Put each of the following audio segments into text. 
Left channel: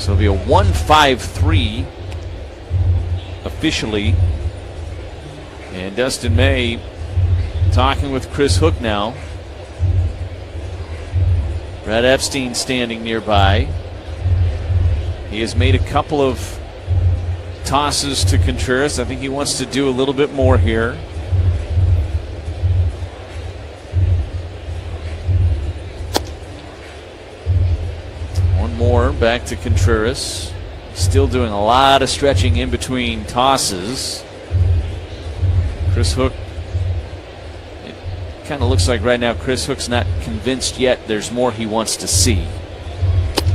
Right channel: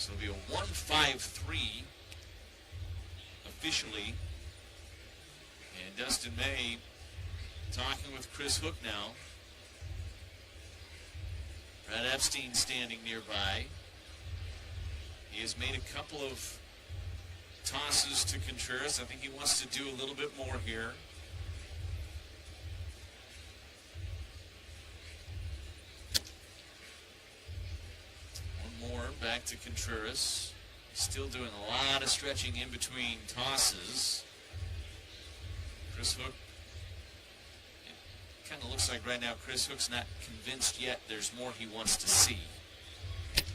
So it'll be a 1-5-3 officially. And Dustin May talking with Chris Hook now. Brad Epstein standing nearby. He has made a couple of tosses to Contreras. I think he wants to do a little bit more here. One more back to Contreras. Still doing a lot of stretching in between tosses. Chris Hook, it kind of looks like right now Chris Hook's not convinced yet. There's more he wants to see.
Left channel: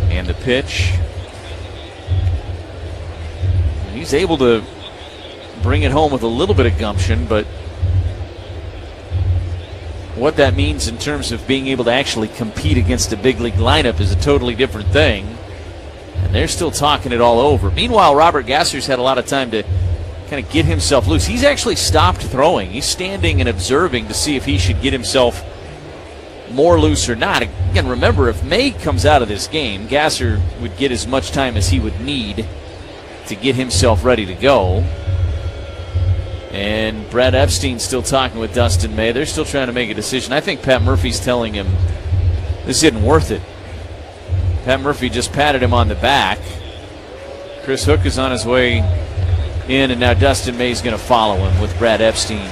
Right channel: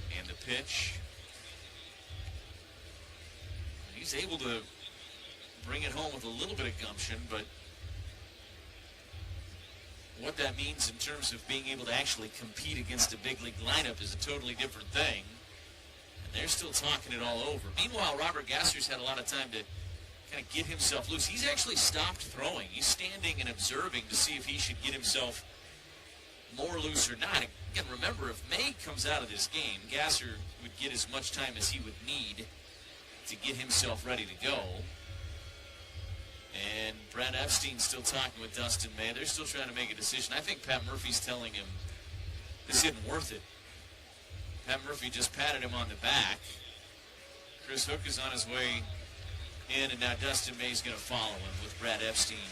And the pitch. He's able to bring it home with a little bit of gumption, but what that means in terms of being able to actually compete against a big league lineup is a totally different thing. And they're still talking it all over. Meanwhile, Robert Gasser's had a lot of time to kind of get himself loose. He's actually stopped throwing. He's standing and observing to see if he should get himself more loose or not. Again, remember, if May comes out of this game, Gasser would get as much time as he would need to get himself ready to go. And Brad Epstein's still talking with Dustin May. They're still trying to make a decision. I think Pat Murphy's telling him this isn't worth it. Pat Murphy just patted him on the back. Chris Hook is on his way in, and now Dustin May's going to follow him with Brad Epstein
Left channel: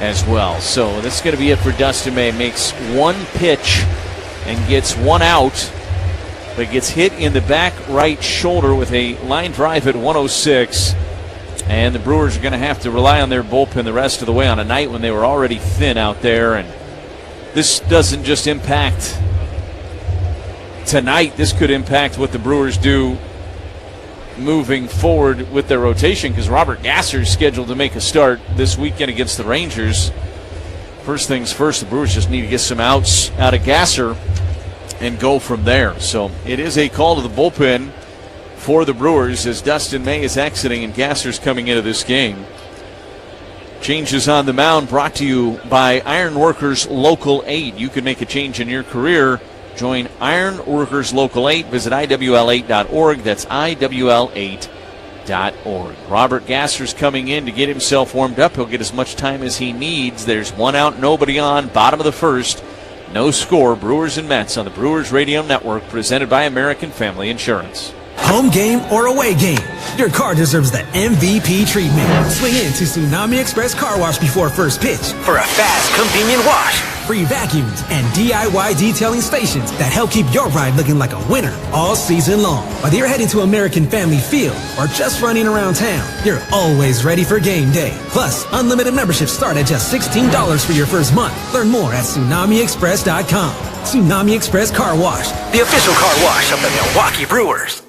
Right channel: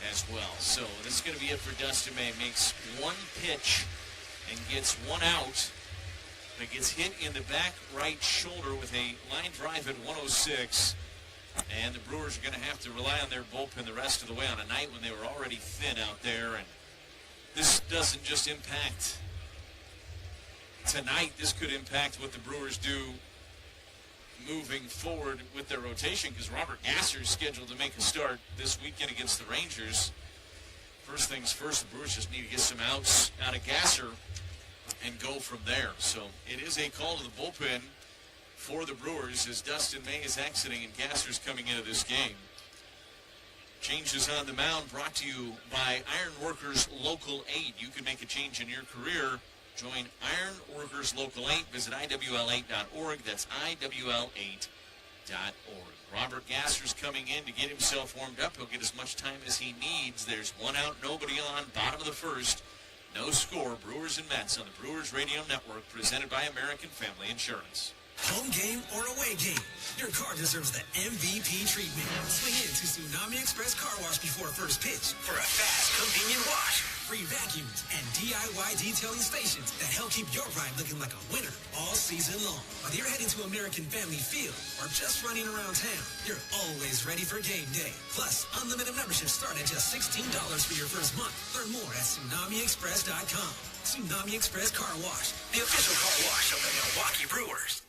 as well. So this is going to be it for Dustin May. Makes one pitch and gets one out, but gets hit in the back right shoulder with a line drive at 106. And the Brewers are going to have to rely on their bullpen the rest of the way on a night when they were already thin out there. And this doesn't just impact tonight. This could impact what the Brewers do moving forward with their rotation, because Robert Gasser is scheduled to make a start this weekend against the Rangers. First things first, the Brewers just need to get some outs out of Gasser and go from there. So it is a call to the bullpen for the Brewers as Dustin May is exiting and Gasser's coming into this game. Changes on the mound brought to you by Iron Workers Local 8. You can make a change in your career. Join Iron Workers Local 8. Visit IWL8.org. That's IWL8.org. Robert Gasser's coming in to get himself warmed up. He'll get as much time as he needs. There's one out, nobody on. Bottom of the first. No score. Brewers and Mets on the Brewers Radio Network, presented by American Family Insurance. Home game or away game, your car deserves the MVP treatment. Swing in to Tsunami Express Car Wash before first pitch for a fast, convenient wash. Free vacuums and DIY detailing stations that help keep your ride looking like a winner all season long. Whether you're heading to American Family Field or just running around town, you're always ready for game day. Plus, unlimited memberships start at just $16 for your first month. Learn more at TsunamiExpress.com. Tsunami Express Car Wash, the official car wash of the Milwaukee Brewers.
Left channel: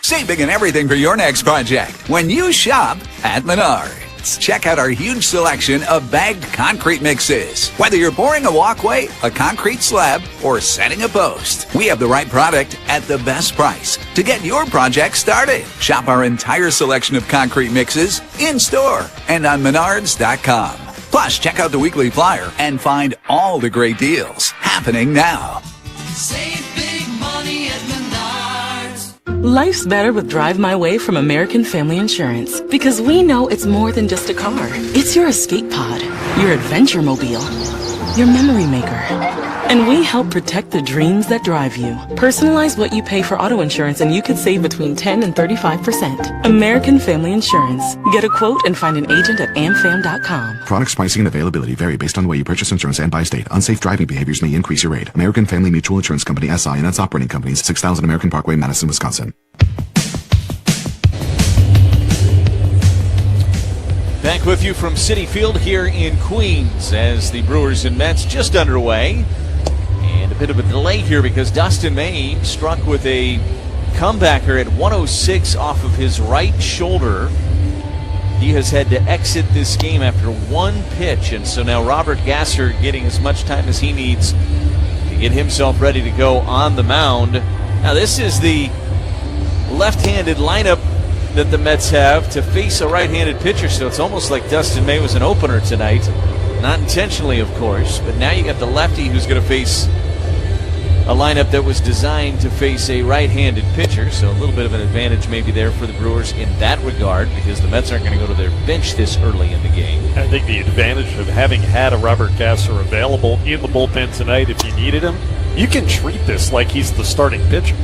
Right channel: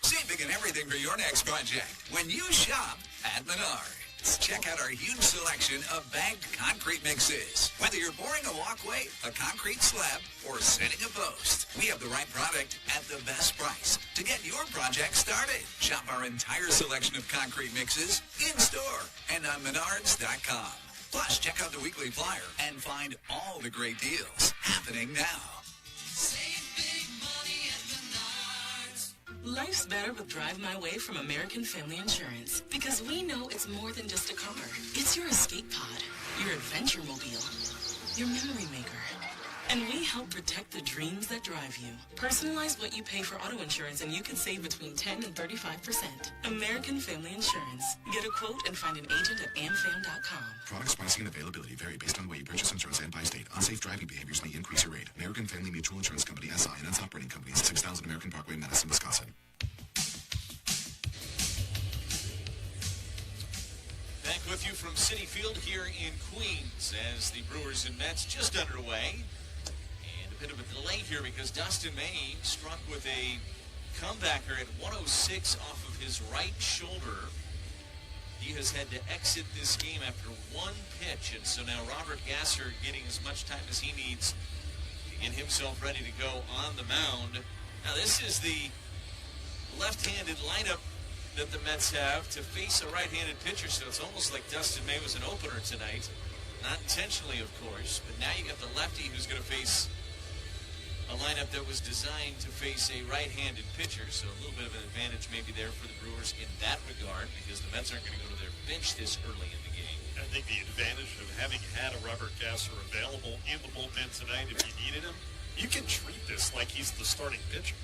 Save big on everything for your next project when you shop at Menards. Check out our huge selection of bagged concrete mixes. Whether you're pouring a walkway, a concrete slab, or setting a post, we have the right product at the best price to get your project started. Shop our entire selection of concrete mixes in-store and on Menards.com. Plus, check out the weekly flyer and find all the great deals happening now. Save big money at Menards. Life's better with Drive My Way from American Family Insurance, because we know it's more than just a car. It's your escape pod, your adventure mobile, your memory maker. And we help protect the dreams that drive you. Personalize what you pay for auto insurance and you could save between 10 and 35%. American Family Insurance. Get a quote and find an agent at amfam.com. Products, pricing, and availability vary based on the way you purchase insurance and by state. Unsafe driving behaviors may increase your rate. American Family Mutual Insurance Company, SI, and its operating companies, 6000 American Parkway, Madison, Wisconsin. Back with you from Citi Field here in Queens as the Brewers and Mets just underway. And a bit of a delay here because Dustin May struck with a comebacker at 106 off of his right shoulder. He has had to exit this game after one pitch, and so now Robert Gasser getting as much time as he needs to get himself ready to go on the mound. Now this is the left-handed lineup that the Mets have to face a right-handed pitcher, so it's almost like Dustin May was an opener tonight. Not intentionally, of course, but now you got the lefty who's going to face a lineup that was designed to face a right-handed pitcher, so a little bit of an advantage maybe there for the Brewers in that regard, because the Mets aren't going to go to their bench this early in the game. I think the advantage of having had a Robert Gasser available in the bullpen tonight, if you needed him, you can treat this like he's the starting pitcher.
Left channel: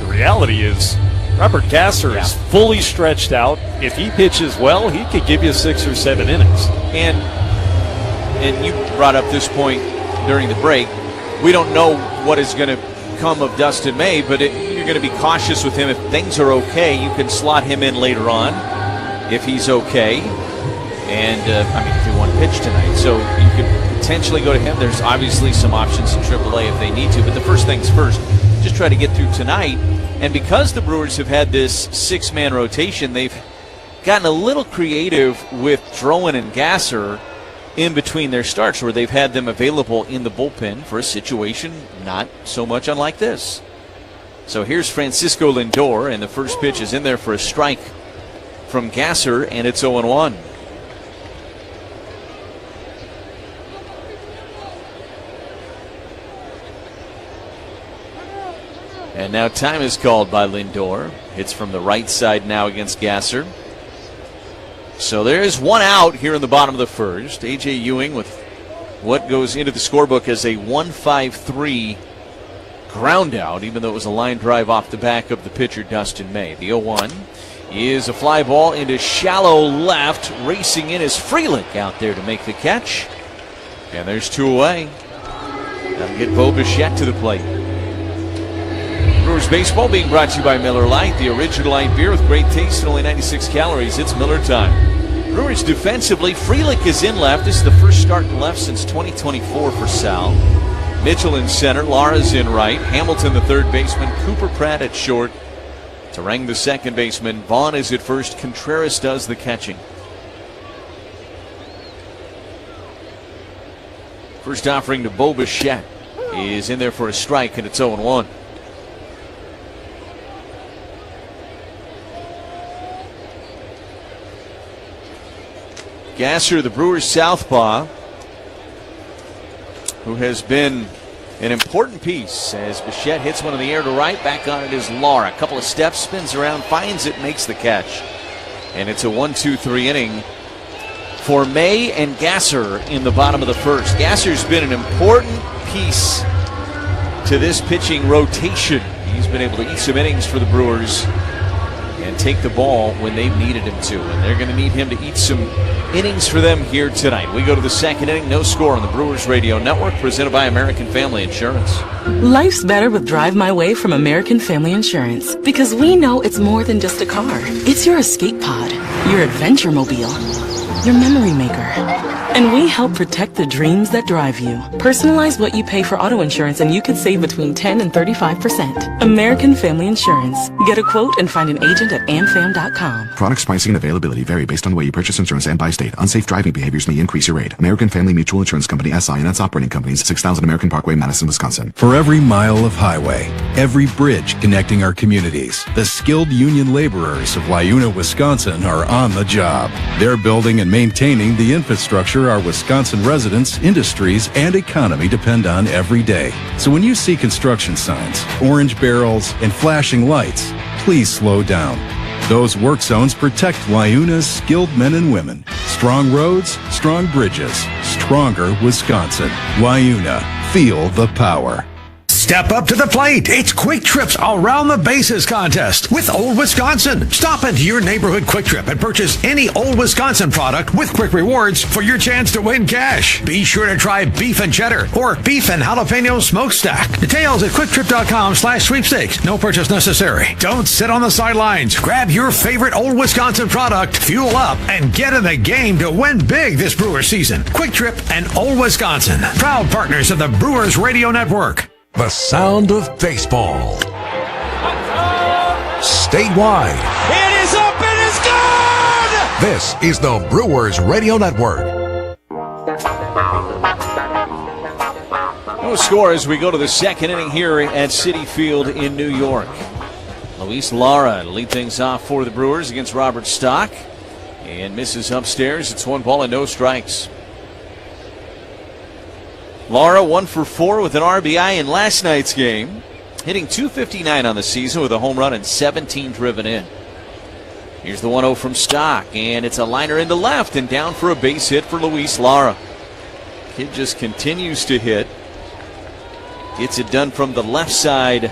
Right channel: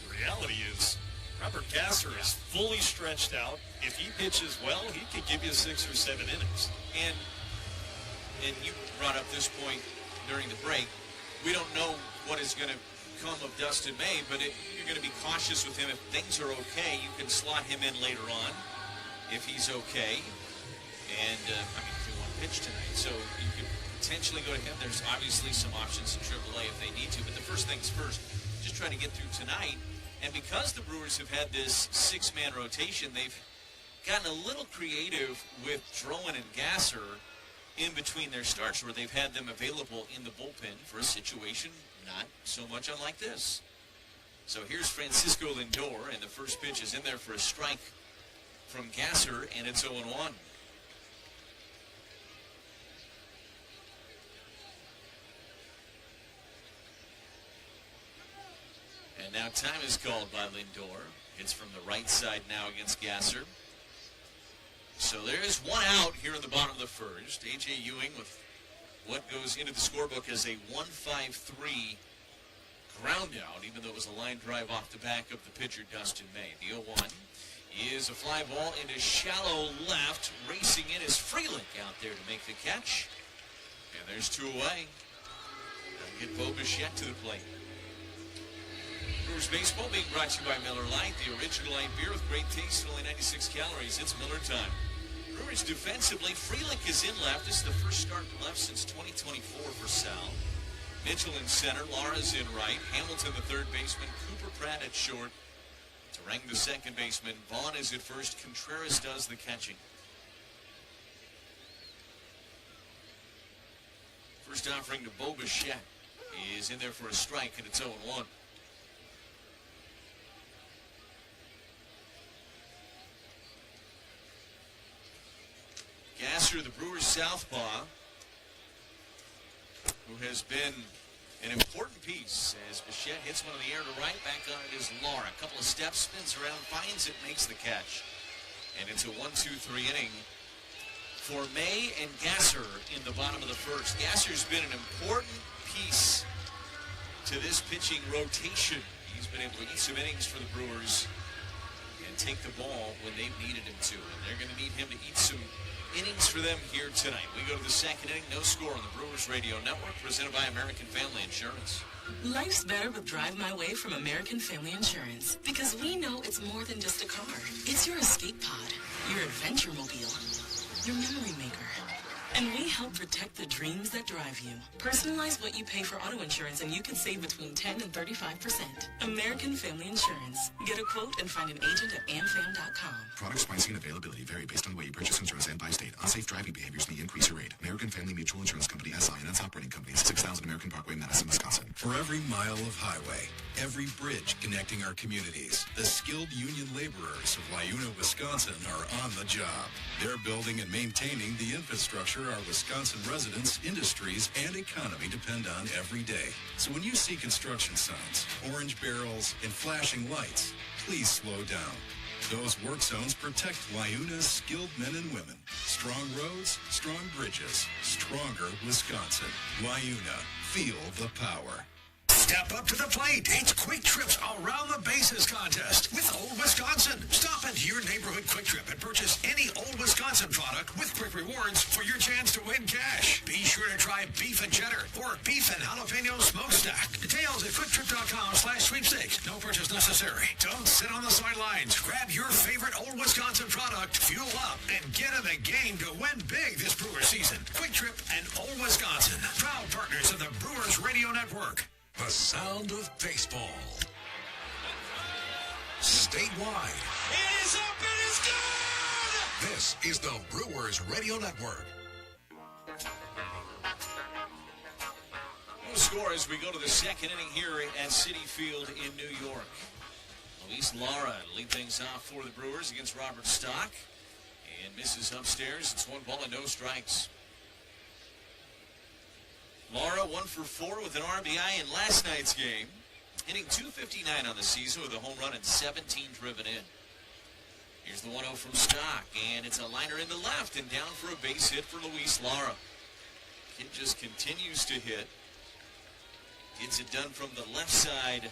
The reality is Robert Gasser is fully stretched out. If he pitches well, he could give you 6 or 7 innings. And you brought up this point during the break. We don't know what is going to come of Dustin May, but you're going to be cautious with him. If things are okay, you can slot him in later on if he's okay. And, if he won pitch tonight. So you could potentially go to him. There's obviously some options in AAA if they need to. But the first things first, just try to get through tonight. And because the Brewers have had this 6-man rotation, they've gotten a little creative with Drowan and Gasser in between their starts, where they've had them available in the bullpen for a situation not so much unlike this. So here's Francisco Lindor, and the first pitch is in there for a strike from Gasser, and it's 0-1. And now time is called by Lindor. Hits from the right side now against Gasser. So there's one out here in the bottom of the first. A.J. Ewing with what goes into the scorebook as a 1-5-3 ground out, even though it was a line drive off the back of the pitcher, Dustin May. The 0-1 is a fly ball into shallow left. Racing in is Frelick out there to make the catch. And there's 2 away. That'll get Bo Bichette to the plate. Brewers baseball being brought to you by Miller Lite, the original light beer with great taste and only 96 calories. It's Miller time. Brewers defensively, Frelick is in left. This is the first start in left since 2024 for Sal. Mitchell in center, Lara's in right, Hamilton the third baseman, Cooper Pratt at short, Terang the second baseman, Vaughn is at first, Contreras does the catching. First offering to Bo Bichette is in there for a strike, and it's 0-1. Gasser, the Brewers southpaw, who has been an important piece as Bichette hits one in the air to right. Back on it is Lara. A couple of steps, spins around, finds it, makes the catch. And it's a 1-2-3 inning for May and Gasser in the bottom of the first. Gasser's been an important piece to this pitching rotation. He's been able to eat some innings for the Brewers and take the ball when they've needed him to. And they're going to need him to eat some innings for them here tonight. We go to the second inning. No score on the Brewers Radio Network, presented by American Family Insurance. Life's better with Drive My Way from American Family Insurance, because we know it's more than just a car. It's your escape pod, your adventure mobile, your memory maker. And we help protect the dreams that drive you. Personalize what you pay for auto insurance and you could save between 10 and 35%. American Family Insurance. Get a quote and find an agent at amfam.com. Products, pricing, and availability vary based on the way you purchase insurance and by state. Unsafe driving behaviors may increase your rate. American Family Mutual Insurance Company, SI, and its operating companies, 6000 American Parkway, Madison, Wisconsin. For every mile of highway, every bridge connecting our communities, the skilled union laborers of Wayuna, Wisconsin are on the job. They're building and maintaining the infrastructure our Wisconsin residents, industries, and economy depend on every day. So when you see construction signs, orange barrels, and flashing lights, please slow down. Those work zones protect Wayuna's skilled men and women. Strong roads, strong bridges, stronger Wisconsin. Wayuna, feel the power. Step up to the plate. It's Quick Trip's Around the Bases contest with Old Wisconsin. Stop into your neighborhood Quick Trip and purchase any Old Wisconsin product with Quick Rewards for your chance to win cash. Be sure to try beef and cheddar or beef and jalapeno smokestack. Details at quicktrip.com/sweepstakes. No purchase necessary. Don't sit on the sidelines. Grab your favorite Old Wisconsin product, fuel up, and get in the game to win big this Brewers season. Quick Trip and Old Wisconsin, proud partners of the Brewers Radio Network. The sound of baseball. Statewide. It is up and it's gone! This is the Brewers Radio Network. No score as we go to the second inning here at Citi Field in New York. Luis Lara to lead things off for the Brewers against Robert Stock. And misses upstairs. It's 1 ball and no strikes. Lara 1 for 4 with an RBI in last night's game, hitting .259 on the season with a home run and 17 driven in. Here's the 1-0 from Stock, and it's a liner into left and down for a base hit for Luis Lara. Kid just continues to hit. Gets it done from the left side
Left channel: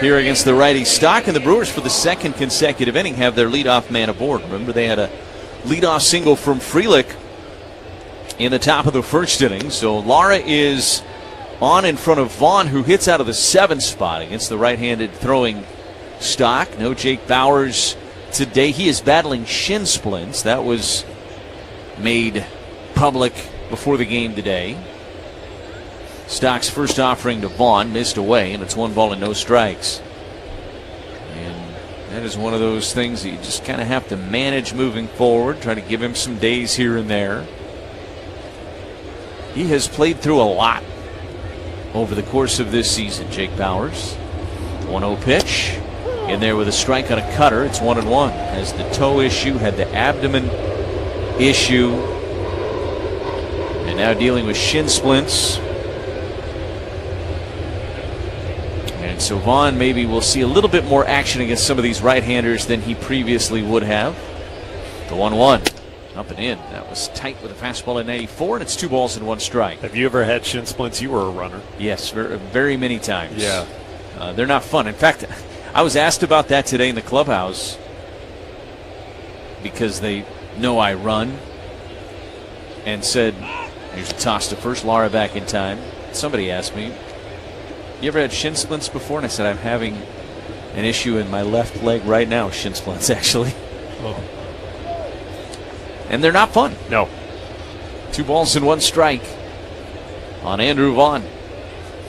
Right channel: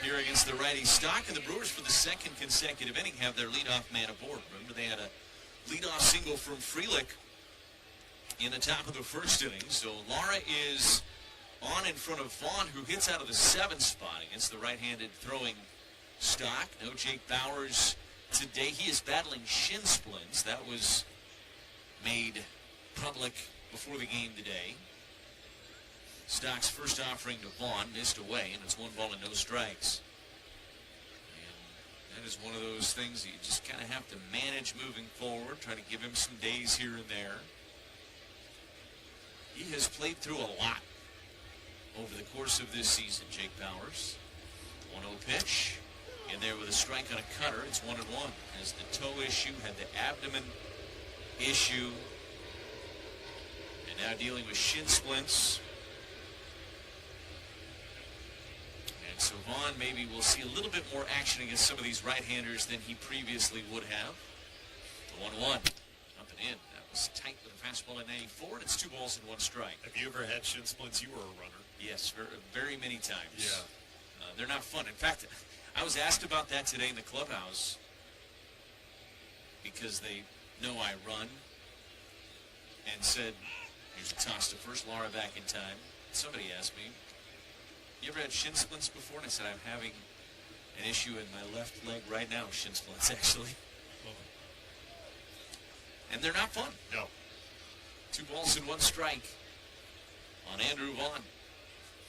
here against the righty Stock, and the Brewers for the second consecutive inning have their leadoff man aboard. Remember, they had a leadoff single from Frelick in the top of the first inning. So Lara is on in front of Vaughn, who hits out of the 7th spot against the right-handed throwing Stock. No Jake Bauers today. He is battling shin splints. That was made public before the game today. Stock's first offering to Vaughn missed away, and it's 1 ball and no strikes. And that is one of those things that you just kind of have to manage moving forward, try to give him some days here and there. He has played through a lot over the course of this season, Jake Bauers. 1-0 pitch. In there with a strike on a cutter. It's 1-1. Has the toe issue, had the abdomen issue, and now dealing with shin splints. And so Vaughn maybe will see a little bit more action against some of these right-handers than he previously would have. The 1-1. Up and in. That was tight with a fastball at 94, and it's 2 balls and 1 strike. Have you ever had shin splints? You were a runner. Yes, very, very many times. Yeah. They're not fun. In fact, I was asked about that today in the clubhouse because they know I run, and said, here's a toss to first, Lara back in time. Somebody asked me, you ever had shin splints before? And I said, I'm having an issue in my left leg right now, shin splints actually. Oh. And they're not fun. No. 2 balls and 1 strike on Andrew Vaughn.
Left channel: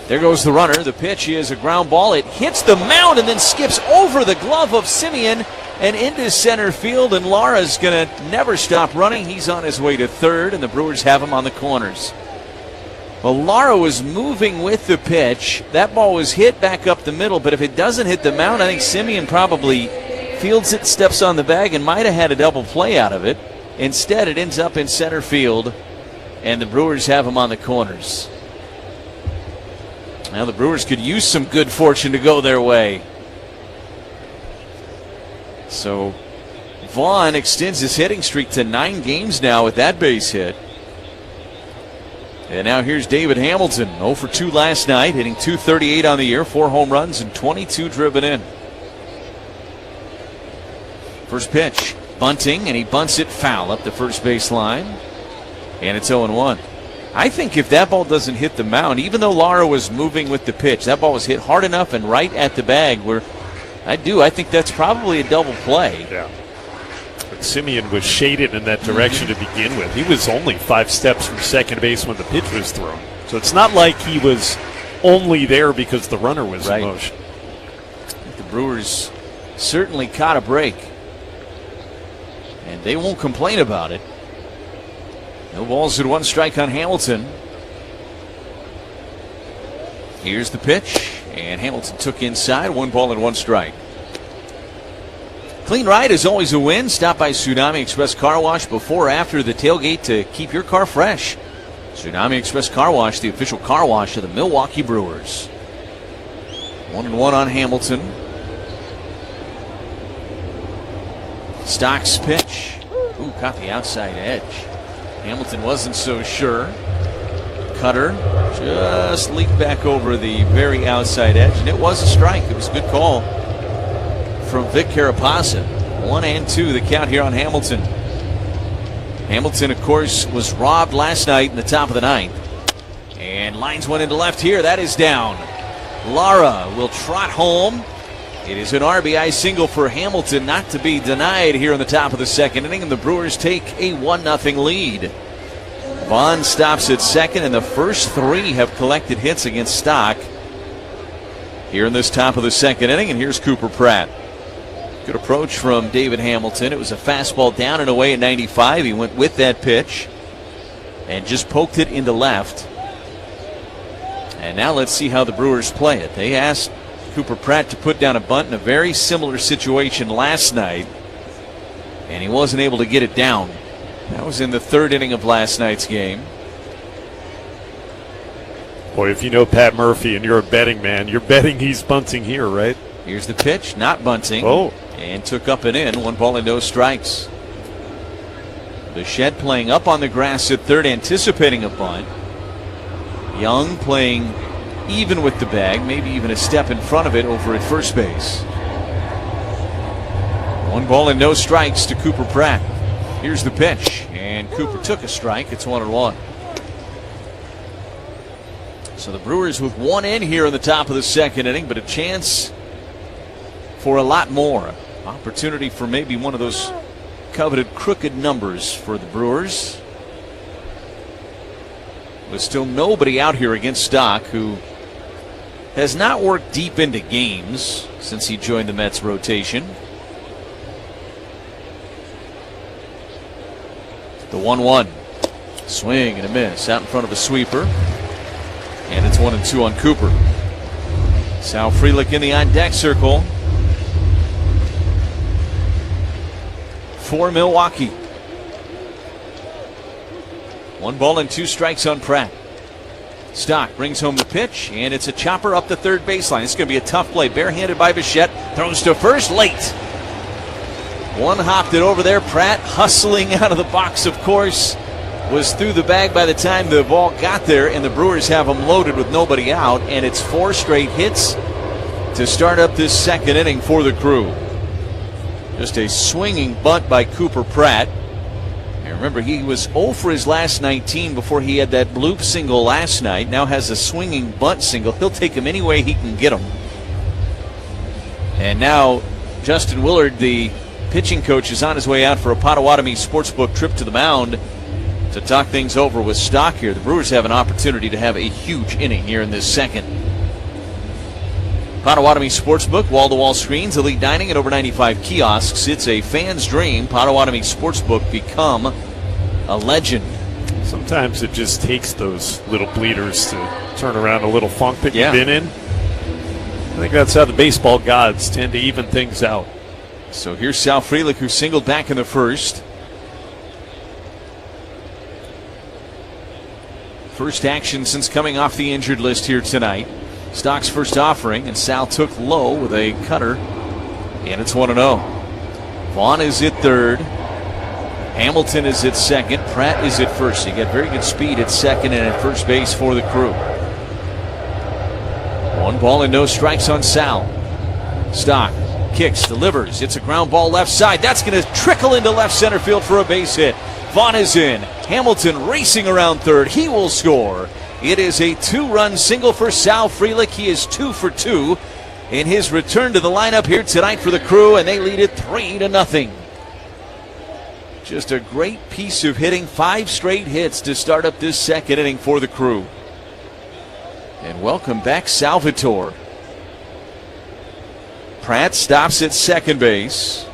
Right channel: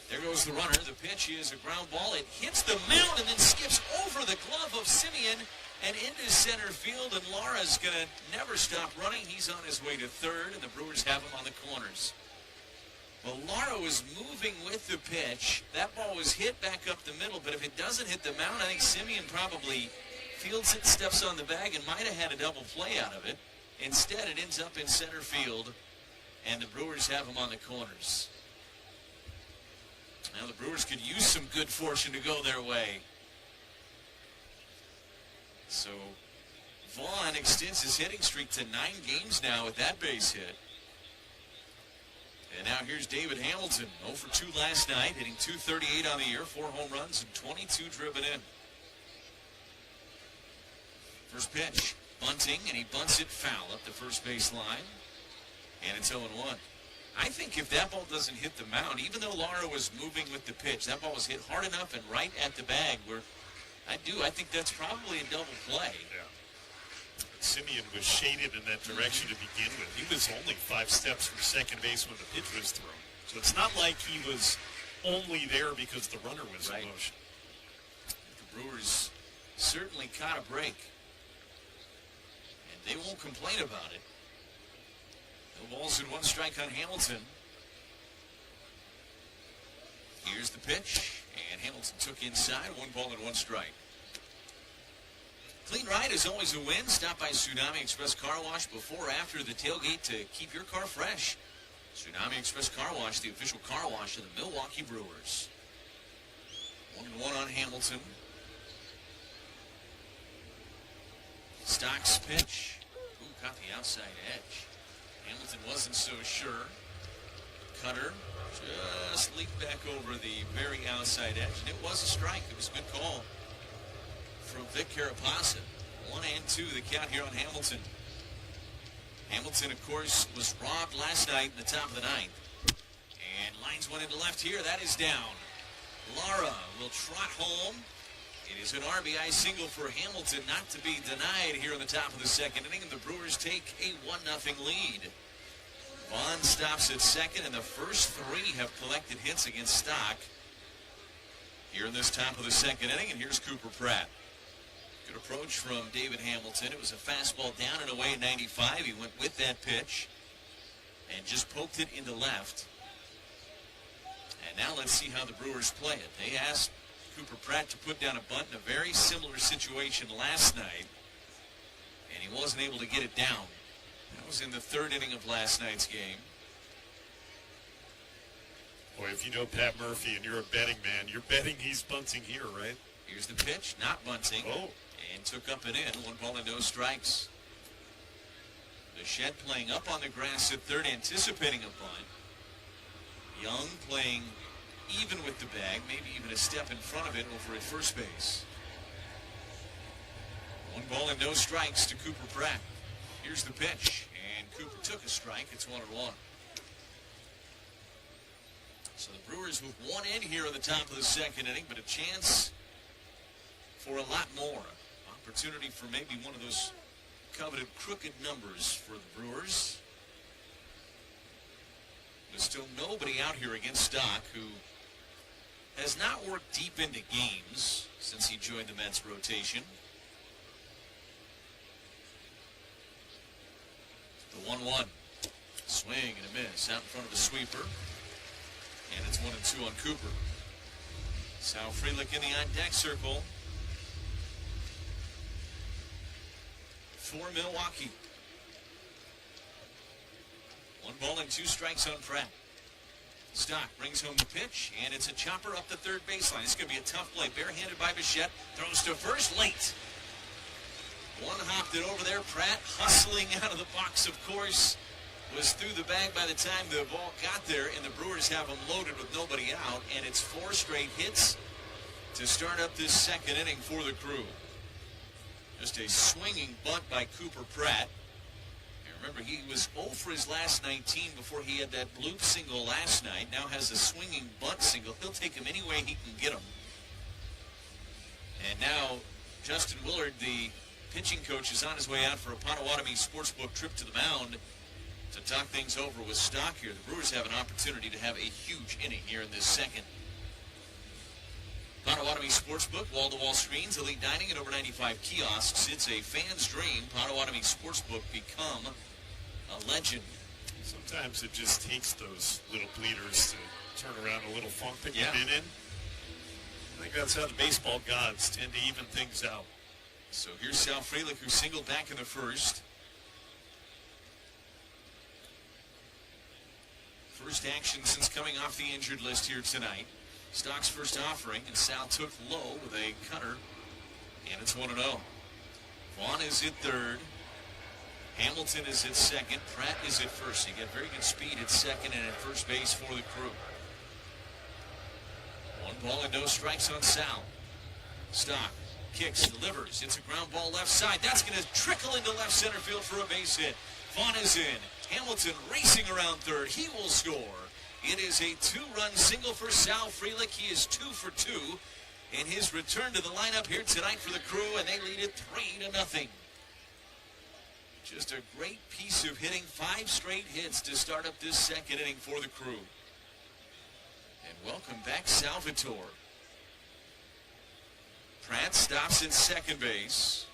There goes the runner. The pitch is a ground ball. It hits the mound and then skips over the glove of Simeon and into center field. And Lara's going to never stop running. He's on his way to third, and the Brewers have him on the corners. Well, Lara was moving with the pitch. That ball was hit back up the middle, but if it doesn't hit the mound, I think Simeon probably fields it, steps on the bag, and might have had a double play out of it. Instead, it ends up in center field, and the Brewers have him on the corners. Now the Brewers could use some good fortune to go their way. So Vaughn extends his hitting streak to 9 games now with that base hit. And now here's David Hamilton, 0 for 2 last night, hitting .238 on the year, 4 home runs and 22 driven in. First pitch, bunting, and he bunts it foul up the first base line. And it's 0-1. I think if that ball doesn't hit the mound, even though Lara was moving with the pitch, that ball was hit hard enough and right at the bag where I think that's probably a double play. Yeah. But Simeon was shaded in that direction to begin with. He was only 5 steps from second base when the pitch was thrown. So it's not like he was only there because the runner was in motion. The Brewers certainly caught a break, and they won't complain about it. No balls and 1 strike on Hamilton. Here's the pitch, and Hamilton took inside, 1 ball and 1 strike. Clean ride is always a win. Stop by Tsunami Express Car Wash before or after the tailgate to keep your car fresh. Tsunami Express Car Wash, the official car wash of the Milwaukee Brewers. 1-1 on Hamilton. Stock's pitch. Ooh, caught the outside edge. Hamilton wasn't so sure. Cutter just leaked back over the very outside edge, and it was a strike. It was a good call from Vic Carapazza. 1-2 the count here on Hamilton. Hamilton, of course, was robbed last night in the top of the 9th. And lines one into left here. That is down. Lara will trot home. It is an RBI single for Hamilton, not to be denied here in the top of the second inning, and the Brewers take a 1-0 lead. Vaughn stops at second, and the first 3 have collected hits against Stock here in this top of the second inning. And here's Cooper Pratt. Good approach from David Hamilton. It was a fastball down and away at 95. He went with that pitch and just poked it into left. And now let's see how the Brewers play it. They asked Cooper Pratt to put down a bunt in a very similar situation last night, and he wasn't able to get it down. That was in the 3rd inning of last night's game. Boy, if you know Pat Murphy and you're a betting man, you're betting he's bunting here, right? Here's the pitch, not bunting. Oh. And took up and in. 1 ball and no strikes. Bichette playing up on the grass at third, anticipating a bunt. Young playing even with the bag, maybe even a step in front of it over at first base. 1 ball and no strikes to Cooper Pratt. Here's the pitch, and Cooper took a strike. It's 1-1. So the Brewers with 1 in here in the top of the second inning, but a chance for a lot more. Opportunity for maybe one of those coveted crooked numbers for the Brewers. There's still nobody out here against Stock, who has not worked deep into games since he joined the Mets rotation. The 1-1. Swing and a miss out in front of a sweeper. And it's 1-2 on Cooper. Sal Frelick in the on-deck circle for Milwaukee. 1 ball and 2 strikes on Pratt. Stock brings home the pitch, and it's a chopper up the third baseline. It's going to be a tough play. Barehanded by Bichette. Throws to first late. One hopped it over there. Pratt hustling out of the box, of course. Was through the bag by the time the ball got there, and the Brewers have them loaded with nobody out, and it's 4 straight hits to start up this second inning for the Crew. Just a swinging bunt by Cooper Pratt. And remember, he was 0 for his last 19 before he had that bloop single last night. Now has a swinging bunt single. He'll take him any way he can get him. And now Justin Willard, the pitching coach, is on his way out for a Potawatomi Sportsbook trip to the mound to talk things over with Stock here. The Brewers have an opportunity to have a huge inning here in this second. Potawatomi Sportsbook, wall-to-wall screens, elite dining, and over 95 kiosks. It's a fan's dream. Potawatomi Sportsbook, become a legend. Sometimes it just takes those little bleeders to turn around a little funk that you've been in. I think that's how the baseball gods tend to even things out. So here's Sal Frelick, who singled back in the first. First action since coming off the injured list here tonight. Stock's first offering, and Sal took low with a cutter, and it's 1-0. Vaughn is at third. Hamilton is at second. Pratt is at first. You get very good speed at second and at first base for the Crew. 1 ball and no strikes on Sal. Stock kicks, delivers. It's a ground ball left side. That's going to trickle into left center field for a base hit. Vaughn is in. Hamilton racing around third. He will score. It is a 2-run single for Sal Frelick. He is 2 for 2 in his return to the lineup here tonight for the Crew, and they lead it 3-0. Just a great piece of hitting. 5 straight hits to start up this second inning for the Crew. And welcome back, Salvatore. Pratt stops at second base.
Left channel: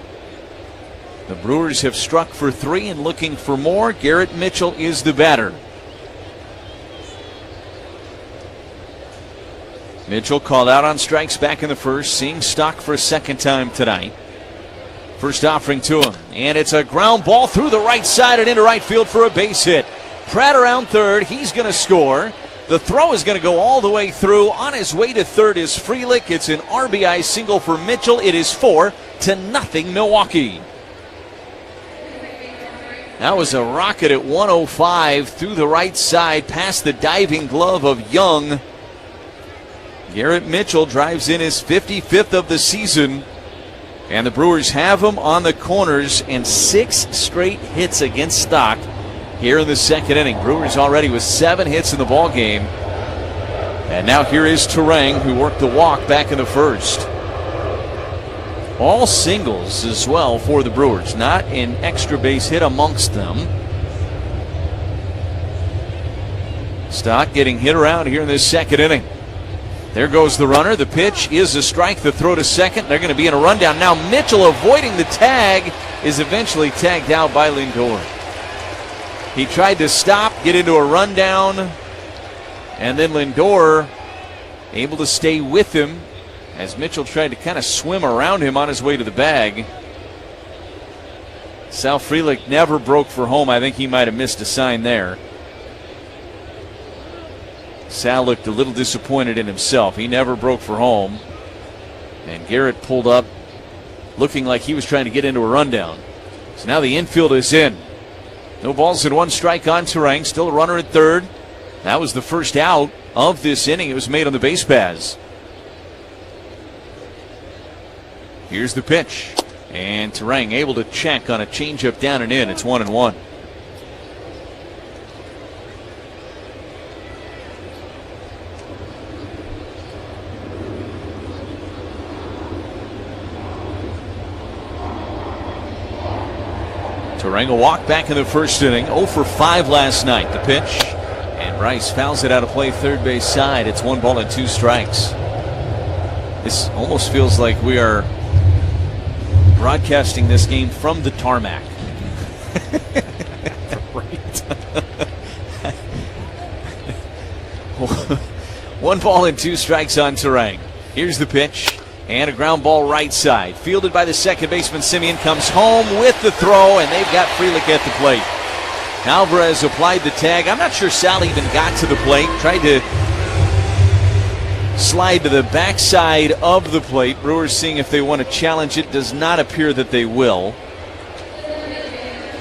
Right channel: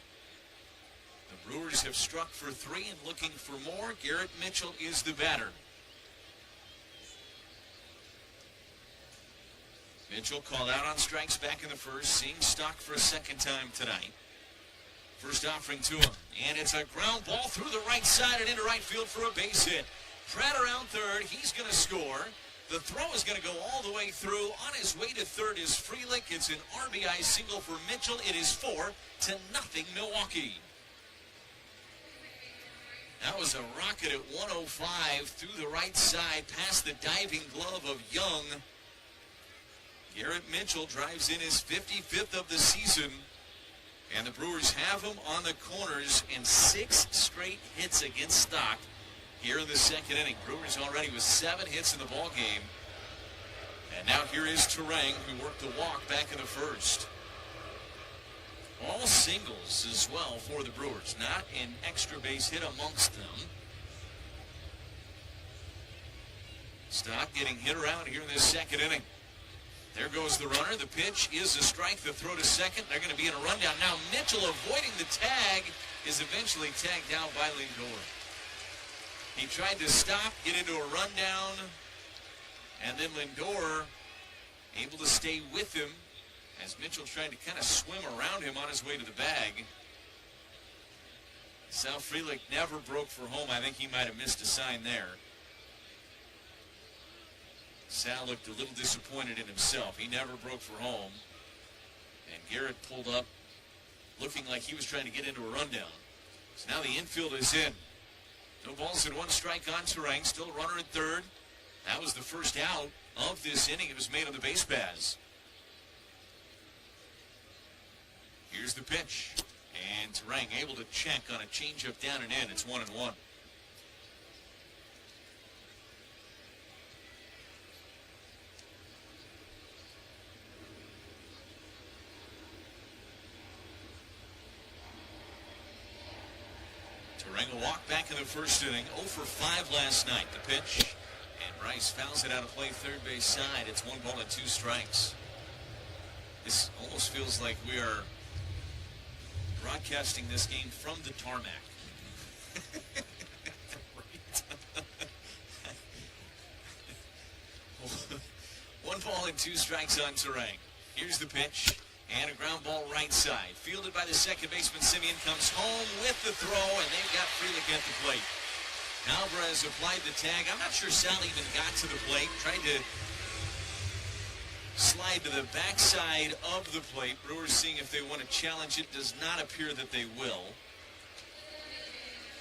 The Brewers have struck for 3 and looking for more. Garrett Mitchell is the batter. Mitchell called out on strikes back in the first, seeing Stock for a second time tonight. First offering to him, and it's a ground ball through the right side and into right field for a base hit. Pratt around third. He's going to score. The throw is going to go all the way through. On his way to third is Frelick. It's an RBI single for Mitchell. It is 4-0 Milwaukee. That was a rocket at 105 through the right side past the diving glove of Young. Garrett Mitchell drives in his 55th of the season. And the Brewers have him on the corners, and 6 straight hits against Stock here in the second inning. Brewers already with 7 hits in the ball game. And now here is Terang, who worked the walk back in the first. All singles as well for the Brewers. Not an extra base hit amongst them. Stock getting hit around here in this second inning. There goes the runner. The pitch is a strike. The throw to second. They're going to be in a rundown. Now Mitchell, avoiding the tag, is eventually tagged out by Lindor. He tried to stop, get into a rundown, and then Lindor able to stay with him as Mitchell tried to kind of swim around him on his way to the bag. Sal Frelick never broke for home. I think he might have missed a sign there. Sal looked a little disappointed in himself. He never broke for home. And Garrett pulled up looking like he was trying to get into a rundown. So now the infield is in. No balls and 1 strike on Terang. Still a runner at third. That was the first out of this inning. It was made on the base paths. Here's the pitch. And Terang able to check on a changeup down and in. It's 1-1. Terang a walk back in the first inning. 0 for 5 last night. The pitch. And Bryce fouls it out of play third base side. It's 1 ball and 2 strikes. This almost feels like we are broadcasting this game from the tarmac. Right. 1 ball and 2 strikes on Terang. Here's the pitch. And a ground ball right side. Fielded by the second baseman. Simeon comes home with the throw, and they've got Frelick at the plate. Alvarez applied the tag. I'm not sure Sal even got to the plate. Tried to slide to the backside of the plate. Brewers seeing if they want to challenge it. Does not appear that they will.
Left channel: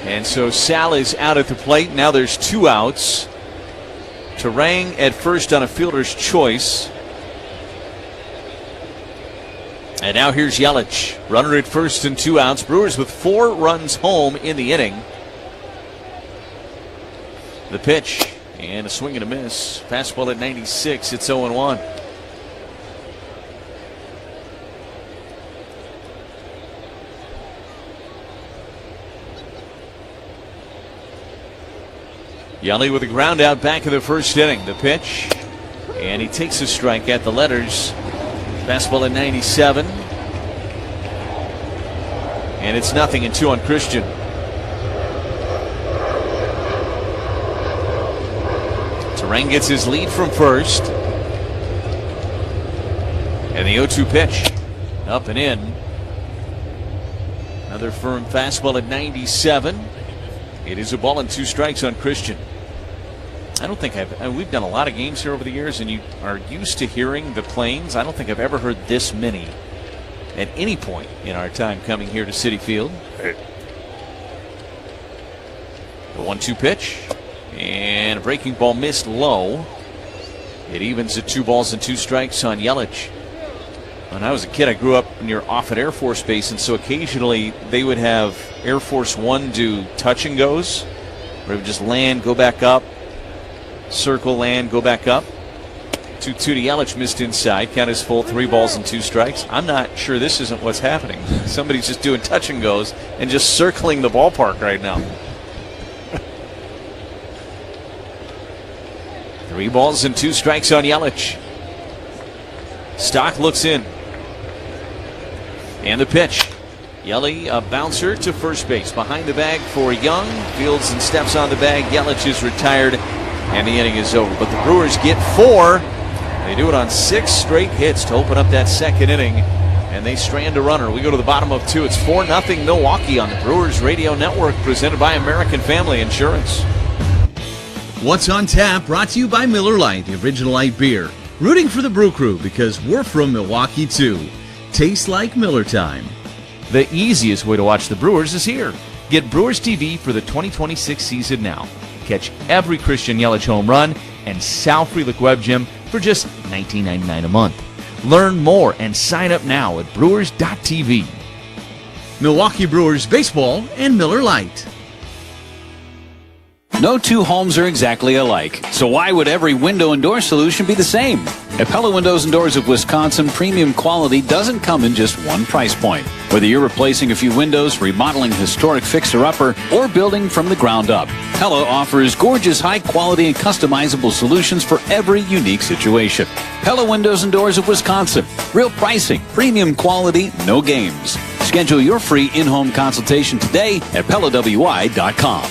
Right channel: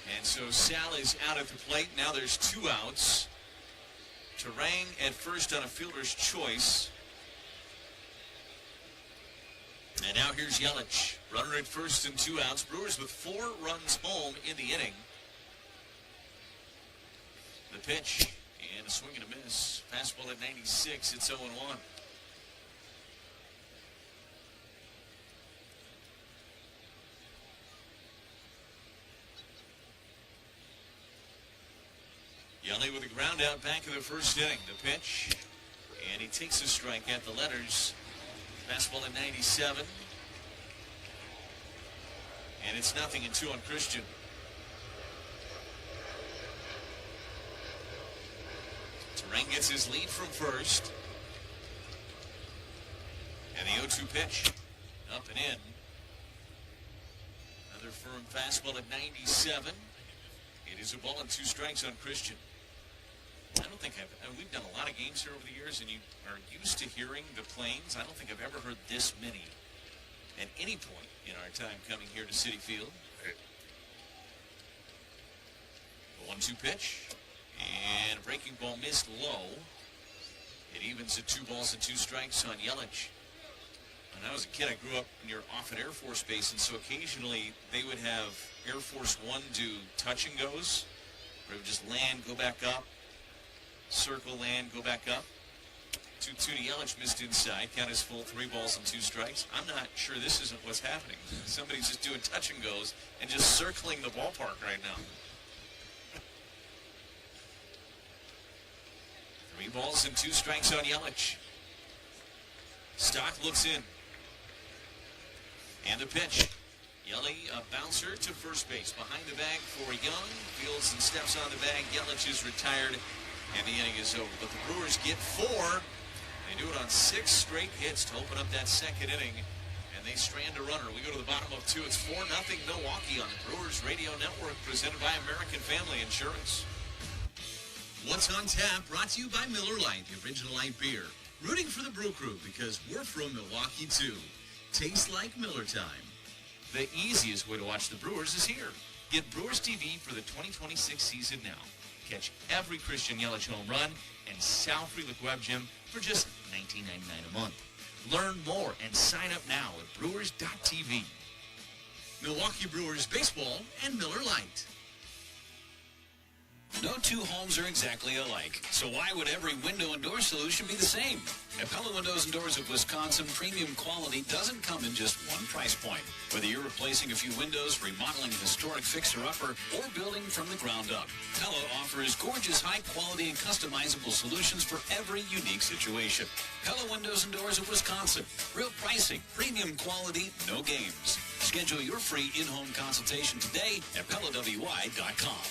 And so Sal is out at the plate. Now there's 2 outs. Terang at first on a fielder's choice. And now here's Yelich. Runner at first and 2 outs. Brewers with 4 runs home in the inning. The pitch. And a swing and a miss. Fastball at 96. It's 0-1. Yelich with a ground out back in the first inning. The pitch. And he takes a strike at the letters. Fastball at 97. And it's 0-2 on Christian. Terang gets his lead from first. And the 0-2 pitch. Up and in. Another firm fastball at 97. It is a ball and 2 strikes on Christian. I don't think we've done a lot of games here over the years, and you are used to hearing the planes. I don't think I've ever heard this many at any point in our time coming here to Citi Field. The 1-2 pitch, and a breaking ball missed low. It evens at 2 balls and 2 strikes on Yelich. When I was a kid, I grew up near Offutt Air Force Base, and so occasionally they would have Air Force One do touch and goes, where it would just land, go back up. Circle, land, go back up. 2-2 to Yelich, missed inside. Count is full, 3 balls and 2 strikes. I'm not sure this isn't what's happening. Somebody's just doing touch and goes and just circling the ballpark right now. 3 balls and 2 strikes on Yelich. Stock looks in. And the pitch. Yelich, a bouncer to first base. Behind the bag for Young. Fields and steps on the bag. Yelich is retired. And the inning is over. But the Brewers get 4. They do it on 6 straight hits to open up that second inning. And they strand a runner. We go to the bottom of 2. It's 4-0 Milwaukee on the Brewers Radio Network, presented by American Family Insurance. What's on Tap, brought to you by Miller Lite, the original light beer. Rooting for the Brew Crew because we're from Milwaukee too. Tastes like Miller time. The easiest way to watch the Brewers is here. Get Brewers TV for the 2026 season now. Catch every Christian Yelich home run and Sal Frelick Web Gym for just $19.99 a month. Learn more and sign up now at brewers.tv. Milwaukee Brewers Baseball and Miller Lite. No 2 homes are exactly alike, so why would every window and door solution be the same? At Pella Windows and Doors of Wisconsin, premium quality doesn't come in just one price point. Whether you're replacing a few windows, remodeling historic fixer-upper, or building from the ground up, Pella offers gorgeous, high-quality, and customizable solutions for every unique situation. Pella Windows and Doors of Wisconsin. Real pricing, premium quality, no games. Schedule your free in-home consultation today at PellaWI.com.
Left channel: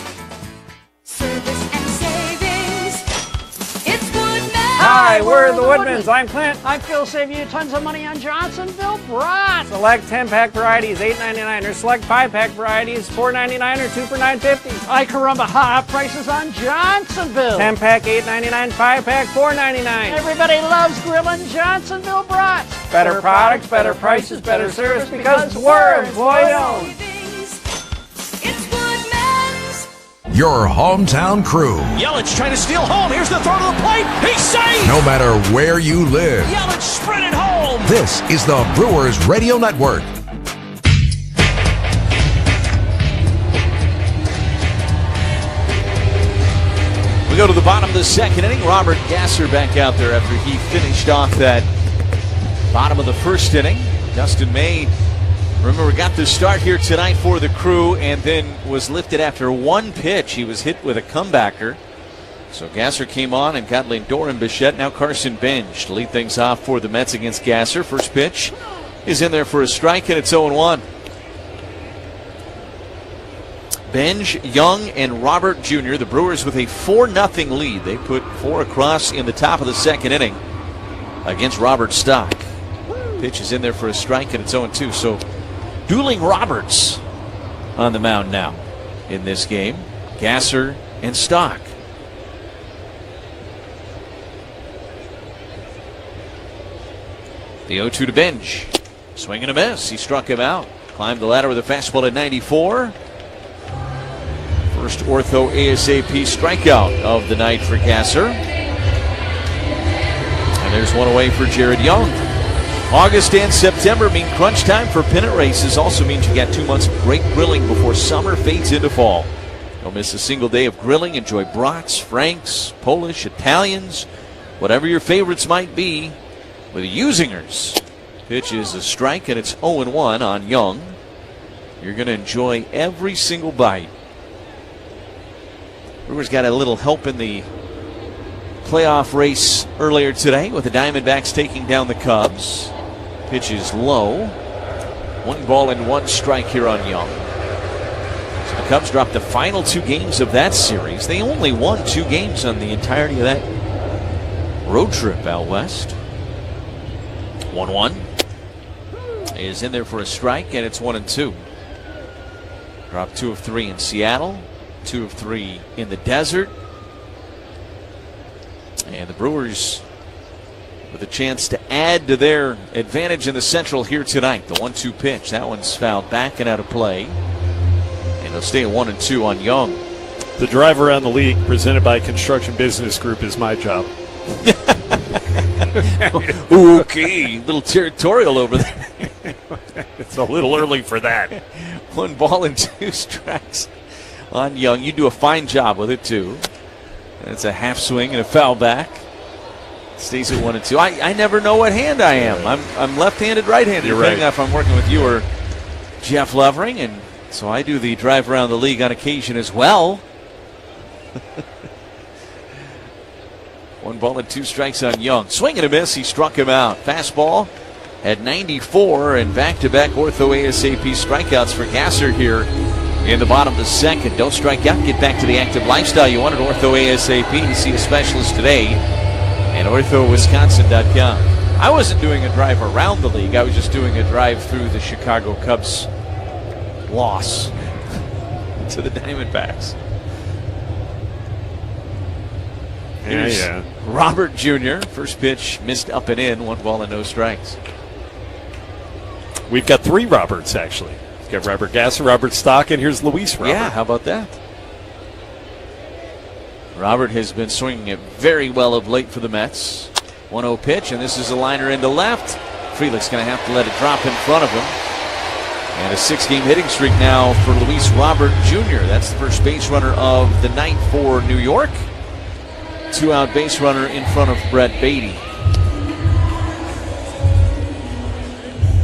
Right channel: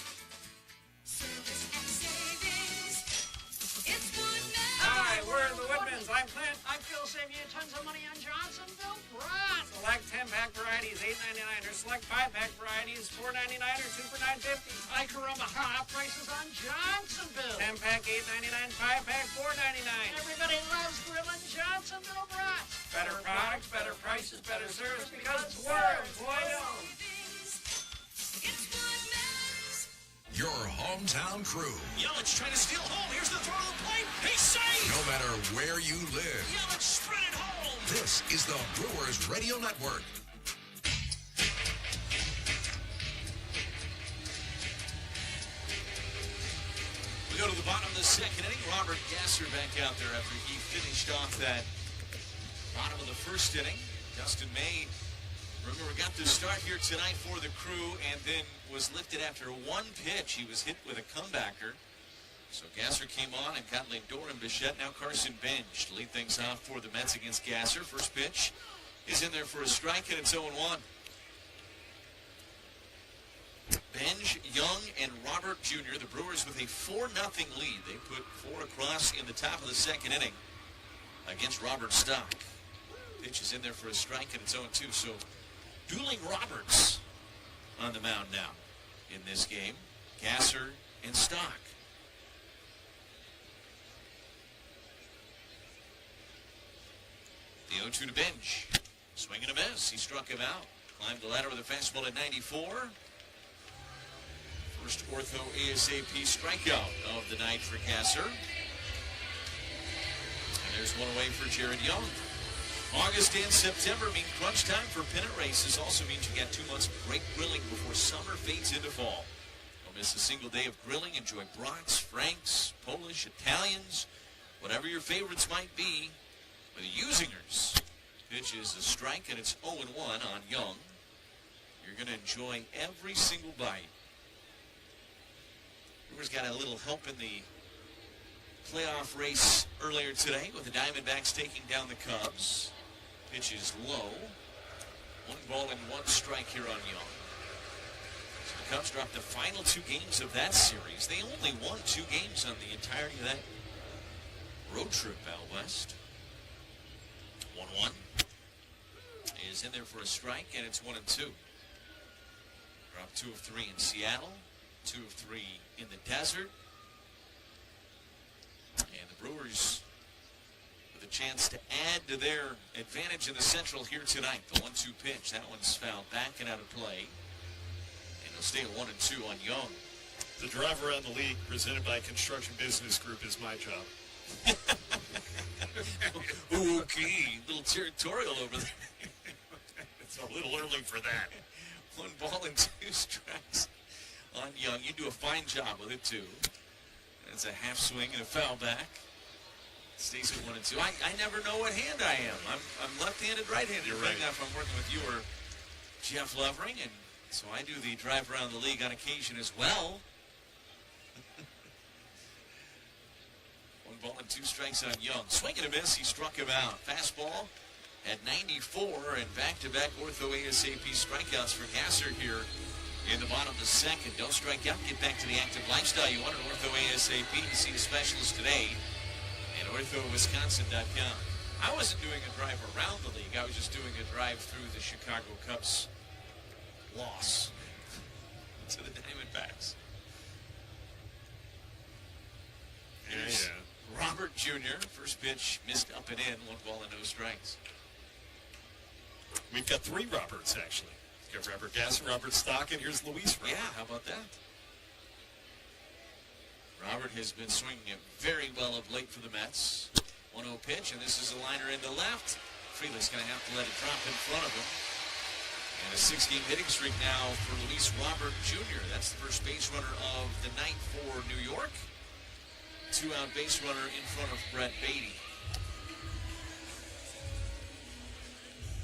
Hi, we're the Woodmans. I'm Clint. I feel save you tons of money on Johnsonville brats. Select 10-pack varieties, $8.99, or select 5-pack varieties, $4.99 or 2 for $9.50. Ay caramba, hot prices on Johnsonville. 10-pack, $8.99, 5-pack, $4.99. Everybody loves grilling Johnsonville brats. Better products, better prices, better service, because we're employee-owned. Your hometown crew. Yelich trying to steal home. Here's the throw to the plate. He's safe. No matter where you live. Yelich sprinted home. This is the Brewers Radio Network. We go to the bottom of the second inning. Robert Gasser back out there after he finished off that bottom of the first inning. Dustin May, remember, got the start here tonight for the Crew and then was lifted after one pitch. He was hit with a comebacker. So Gasser came on and got Lindor and Bichette. Now Carson Benj to lead things off for the Mets against Gasser. First pitch is in there for a strike, and it's 0-1. Benj, Young, and Robert Jr., the Brewers with a 4-0 lead. They put 4 across in the top of the second inning against Robert Stock. Pitch is in there for a strike, and it's 0-2. So dueling Roberts on the mound now in this game. Gasser and Stock. The 0-2 to Benj. Swing and a miss. He struck him out. Climbed the ladder with a fastball at 94. First ortho ASAP strikeout of the night for Gasser. And there's one away for Jared Young. August and September mean crunch time for pennant races. Also means you got 2 months of great grilling before summer fades into fall. Don't miss a single day of grilling. Enjoy brats, franks, Polish, Italians, whatever your favorites might be with Usingers. Pitch is a strike, and it's 0-1 on Young. You're going to enjoy every single bite. Brewers got a little help in the playoff race earlier today with the Diamondbacks taking down the Cubs. Pitch is low. 1-1 strike here on Young. So the Cubs dropped the final 2 games of that series. They only won 2 games on the entirety of that road trip out west. 1-1 is in there for a strike, and it's 1-2. Dropped 2 of 3 in Seattle. 2 of 3 in the desert. And the Brewers with a chance to add to their advantage in the Central here tonight. The 1-2 pitch. That one's fouled back and out of play. And they'll stay at 1-2 on Young. The drive around the league presented by Construction Business Group is my job. Okay, a little territorial over there. It's a little early for that. 1-2 strikes on Young. You do a fine job with it, too. It's a half swing and a foul back. Stays at 1-2. I never know what hand I am. I'm left-handed, right-handed, depending on if I'm working with you or Jeff Levering. And so I do the drive around the league on occasion as well. 1-2 strikes on Young. Swing and a miss. He struck him out. Fastball at 94, and back-to-back ortho ASAP strikeouts for Gasser here in the bottom of the second. Don't strike out. Get back to the active lifestyle you want at ortho ASAP. See a specialist today at orthowisconsin.com. I wasn't doing a drive around the league. I was just doing a drive through the Chicago Cubs loss to the Diamondbacks. Here's Robert Jr. First pitch missed up and in. 1 no strikes. We've got 3 Roberts, actually. We've got Robert Gasser, Robert Stock, and here's Luis Robert. Yeah, how about that? Robert has been swinging it very well of late for the Mets. 1-0 pitch, and this is a liner into left. Frelick's going to have to let it drop in front of him. And a 6-game hitting streak now for Luis Robert Jr. That's the first base runner of the night for New York. 2-out base runner in front of Brett Beatty.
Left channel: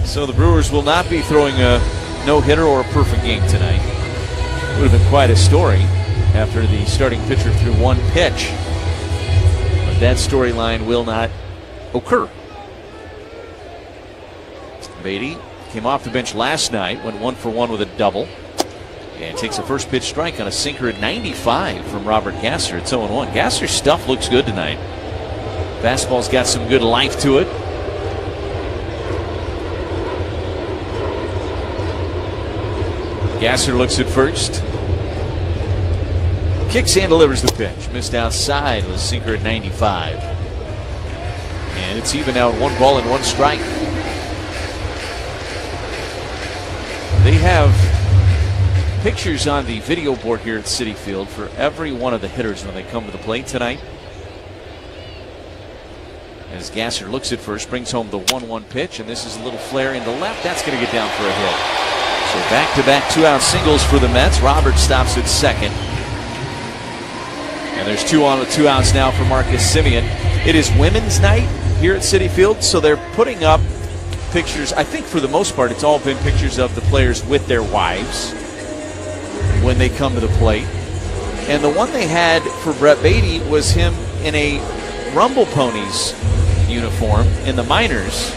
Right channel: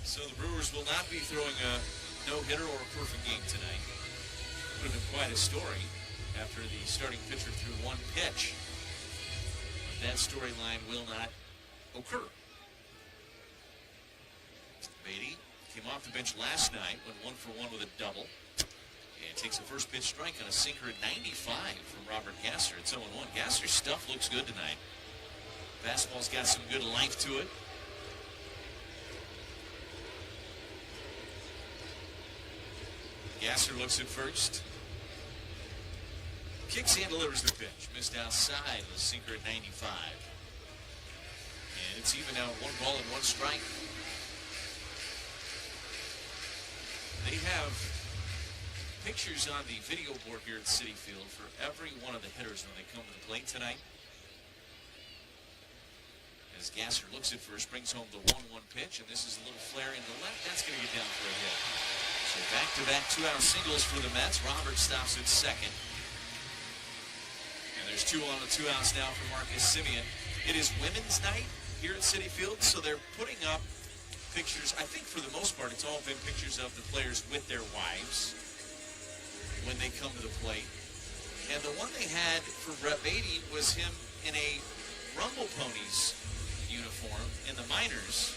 So the Brewers will not be throwing a no-hitter or a perfect game tonight. It would have been quite a story after the starting pitcher threw 1 pitch. But that storyline will not occur. Beatty came off the bench last night, went 1 for 1 with a double. And takes a first pitch strike on a sinker at 95 from Robert Gasser. It's 0-1. Gasser's stuff looks good tonight. Fastball's got some good life to it. Gasser looks at first. Kicks and delivers the pitch. Missed outside with a sinker at 95. And it's even out, 1 ball and 1 strike. They have pictures on the video board here at Citi Field for every one of the hitters when they come to the plate tonight. As Gasser looks at first, brings home the 1-1 pitch, and this is a little flare into left. That's going to get down for a hit. So back-to-back 2-out singles for the Mets. Roberts stops at second. And there's 2 on with 2 outs now for Marcus Semien. It is Women's Night here at Citi Field, so they're putting up pictures. I think for the most part it's all been pictures of the players with their wives when they come to the plate. And the one they had for Brett Beatty was him in a Rumble Ponies uniform in the minors.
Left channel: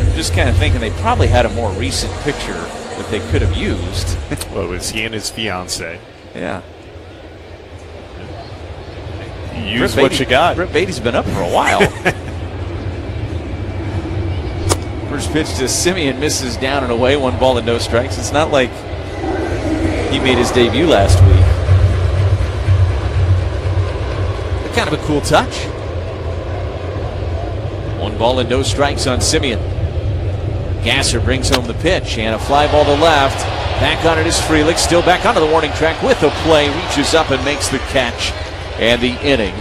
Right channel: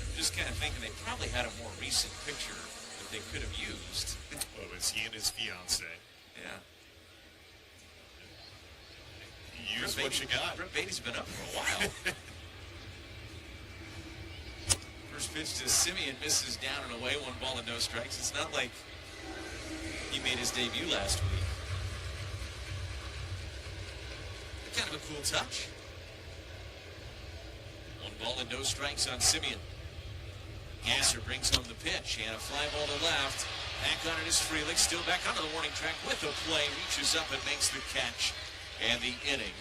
I'm just kind of thinking they probably had a more recent picture that they could have used. Well, it was he and his fiance. Yeah. Use what you got. Brett Beatty's been up for a while. First pitch to Semien, misses down and away, 1 ball and no strikes. It's not like he made his debut last week. But kind of a cool touch. 1 ball and no strikes on Semien. Gasser brings home the pitch and a fly ball to left. Back on it is Frelick, still back onto the warning track with a play, reaches up and makes the catch. And the inning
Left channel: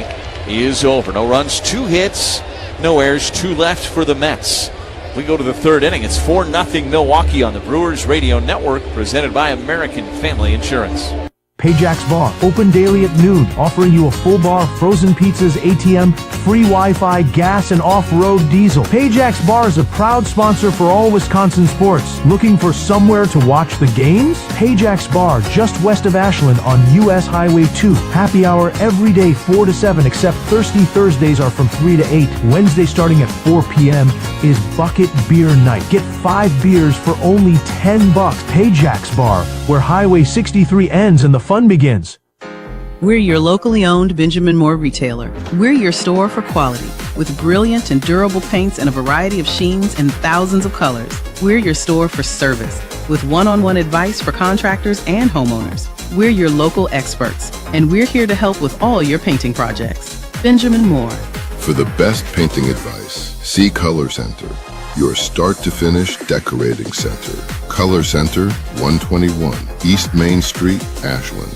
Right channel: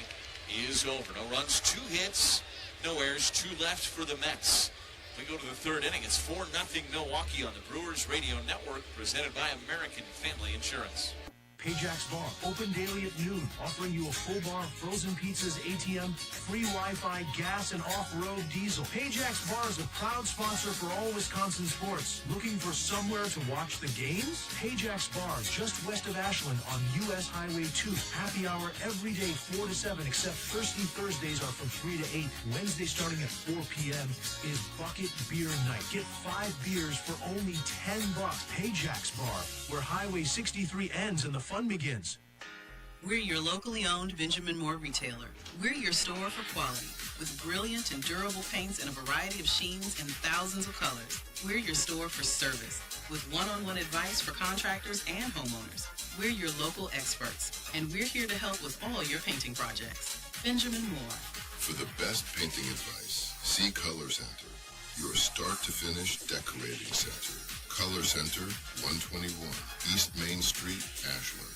is over. No runs, 2 hits, no errors, 2 left for the Mets. We go to the 3rd inning. It's 4-0 Milwaukee on the Brewers Radio Network, presented by American Family Insurance. Payjack's Bar, open daily at noon, offering you a full bar, frozen pizzas, ATM, free Wi-Fi, gas, and off-road diesel. Payjack's Bar is a proud sponsor for all Wisconsin sports. Looking for somewhere to watch the games? Payjack's Bar, just west of Ashland on U.S. Highway 2. Happy hour every day 4 to 7, except Thirsty Thursdays are from 3 to 8. Wednesday starting at 4 p.m. is Bucket Beer Night. Get 5 beers for only $10. Payjack's Bar, where Highway 63 ends and the fun begins. We're your locally owned Benjamin Moore retailer. We're your store for quality, with brilliant and durable paints in a variety of sheens and thousands of colors. We're your store for service, with one-on-one advice for contractors and homeowners. We're your local experts, and we're here to help with all your painting projects. Benjamin Moore. For the best painting advice, see Color Center, your start-to-finish decorating center. Color Center, 121 East Main Street, Ashland.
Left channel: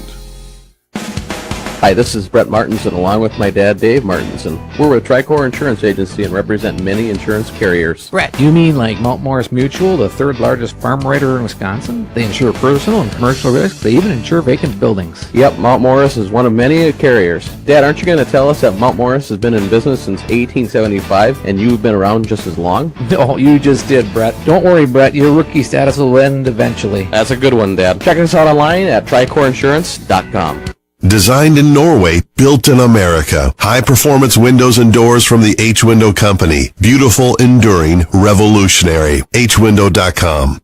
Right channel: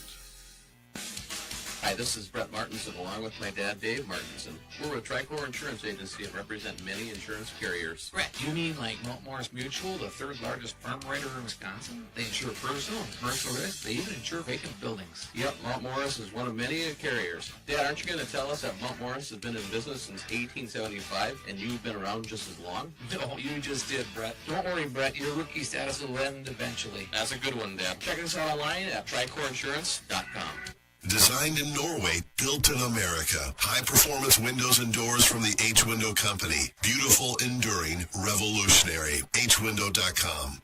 Hi, this is Brett Martinson along with my dad, Dave Martinson. We're with Tricor Insurance Agency and represent many insurance carriers. Brett, you mean like Mount Morris Mutual, the 3rd largest farm writer in Wisconsin? They insure personal and commercial risks. They even insure vacant buildings. Yep, Mount Morris is one of many carriers. Dad, aren't you going to tell us that Mount Morris has been in business since 1875 and you've been around just as long? No, you just did, Brett. Don't worry, Brett. Your rookie status will end eventually. That's a good one, Dad. Check us out online at tricordinsurance.com. Designed in Norway, built in America. High-performance windows and doors from the H-Window Company. Beautiful, enduring, revolutionary. hwindow.com.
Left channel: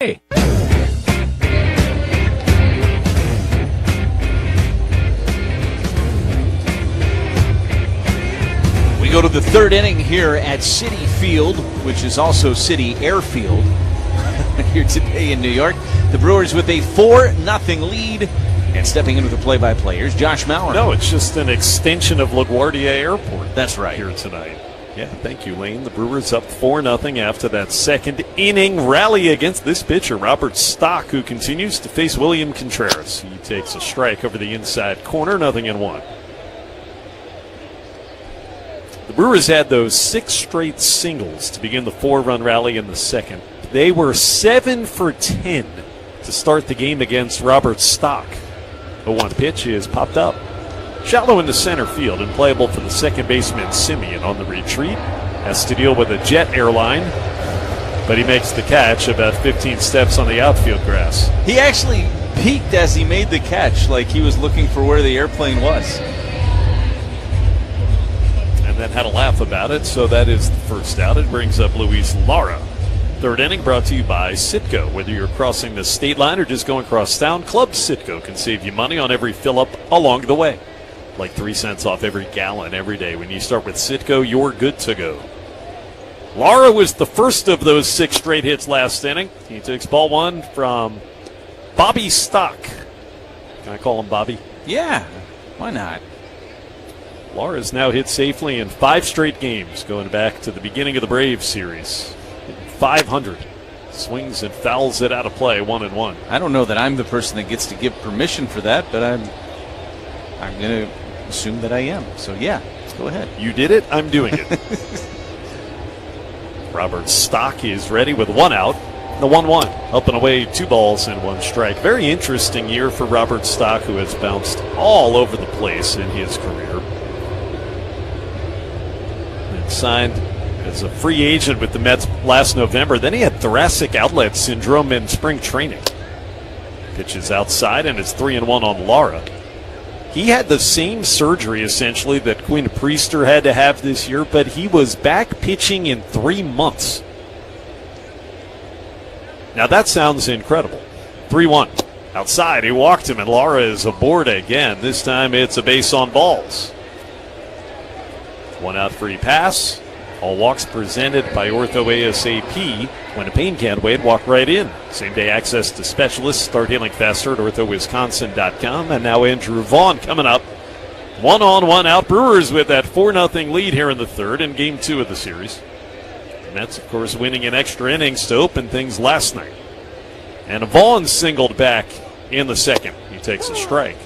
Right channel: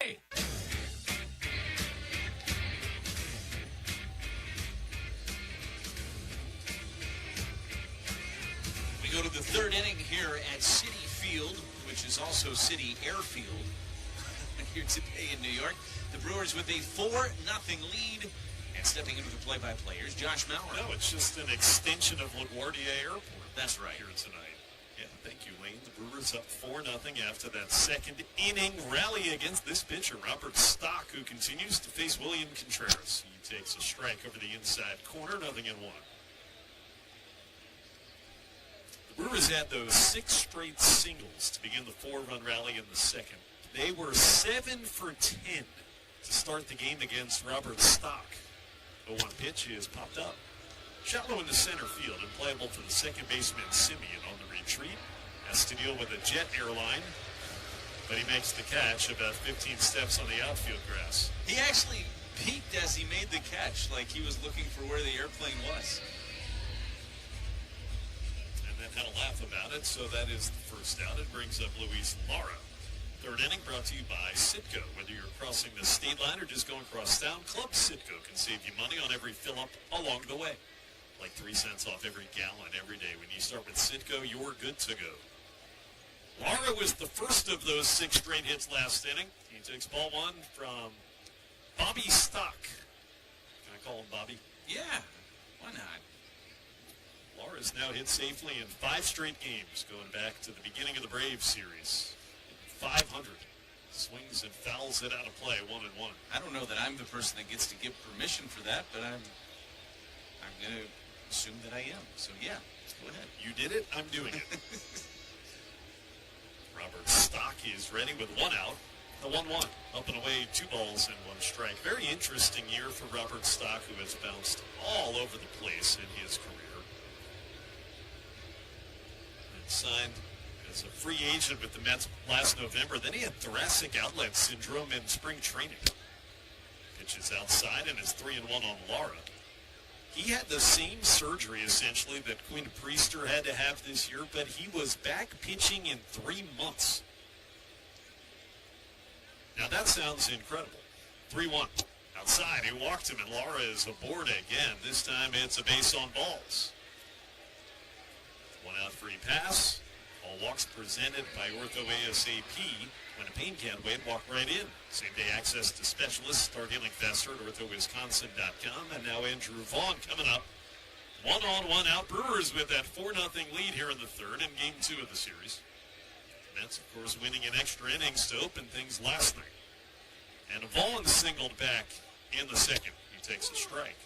Hey. We go to the 3rd inning here at Citi Field, which is also Citi Airfield here today in New York. The Brewers with a 4-0 lead. And stepping into the play-by-play, here's Josh Maurer. No, it's just an extension of LaGuardia Airport. That's right. Here tonight. Yeah, thank you, Lane. The Brewers up 4-0 after that 2nd inning rally against this pitcher, Robert Stock, who continues to face William Contreras. He takes a strike over the inside corner, 0-1. The Brewers had those 6 straight singles to begin the 4-run rally in the 2nd. They were 7 for 10 to start the game against Robert Stock. The 1 pitch is popped up. Shallow into center field and playable for the second baseman Semien on the retreat. Has to deal with a jet airline, but he makes the catch about 15 steps on the outfield grass. He actually peeked as he made the catch, like he was looking for where the airplane was. And then had a laugh about it, so that is the first out. It brings up Luis Lara. 3rd inning brought to you by Citgo. Whether you're crossing the state line or just going across town, Club Citgo can save you money on every fill-up along the way. Like 3 cents off every gallon every day. When you start with Citgo, you're good to go. Lara was the first of those 6 straight hits last inning. He takes ball 1 from Bobby Stock. Can I call him Bobby? Yeah, why not? Laura's now hit safely in 5 straight games, going back to the beginning of the Braves series. 500. Swings and fouls it out of play, 1-1. I don't know that I'm the person that gets to give permission for that, but I'm going to assume that I am. So, yeah, go ahead. You did it. I'm doing it. Robert Stock is ready with 1 out. The 1-1. Up and away, 2 balls and 1 strike. Very interesting year for Robert Stock, who has bounced all over the place in his career. And signed as a free agent with the Mets last November. Then he had thoracic outlet syndrome in spring training. Pitches outside and it's 3-1 on Lara. He had the same surgery, essentially, that Quinn Priester had to have this year, but he was back pitching in 3 months. Now that sounds incredible. 3-1. Outside, he walked him, and Lara is aboard again. This time it's a base on balls. 1 out free pass. All walks presented by Ortho ASAP. When a pain can't wait, walk right in. Same day access to specialists. Start healing faster at orthowisconsin.com. And now Andrew Vaughn coming up. 1 on, 1 out. Brewers with that 4-0 lead here in the third in game 2 of the series. The Mets, of course, winning in extra innings to open things last night. And Vaughn singled back in the second. He takes a strike.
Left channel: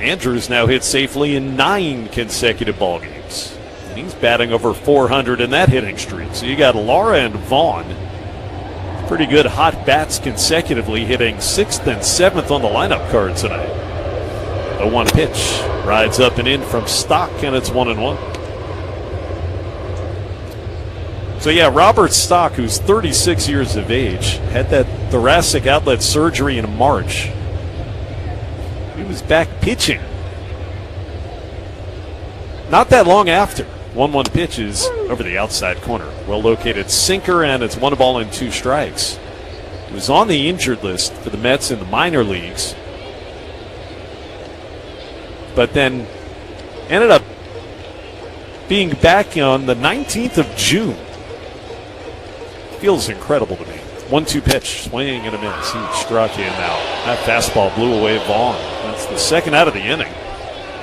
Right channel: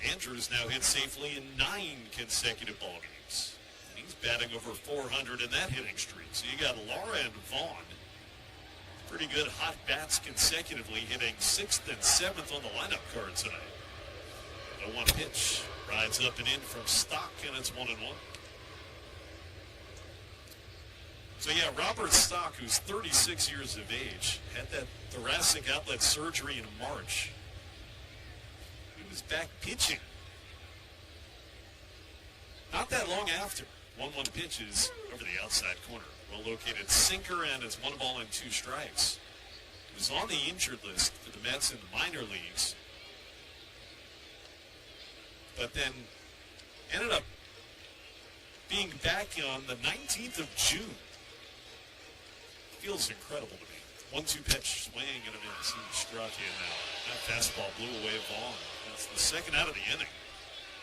Andrews now hit safely in 9 consecutive ball games. He's batting over 400 in that hitting streak. So you got Lara and Vaughn. Pretty good hot bats consecutively, hitting 6th and 7th on the lineup card tonight. The 1 pitch rides up and in from Stock, and it's 1-1. So yeah, Robert Stock, who's 36 years of age, had that thoracic outlet surgery in March. He was back pitching not that long after. 1-1 pitch is over the outside corner. Well located sinker, and it's 1 ball and 2 strikes. He was on the injured list for the Mets in the minor leagues, but then ended up being back on the 19th of June. Feels incredible to me. 1-2 pitch, swing and a miss. He struck in now. That fastball blew away Vaughn. That's the second out of the inning.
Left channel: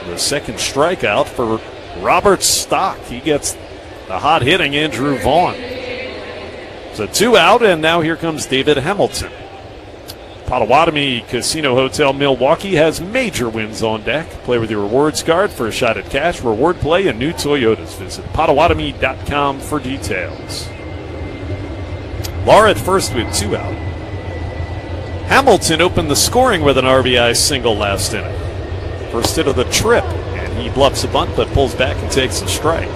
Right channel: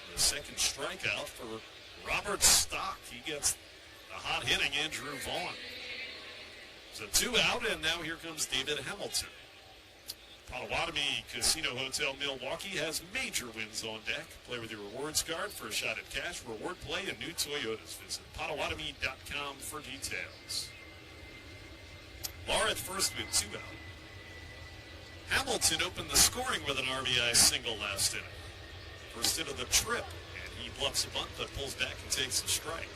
The second strikeout for Robert Stock. He gets the hot hitting Andrew Vaughn. So 2 out, and now here comes David Hamilton. Potawatomi Casino Hotel Milwaukee has major wins on deck. Play with your rewards card for a shot at cash, reward play, and new Toyotas. Visit Potawatomi.com for details. Lara at first with 2 out. Hamilton opened the scoring with an RBI single last inning. First hit of the trip, and he bluffs a bunt but pulls back and takes a strike.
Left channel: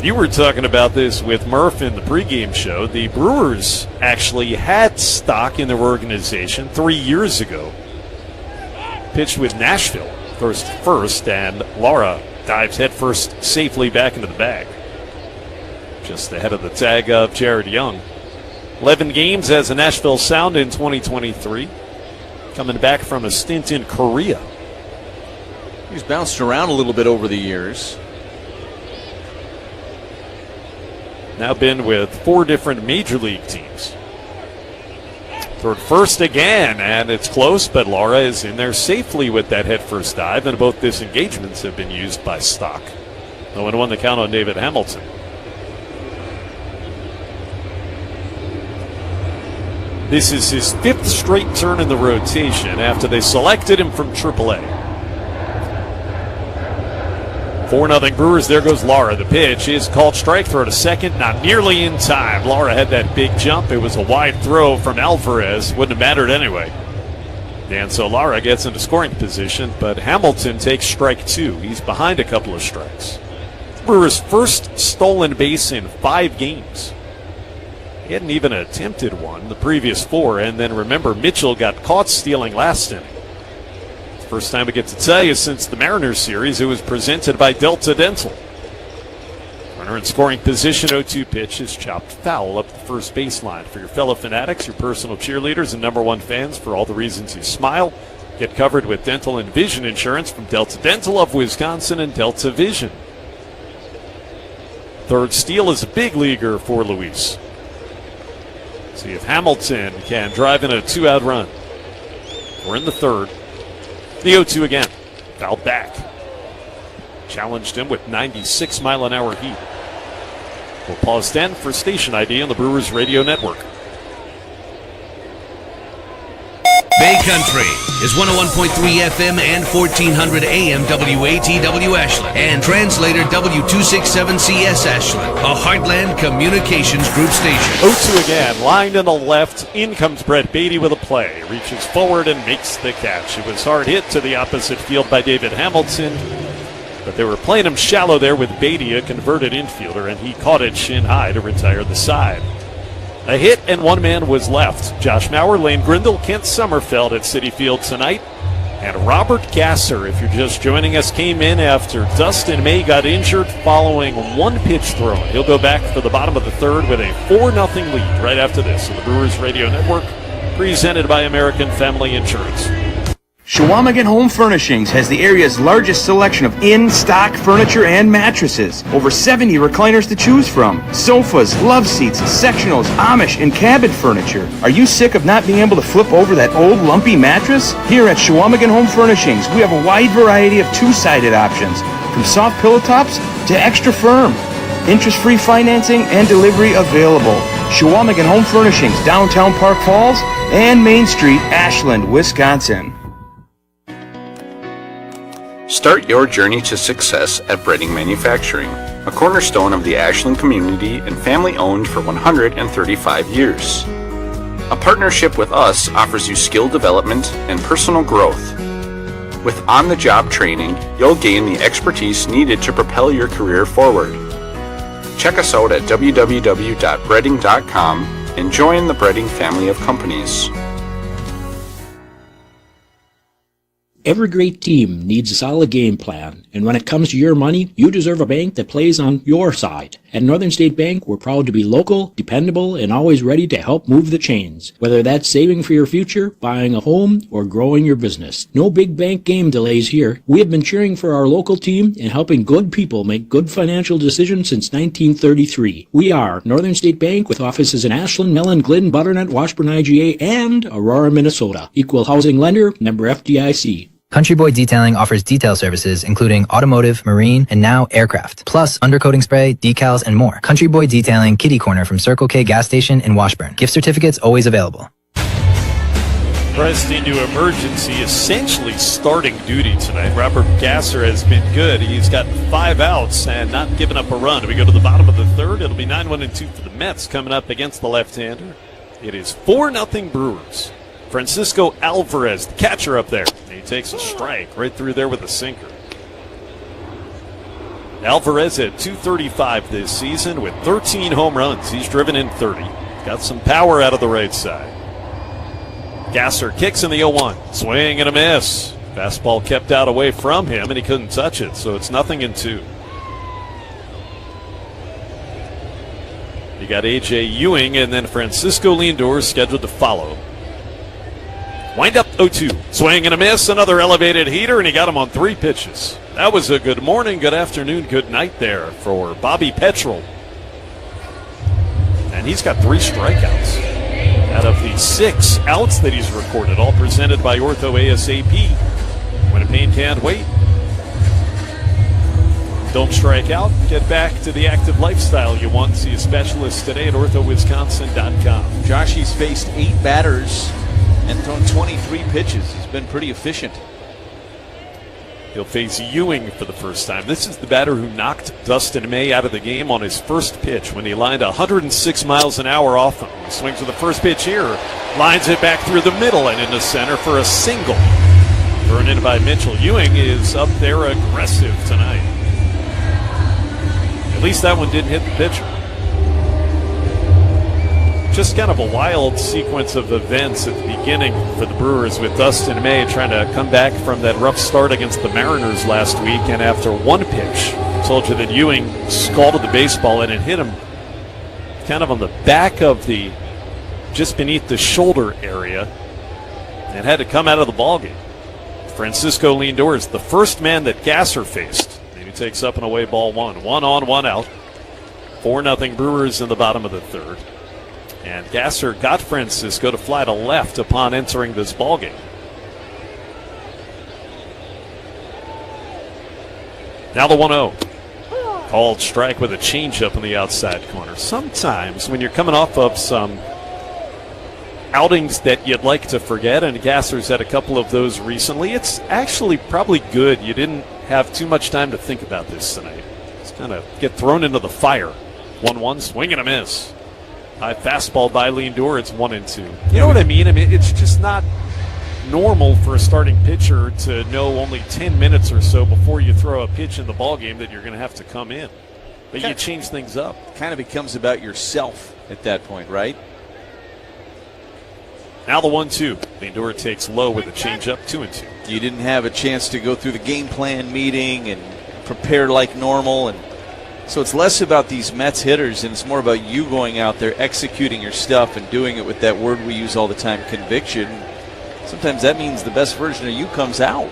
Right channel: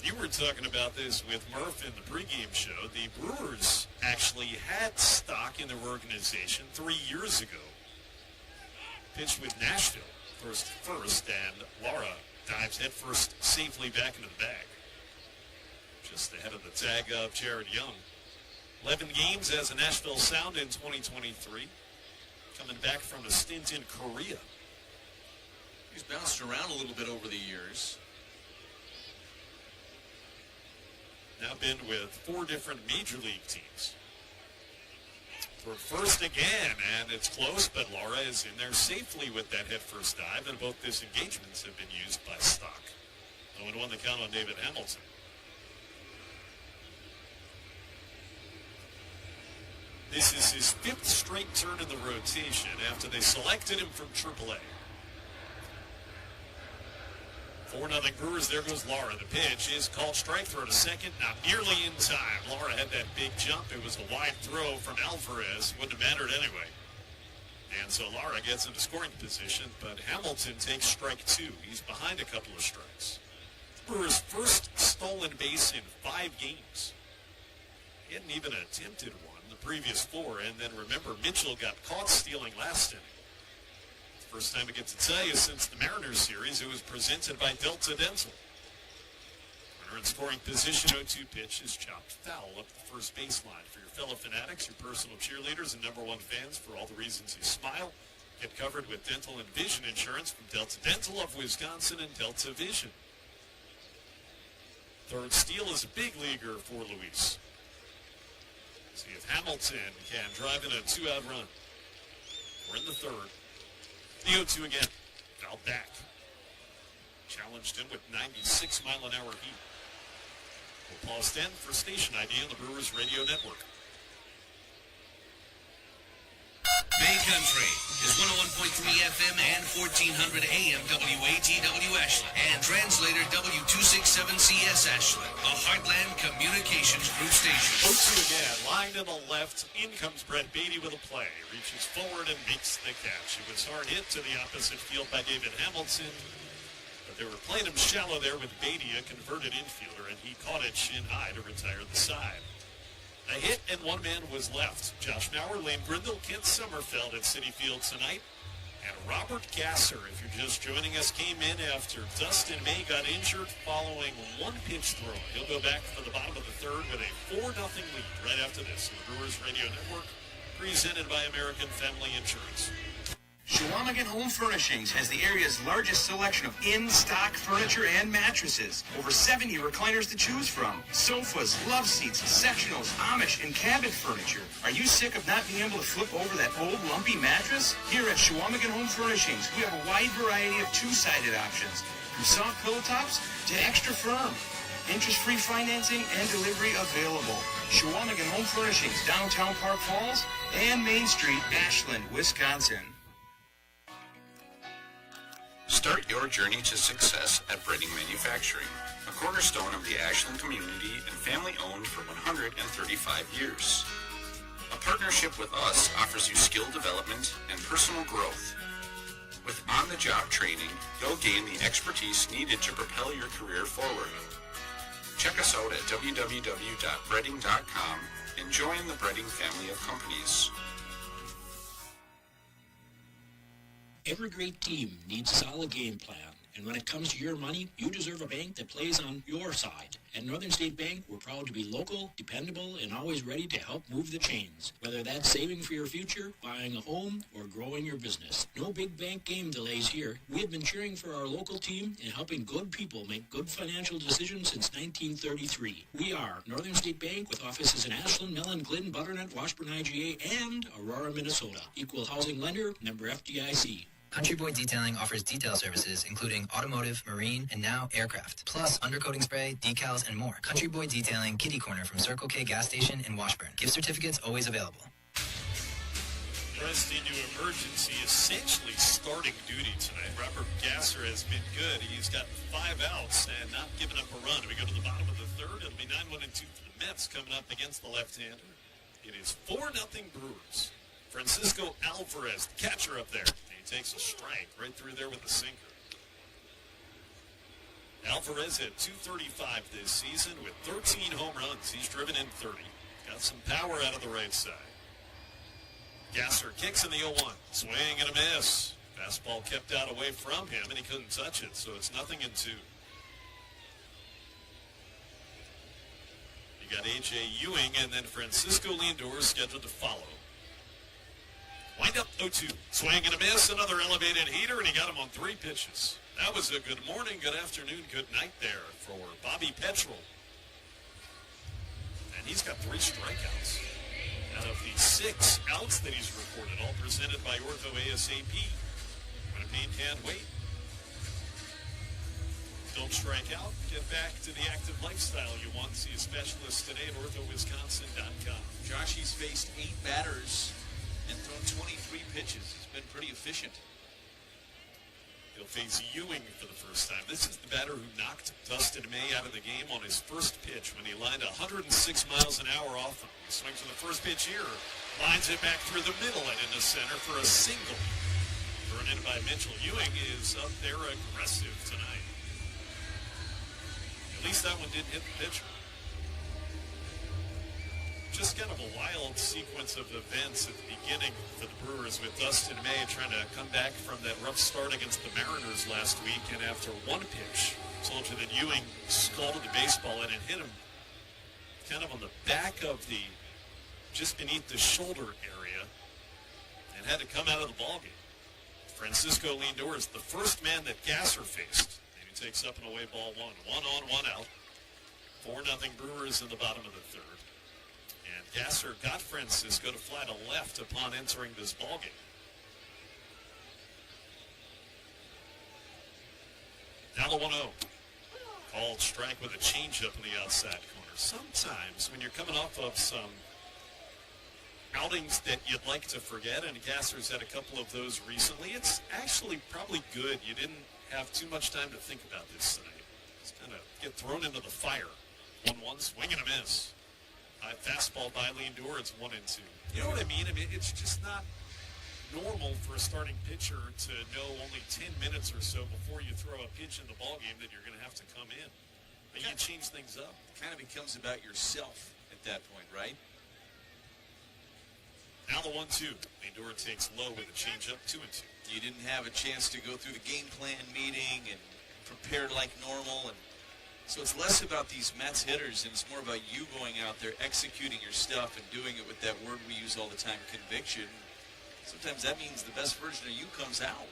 You were talking about this with Murph in the pregame show. The Brewers actually had Stock in their organization 3 years ago. Pitched with Nashville first, and Lara dives headfirst safely back into the bag. Just ahead of the tag of Jared Young. 11 games as a Nashville Sound in 2023. Coming back from a stint in Korea. He's bounced around a little bit over the years. Now been with 4 different major league teams. Toward first again, and it's close, but Lara is in there safely with that headfirst dive, and both disengagements have been used by Stock. 0-1 the count on David Hamilton. This is his 5th straight turn in the rotation after they selected him from AAA. 4-0 Brewers. There goes Lara. The pitch is called strike. Throw to second. Not nearly in time. Lara had that big jump. It was a wide throw from Alvarez. Wouldn't have mattered anyway. And so Lara gets into scoring position, but Hamilton takes strike 2. He's behind a couple of strikes. Brewers' first stolen base in 5 games. He hadn't even attempted one the previous 4, and then remember, Mitchell got caught stealing last inning. First time we get to tell you since the Mariners series. It was presented by Delta Dental. Runner in scoring position, 0-2 pitch is chopped foul up the first baseline. For your fellow fanatics, your personal cheerleaders, and #1 fans, for all the reasons you smile, get covered with dental and vision insurance from Delta Dental of Wisconsin and Delta Vision. Third steal is a big leaguer for Luis. See if Hamilton can drive in a 2-out run. We're in the third. The 0-2 again. Fouled back. Challenged him with 96-mile-an-hour heat. We'll pause then for station ID on the Brewers Radio Network. Bay Country is 101.3 FM and 1400 AM WATW Ashland and translator W267CS Ashland, a Heartland Communications Group station. 0-2 again, lined in the left. In comes Brett Beatty with a play. Reaches forward and makes the catch. It was hard hit to the opposite field by David Hamilton, but they were playing him shallow there with Beatty, a converted infielder, and he caught it shin high to retire the side. A hit and one man was left. Josh Maurer, Lane Grindle, Kent Sommerfeld at Citi Field tonight. And Robert Gasser, if you're just joining us, came in after Dustin May got injured following one pitch thrown. He'll go back for the bottom of the third with a 4-0 lead right after this on the Brewers Radio Network, presented by American Family Insurance. Shawamigan Home Furnishings has the area's largest selection of in-stock furniture and mattresses. Over 70 recliners to choose from. Sofas, love seats, sectionals, Amish, and cabin furniture. Are you sick of not being able to flip over that old lumpy mattress? Here at Shawamigan Home Furnishings, we have a wide variety of two-sided options, from soft pillow tops to extra firm. Interest-free financing and delivery available. Shawamigan Home Furnishings, downtown Park Falls and Main Street, Ashland, Wisconsin. Start your journey to success at Breading Manufacturing, a cornerstone of the Ashland community and family-owned for 135 years. A partnership with us offers you skill development and personal growth. With on-the-job training, you'll gain the expertise needed to propel your career forward. Check us out at www.breading.com and join the Breading family of companies. Every great team needs a solid game plan, and when it comes to your money, you deserve a bank that plays on your side. At Northern State Bank, we're proud to be local, dependable, and always ready to help move the chains. Whether that's saving for your future, buying a home, or growing your business. No big bank game delays here. We have been cheering for our local team and helping good people make good financial decisions since 1933. We are Northern State Bank with offices in Ashland, Mellon, Glidden, Butternut, Washburn, IGA, and Aurora, Minnesota. Equal housing lender, member FDIC. Country Boy Detailing offers detail services including automotive, marine, and now aircraft, plus undercoating spray, decals, and more. Country Boy Detailing Kitty Corner from Circle K gas station in Washburn. Gift certificates always available. Pressed into emergency, essentially starting duty tonight. Robert Gasser has been good. He's got 5 outs and not given up a run. We go to the bottom of the third. It'll be 9-1-2 for the Mets coming up against the left-hander. It is 4-0 Brewers. Francisco Alvarez, the catcher up there. He takes a strike right through there with a sinker. Alvarez at .235 this season with 13 home runs. He's driven in 30. Got some power out of the right side. Gasser kicks in the 0-1. Swing and a miss. Fastball kept out away from him, and he couldn't touch it, so it's 0-2. You got A.J. Ewing and then Francisco Lindor scheduled to follow. Wind up 0-2. Swing and a miss. Another elevated heater, and he got him on 3 pitches. That was a good morning, good afternoon, good night there for Bobby Petrel. And he's got 3 strikeouts out of the 6 outs that he's recorded, all presented by Ortho ASAP. When a pain can't wait, don't strike out. Get back to the active lifestyle you want. See a specialist today at orthowisconsin.com. Josh, he's faced 8 batters and thrown 23 pitches. He's been pretty efficient. He'll face Ewing for the first time. This is the batter who knocked Dustin May out of the game on his first pitch when he lined 106 miles an hour off him. He swings with the first pitch here, lines it back through the middle and into center for a single. Thrown in by Mitchell. Ewing is up there aggressive tonight. At least that one didn't hit the pitcher. Just kind of a wild sequence of events at the beginning for the Brewers with Dustin May trying to come back from that rough start against the Mariners last week. And after one pitch, I told you that Ewing scalded the baseball and it hit him kind of on the back of the, just beneath the shoulder area, and had to come out of the ballgame. Francisco Lindor is the first man that Gasser faced. And he takes up an away ball 1. 1 on, 1 out. 4-0 Brewers in the bottom of the third. And Gasser got Francisco to fly to left upon entering this ballgame. Now the 1-0. Called strike with a changeup in the outside corner. Sometimes when you're coming off of some outings that you'd like to forget, and Gasser's had a couple of those recently, it's actually probably good you didn't have too much time to think about this tonight. Just kind of get thrown into the fire. 1-1, swing and a miss. High fastball by Lindor, it's 1-2. You know what I mean? It's just not normal for a starting pitcher to know only 10 minutes or so before you throw a pitch in the ballgame that you're going to have to come in. But you change things up. Kind of becomes about yourself at that point, right? Now the 1-2. Lindor takes low with a changeup, 2-2. You didn't have a chance to go through the game plan meeting and prepare like normal, and so it's less about these Mets hitters and it's more about you going out there, executing your stuff and doing it with that word we use all the time, conviction. Sometimes that means the best version of you comes out.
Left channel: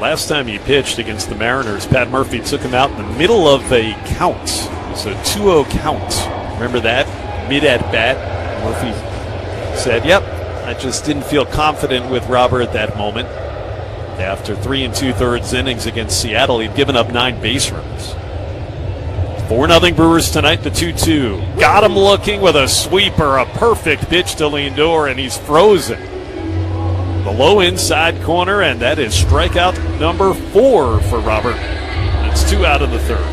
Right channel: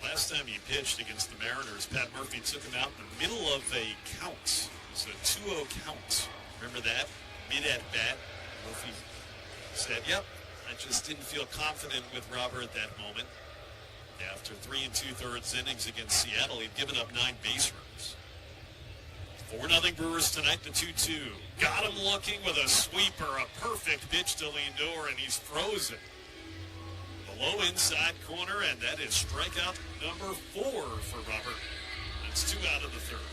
Last time he pitched against the Mariners, Pat Murphy took him out in the middle of a count. It was a 2-0 count. Remember that? Mid-at-bat. Murphy said, yep, I just didn't feel confident with Robert at that moment. After 3 2/3 innings against Seattle, he'd given up 9 base runners. 4-0 Brewers tonight, the 2-2. Got him looking with a sweeper, a perfect pitch to Lindor, and he's frozen. The low inside corner, and that is strikeout number 4 for Robert. It's 2 out of the third.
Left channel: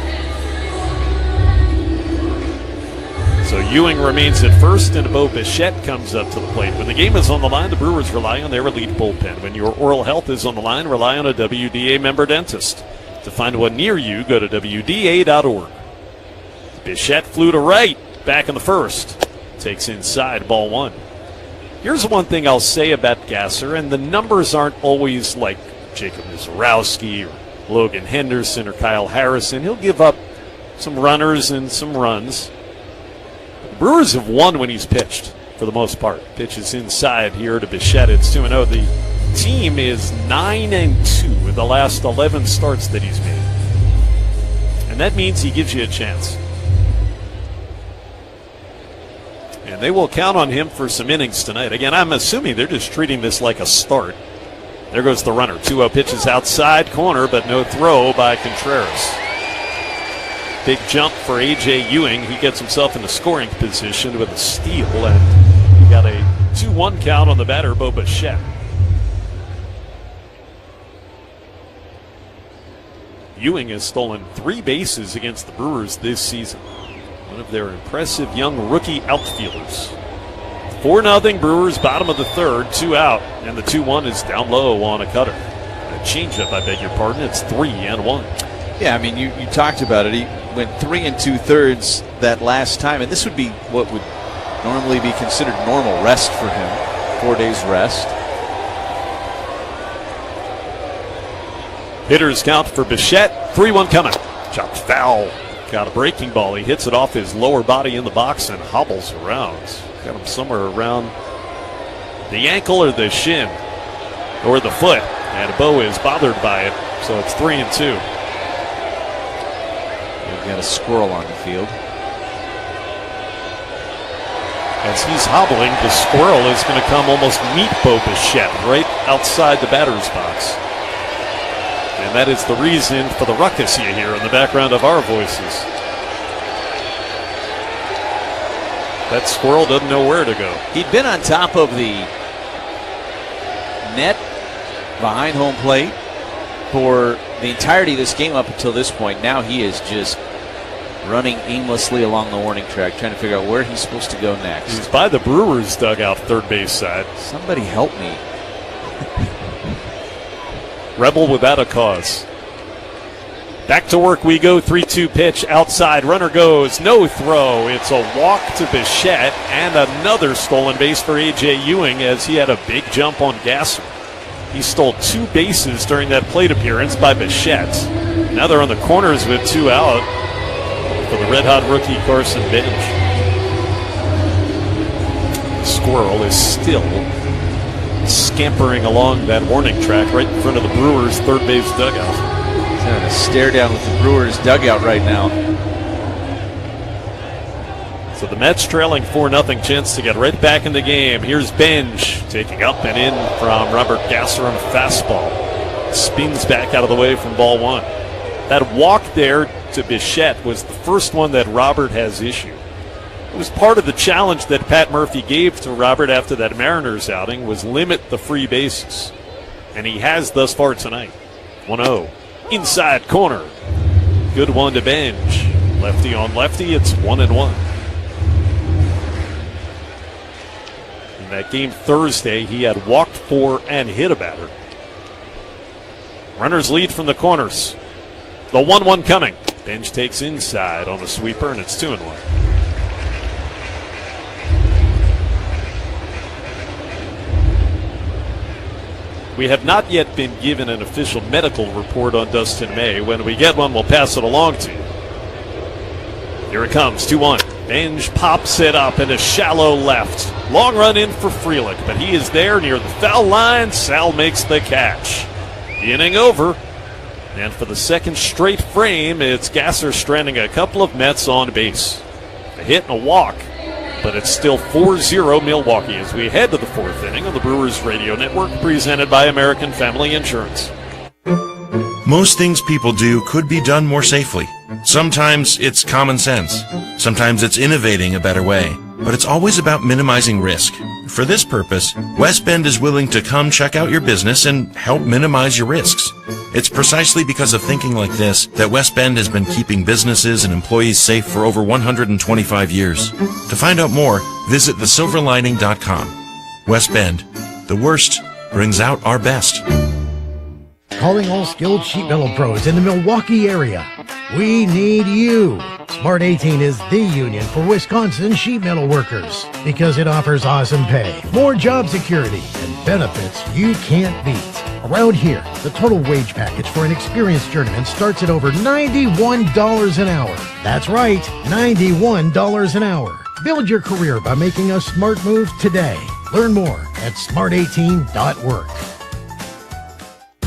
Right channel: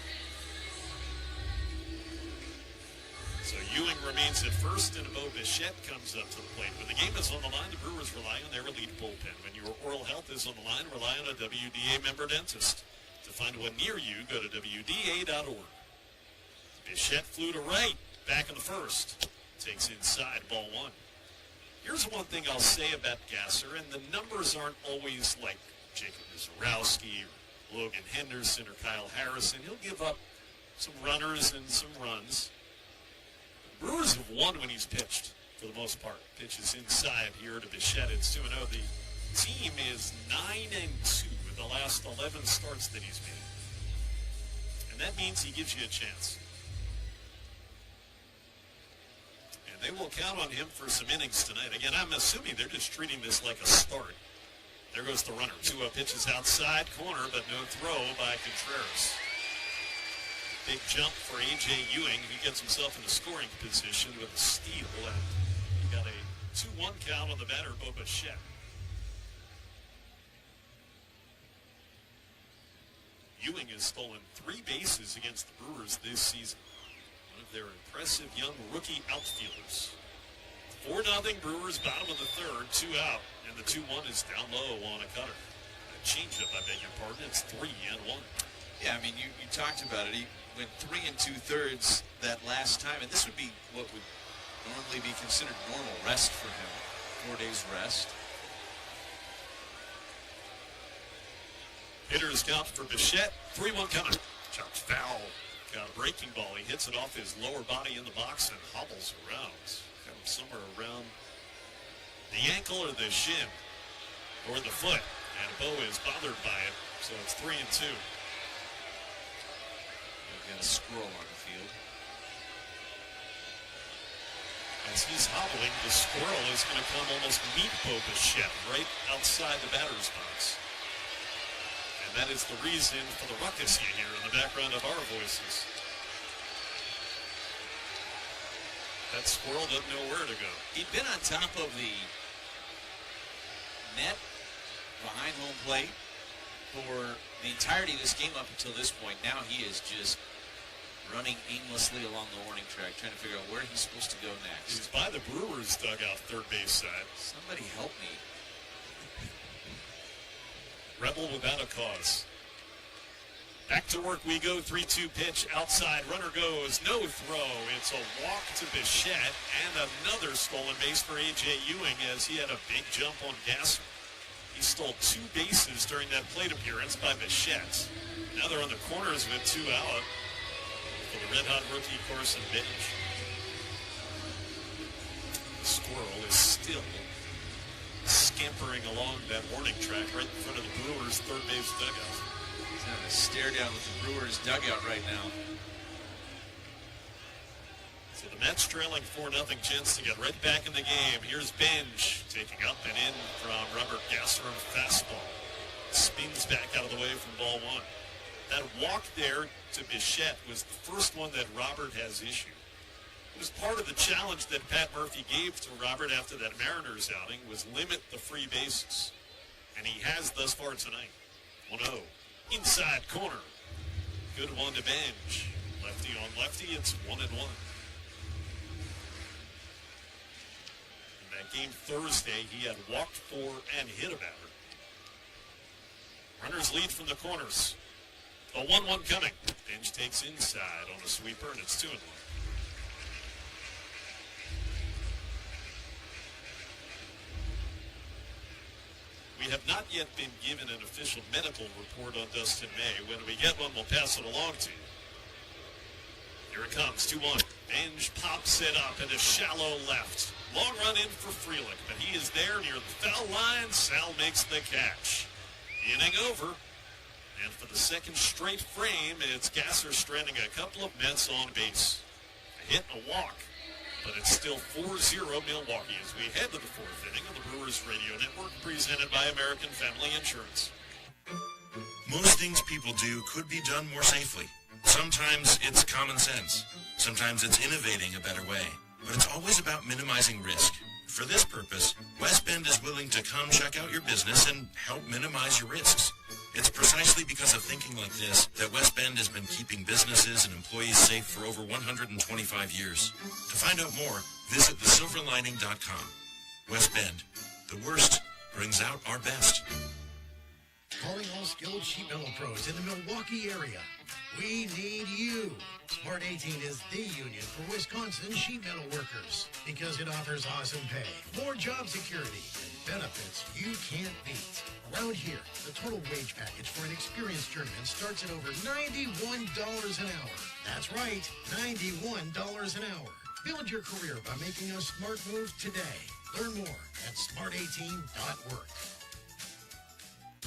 So Ewing remains at first, and Bo Bichette comes up to the plate. When the game is on the line, the Brewers rely on their elite bullpen. When your oral health is on the line, rely on a WDA member dentist. To find one near you, go to WDA.org. Bichette flew to right, back in the first. Takes inside, ball 1. Here's one thing I'll say about Gasser, and the numbers aren't always like Jacob Mizorowski or Logan Henderson or Kyle Harrison. He'll give up some runners and some runs. The Brewers have won when he's pitched, for the most part. Pitches inside here to Bichette. It's 2-0. The team is 9-2 with the last 11 starts that he's made. And that means he gives you a chance. And they will count on him for some innings tonight. Again, I'm assuming they're just treating this like a start. There goes the runner. 2-0 pitches outside corner, but no throw by Contreras. Big jump for A.J. Ewing. He gets himself in a scoring position with a steal, and he got a 2-1 count on the batter, Bo Bichette. Ewing has stolen 3 bases against the Brewers this season. One of their impressive young rookie outfielders. 4-0 Brewers, bottom of the third, 2 out, and the 2-1 is down low on a cutter. A changeup, I beg your pardon. It's 3-1. Yeah, I mean, you talked about it. He went 3 2/3 that last time, and this would be what would normally be considered normal rest for him. 4 days rest. Hitters count for Bichette. 3-1 coming. Chopped foul. Got a breaking ball. He hits it off his lower body in the box and hobbles around. Got him somewhere around the ankle or the shin or the foot. And Bo is bothered by it. So it's 3-2. We've got a squirrel on the field. As he's hobbling, the squirrel is going to come almost meet Bo Bichette right outside the batter's box. And that is the reason for the ruckus you hear in the background of our voices. That squirrel doesn't know where to go. He'd been on top of the net behind home plate for the entirety of this game up until this point. Now he is just running aimlessly along the warning track, trying to figure out where he's supposed to go next. He's by the Brewers dugout, third base side. Somebody help me. Rebel without a cause. Back to work we go. 3-2 pitch outside. Runner goes. No throw. It's a walk to Bichette and another stolen base for A.J. Ewing as he had a big jump on Gasser. He stole 2 bases during that plate appearance by Bichette. Now they're on the corners with 2 out for the red-hot rookie Carson Bench. The squirrel is still scampering along that warning track right in front of the Brewers' third base dugout. He's having a stare down with the Brewers dugout right now. So the Mets trailing 4-0, chance to get right back in the game. Here's Benj taking up and in from Robert Gasser on a fastball. Spins back out of the way from ball one. That walk there to Bichette was the first one that Robert has issued. It was part of the challenge that Pat Murphy gave to Robert after that Mariners outing, was limit the free bases. And he has thus far tonight. 1-0. Inside corner. Good one to Benj. Lefty on lefty, it's 1-1. In that game Thursday, he had walked 4 and hit a batter. Runners lead from the corners. The 1-1 coming. Benj takes inside on the sweeper, and it's 2-1. We have not yet been given an official medical report on Dustin May. When we get one, we'll pass it along to you. Here it comes, 2-1. Benj pops it up in a shallow left. Long run in for Frelick, but he is there near the foul line. Sal makes the catch. The inning over. And for the second straight frame, it's Gasser stranding a couple of Mets on base. A hit and a walk, but it's still 4-0 Milwaukee as we head to the fourth inning on the Brewers Radio Network, presented by American Family Insurance. Most things people do could be done more safely. Sometimes it's common sense. Sometimes it's innovating a better way. But it's always about minimizing risk. For this purpose, West Bend is willing to come check out your business and help minimize your risks. It's precisely because of thinking like this that West Bend has been keeping businesses and employees safe for over 125 years. To find out more, visit thesilverlining.com. West Bend, the worst brings out our best. Calling all skilled sheet metal pros in the Milwaukee area. We need you. Smart 18 is the union for Wisconsin sheet metal workers because it offers awesome pay, more job security, and benefits you can't beat. Around here, the total wage package for an experienced journeyman starts at over $91 an hour. That's right, $91 an hour. Build your career by making a smart move today. Learn more at smart18.work.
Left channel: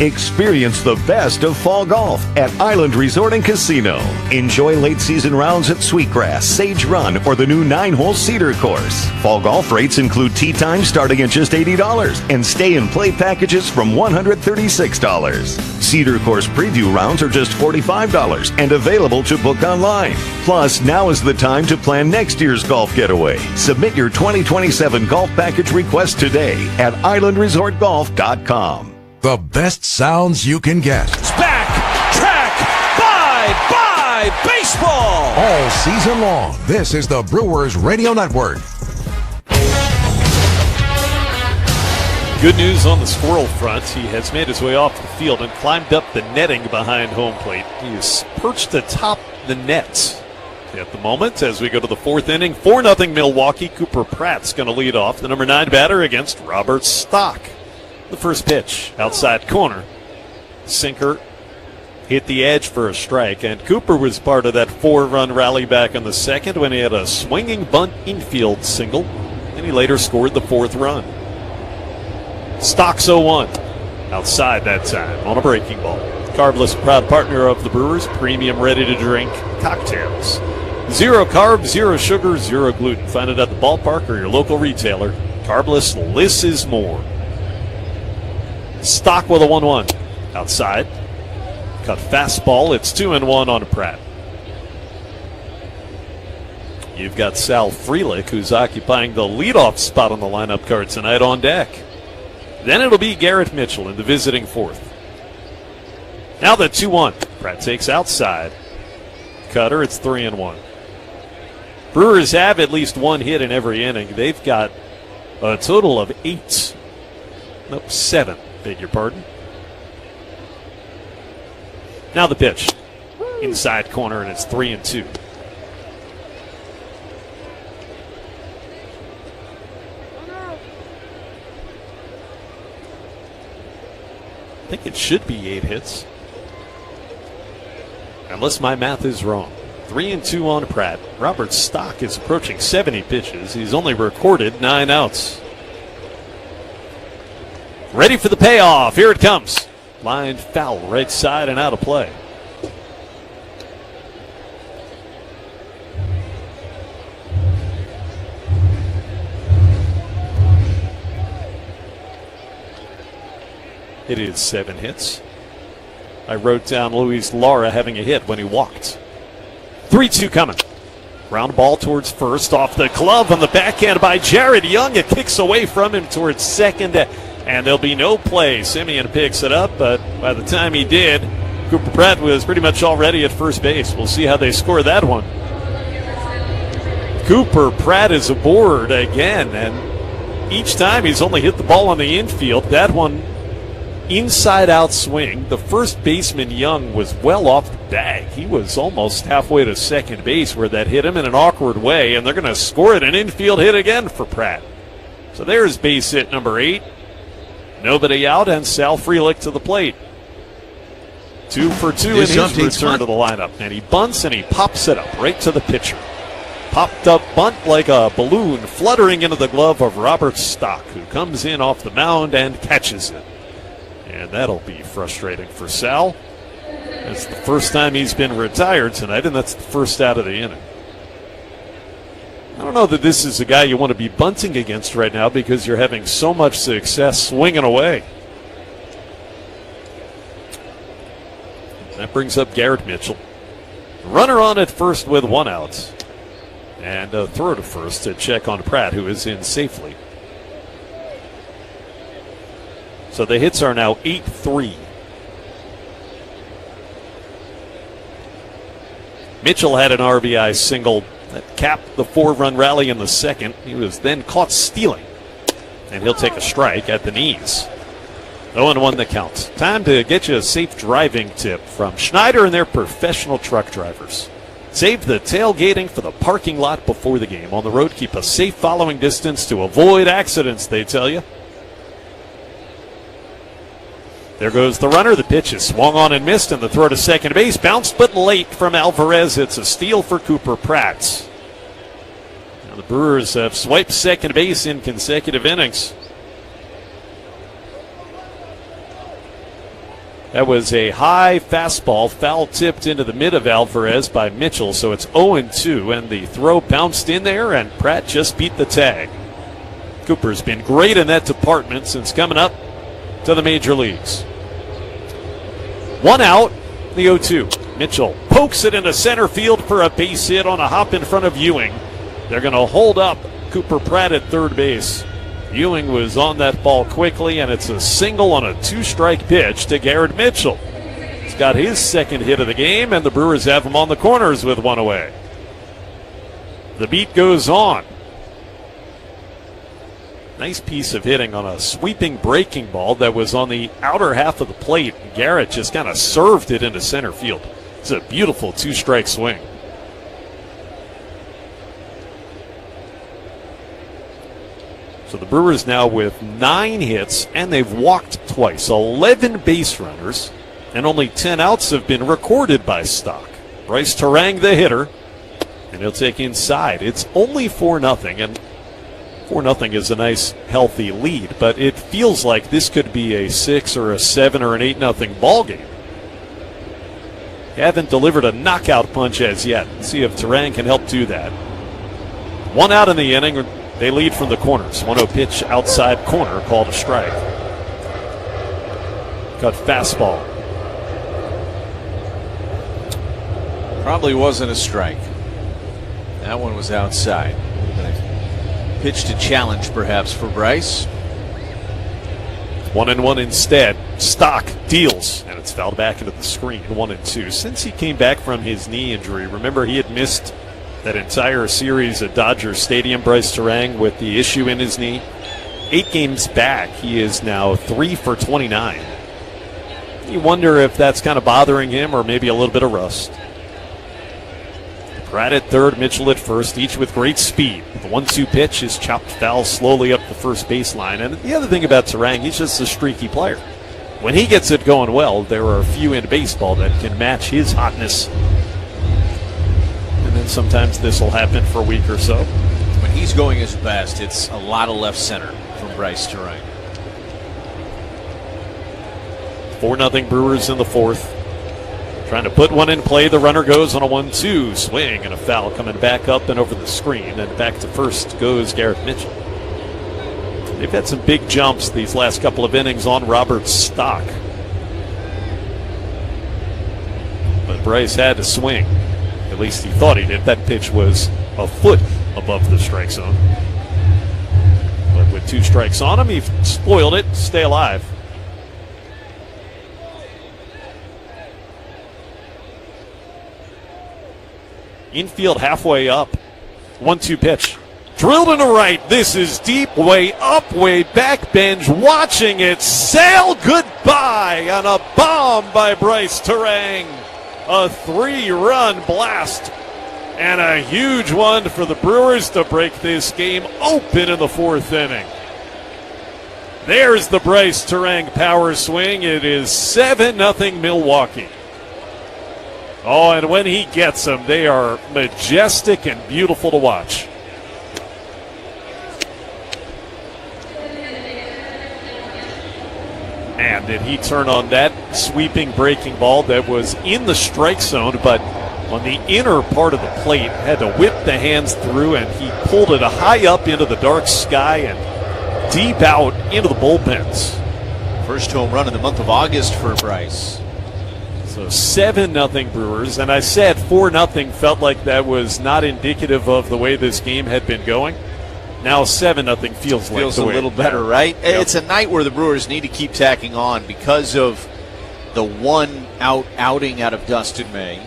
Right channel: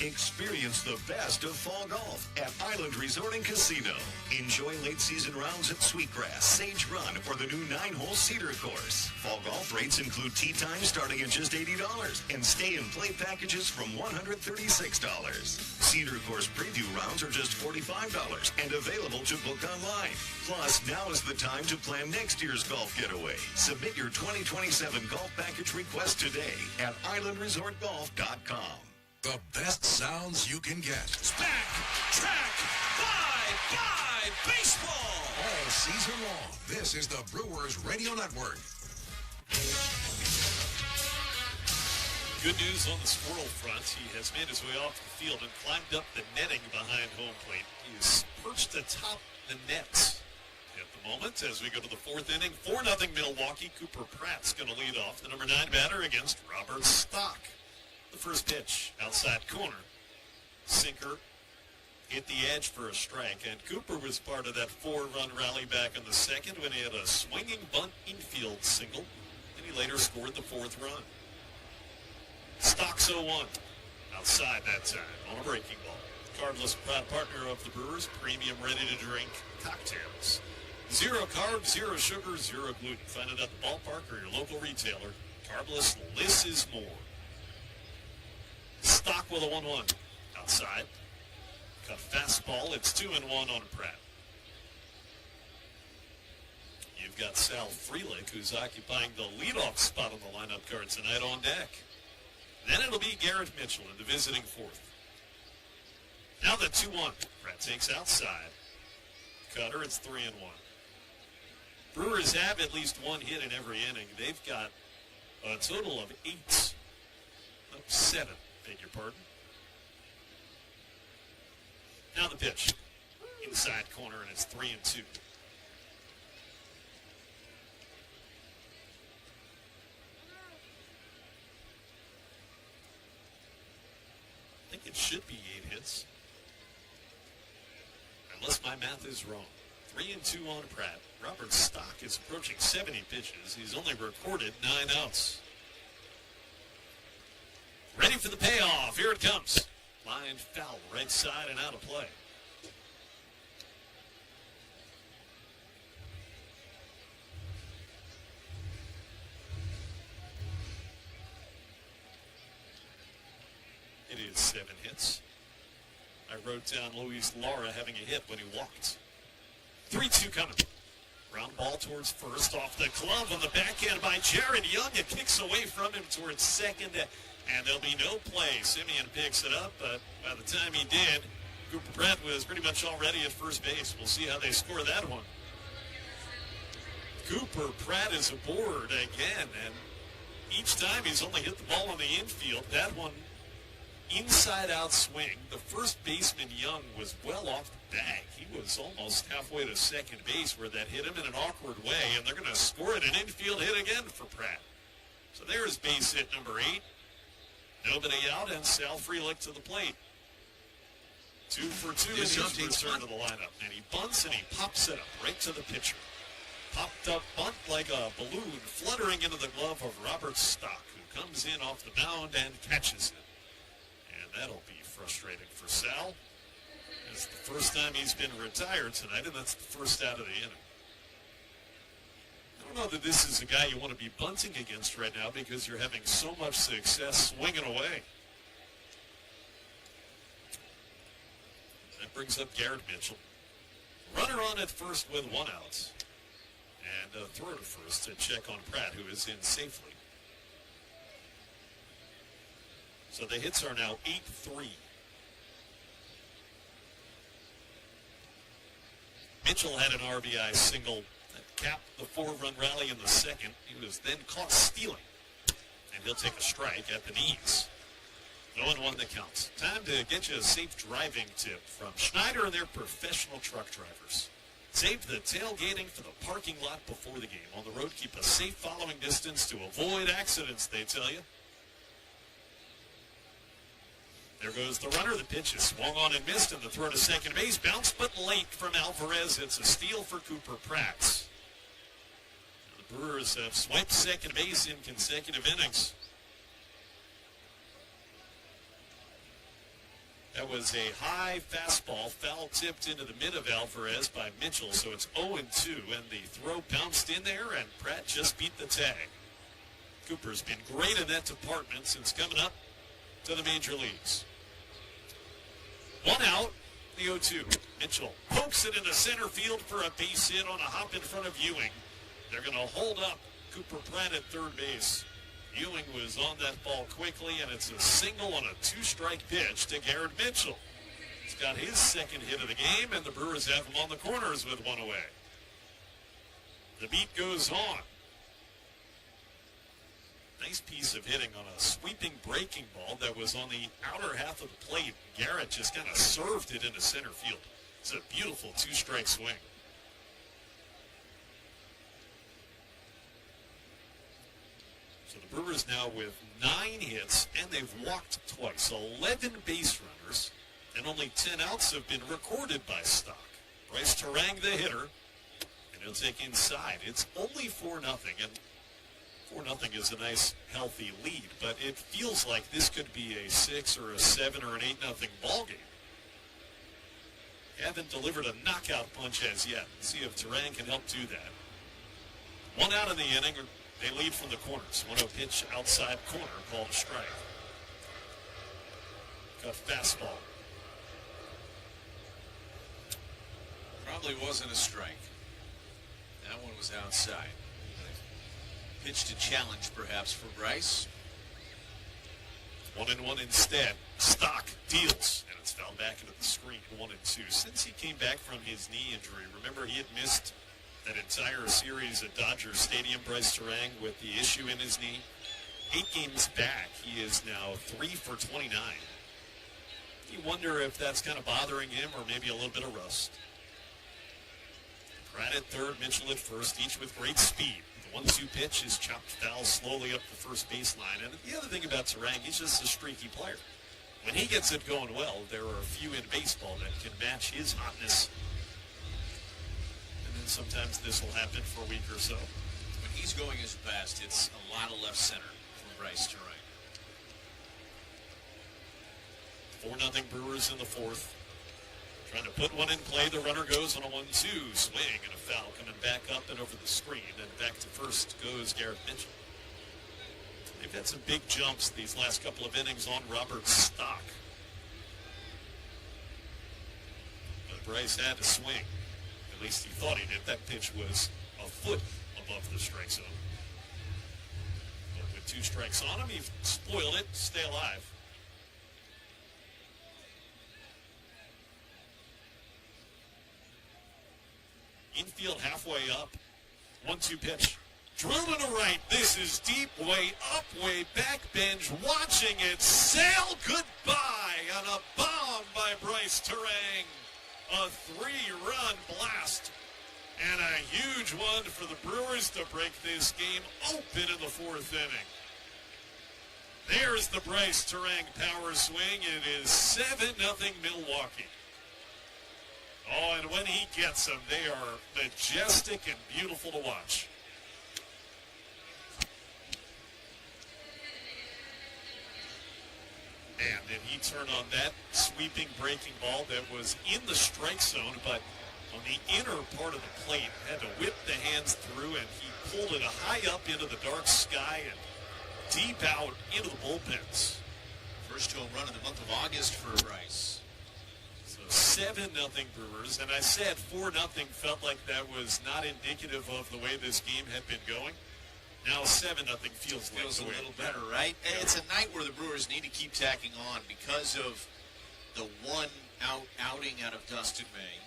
Experience the best of fall golf at Island Resort and Casino. Enjoy late season rounds at Sweetgrass, Sage Run, or the new 9-hole Cedar course. Fall golf rates include tee time starting at just $80 and stay and play packages from $136. Cedar course preview rounds are just $45 and available to book online. Plus, now is the time to plan next year's golf getaway. Submit your 2027 golf package request today at islandresortgolf.com. The best sounds you can get. It's back, track, bye, baseball. All season long, this is the Brewers Radio Network. Good news on the squirrel front. He has made his way off the field and climbed up the netting behind home plate. He is perched atop the net at the moment as we go to the fourth inning. 4-0 Milwaukee. Cooper Pratt's going to lead off, the number 9 batter against Robert Stock. The first pitch, outside corner. Sinker hit the edge for a strike, and Cooper was part of that 4-run rally back in the second when he had a swinging bunt infield single, and he later scored the 4th run. Stock's 0-1. Outside that time on a breaking ball. Carbless, proud partner of the Brewers, premium ready-to-drink cocktails. 0 carbs, 0 sugar, 0 gluten. Find it at the ballpark or your local retailer. Carbless, less is more. Stock with a 1-1. Outside. Cut fastball. It's 2-1 on Pratt. You've got Sal Frelick, who's occupying the leadoff spot on the lineup card tonight, on deck. Then it'll be Garrett Mitchell in the visiting fourth. Now the 2-1. Pratt takes outside. Cutter. It's 3-1. Brewers have at least one hit in every inning. They've got a total of 7. Beg your pardon. Now the pitch. Inside corner, and it's 3-2. I think it should be 8 hits. Unless my math is wrong. 3-2 on Pratt. Robert Stock is approaching 70 pitches. He's only recorded 9 outs. Ready for the payoff. Here it comes. Line foul right side and out of play. It is 7 hits. I wrote down Luis Lara having a hit when he walked. 3-2 coming. Ground ball towards first, off the glove on the backhand by Jared Young. It kicks away from him towards second, and there'll be no play. Simeon picks it up, but by the time he did, Cooper Pratt was pretty much already at first base. We'll see how they score that one. Cooper Pratt is aboard again, and each time he's only hit the ball on the infield. That one, inside-out swing. The first baseman, Young, was well off the bag. He was almost halfway to second base where that hit him in an awkward way, and they're going to score it, an infield hit again for Pratt. So there's base hit number 8. Nobody out, and Sal Frelick to the plate. 2 for 2 in his return to the lineup. And he bunts and he pops it up right to the pitcher. Popped up bunt like a balloon fluttering into the glove of Robert Stock, who comes in off the mound and catches it. And that'll be frustrating for Sal. It's the first time he's been retired tonight, and that's the first out of the inning. I don't know that this is a guy you want to be bunting against right now because you're having so much success swinging away. That brings up Garrett Mitchell. Runner on at first with 1 out. And a throw to first to check on Pratt, who is in safely. So the hits are now 8-3. Mitchell had an RBI single that capped the 4-run rally in the second. He was then caught stealing. And he'll take a strike at the knees. 0-1 the count. Time to get you a safe driving tip from Schneider and their professional truck drivers. Save the tailgating for the parking lot before the game. On the road, keep a safe following distance to avoid accidents, they tell you. There goes the runner. The pitch is swung on and missed, and the throw to second base bounced but late from Alvarez. It's a steal for Cooper Pratt. Now the Brewers have swiped second base in consecutive innings. That was a high fastball, foul tipped into the mid of Alvarez by Mitchell, so it's 0-2, and the throw bounced in there, and Pratt just beat the tag. Cooper's been great in that department since coming up to the major leagues. 1 out, the 0-2. Mitchell pokes it into center field for a base hit on a hop in front of Ewing. They're going to hold up Cooper Pratt at third base. Ewing was on that ball quickly, and it's a single on a 2-strike pitch to Garrett Mitchell. He's got his second hit of the game, and the Brewers have him on the corners with 1 away. The beat goes on. Nice piece of hitting on a sweeping breaking ball that was on the outer half of the plate. Garrett just kind of served it into center field. It's a beautiful 2-strike swing. So the Brewers now with 9 hits, and they've walked twice. 11 base runners, and only 10 outs have been recorded by Stock. Bryce Terang, the hitter, and he'll take inside. It's only 4-0, and 4-0 is a nice, healthy lead, but it feels like this could be a 6 or a 7 or an 8-0 ball game. Haven't delivered a knockout punch as yet. Let's see if Terang can help do that. 1 out in the inning. They lead from the corners. 1-0 pitch outside corner, called a strike. Cut fastball. Probably wasn't a strike. That one was outside. Pitch to challenge perhaps for Bryce. 1-1 instead. Stock deals, and it's fouled back into the screen. 1-2. Since he came back from his knee injury, remember he had missed that entire series at Dodger Stadium, Bryce Terang, with the issue in his knee. 8 games back, he is now 3 for 29. You wonder if that's kind of bothering him or maybe a little bit of rust. Pratt at third, Mitchell at first, each with great speed. The 1-2 pitch is chopped foul slowly up the first baseline. And the other thing about Terang, he's just a streaky player. When he gets it going well, there are a few in baseball that can match his hotness. And then sometimes this will happen for a week or so. When he's going his best, it's a lot of left center from Bryce Terang. 4-0 Brewers in the fourth. Trying to put one in play. The runner goes on a 1-2 swing and a foul coming back up and over the screen. And back to first goes Garrett Mitchell. They've had some big jumps these last couple of innings on Robert's stock. But Bryce had to swing. At least he thought he did. That pitch was a foot above the strike zone. But with 2 strikes on him, he spoiled it. Stay alive. Infield halfway up. 1-2 pitch. Drilled into right. This is deep, way up, way back. Benj watching it sail goodbye on a bomb by Bryce Terang. A 3-run blast. And a huge one for the Brewers to break this game open in the 4th inning. There's the Bryce Terang power swing. It is 7-0 Milwaukee. Oh, and when he gets them, they are majestic and beautiful to watch. And did he turn on that sweeping breaking ball that was in the strike zone, but on the inner part of the plate, had to whip the hands through, and he pulled it high up into the dark sky and deep out into the bullpens. First home run in the month of August for Bryce. So 7-0 Brewers, and I said 4-0 felt like that was not indicative of the way this game had been going. Now 7-0 feels like a little better, right? Yep. It's a night where the Brewers need to keep tacking on because of the 1-out outing out of Dustin May.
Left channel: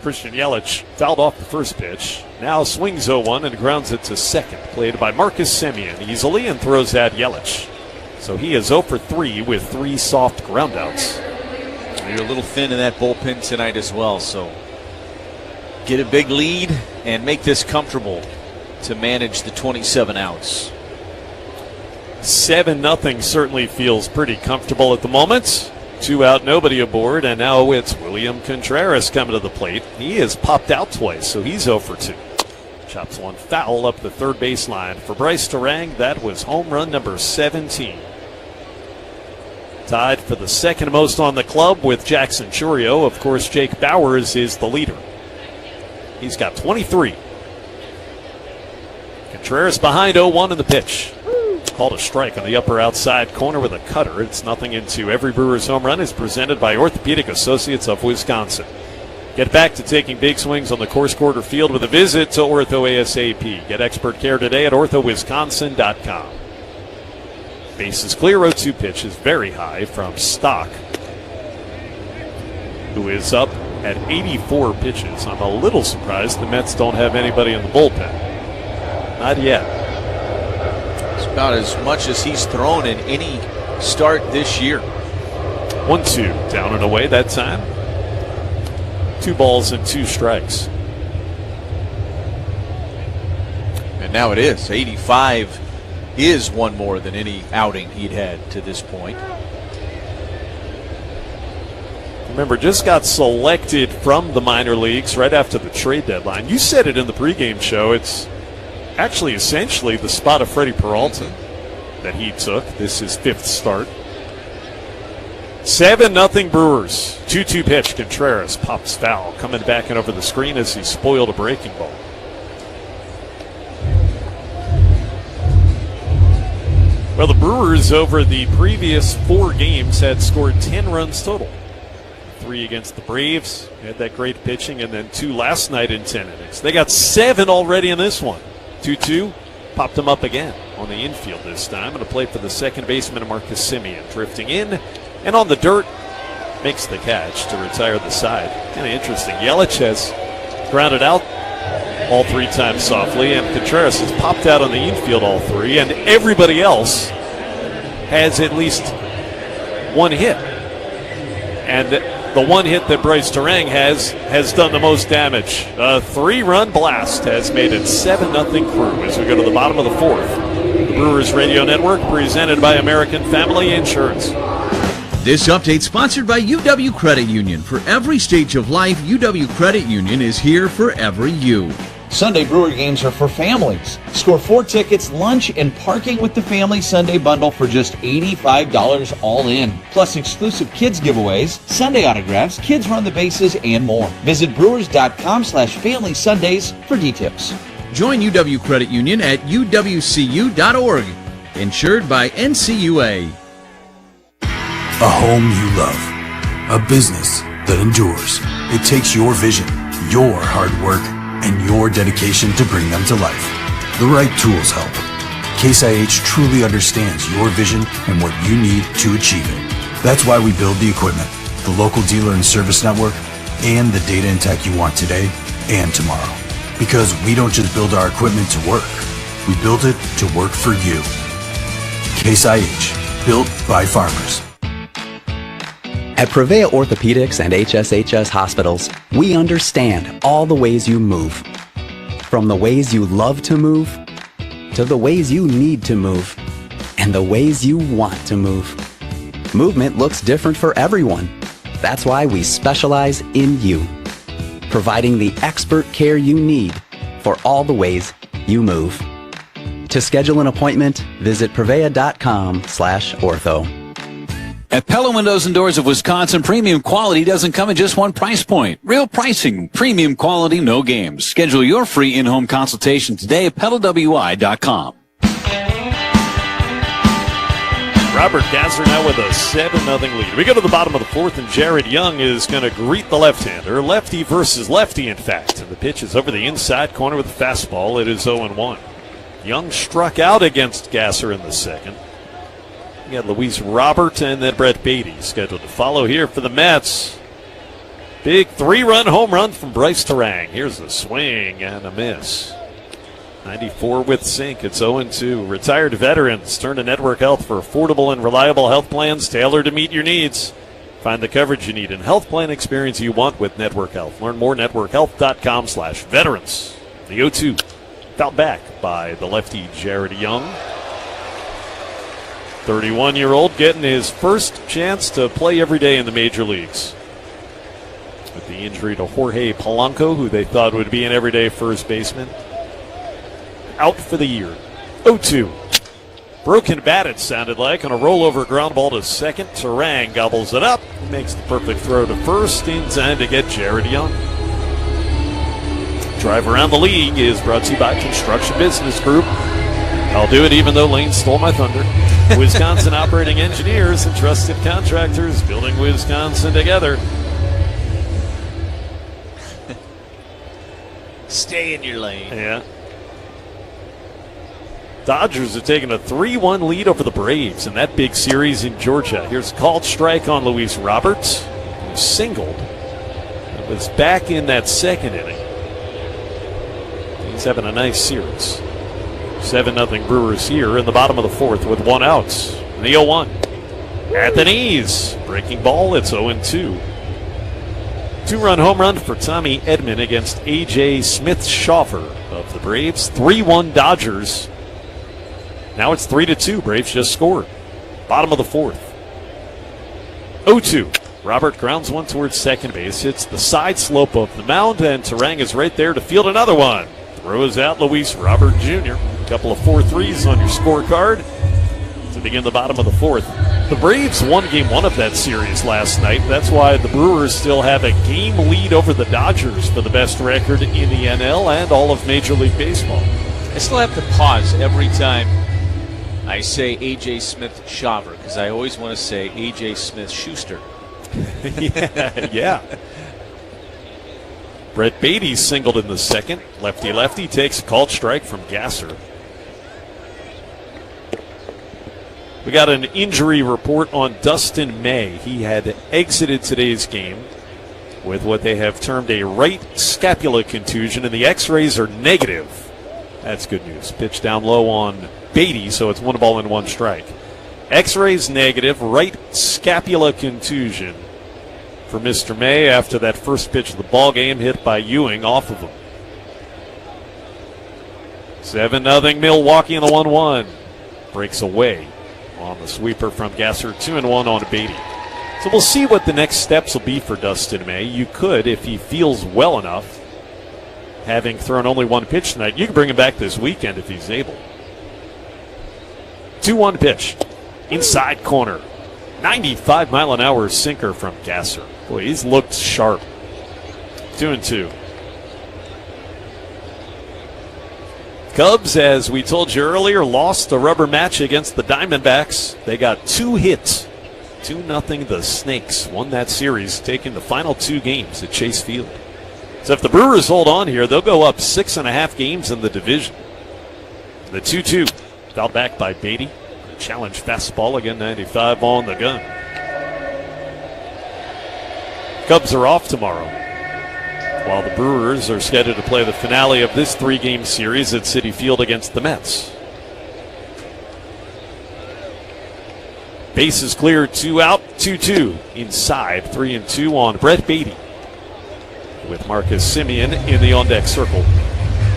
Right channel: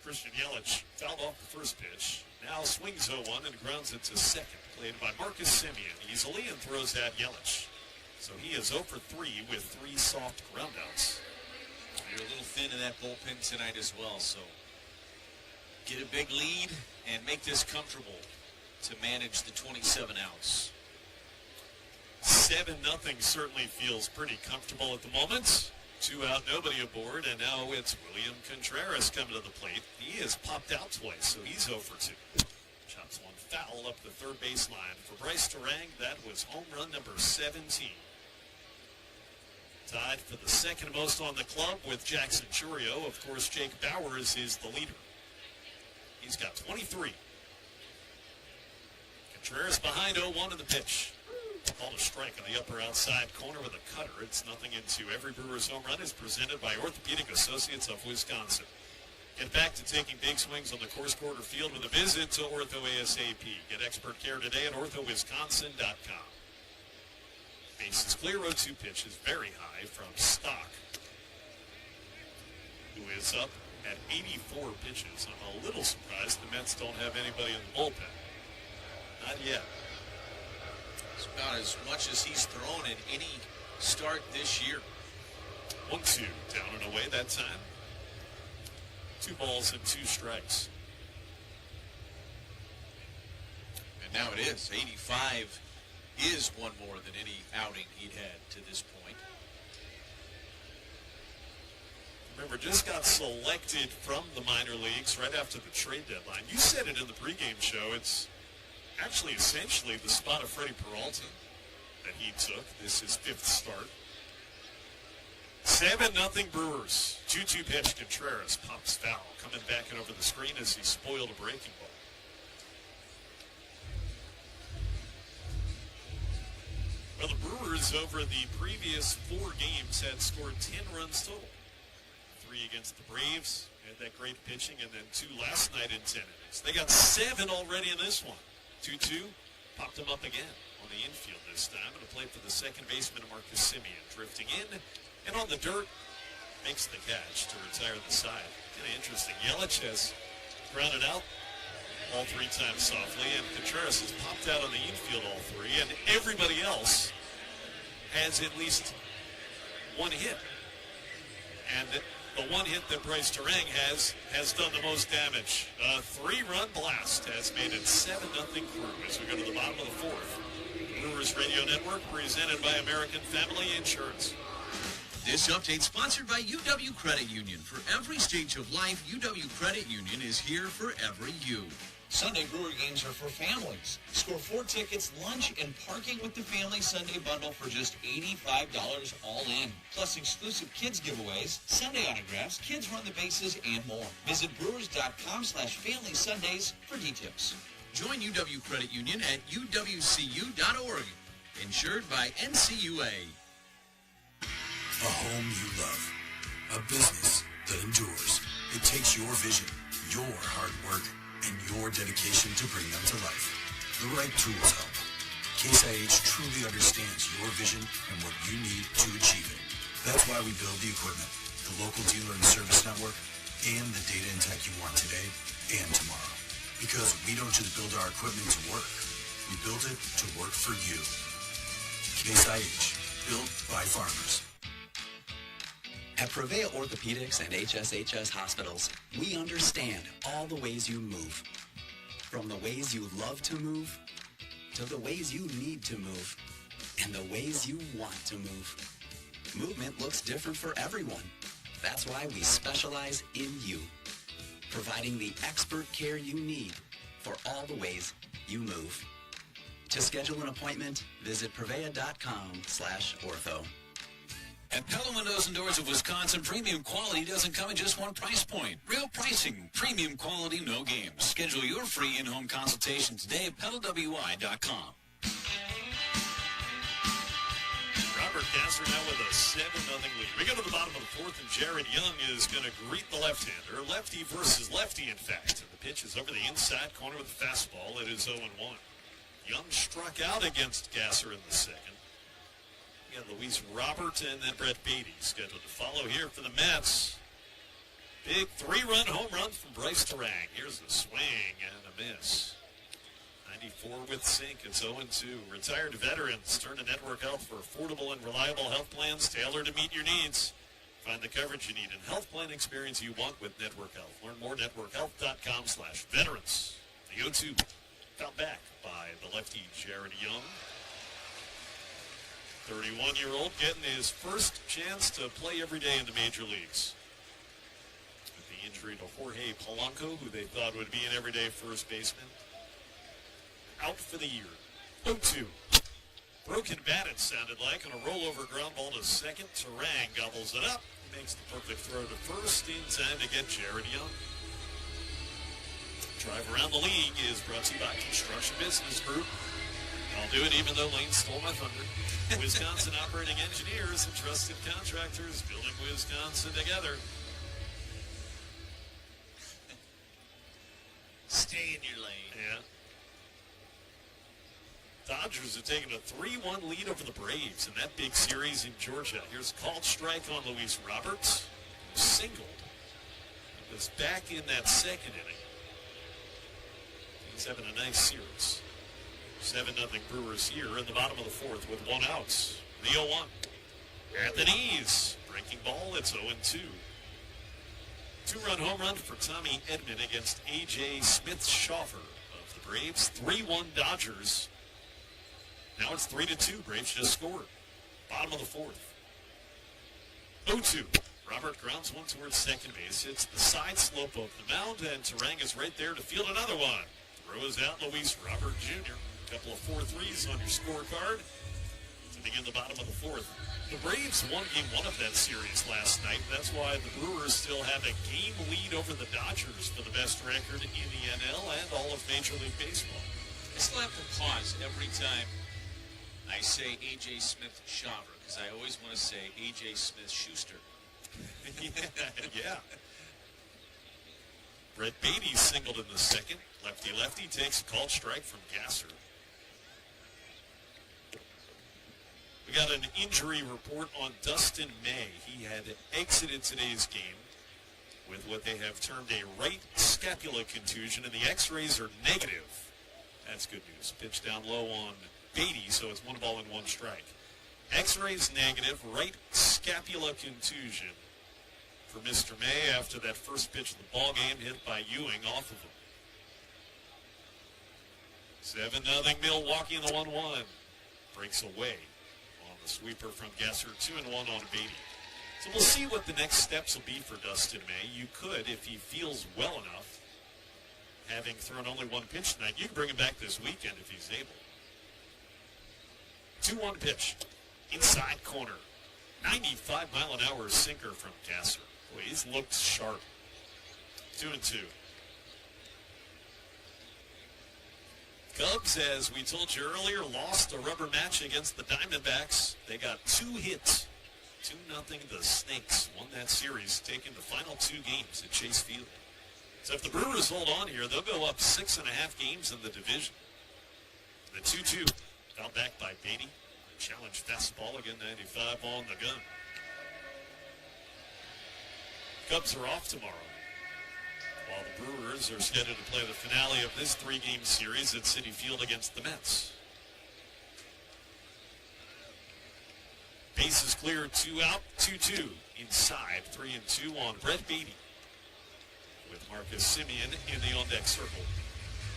Christian Yelich fouled off the first pitch. Now swings 0-1 and grounds it to second. Played by Marcus Semien easily and throws at Yelich. So he is 0 for 3 with 3 soft groundouts. You're a little thin in that bullpen tonight as well, so get a big lead and make this comfortable to manage the 27 outs. 7-0 certainly feels pretty comfortable at the moment. 2 out, nobody aboard, and now it's William Contreras coming to the plate. He has popped out twice, so he's 0 for 2. Chops one foul up the third baseline. For Bryce Terang, that was home run number 17. Tied for the second most on the club with Jackson Chourio. Of course, Jake Bauers is the leader. He's got 23. Contreras behind 0-1 in the pitch. Called a strike on the upper outside corner with a cutter. It's 0-2. Every Brewers home run is presented by Orthopedic Associates of Wisconsin. Get back to taking big swings on the Course Quarter field with a visit to Ortho ASAP. Get expert care today at orthowisconsin.com. Base is clear. 0-2 pitch is very high from Stock, who is up at 84 pitches. I'm a little surprised the Mets don't have anybody in the bullpen. Not yet. It's about as much as he's thrown in any start this year. 1-2 down and away that time. 2 balls and 2 strikes. And now it is 85 is one more than any outing he'd had to this point. Remember, just got selected from the minor leagues right after the trade deadline. You said it in the pregame show. It's actually essentially the spot of Freddie Peralta that he took. This is 5th start. 7-0 Brewers. 2-2 pitch. Contreras pops foul. Coming back and over the screen as he spoiled a breaking ball. Well, the Brewers over the previous 4 games had scored 10 runs total. 3 against the Braves. Had that great pitching, and then 2 last night in 10 innings. They got 7 already in this one. 2-2. Popped them up again on the infield this time. And a play for the second baseman, Marcus Semien. Drifting in and on the dirt. Makes the catch to retire the side. Kind of interesting. Yelich has grounded out all 3 times softly, and Contreras has popped out on the infield all 3, and everybody else has at least 1 hit. And the 1 hit that Bryce Terang has done the most damage. A 3-run blast has made it 7-0 Crew as we go to the bottom of the 4th. The Brewers Radio Network presented by American Family Insurance. This update sponsored by UW Credit Union. For every stage of life, UW Credit Union is here for every you. Sunday Brewer games are for families. Score 4 tickets, lunch, and parking with the Family Sunday Bundle for just $85 all in. Plus exclusive kids giveaways, Sunday autographs, kids run the bases, and more. Visit brewers.com/Family Sundays for details. Join UW Credit Union at uwcu.org. Insured by NCUA. A home you love. A business that endures. It takes your vision, your hard work, and your dedication to bring them to life. The right tools help. Case IH truly understands your vision and what you need to achieve it. That's why we build the equipment, the local dealer and service network, and the data and tech you want today and tomorrow. Because we don't just build our equipment to work. We build it to work for you. Case IH, built by farmers. At Prevea Orthopedics and HSHS Hospitals, we understand all the ways you move. From the ways you love to move, to the ways you need to move, and the ways you want to move. Movement looks different for everyone. That's why we specialize in you, providing the expert care you need for all the ways you move. To schedule an appointment, visit prevea.com/ortho. At Pella Windows and Doors of Wisconsin, premium quality doesn't come at just one price point. Real pricing, premium quality, no games. Schedule your free in-home consultation today at PellaWI.com. Robert Gasser now with a 7-0 lead. We go to the bottom of the fourth, and Jared Young is going to greet the left-hander. Lefty versus lefty, in fact. And the pitch is over the inside corner with a fastball. It is 0-1. Young struck out against Gasser in the second. You got Luis Robert and then Brett Beatty scheduled to follow here for the Mets. Big 3-run home run from Bryce Terang. Here's a swing and a miss. 94 with sink. It's 0-2. Retired veterans turn to Network Health for affordable and reliable health plans tailored to meet your needs. Find the coverage you need and health plan experience you want with Network Health. Learn more at networkhealth.com/veterans. The 0-2 fouled back by the lefty Jared Young. 31-year-old getting his first chance to play every day in the major leagues. With the injury to Jorge Polanco, who they thought would be an everyday first baseman, out for the year. 0-2. Broken bat, it sounded like, on a rollover ground ball to second. Terang gobbles it up, makes the perfect throw to first in time to get Jared Young. Drive Around the League is brought to you by Construction Business Group. I'll do it even though Lane stole my thunder. Wisconsin operating engineers and trusted contractors building Wisconsin together. Stay in your lane. Yeah. Dodgers are taking a 3-1 lead over the Braves in that big series in Georgia. Here's a called strike on Luis Roberts, who singled. It was back in that second inning. He's having a nice series. 7-0 Brewers here in the bottom of the fourth with one out. The 0-1. At the knees. Breaking ball, it's 0-2. 2-run home run for Tommy Edman against A.J. Smith-Shawver of the Braves. 3-1 Dodgers. Now it's 3-2. Braves just scored. Bottom of the fourth. 0-2. Robert grounds one towards second base. Hits the side slope of the mound, and Terang is right there to field another one. Throws out Luis Robert Jr. Couple of 4-3s on your scorecard to begin the bottom of the fourth. The Braves won game one of that series last night. That's why the Brewers still have a game lead over the Dodgers for the best record in the NL and all of Major League Baseball. I still have to pause every time I say A.J. Smith-Shawver because I always want to say A.J. Smith-Schuster. Yeah. Brett Beatty singled in the second. Lefty-lefty takes a called strike from Gasser. We got an injury report on Dustin May. He had exited today's game with what they have termed a right scapula contusion, and the x-rays are negative. That's good news. Pitch down low on Beatty, so it's 1 ball and 1 strike. X-rays negative, right scapula contusion for Mr. May after that first pitch of the ball game hit by Ewing off of him. 7-0 Milwaukee in the 1-1. Breaks away on the sweeper from Gasser. 2-1 on Beatty. So we'll see what the next steps will be for Dustin May. You could, if he feels well enough, having thrown only one pitch tonight, you can bring him back this weekend if he's able. 2-1 pitch. Inside corner. 95-mile-an-hour sinker from Gasser. Boy, he's looked sharp. 2-2. Cubs, as we told you earlier, lost a rubber match against the Diamondbacks. They got 2 hits. 2-0 the Snakes won that series, taking the final 2 games at Chase Field. So if the Brewers hold on here, they'll go up 6.5 games in the division. The 2-2 fouled back by Beatty. Challenge fastball, again 95 on the gun. Cubs are off tomorrow, while the Brewers are scheduled to play the finale of this 3-game series at Citi Field against the Mets. Bases clear, 2 out, 2-2 inside, 3-2 on Brett Beatty, with Marcus Semien in the on-deck circle.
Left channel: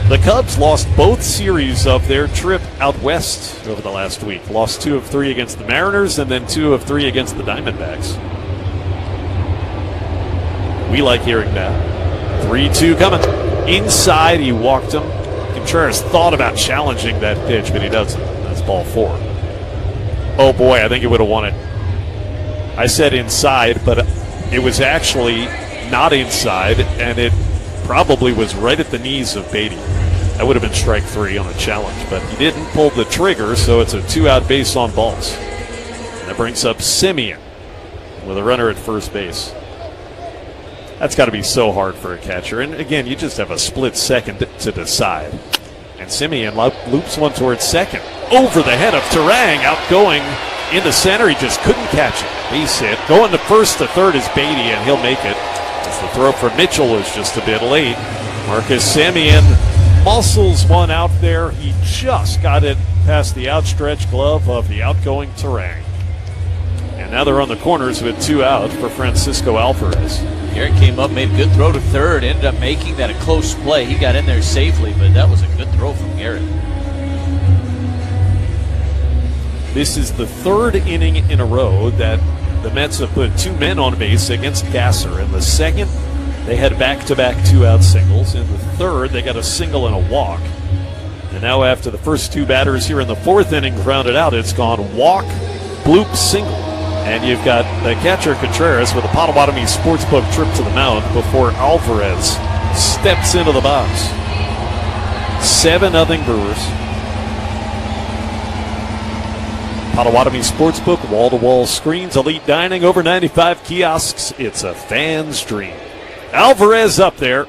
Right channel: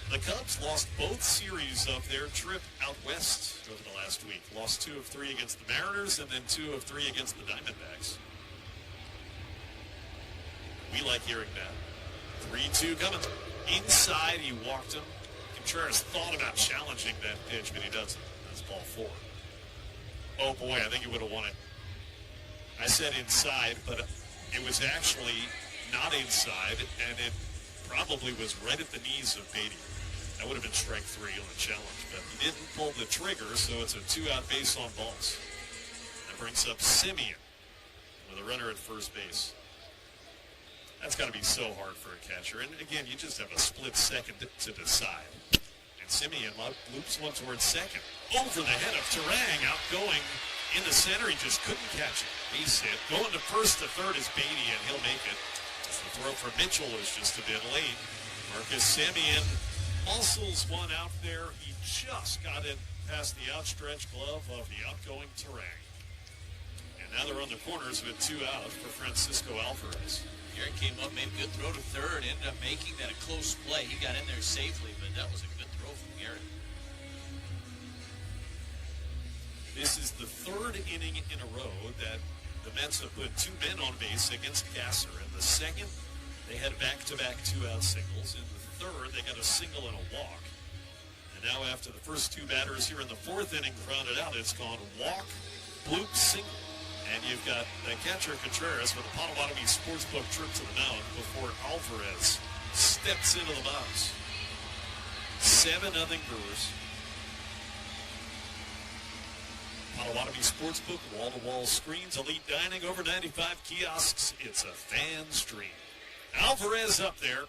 The Cubs lost both series of their trip out west over the last week. Lost 2 of 3 against the Mariners and then 2 of 3 against the Diamondbacks. We like hearing that. 3-2 coming. Inside, he walked him. Contreras thought about challenging that pitch, but he doesn't. That's ball 4. Oh boy, I think he would have won it. I said inside, but it was actually not inside, and it probably was right at the knees of Beatty. That would have been strike 3 on the challenge, but he didn't pull the trigger, so it's a 2-out base on balls. And that brings up Semien with a runner at first base. That's got to be so hard for a catcher. And again, you just have a split second to decide. And Semien loops one towards second. Over the head of Turang, outgoing into center. He just couldn't catch it. Base hit. Going to first to third is Beatty, and he'll make it. As the throw for Mitchell was just a bit late. Marcus Semien muscles one out there. He just got it past the outstretched glove of the outgoing Turang. And now they're on the corners with 2 out for Francisco Alvarez. Garrett came up, made a good throw to third, ended up making that a close play. He got in there safely, but that was a good throw from Garrett. This is the 3rd inning in a row that the Mets have put 2 men on base against Gasser. In the 2nd, they had back-to-back 2-out singles. In the 3rd, they got a single and a walk. And now after the first 2 batters here in the 4th inning grounded out, it's gone walk, bloop, single. And you've got the catcher Contreras with a Potawatomi Sportsbook trip to the mound before Alvarez steps into the box. 7-0 Brewers. Potawatomi Sportsbook, wall-to-wall screens, elite dining, over 95 kiosks. It's a fan's dream. Alvarez up there.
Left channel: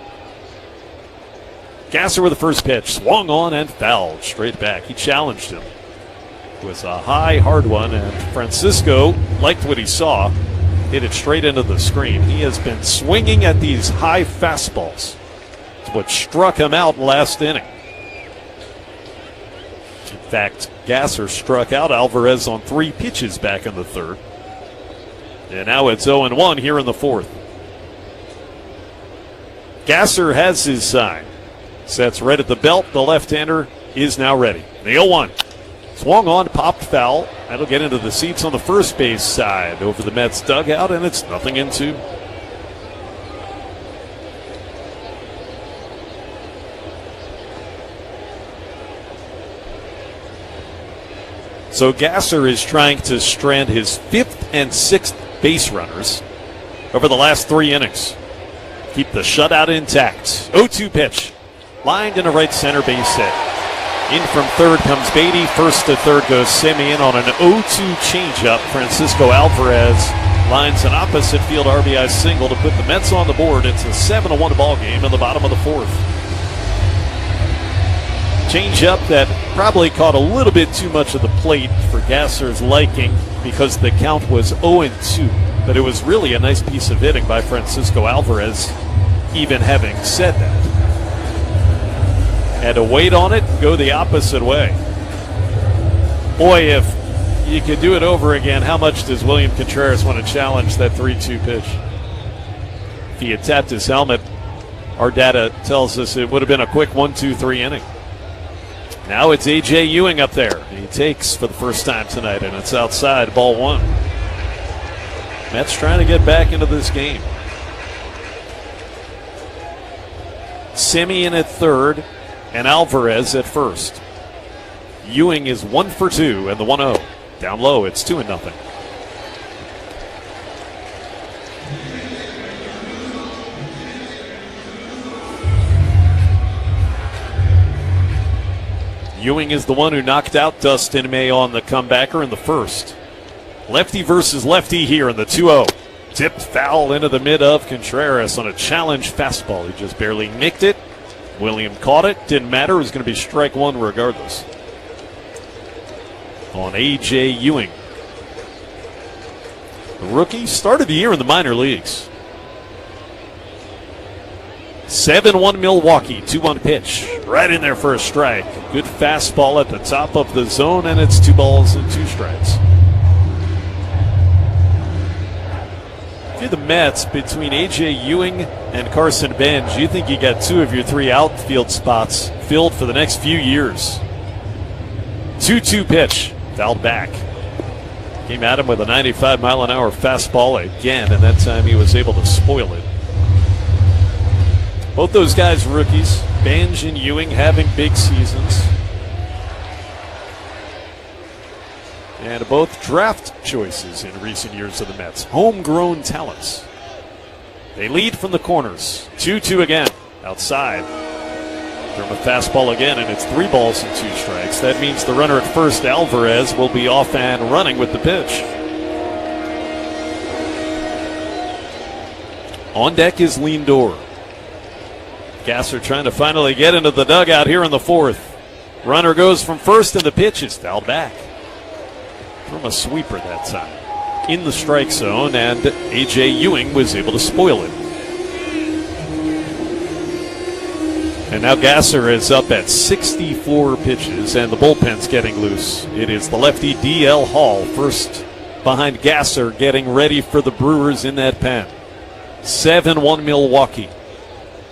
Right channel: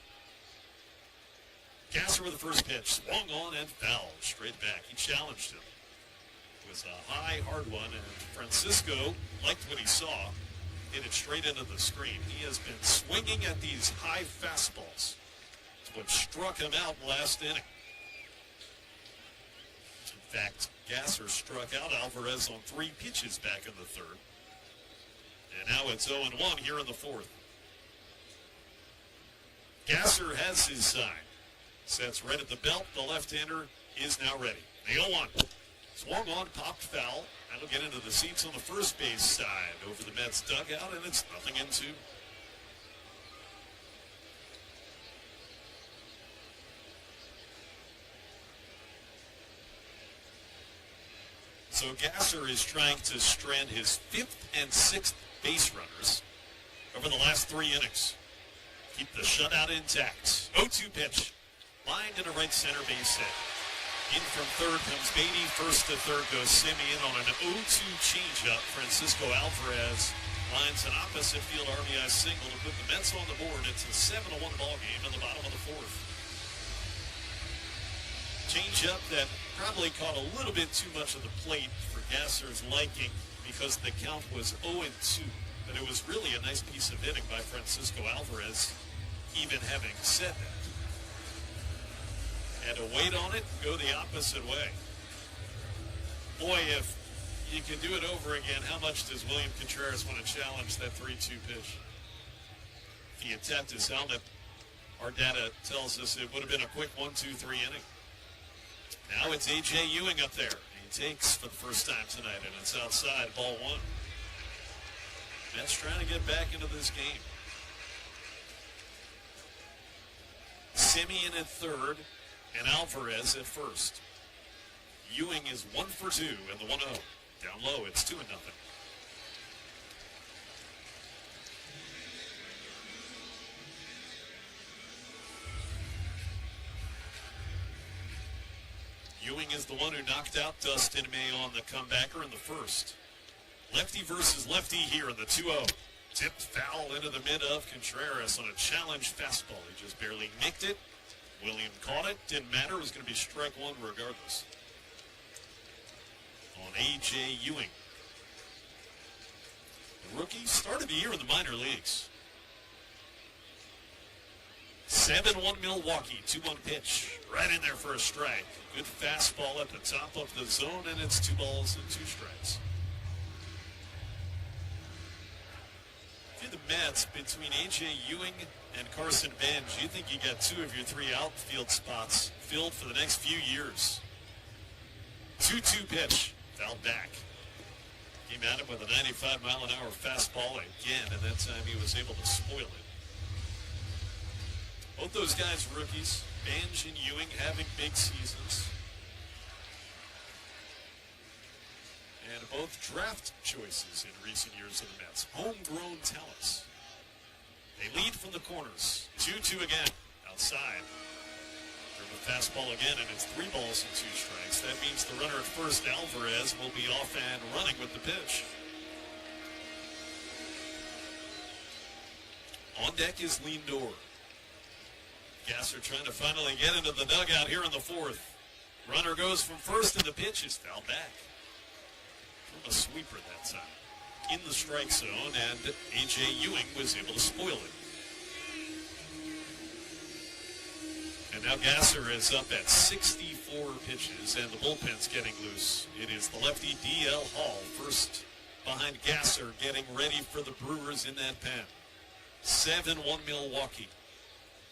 Gasser with the first pitch, swung on and fouled straight back. He challenged him. It was a high, hard one, and Francisco liked what he saw. Hit it straight into the screen. He has been swinging at these high fastballs. It's what struck him out last inning. In fact, Gasser struck out Alvarez on 3 pitches back in the 3rd. And now it's 0-1 here in the 4th. Gasser has his sign. Sets right at the belt. The left-hander is now ready. The 0-1. Swung on, popped foul. That'll get into the seats on the first base side over the Mets dugout, and it's 0-2. So Gasser is trying to strand his 5th and 6th base runners over the last 3 innings. Keep the shutout intact. 0-2 pitch. Lined in a right center base hit. In from third comes Beatty. First to third goes Semien on an 0-2 changeup. Francisco Alvarez lines an opposite field RBI single to put the Mets on the board. It's a 7-1 ball game in the bottom of the 4th. Changeup that probably caught a little bit too much of the plate for Gasser's liking because the count was 0-2. But it was really a nice piece of hitting by Francisco Alvarez, even having said that. Had to wait on it, go the opposite way. Boy, if you could do it over again, how much does William Contreras want to challenge that 3-2 pitch? If he had tapped his helmet, our data tells us it would have been a quick 1-2-3 inning. Now it's A.J. Ewing up there. He takes for the first time tonight, and it's outside, ball 1. Mets trying to get back into this game. Semien at third and Alvarez at first. Ewing is 1 for 2 and the 1-0. Down low, it's 2-0. Ewing is the one who knocked out Dustin May on the comebacker in the first. Lefty versus lefty here in the 2-0. Tipped foul into the mid of Contreras on a challenge fastball. He just barely nicked it. William caught it. Didn't matter. It was going to be strike one regardless. On A.J. Ewing. The rookie started the year in the minor leagues. 7-1 Milwaukee, 2-1 pitch. Right in there for a strike. Good fastball at the top of the zone, and it's 2 balls and 2 strikes. If you're the Mets, between A.J. Ewing and Carson Benj, you think you got 2 of your 3 outfield spots filled for the next few years. 2-2 pitch, fouled back. Came at him with a 95-mile-an-hour fastball again, and that time he was able to spoil it. Both those guys rookies, Benj and Ewing, having big seasons. And both draft choices in recent years of the Mets. Homegrown talents. They lead from the corners. 2-2 again. Outside. From a fastball again, and it's 3 balls and 2 strikes. That means the runner at first, Alvarez, will be off and running with the pitch. On deck is Lindor. Gasser trying to finally get into the dugout here in the 4th. Runner goes from first, and the pitch is fouled back. From a sweeper that time. In the strike zone, and A.J. Ewing was able to spoil it. And now Gasser is up at 64 pitches, and the bullpen's getting loose. It is the lefty D.L. Hall first behind Gasser, getting ready for the Brewers in that pen. 7-1 Milwaukee.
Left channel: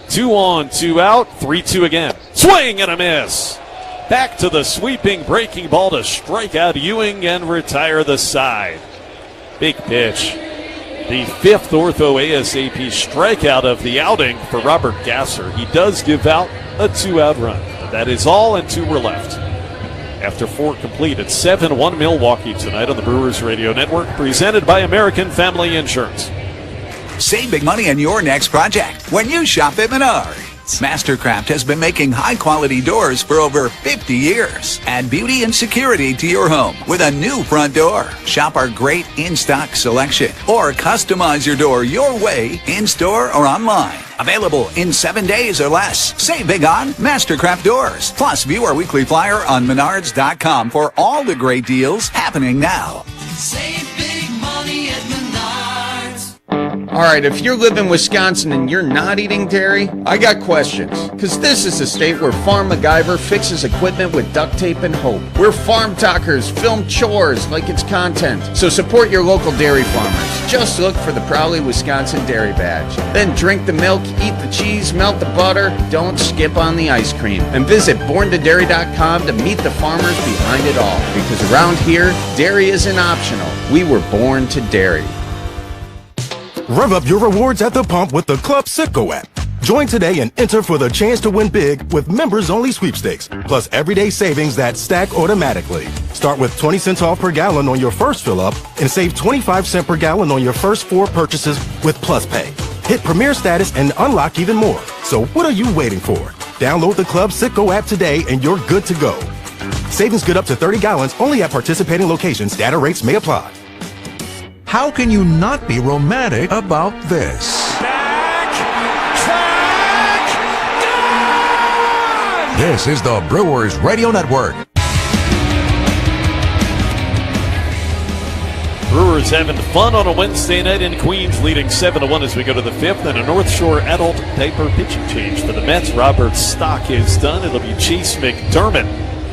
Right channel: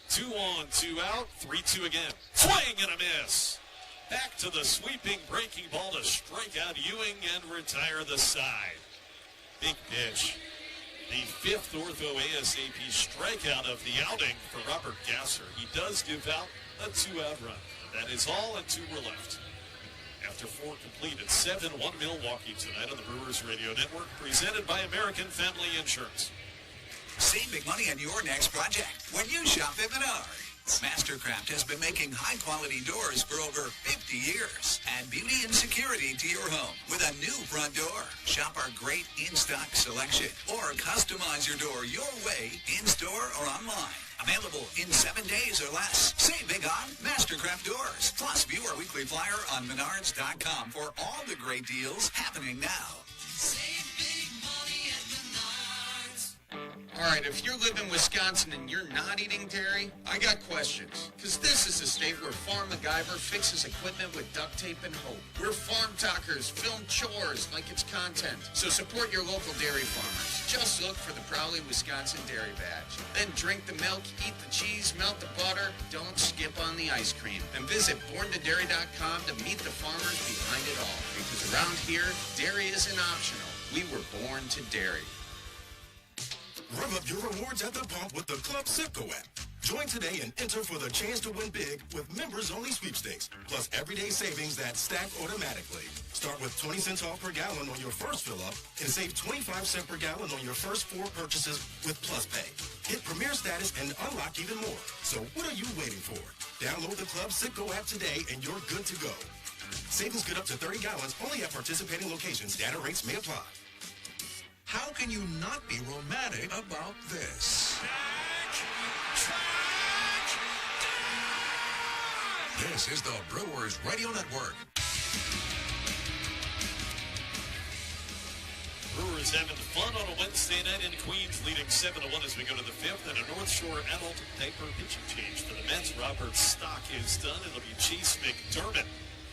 2 on, 2 out, 3-2 again. Swing and a miss. Back to the sweeping breaking ball to strike out Ewing and retire the side. Big pitch. The 5th ortho ASAP strikeout of the outing for Robert Gasser. He does give out a 2-out run. But that is all, and 2 were left. After 4 complete, it's 7-1 Milwaukee tonight on the Brewers Radio Network, presented by American Family Insurance. Save big money on your next project when you shop at Menards. Mastercraft has been making high-quality doors for over 50 years. Add beauty and security to your home with a new front door. Shop our great in-stock selection or customize your door your way in-store or online. Available in 7 days or less. Save big on Mastercraft doors. Plus, view our weekly flyer on Menards.com for all the great deals happening now. Save big money at Menards. All right, if you live in Wisconsin and you're not eating dairy, I got questions. Because this is a state where Farm MacGyver fixes equipment with duct tape and hope. Where farm talkers film chores like it's content. So support your local dairy farmers. Just look for the Proudly Wisconsin Dairy Badge. Then drink the milk, eat the cheese, melt the butter. Don't skip on the ice cream. And visit borntodairy.com to meet the farmers behind it all. Because around here, dairy isn't optional. We were born to dairy. Rev up your rewards at the pump with the Club Citgo app. Join today and enter for the chance to win big with members-only sweepstakes, plus everyday savings that stack automatically. Start with 20 cents off per gallon on your first fill-up and save 25 cents per gallon on your first 4 purchases with Plus Pay. Hit Premier status and unlock even more. So what are you waiting for? Download the Club Citgo app today and you're good to go. Savings good up to 30 gallons only at participating locations. Data rates may apply. How can you not be romantic about this? This is the Brewers Radio Network. Brewers having fun on a Wednesday night in Queens, leading 7-1 as we go to the 5th, and a North Shore adult diaper pitching change for the Mets. Robert Stock is done. It'll be Chase McDermott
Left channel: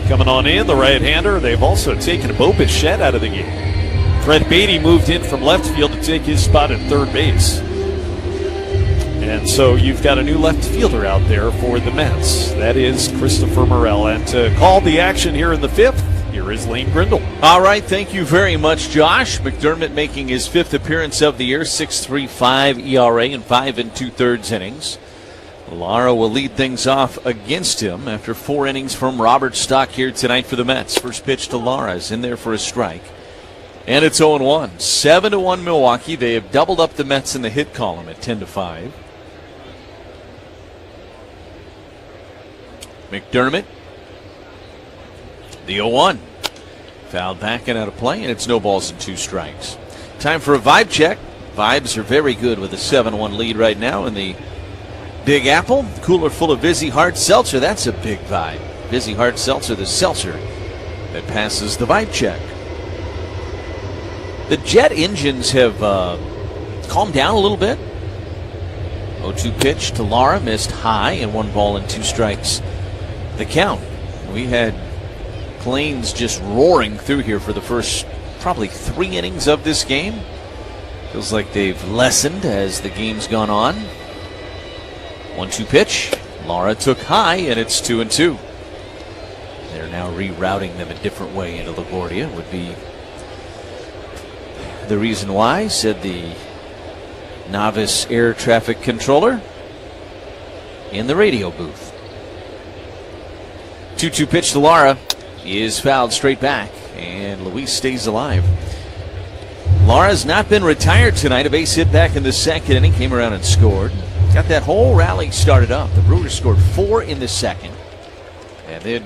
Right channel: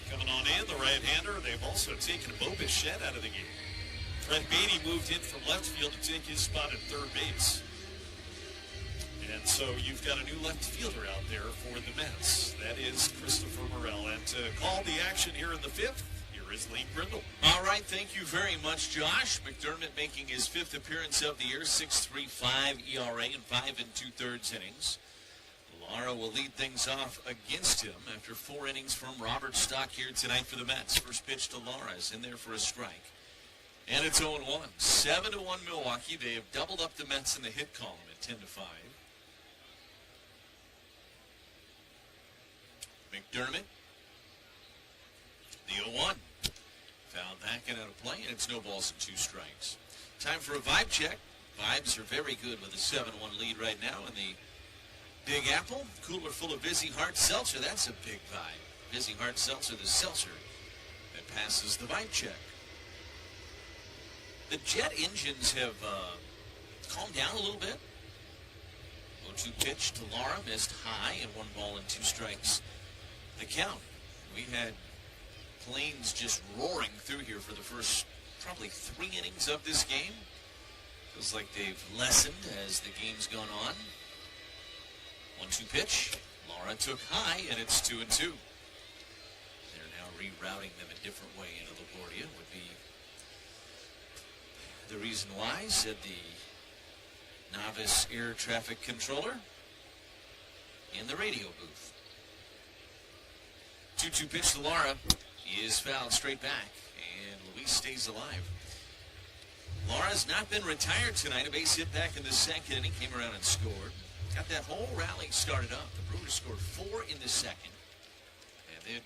coming on in, the right-hander. They've also taken Bo Bichette out of the game. Fred Beatty moved in from left field to take his spot at third base. And so you've got a new left fielder out there for the Mets. That is Christopher Morel. And to call the action here in the 5th, here is Lane Grindle. All right, thank you very much, Josh. McDermott making his 5th appearance of the year, 6.35 ERA in 5 2/3 innings. Lara will lead things off against him after 4 innings from Robert Stock here tonight for the Mets. First pitch to Lara is in there for a strike. And it's 0-1. 7-1 Milwaukee. They have doubled up the Mets in the hit column at 10-5. McDermott The 0-1. Fouled back and out of play, and it's no balls and 2 strikes. Time for a vibe check. Vibes are very good with a 7-1 lead right now in the Big Apple. Cooler full of Vizzy Hard Seltzer. That's a big vibe. Vizzy Hard Seltzer, the seltzer that passes the vibe check. The Jet engines have calmed down a little bit. 0-2 pitch to Lara, missed high, and 1 ball and 2 strikes. The count. We had Plains just roaring through here for the first probably 3 innings of this game. Feels like they've lessened as the game's gone on. 1-2 pitch. Lara took high, and it's 2-2. They're now rerouting them a different way into LaGuardia, would be the reason why, said the novice air traffic controller in the radio booth. 2-2 pitch to Lara is fouled straight back, and Luis stays alive. Lara's not been retired tonight. A base hit back in the second inning, came around and scored. Got that whole rally started up. The Brewers scored 4 in the second, and then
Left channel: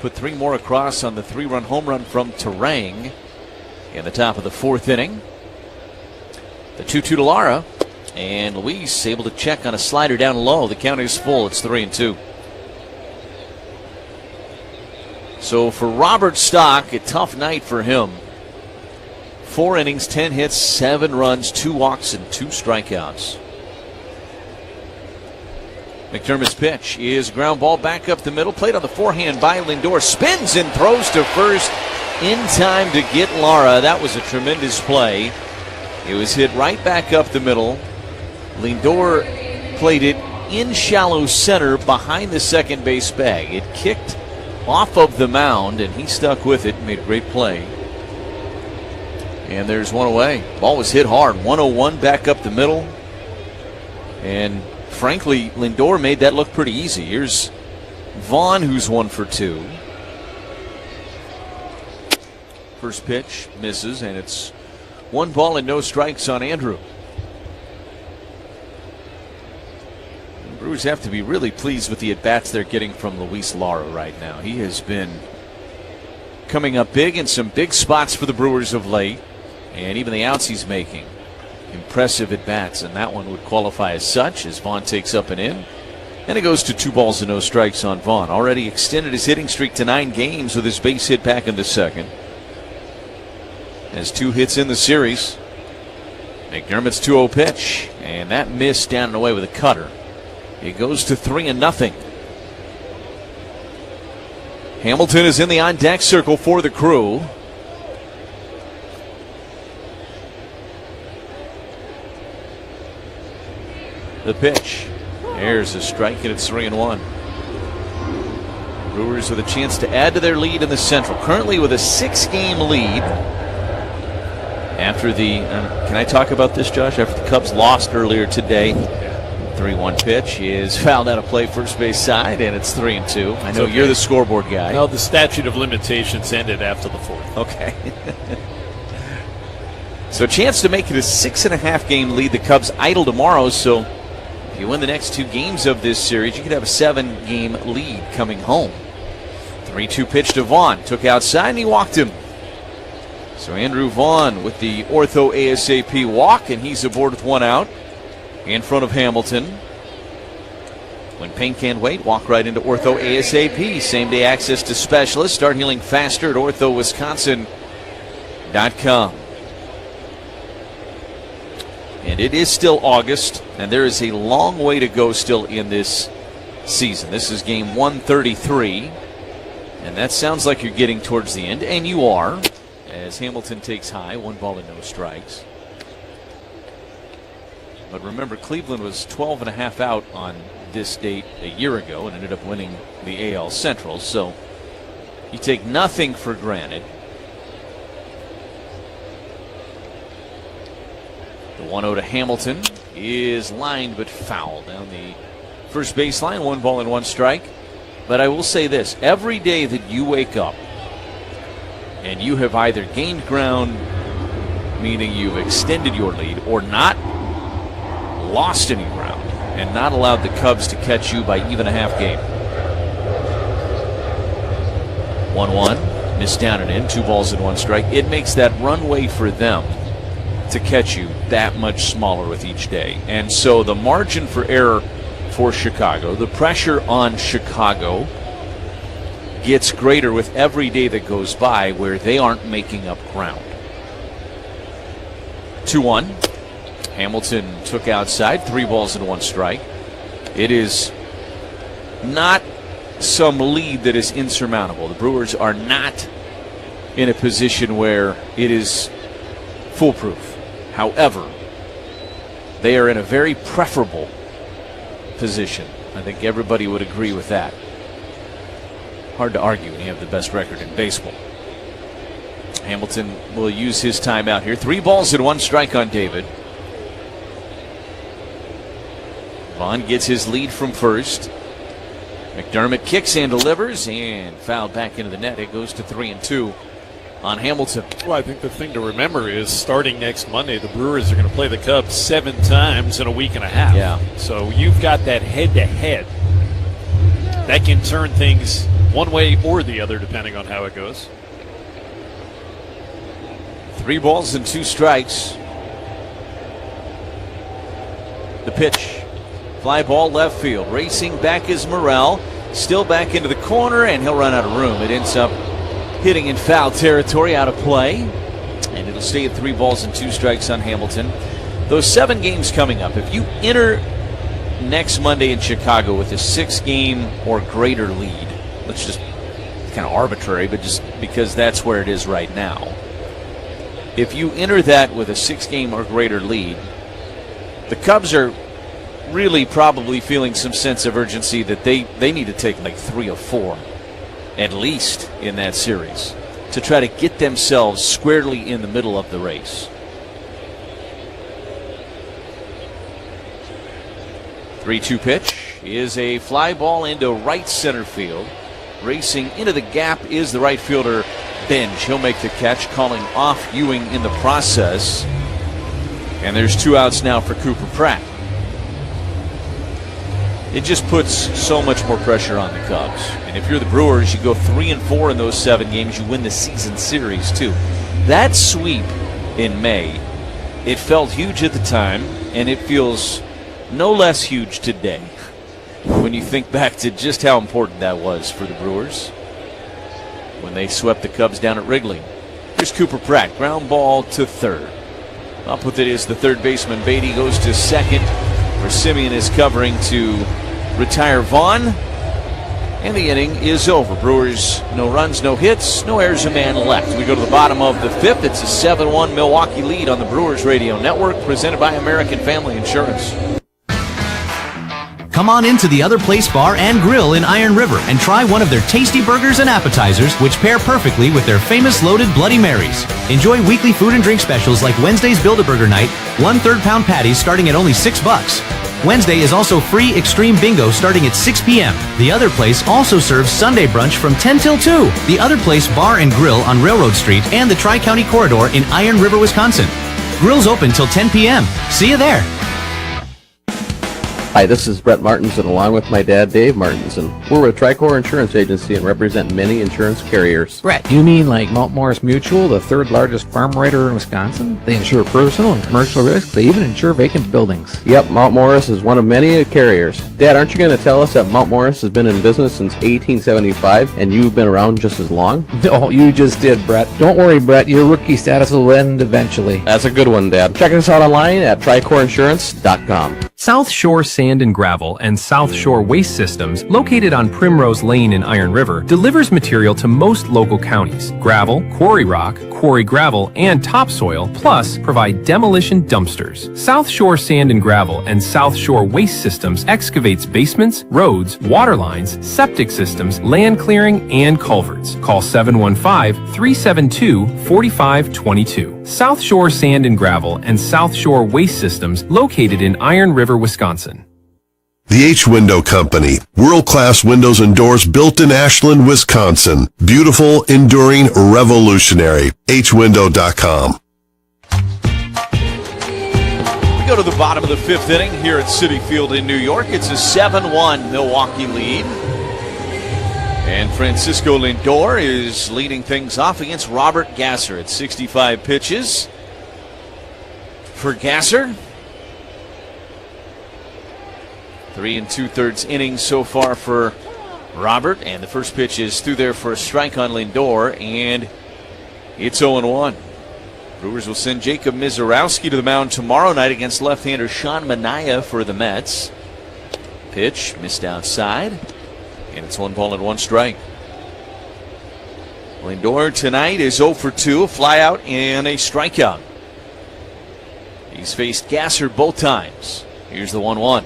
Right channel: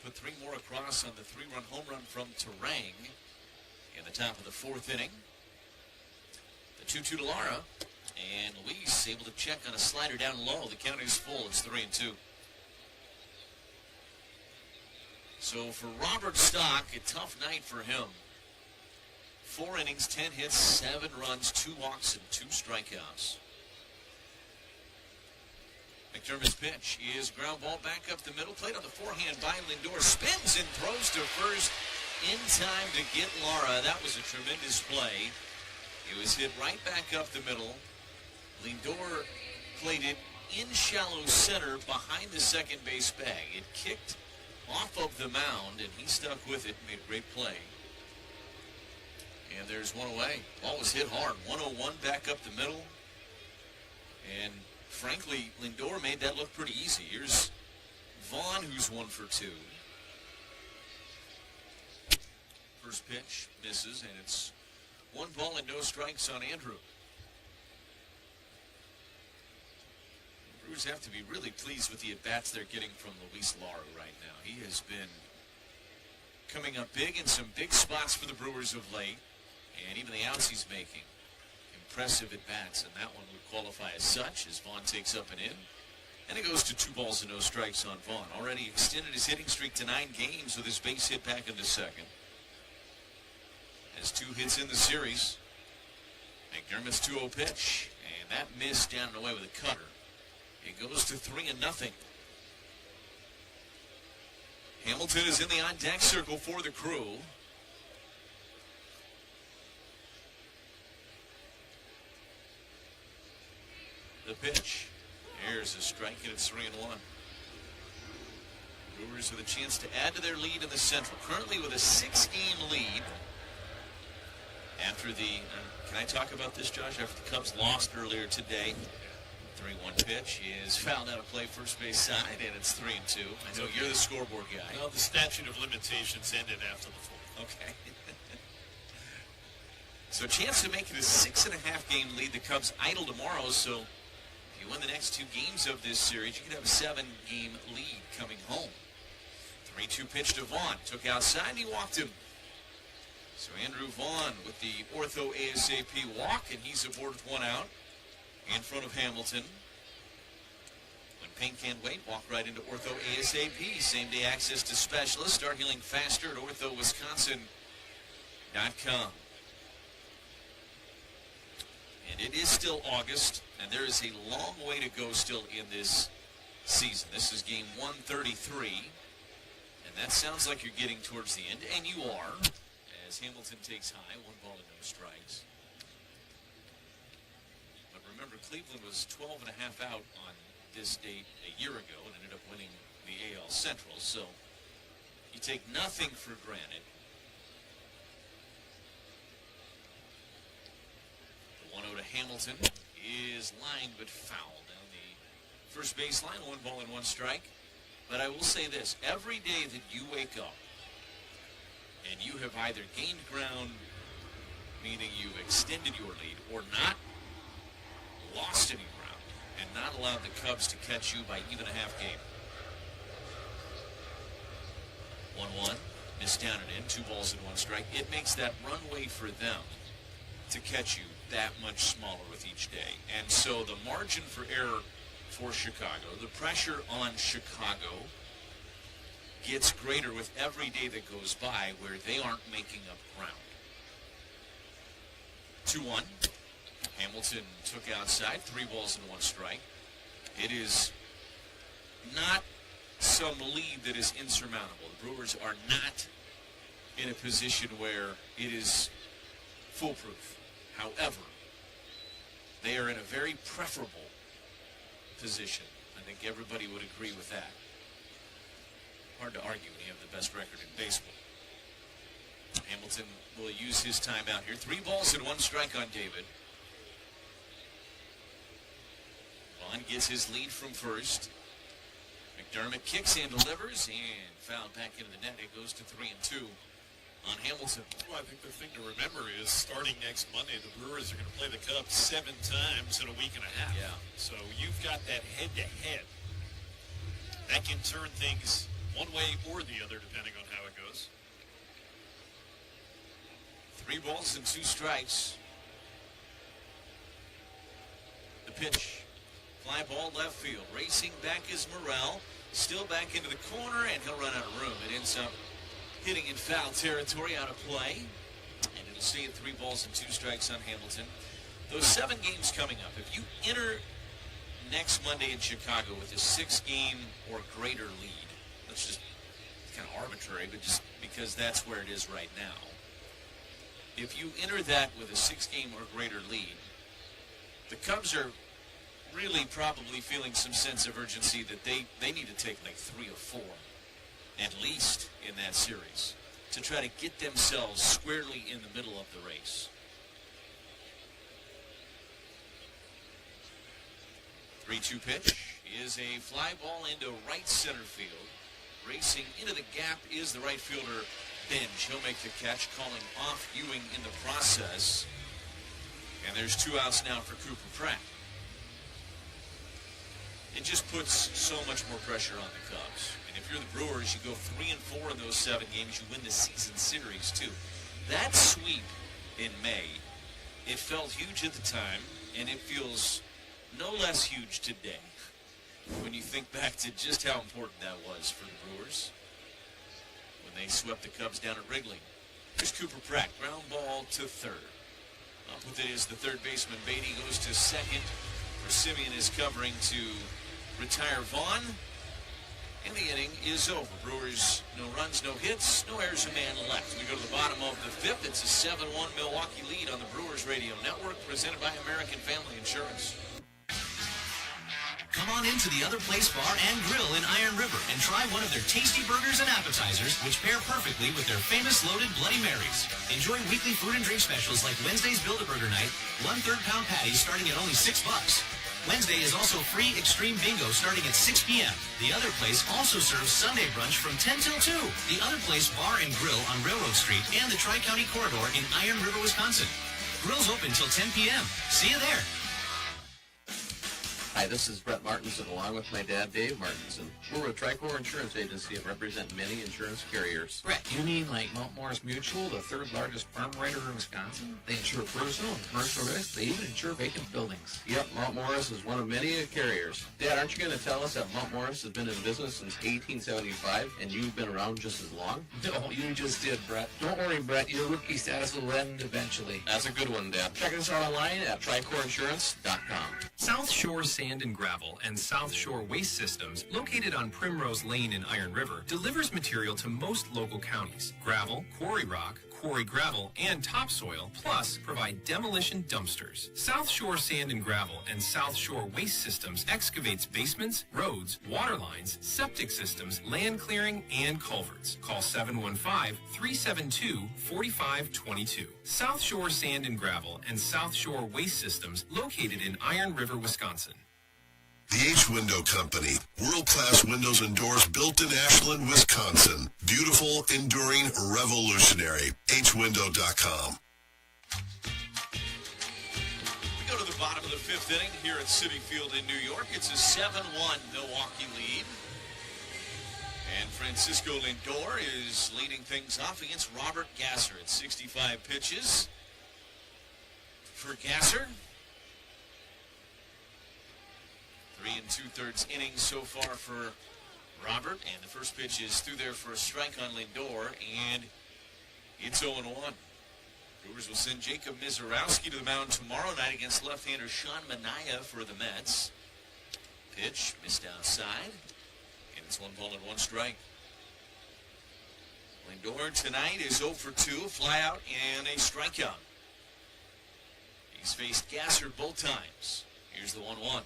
put 3 more across on the 3-run home run from Terang in the top of the 4th inning. The 2-2 to Lara, and Luis able to check on a slider down low. The count is full. It's 3-2. So for Robert Stock, a tough night for him. 4 innings, 10 hits, 7 runs, 2 walks, and 2 strikeouts. McDermott's pitch is ground ball back up the middle. Played on the forehand by Lindor. Spins and throws to first in time to get Lara. That was a tremendous play. It was hit right back up the middle. Lindor played it in shallow center behind the second base bag. It kicked off of the mound, and he stuck with it and made a great play. And there's 1 away. Ball was hit hard. 101 back up the middle. And frankly, Lindor made that look pretty easy. Here's Vaughn, who's 1 for 2. First pitch misses, and it's 1 ball and no strikes on Andrew. The Brewers have to be really pleased with the at-bats they're getting from Luis Lara right now. He has been coming up big in some big spots for the Brewers of late, and even the outs he's making. Impressive at-bats, and that one would qualify as such as Vaughn takes up and in. And it goes to 2 balls and no strikes on Vaughn. Already extended his hitting streak to 9 games with his base hit back in the second. Has 2 hits in the series. McDermott's 2-0 pitch, and that missed down and away with a cutter. It goes to 3-0. Hamilton is in the on-deck circle for the Crew. The pitch. There's a strike, and it's 3-1. Brewers with a chance to add to their lead in the Central. Currently with a 6-game lead. After the, can I talk about this, Josh? After the Cubs lost earlier today, 3-1 pitch is fouled out of play first base side, and it's 3-2. I know okay. You're the scoreboard guy. No, the statute of limitations ended after the 4th. Okay. So a chance to make it a 6.5-game lead. The Cubs idle tomorrow, so if you win the next 2 games of this series, you could have a 7-game lead coming home. 3-2 pitch to Vaughn. Took outside, and he walked him. So Andrew Vaughn with the ortho ASAP walk, and he's aboard with 1 out in front of Hamilton. When pain can't wait, walk right into ortho ASAP. Same-day access to specialists. Start healing faster at orthowisconsin.com. And it is still August, and there is a long way to go still in this season. This is game 133, and that sounds like you're getting towards the end, and you are, as Hamilton takes high, 1 ball and no strikes. But remember, Cleveland was 12.5 out on this date a year ago and ended up winning the AL Central, so you take nothing for granted. The 1-0 to Hamilton is lined but foul down the first baseline. 1 ball and 1 strike. But I will say this, every day that you wake up and you have either gained ground, meaning you've extended your lead, or not lost any ground and not allowed the Cubs to catch you by even a half game, 1-1, missed down and in, 2 balls and 1 strike. It makes that runway for them to catch you that much smaller with each day. And so the margin for error for Chicago, the pressure on Chicago gets greater with every day that goes by where they aren't making up ground. 2-1. Hamilton took outside, 3 balls and 1 strike. It is not some lead that is insurmountable. The Brewers are not in a position where it is foolproof. However, they are in a very preferable position. I think everybody would agree with that. Hard to argue when you have the best record in baseball. Hamilton will use his timeout here. 3 balls and 1 strike on David. Vaughn gets his lead from first. McDermott kicks and delivers and fouled back into the net. It goes to 3-2 on Hamilton. Well, I think the thing to remember is starting next Monday, the Brewers are going to play the Cubs 7 times in a week and a half. Yeah. So you've got that head-to-head. That can turn things one way or the other depending on how it goes. 3 balls and 2 strikes. The pitch. Fly ball left field. Racing back is Morrell. Still back into the corner, and he'll run out of room. It ends up hitting in foul territory, out of play. And it'll stay at 3 balls and 2 strikes on Hamilton. Those 7 games coming up, if you enter next Monday in Chicago with a 6-game or greater lead, let's just, kind of arbitrary, but just because that's where it is right now. If you enter that with a 6-game or greater lead, the Cubs are really probably feeling some sense of urgency that they need to take like 3 or 4 at least in that series to try to get themselves squarely in the middle of the race. 3-2 pitch is a fly ball into right center field. Racing into the gap is the right fielder Benj. He'll make the catch, calling off Ewing in the process. And there's 2 outs now for Cooper Pratt. It just puts so much more pressure on the Cubs. And if you're the Brewers, you go 3-4 in those 7 games, you win the season series too. That sweep in May, it felt huge at the time, and it feels no less huge today when you think back to just how important that was for the Brewers when they swept the Cubs down at Wrigley. Here's Cooper Pratt, ground ball to third. Up with it is the third baseman. Beatty goes to second, where Simeon is covering to retire Vaughn. And the inning is over. Brewers, no runs, no hits, no errors, a man left. We go to the bottom of the 5th. It's a 7-1 Milwaukee lead on the Brewers Radio Network, presented by American Family Insurance. Come on into the Other Place Bar and Grill in Iron River and try one of their tasty burgers and appetizers, which pair perfectly with their famous loaded Bloody Marys. Enjoy weekly food and drink specials like Wednesday's Build-A-Burger Night, 1 3rd-pound patties starting at only $6. Wednesday is also free Extreme Bingo starting at 6 p.m. The Other Place also serves Sunday brunch from 10 till 2. The Other Place Bar and Grill on Railroad Street and the Tri-County Corridor in Iron River, Wisconsin. Grill's open till 10 p.m. See you there. Hi, this is Brett Martinson along with my dad, Dave Martinson. We're with Tricor Insurance Agency and represent many insurance carriers. Brett, you mean like Mount Morris Mutual, the 3rd largest farm writer in Wisconsin? They insure personal and commercial risks. They even insure vacant buildings. Yep, Mount Morris is one of many carriers. Dad, aren't you going to tell us that Mount Morris has been in business since 1875 and you've been around just as long? No, you just did, Brett. Don't worry, Brett. Your rookie status will end eventually. That's a good one, Dad. Check us out online at tricordinsurance.com. South Shore Sand and Gravel and South Shore Waste Systems, located on Primrose Lane in Iron River, delivers material to most local counties. Gravel, quarry rock, quarry gravel, and topsoil, plus provide demolition dumpsters. South Shore Sand and Gravel and South Shore Waste Systems excavates basements, roads, water lines, septic systems, land clearing, and culverts. Call 715-372-4522. South Shore Sand and Gravel and South Shore Waste Systems, located in Iron River, Wisconsin. The H-Window Company. World-class windows and doors built in Ashland, Wisconsin. Beautiful, enduring, revolutionary. HWindow.com. We go to the bottom of the 5th inning here at Citi Field in New York. It's a 7-1 Milwaukee lead. And Francisco Lindor is leading things off against Robert Gasser at 65 pitches. For Gasser, 3 2/3 innings so far for Robert, and the first pitch is through there for a strike on Lindor, and it's 0-1. Brewers will send Jacob Mizorowski to the mound tomorrow night against left-hander Sean Manaea for the Mets. Pitch missed outside, and it's 1-1 strike. Lindor tonight is 0 for 2, a flyout and a strikeout. He's faced Gasser both times. Here's the 1-1.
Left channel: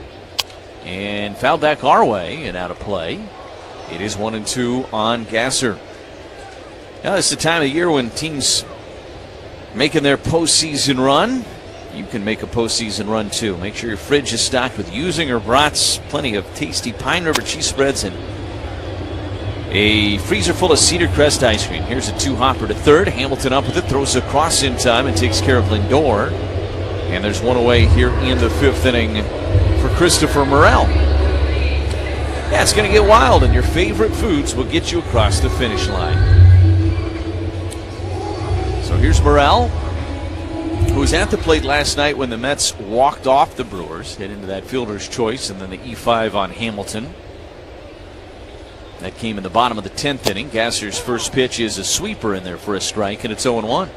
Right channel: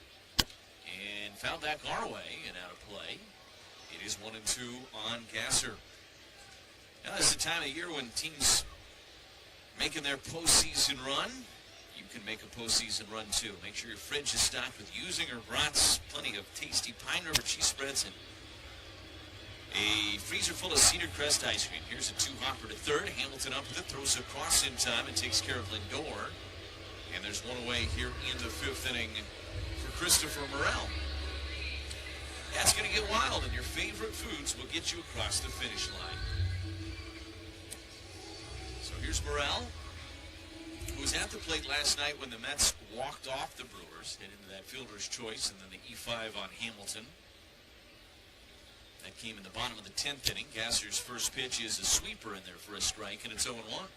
And fouled back our way and out of play. It is 1-2 on Gasser. Now it's the time of year when teams making their postseason run. You can make a postseason run too. Make sure your fridge is stocked with Usinger brats, plenty of tasty Pine River cheese spreads, and a freezer full of Cedar Crest ice cream. Here's a 2-hopper to third. Hamilton up with it, throws across in time and takes care of Lindor. And there's one away here in the 5th inning for Christopher Morel. Yeah, it's going to get wild, and your favorite foods will get you across the finish line. So here's Morel, who was at the plate last night when the Mets walked off the Brewers, hit into that fielder's choice, and then the E5 on Hamilton. That came in the bottom of the 10th inning. Gasser's first pitch is a sweeper in there for a strike, and it's 0-1.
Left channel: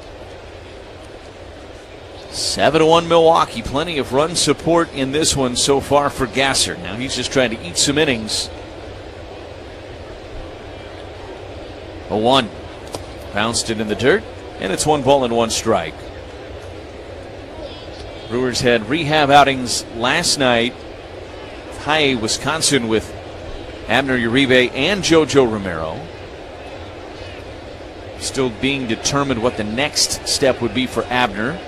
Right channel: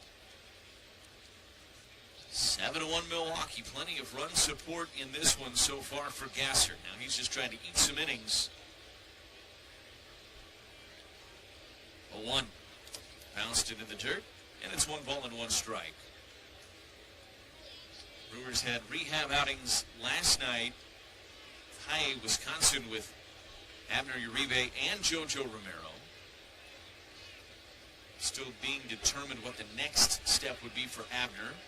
7-1 Milwaukee. Plenty of run support in this one so far for Gasser. Now he's just trying to eat some innings. 0-1. Bounced it in the dirt, and it's 1-1 strike. Brewers had rehab outings last night. High Wisconsin with Abner Uribe and JoJo Romero. Still being determined what the next step would be for Abner.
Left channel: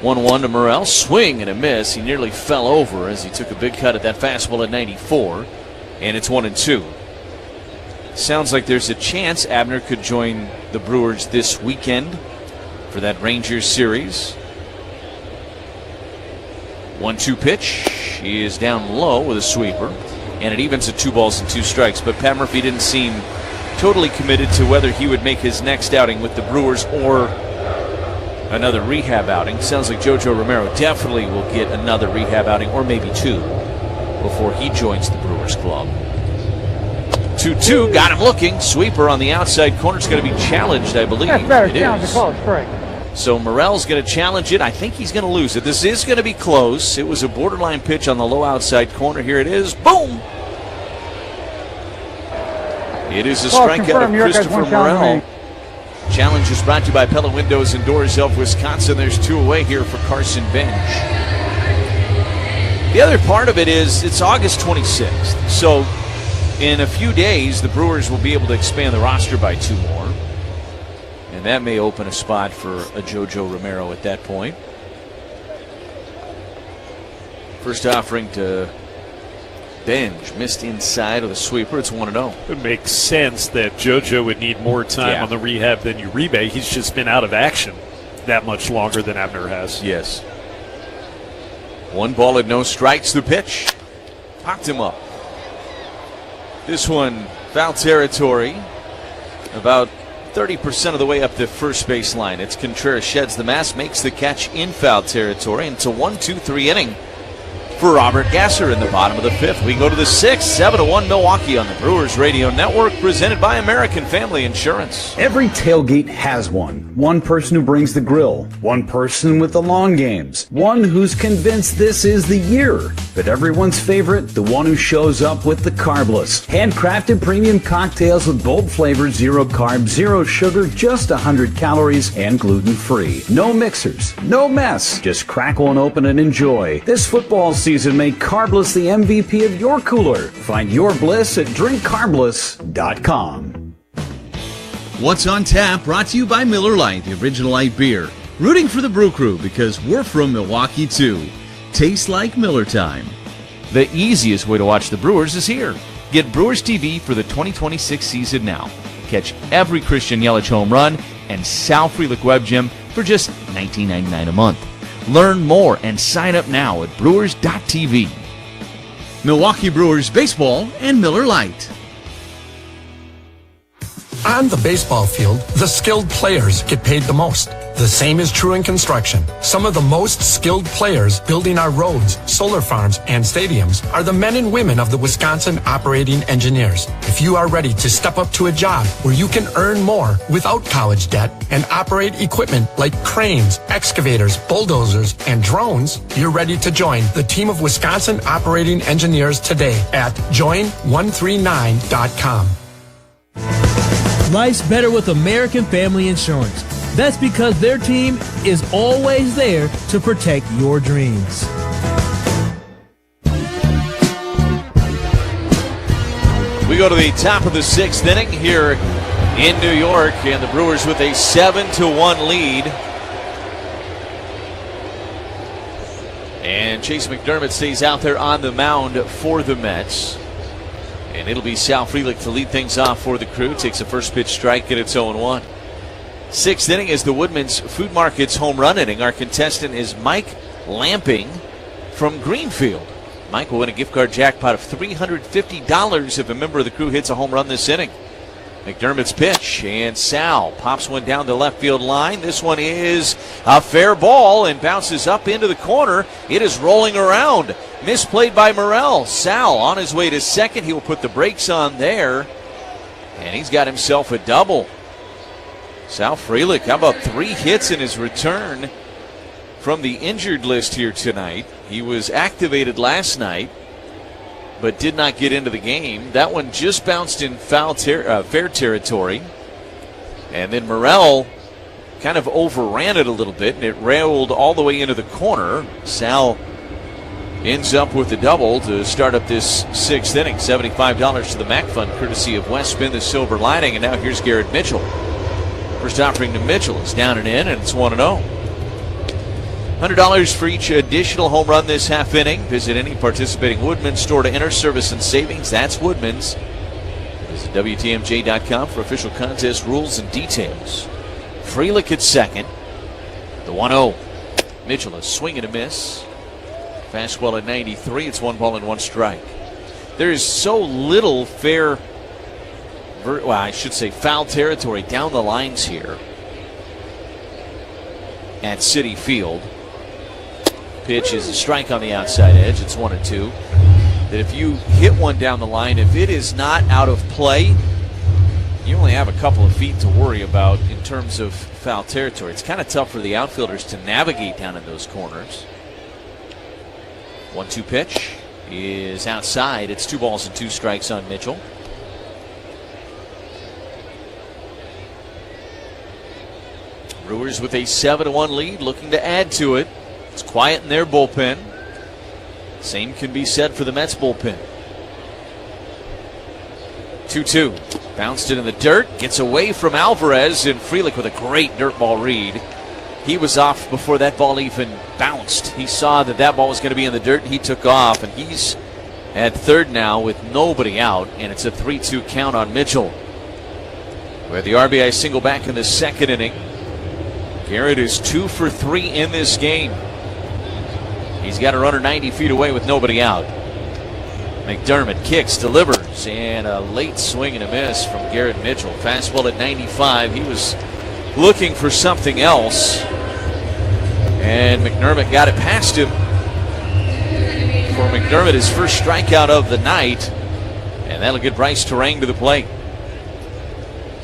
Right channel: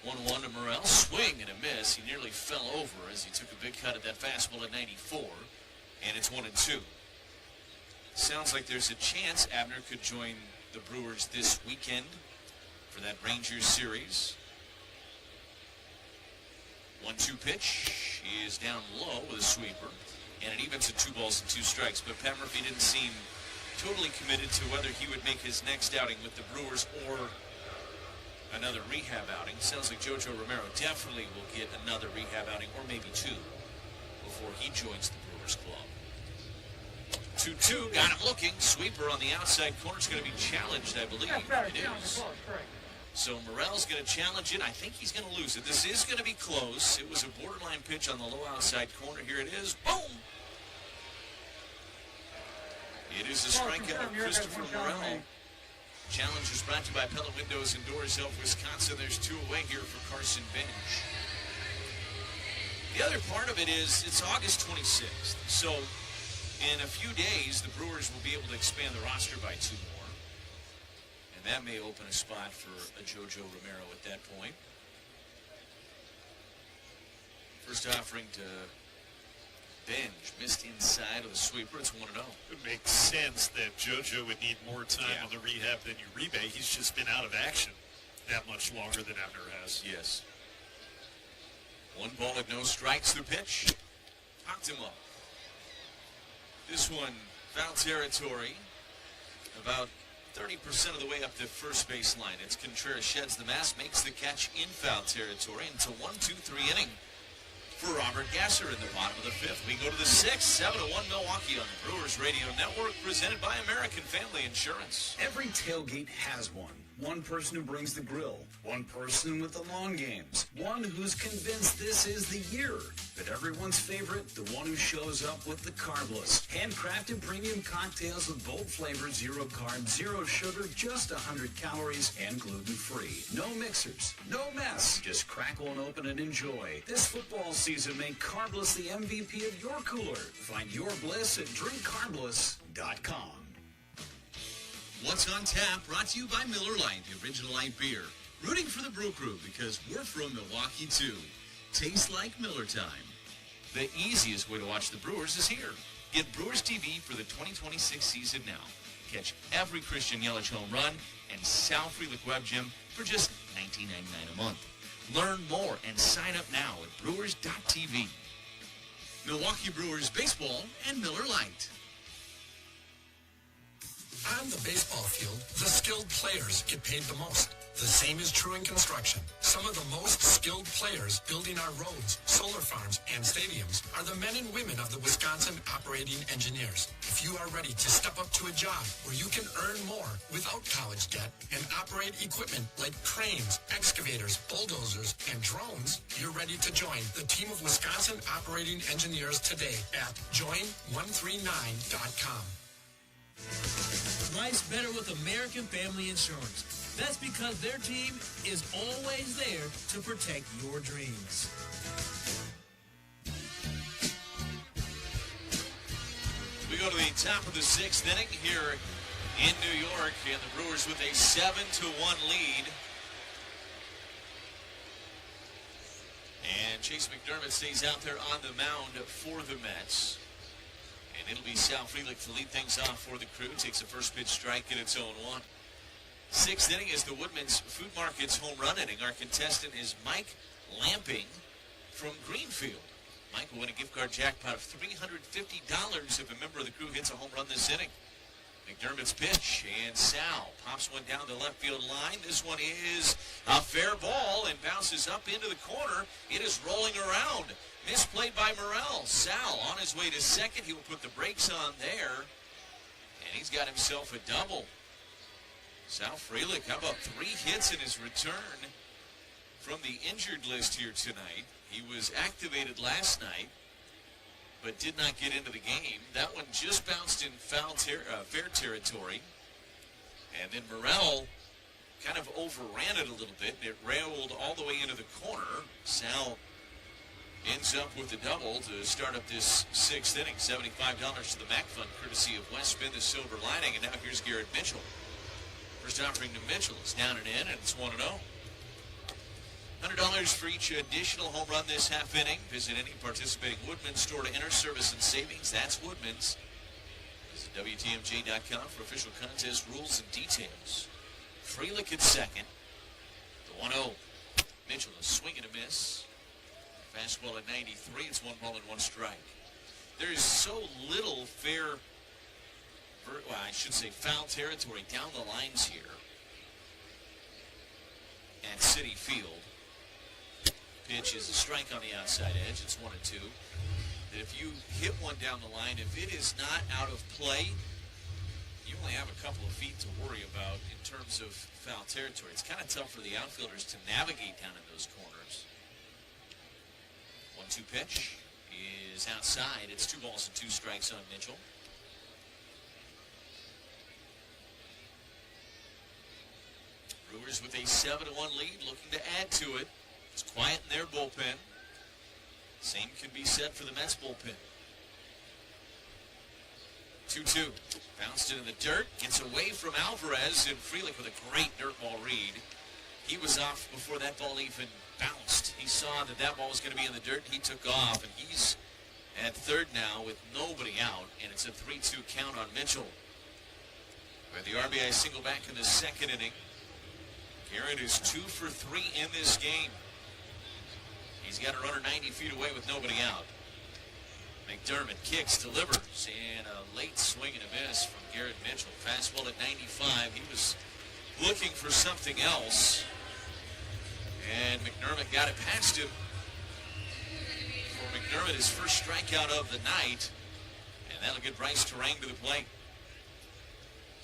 1-1 to Morel. Swing and a miss. He nearly fell over as he took a big cut at that fastball at 94. And it's 1-2. Sounds like there's a chance Abner could join the Brewers this weekend for that Rangers series. 1-2 pitch. He is down low with a sweeper. And it evens at 2 balls and 2 strikes. But Pat Murphy didn't seem totally committed to whether he would make his next outing with the Brewers or another rehab outing. Sounds like JoJo Romero definitely will get another rehab outing, or maybe 2, before he joins the Brewers club. 2-2, got him looking. Sweeper on the outside corner. It's going to be challenged, I believe. That's better. It Challenge is. to call it strike. So Morel's going to challenge it. I think he's going to lose it. This is going to be close. It was a borderline pitch on the low outside corner. Here it is. Boom! It is a strikeout of Christopher Morel. Challenge is brought to you by Pella Windows and Doors of Wisconsin. There's 2 away here for Carson Bench. The other part of it is it's August 26th. So in a few days, the Brewers will be able to expand the roster by 2 more. And that may open a spot for a JoJo Romero at that point. First offering to Benj, missed inside with a sweeper. It's 1-0. It makes sense that JoJo would need more time on the rehab than Uribe. He's just been out of action that much longer than Abner has. Yes. 1 ball and no strikes. The pitch popped him up. This one foul territory, about 30% of the way up the first base line. It's Contreras sheds the mask, makes the catch in foul territory, and it's a 1-2-3 inning for Robert Gasser in the bottom of the 5th. We go to the 6th, 7-1 Milwaukee on the Brewers Radio Network, presented by American Family Insurance. Every tailgate has one. One person who brings the grill. One person with the long games. One who's convinced this is the year. But everyone's favorite, the one who shows up with the carbless. Handcrafted premium cocktails with bold flavors, 0 carb, 0 sugar, just 100 calories, and gluten-free. No mixers, no mess. Just crack one open and enjoy. This football season, make Carbless the MVP of your cooler. Find your bliss at drinkcarbless.com. What's on Tap brought to you by Miller Lite, the original light beer. Rooting for the Brew Crew because we're from Milwaukee too. Tastes like Miller time. The easiest way to watch the Brewers is here. Get Brewers TV for the 2026 season now. Catch every Christian Yelich home run and Sal Frelick Web Gym for just $19.99 a month. Learn more and sign up now at brewers.tv. Milwaukee Brewers Baseball and Miller Lite. On the baseball field, the skilled players get paid the most. The same is true in construction. Some of the most skilled players building our roads, solar farms, and stadiums are the men and women of the Wisconsin operating engineers. If you are ready to step up to a job where you can earn more without college debt and operate equipment like cranes, excavators, bulldozers, and drones, you're ready to join the team of Wisconsin operating engineers today at join139.com. Life's better with American Family Insurance. That's because their team is always there to protect your dreams. We go to the top of the 6th inning here in New York, and the Brewers with a 7-1 lead. And Chase McDermott stays out there on the mound for the Mets. And it'll be Sal Frelick to lead things off for the Crew. Takes a first pitch strike, and it's 0-1. 6th inning is the Woodman's Food Market's home run inning. Our contestant is Mike Lamping from Greenfield. Mike will win a gift card jackpot of $350 if a member of the Crew hits a home run this inning. McDermott's pitch, and Sal pops one down the left field line. This one is a fair ball and bounces up into the corner. It is rolling around. Misplayed by Morrell. Sal on his way to second. He will put the brakes on there, and he's got himself a double. Sal Frelick, how about 3 hits in his return from the injured list here tonight? He was activated last night, but did not get into the game. That one just bounced in fair territory. And then Morrell kind of overran it a little bit, and it railed all the way into the corner. Sal ends up with the double to start up this 6th inning. $75 to the MAC Fund, courtesy of West Spin the Silver Lining. And now here's Garrett Mitchell. First offering to Mitchell is down and in, and it's 1-0. $100 for each additional home run this half inning. Visit any participating Woodman's store to enter service and savings. That's Woodman's. Visit WTMJ.com for official contest rules and details. Frelick at second. The 1-0. Mitchell a swing and a miss. Fastball at 93. It's 1-1 strike. There is so little foul territory down the lines here at Citi Field. Pitch is a strike on the outside edge. It's 1-2. That if you hit one down the line, if it is not out of play, you only have a couple of feet to worry about in terms of foul territory. It's kind of tough for the outfielders to navigate down in those corners. 1-2 pitch is outside. It's 2 strikes on Mitchell. Brewers with a 7-1 lead, looking to add to it. It's quiet in their bullpen. Same can be said for the Mets bullpen. 2-2. Bounced it in the dirt. Gets away from Alvarez, and Frelick with a great dirt ball read. He was off before that ball even bounced. He saw that ball was going to be in the dirt, and he took off. And he's at third now with nobody out, and it's a 3-2 count on Mitchell. We have the RBI single back in the 2nd inning. Garrett is 2 for 3 in this game. He's got a runner 90 feet away with nobody out. McDermott kicks, delivers, and a late swing and a miss from Garrett Mitchell. Fastball at 95. He was looking for something else, and McDermott got it past him. For McDermott, his first strikeout of the night, and that'll get Bryce Terang to the plate.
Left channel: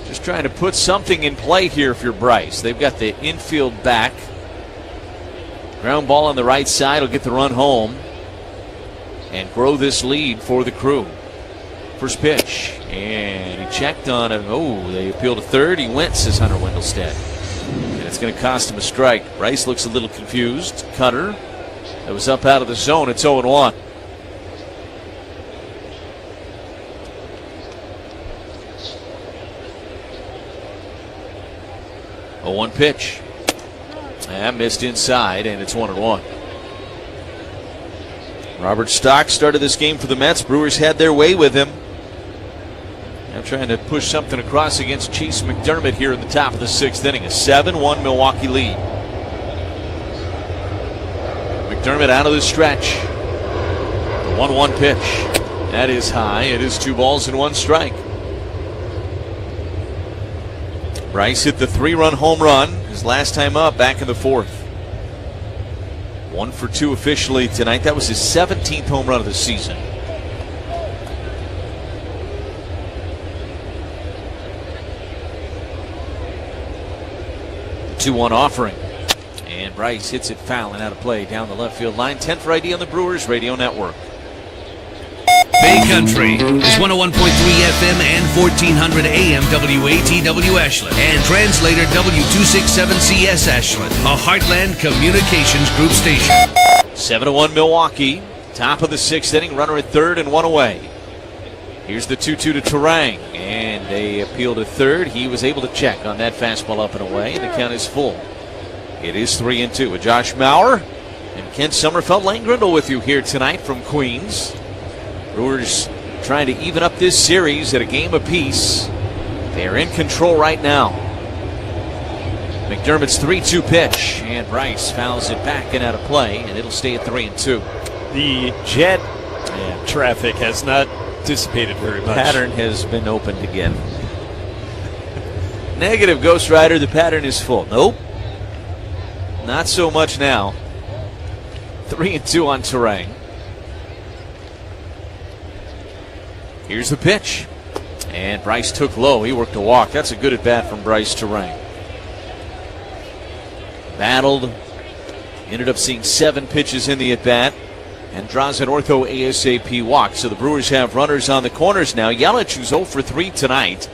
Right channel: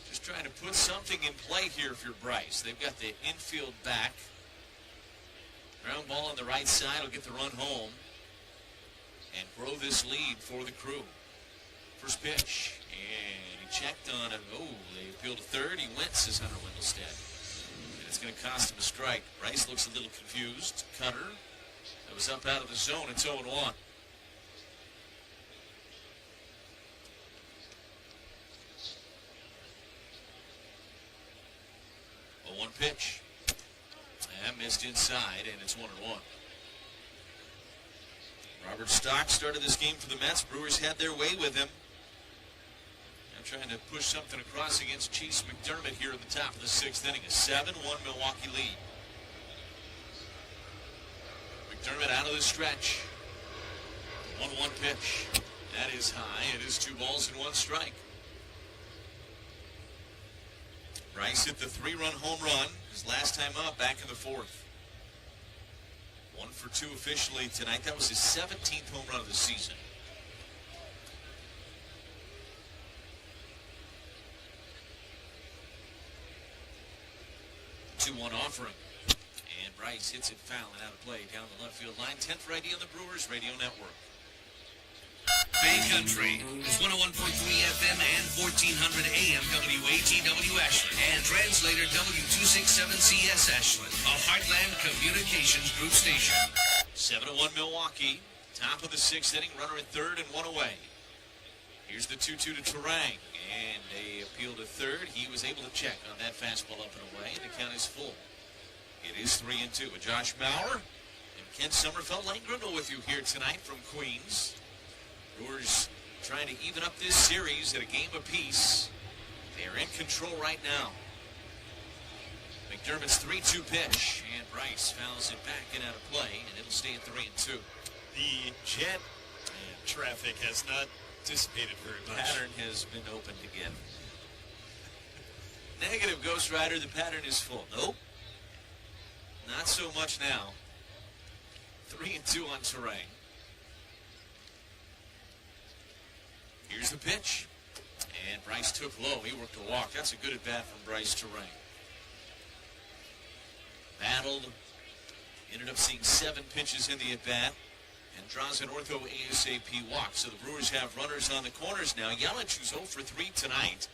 Just trying to put something in play here for Bryce. They've got the infield back. Ground ball on the right side will get the run home and grow this lead for the Crew. First pitch, and he checked on it. Oh, they appeal to third. He went, says Hunter Wendelstedt. And it's going to cost him a strike. Bryce looks a little confused. Cutter, that was up out of the zone. It's 0-1. A 1 pitch. And missed inside, and it's 1-1. Robert Stock started this game for the Mets. Brewers had their way with him. Now trying to push something across against Chase McDermott here in the top of the 6th inning. A 7-1 Milwaukee lead. McDermott out of the stretch. The 1-1 pitch. That is high. It is 2 balls and 1 strike. Bryce hit the 3-run home run his last time up back in the 4th. 1 for 2 officially tonight. That was his 17th home run of the season. The 2-1 offering. And Bryce hits it foul and out of play down the left field line. 10 for ID on the Brewers Radio Network. Bay Country is 101.3 FM and 1400 AM WATW Ashland and translator W267CS Ashland, a Heartland Communications Group station. 7-1 Milwaukee. Top of the 6th inning. Runner at third and 1 away. Here's the 2-2 to Terang. And they appeal to third. He was able to check on that fastball up and away. And the count is full. It is 3-2 with Josh Maurer and Ken Sommerfeld. Lane Grindle with you here tonight from Queens. Brewers trying to even up this series at a game apiece. They're in control right now. McDermott's 3-2 pitch, and Bryce fouls it back and out of play, and it'll stay at 3-2. The jet traffic has not dissipated very much. Pattern has been opened again. Negative, Ghost Rider. The pattern is full. Nope. Not so much now. 3-2 on Terang. Here's the pitch. And Bryce took low. He worked a walk. That's a good at bat from Bryce Terang. Battled. Ended up seeing 7 pitches in the at bat. And draws an ortho ASAP walk. So the Brewers have runners on the corners now. Yelich, who's 0 for 3 tonight.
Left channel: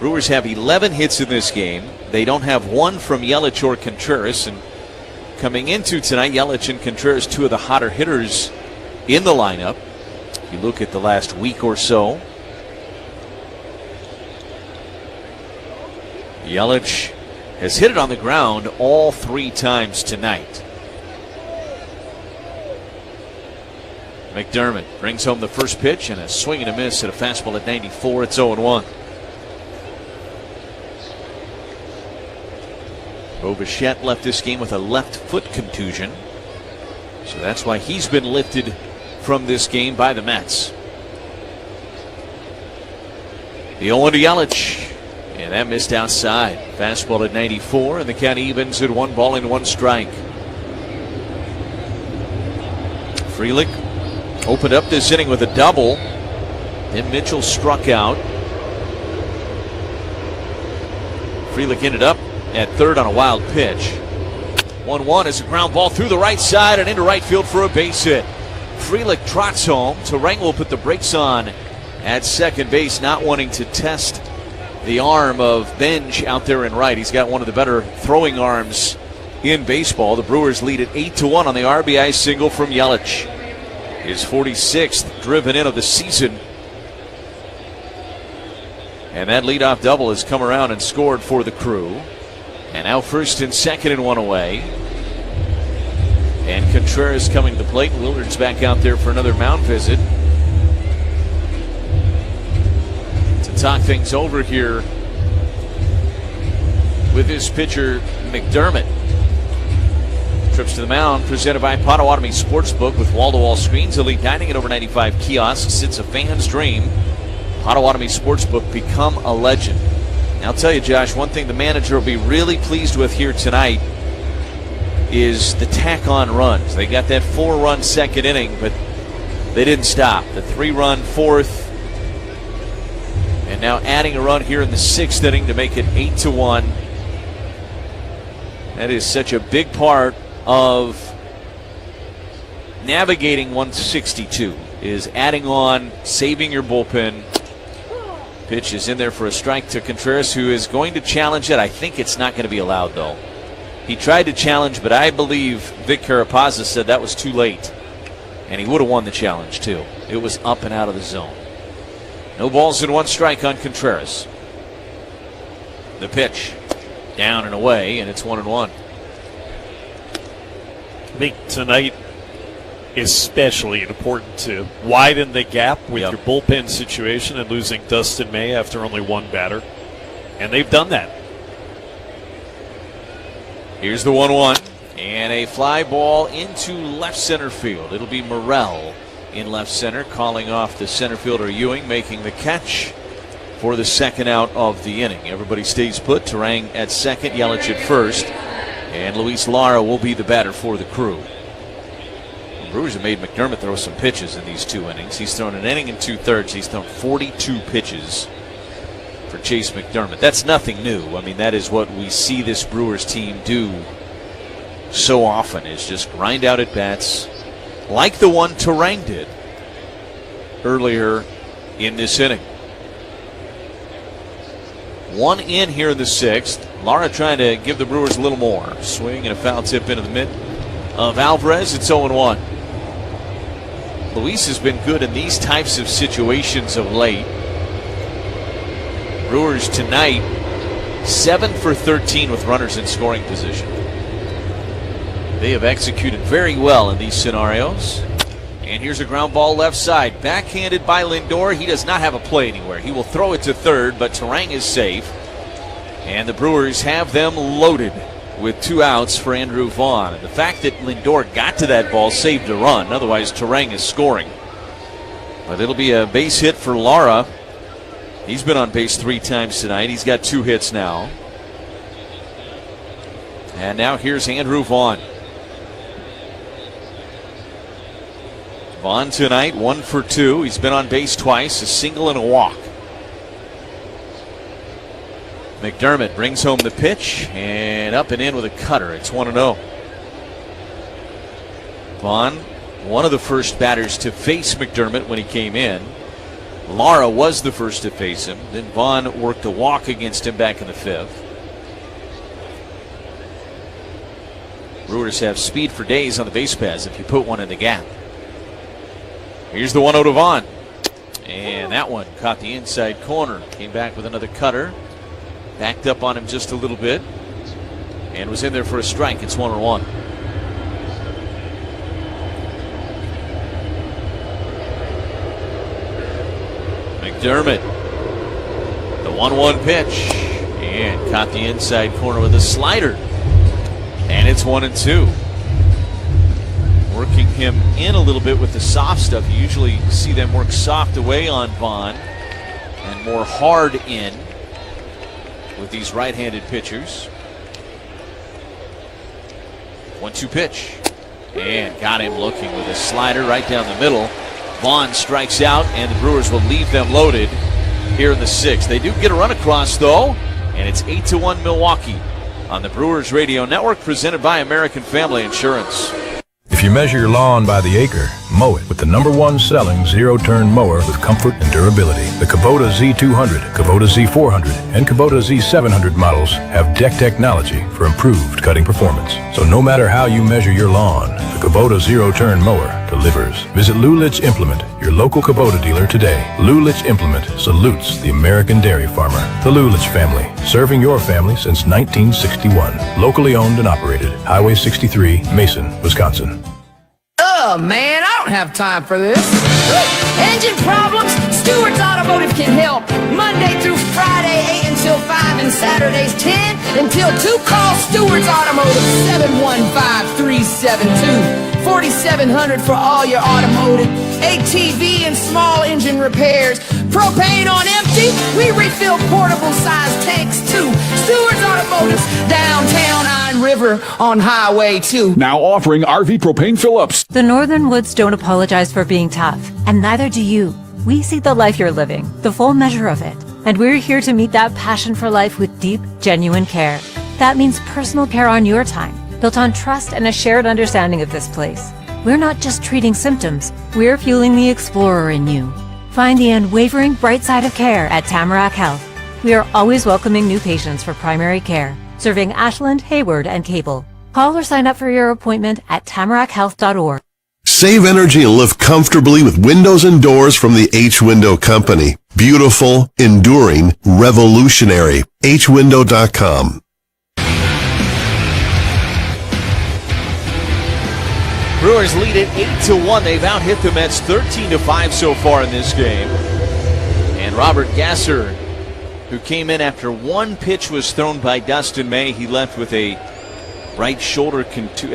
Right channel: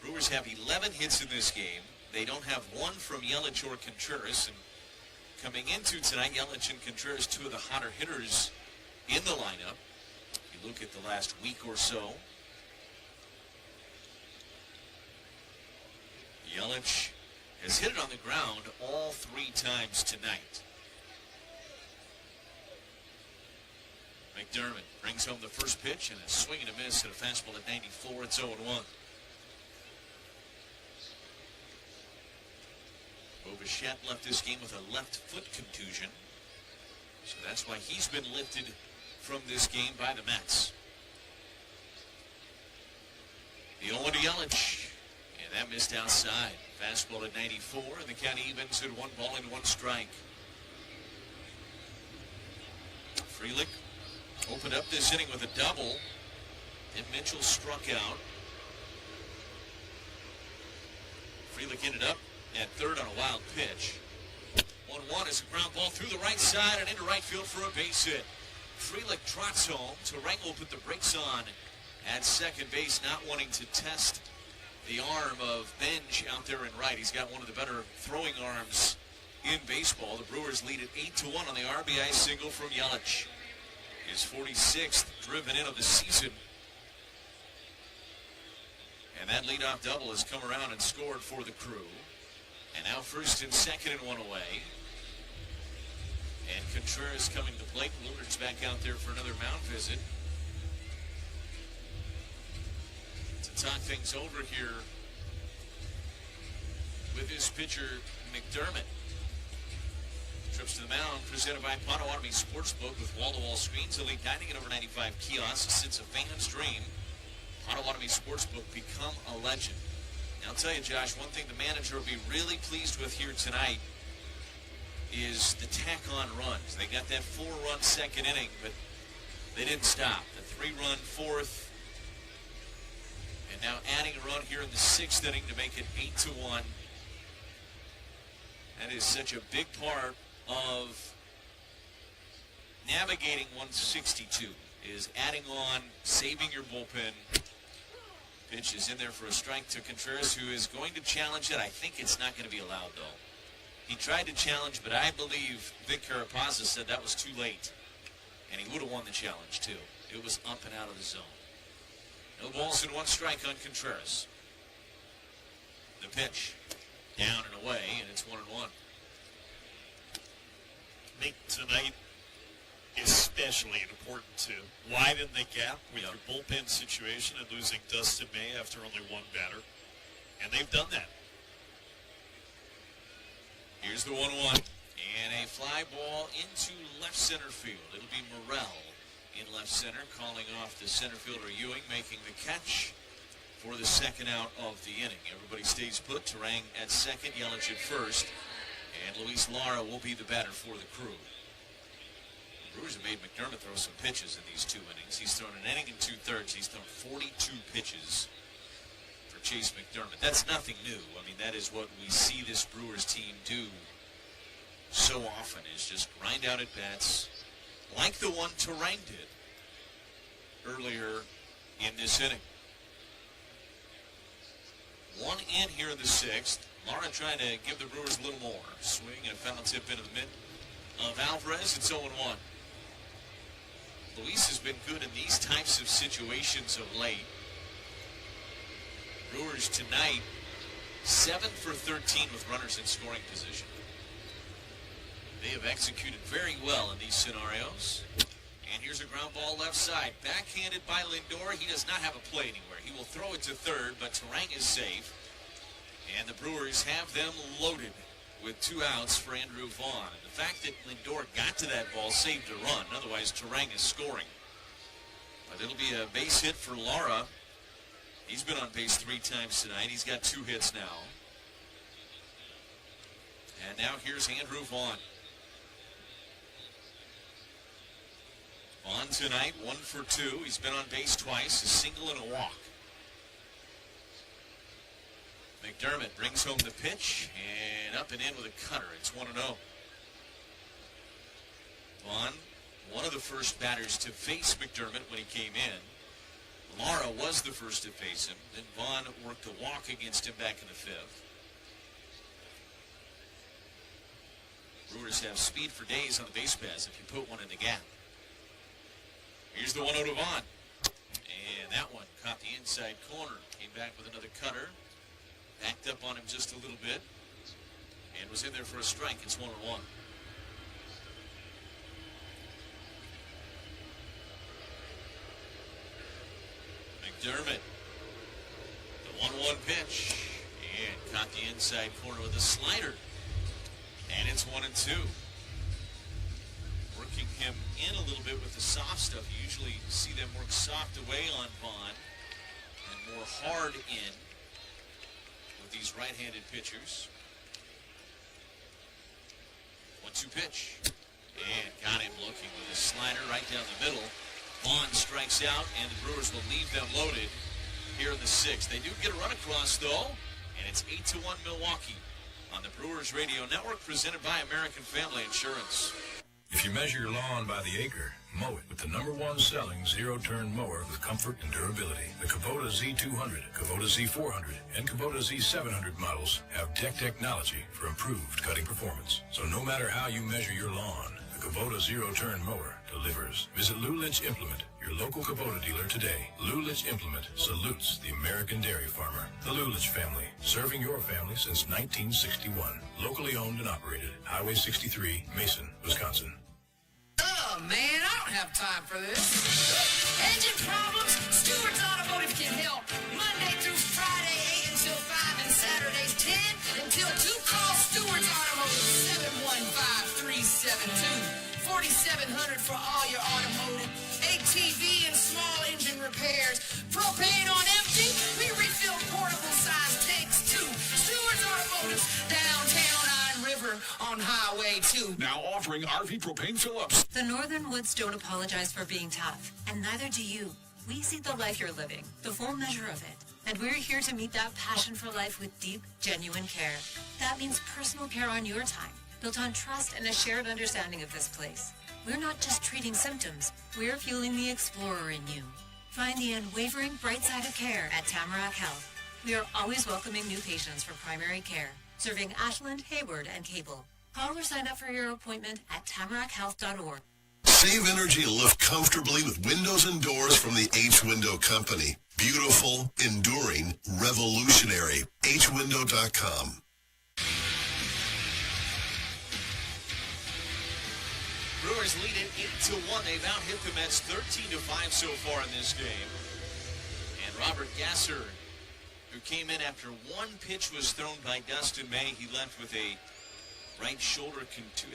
Brewers have 11 hits in this game. They don't have one from Yelich or Contreras. And coming into tonight, Yelich and Contreras, 2 of the hotter hitters in the lineup. You look at the last week or so. Yelich has hit it on the ground all 3 times tonight. McDermott brings home the first pitch and a swing and a miss at a fastball at 94. It's 0-1. Bo Bichette left this game with a left foot contusion. So that's why he's been lifted from this game by the Mets. The 0-1 to Yelich. And that missed outside. Fastball at 94, and the count evens at 1 ball and 1 strike. Frelick opened up this inning with a double. Then Mitchell struck out. Frelick ended up at third on a wild pitch. 1-1 is a ground ball through the right side and into right field for a base hit. Frelick trots home. Terang will put the brakes on at second base, not wanting to test the arm of Benj out there in right. He's got one of the better throwing arms in baseball. The Brewers lead at 8-1 on the RBI single from Yelich. His 46th driven in of the season. And that leadoff double has come around and scored for the Crew. And now first and second and 1 away. And Contreras coming to the plate. Willard's back out there for another mound visit. To talk things over here with his pitcher, McDermott. Trips to the mound presented by Potawatomi Sportsbook with wall-to-wall screens, elite dining, and over 95 kiosks. It's a fan's dream. Potawatomi Sportsbook, become a legend. And I'll tell you, Josh, one thing the manager will be really pleased with here tonight is the tack-on runs. They got that 4-run second inning, but they didn't stop. The 3-run fourth, and now adding a run here in the 6th inning to make it 8-1. That is such a big part of navigating 162, is adding on, saving your bullpen. Pitch is in there for a strike to Contreras, who is going to challenge it. I think it's not going to be allowed, though. He tried to challenge, but I believe Vic Carapazza said that was too late. And he would have won the challenge, too. It was up and out of the zone. No balls and 1 strike on Contreras. The pitch down and away, and it's 1-1. I think tonight especially important to widen the gap with your bullpen situation and losing Dustin May after only 1 batter. And they've done that. Here's the 1-1. And a fly ball into left center field. It'll be Morrell in left center, calling off the center fielder Ewing, making the catch for the second out of the inning. Everybody stays put. Turang at second, Yelich at first, and Luis Lara will be the batter for the Crew. The Brewers have made McDermott throw some pitches in these 2 innings. He's thrown an inning and 2/3. He's thrown 42 pitches for Chase McDermott. That's nothing new. I mean, that is what we see this Brewers team do so often, is just grind out at bats like the one Turang did earlier in this inning. 1 in here in the 6th. Lara trying to give the Brewers a little more. Swing and a foul tip into the mitt of Alvarez. It's 0-1. Luis has been good in these types of situations of late. Brewers tonight 7 for 13 with runners in scoring position. They have executed very well in these scenarios. And here's a ground ball left side. Backhanded by Lindor. He does not have a play anywhere. He will throw it to third, but Turang is safe. And the Brewers have them loaded with 2 outs for Andrew Vaughn. And the fact that Lindor got to that ball saved a run. Otherwise, Turang is scoring. But it'll be a base hit for Lara. He's been on base 3 times tonight. He's got 2 hits now. And now here's Andrew Vaughn. Vaughn tonight 1 for 2. He's been on base twice, a single and a walk. McDermott brings home the pitch and up and in with a cutter. It's 1-0. Vaughn, one of the first batters to face McDermott when he came in. Lara was the first to face him. Then Vaughn worked a walk against him back in the 5th. Brewers have speed for days on the base paths if you put one in the gap. Here's the 1-0 to Vaughn. And that one caught the inside corner. Came back with another cutter. Backed up on him just a little bit. And was in there for a strike. It's 1-1. McDermott. The 1-1 pitch. And caught the inside corner with a slider. And it's 1-2. Working him in a little bit with the soft stuff. You usually see them work soft away on Vaughn and more hard in with these right-handed pitchers. 1-2 pitch. And got him looking with a slider right down the middle. Vaughn strikes out, and the Brewers will leave them loaded here in the 6th. They do get a run across, though, and it's 8-1 Milwaukee on the Brewers Radio Network, presented by American Family Insurance. If you measure your lawn by the acre, mow it with the #1 selling zero-turn mower with comfort and durability. The Kubota Z200, Kubota Z400, and Kubota Z700 models have deck technology for improved cutting performance. So no matter how you measure your lawn, the Kubota zero-turn mower delivers. Visit Lulich Implement, your local Kubota dealer today. Lulich Implement salutes the American dairy farmer. The Lulich family, serving your family since 1961. Locally owned and operated. Highway 63, Mason, Wisconsin. Oh, man, I don't have time for this. Engine problems? Stewart's Automotive can help. Monday through Friday, 8 until 5, and Saturdays 10 until 2. Call Stewart's Automotive, 715-372-4700 for all your automotive, ATV, and small engine repairs. Propane on empty? We refill portable size tanks, too. Stewart's Automotive, downtown Iron River on Highway 2. Now offering RV propane fill-ups. The Northern Woods don't apologize for being tough, and neither do you. We see the life you're living, the full measure of it, and we're here to meet that passion for life with deep, genuine care. That means personal care on your time, built on trust and a shared understanding of this place. We're not just treating symptoms, we're fueling the explorer in you. Find the unwavering bright side of care at Tamarack Health. We are always welcoming new patients for primary care, serving Ashland, Hayward, and Cable. Call or sign up for your appointment at tamarackhealth.org. Save energy and live comfortably with windows and doors from the H-Window Company. Beautiful, enduring, revolutionary. hwindow.com. Brewers lead it 8-1. They've out-hit the Mets 13-5 so far in this game. And Robert Gasser, who came in after one pitch was thrown by Dustin May, he left with a right shoulder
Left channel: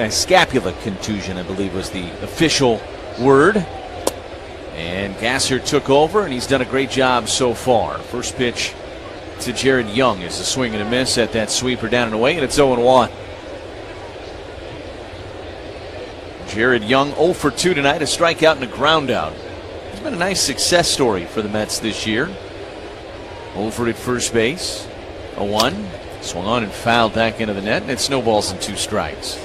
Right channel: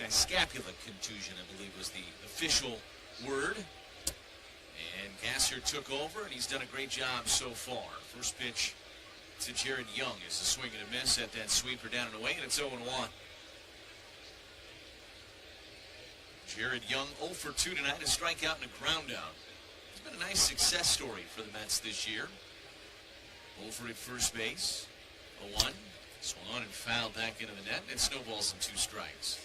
scapula contusion, I believe was the official word. And Gasser took over, and he's done a great job so far. First pitch to Jared Young is a swing and a miss at that sweeper down and away, and it's 0-1. Jared Young 0 for 2 tonight, a strikeout and a ground out. It's been a nice success story for the Mets this year. Over at first base, 0-1. Swung on and fouled back into the net, and it snowballs in 2 strikes.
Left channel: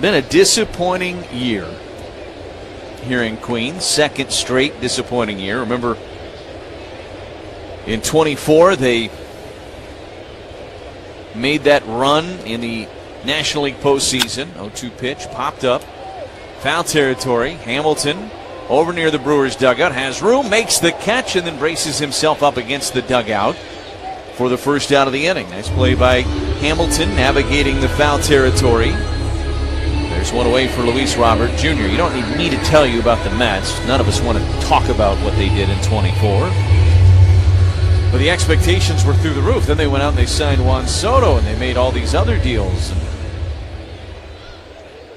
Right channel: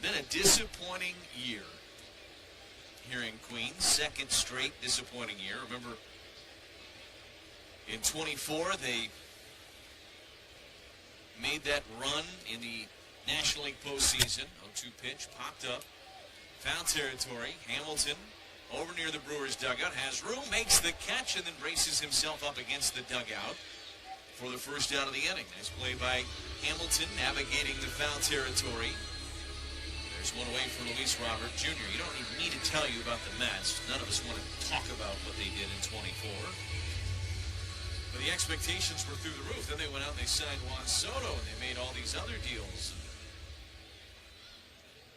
Been a disappointing year here in Queens. Second straight disappointing year. Remember, in 24, they made that run in the National League postseason. 0-2 pitch, popped up. Foul territory. Hamilton over near the Brewers dugout. Has room, makes the catch, and then braces himself up against the dugout for the first out of the inning. Nice play by Hamilton navigating the foul territory. There's one away for Luis Robert Jr. You don't need me to tell you about the Mets. None of us want to talk about what they did in 24. But the expectations were through the roof. Then they went out and they signed Juan Soto, and they made all these other deals. And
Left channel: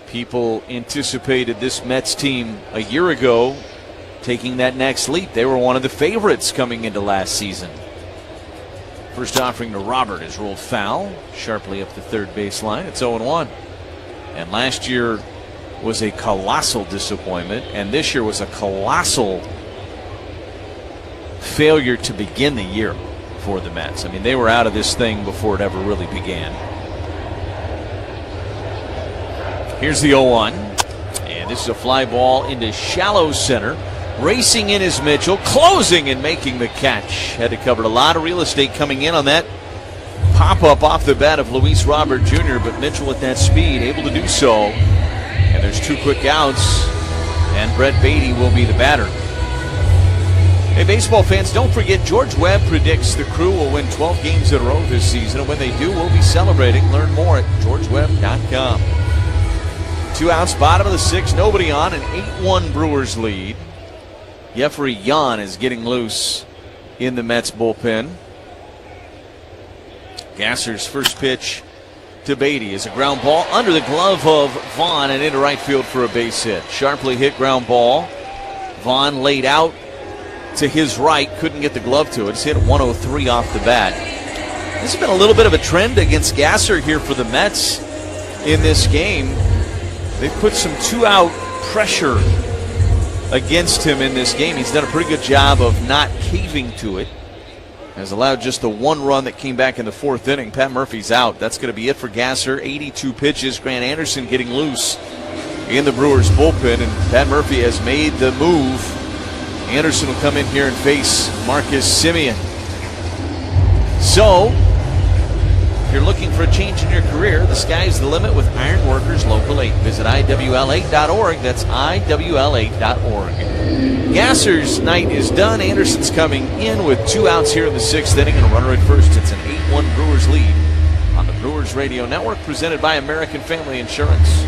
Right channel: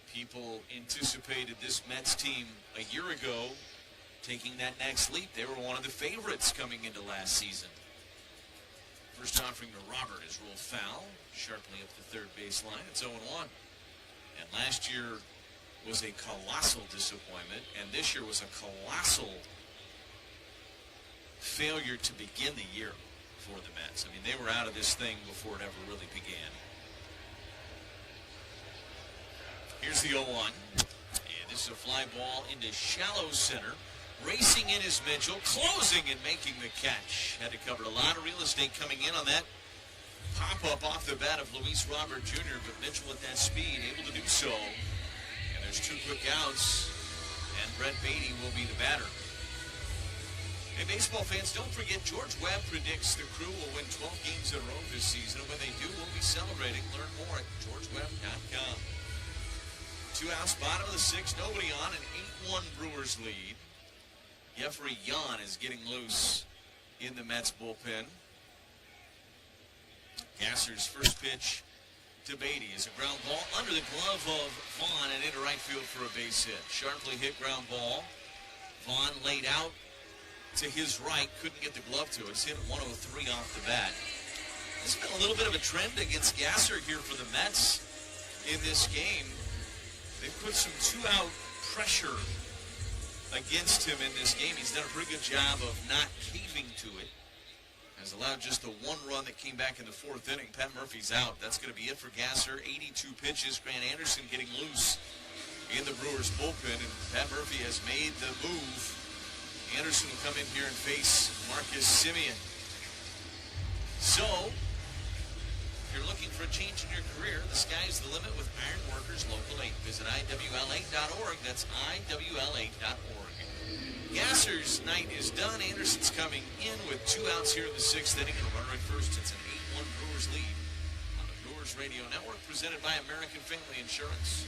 people anticipated this Mets team a year ago taking that next leap. They were one of the favorites coming into last season. First offering to Robert is rolled foul, sharply up the third baseline. It's 0-1. And last year was a colossal disappointment, and this year was a colossal failure to begin the year for the Mets. I mean, they were out of this thing before it ever really began. Here's the 0-1, and this is a fly ball into shallow center. Racing in is Mitchell, closing and making the catch. Had to cover a lot of real estate coming in on that pop-up off the bat of Luis Robert Jr., but Mitchell at that speed able to do so. And there's 2 quick outs, and Brett Beatty will be the batter. Hey, baseball fans, don't forget George Webb predicts the Crew will win 12 games in a row this season, and when they do, we'll be celebrating. Learn more at georgewebb.com. 2 outs, bottom of the 6th, nobody on, an 8-1 Brewers lead. Jeffrey Yan is getting loose in the Mets bullpen. Gasser's first pitch to Beatty is a ground ball under the glove of Vaughn and into right field for a base hit. Sharply hit ground ball. Vaughn laid out to his right, couldn't get the glove to it. It's hit 103 off the bat. This has been a little bit of a trend against Gasser here for the Mets in this game. They put some 2-out pressure against him in this game. He's done a pretty good job of not caving to it. Has allowed just the 1 run that came back in the 4th inning. Pat Murphy's out. That's going to be it for Gasser. 82 pitches. Grant Anderson getting loose in the Brewers bullpen, and Pat Murphy has made the move. Anderson will come in here and face Marcus Semien. So, if you're looking for a change in your career, the sky's the limit with Iron Workers Local 8. Visit IWL8.org. That's IWL8.org. Gasser's night is done. Anderson's coming in with 2 outs here in the 6th inning and a runner at first. It's an 8-1 Brewers lead on the Brewers Radio Network, presented by American Family Insurance.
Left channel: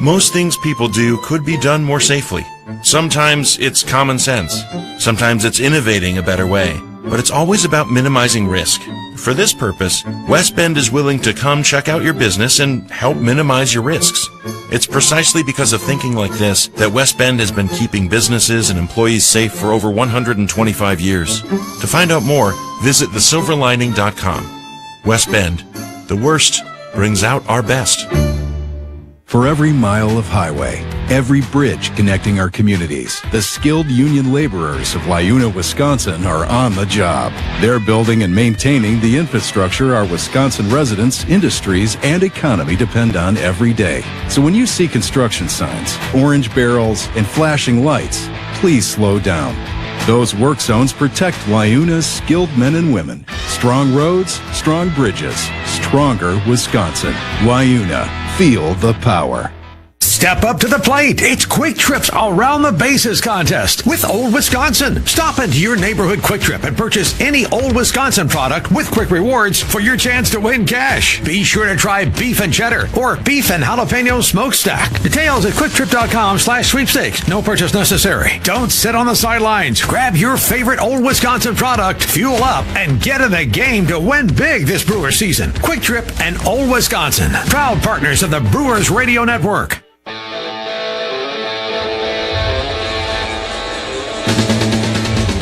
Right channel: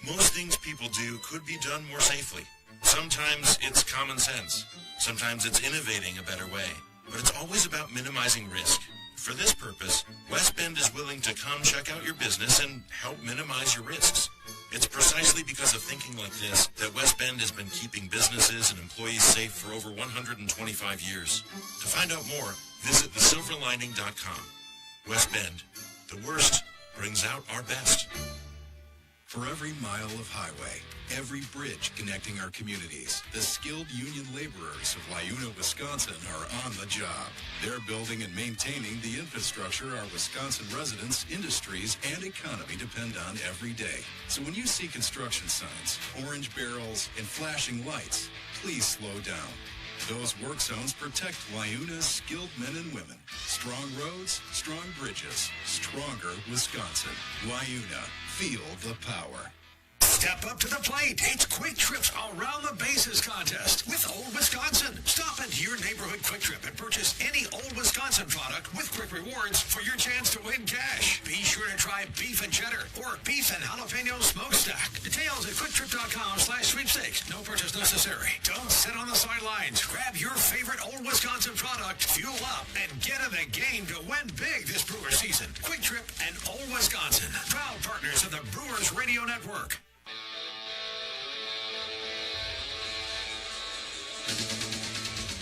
Most things people do could be done more safely. Sometimes it's common sense. Sometimes it's innovating a better way. But it's always about minimizing risk. For this purpose, West Bend is willing to come check out your business and help minimize your risks. It's precisely because of thinking like this that West Bend has been keeping businesses and employees safe for over 125 years. To find out more, visit thesilverlining.com. West Bend, the worst brings out our best. For every mile of highway, every bridge connecting our communities, the skilled union laborers of Wayuna, Wisconsin are on the job. They're building and maintaining the infrastructure our Wisconsin residents, industries, and economy depend on every day. So when you see construction signs, orange barrels, and flashing lights, please slow down. Those work zones protect Wayuna's skilled men and women. Strong roads, strong bridges, stronger Wisconsin. Wayuna. Feel the power. Step up to the plate. It's Quick Trip's Around the Bases contest with Old Wisconsin. Stop into your neighborhood Quick Trip and purchase any Old Wisconsin product with Quick Rewards for your chance to win cash. Be sure to try beef and cheddar or beef and jalapeno smokestack. Details at quicktrip.com/sweepstakes. No purchase necessary. Don't sit on the sidelines. Grab your favorite Old Wisconsin product, fuel up, and get in the game to win big this Brewers season. Quick Trip and Old Wisconsin, proud partners of the Brewers Radio Network.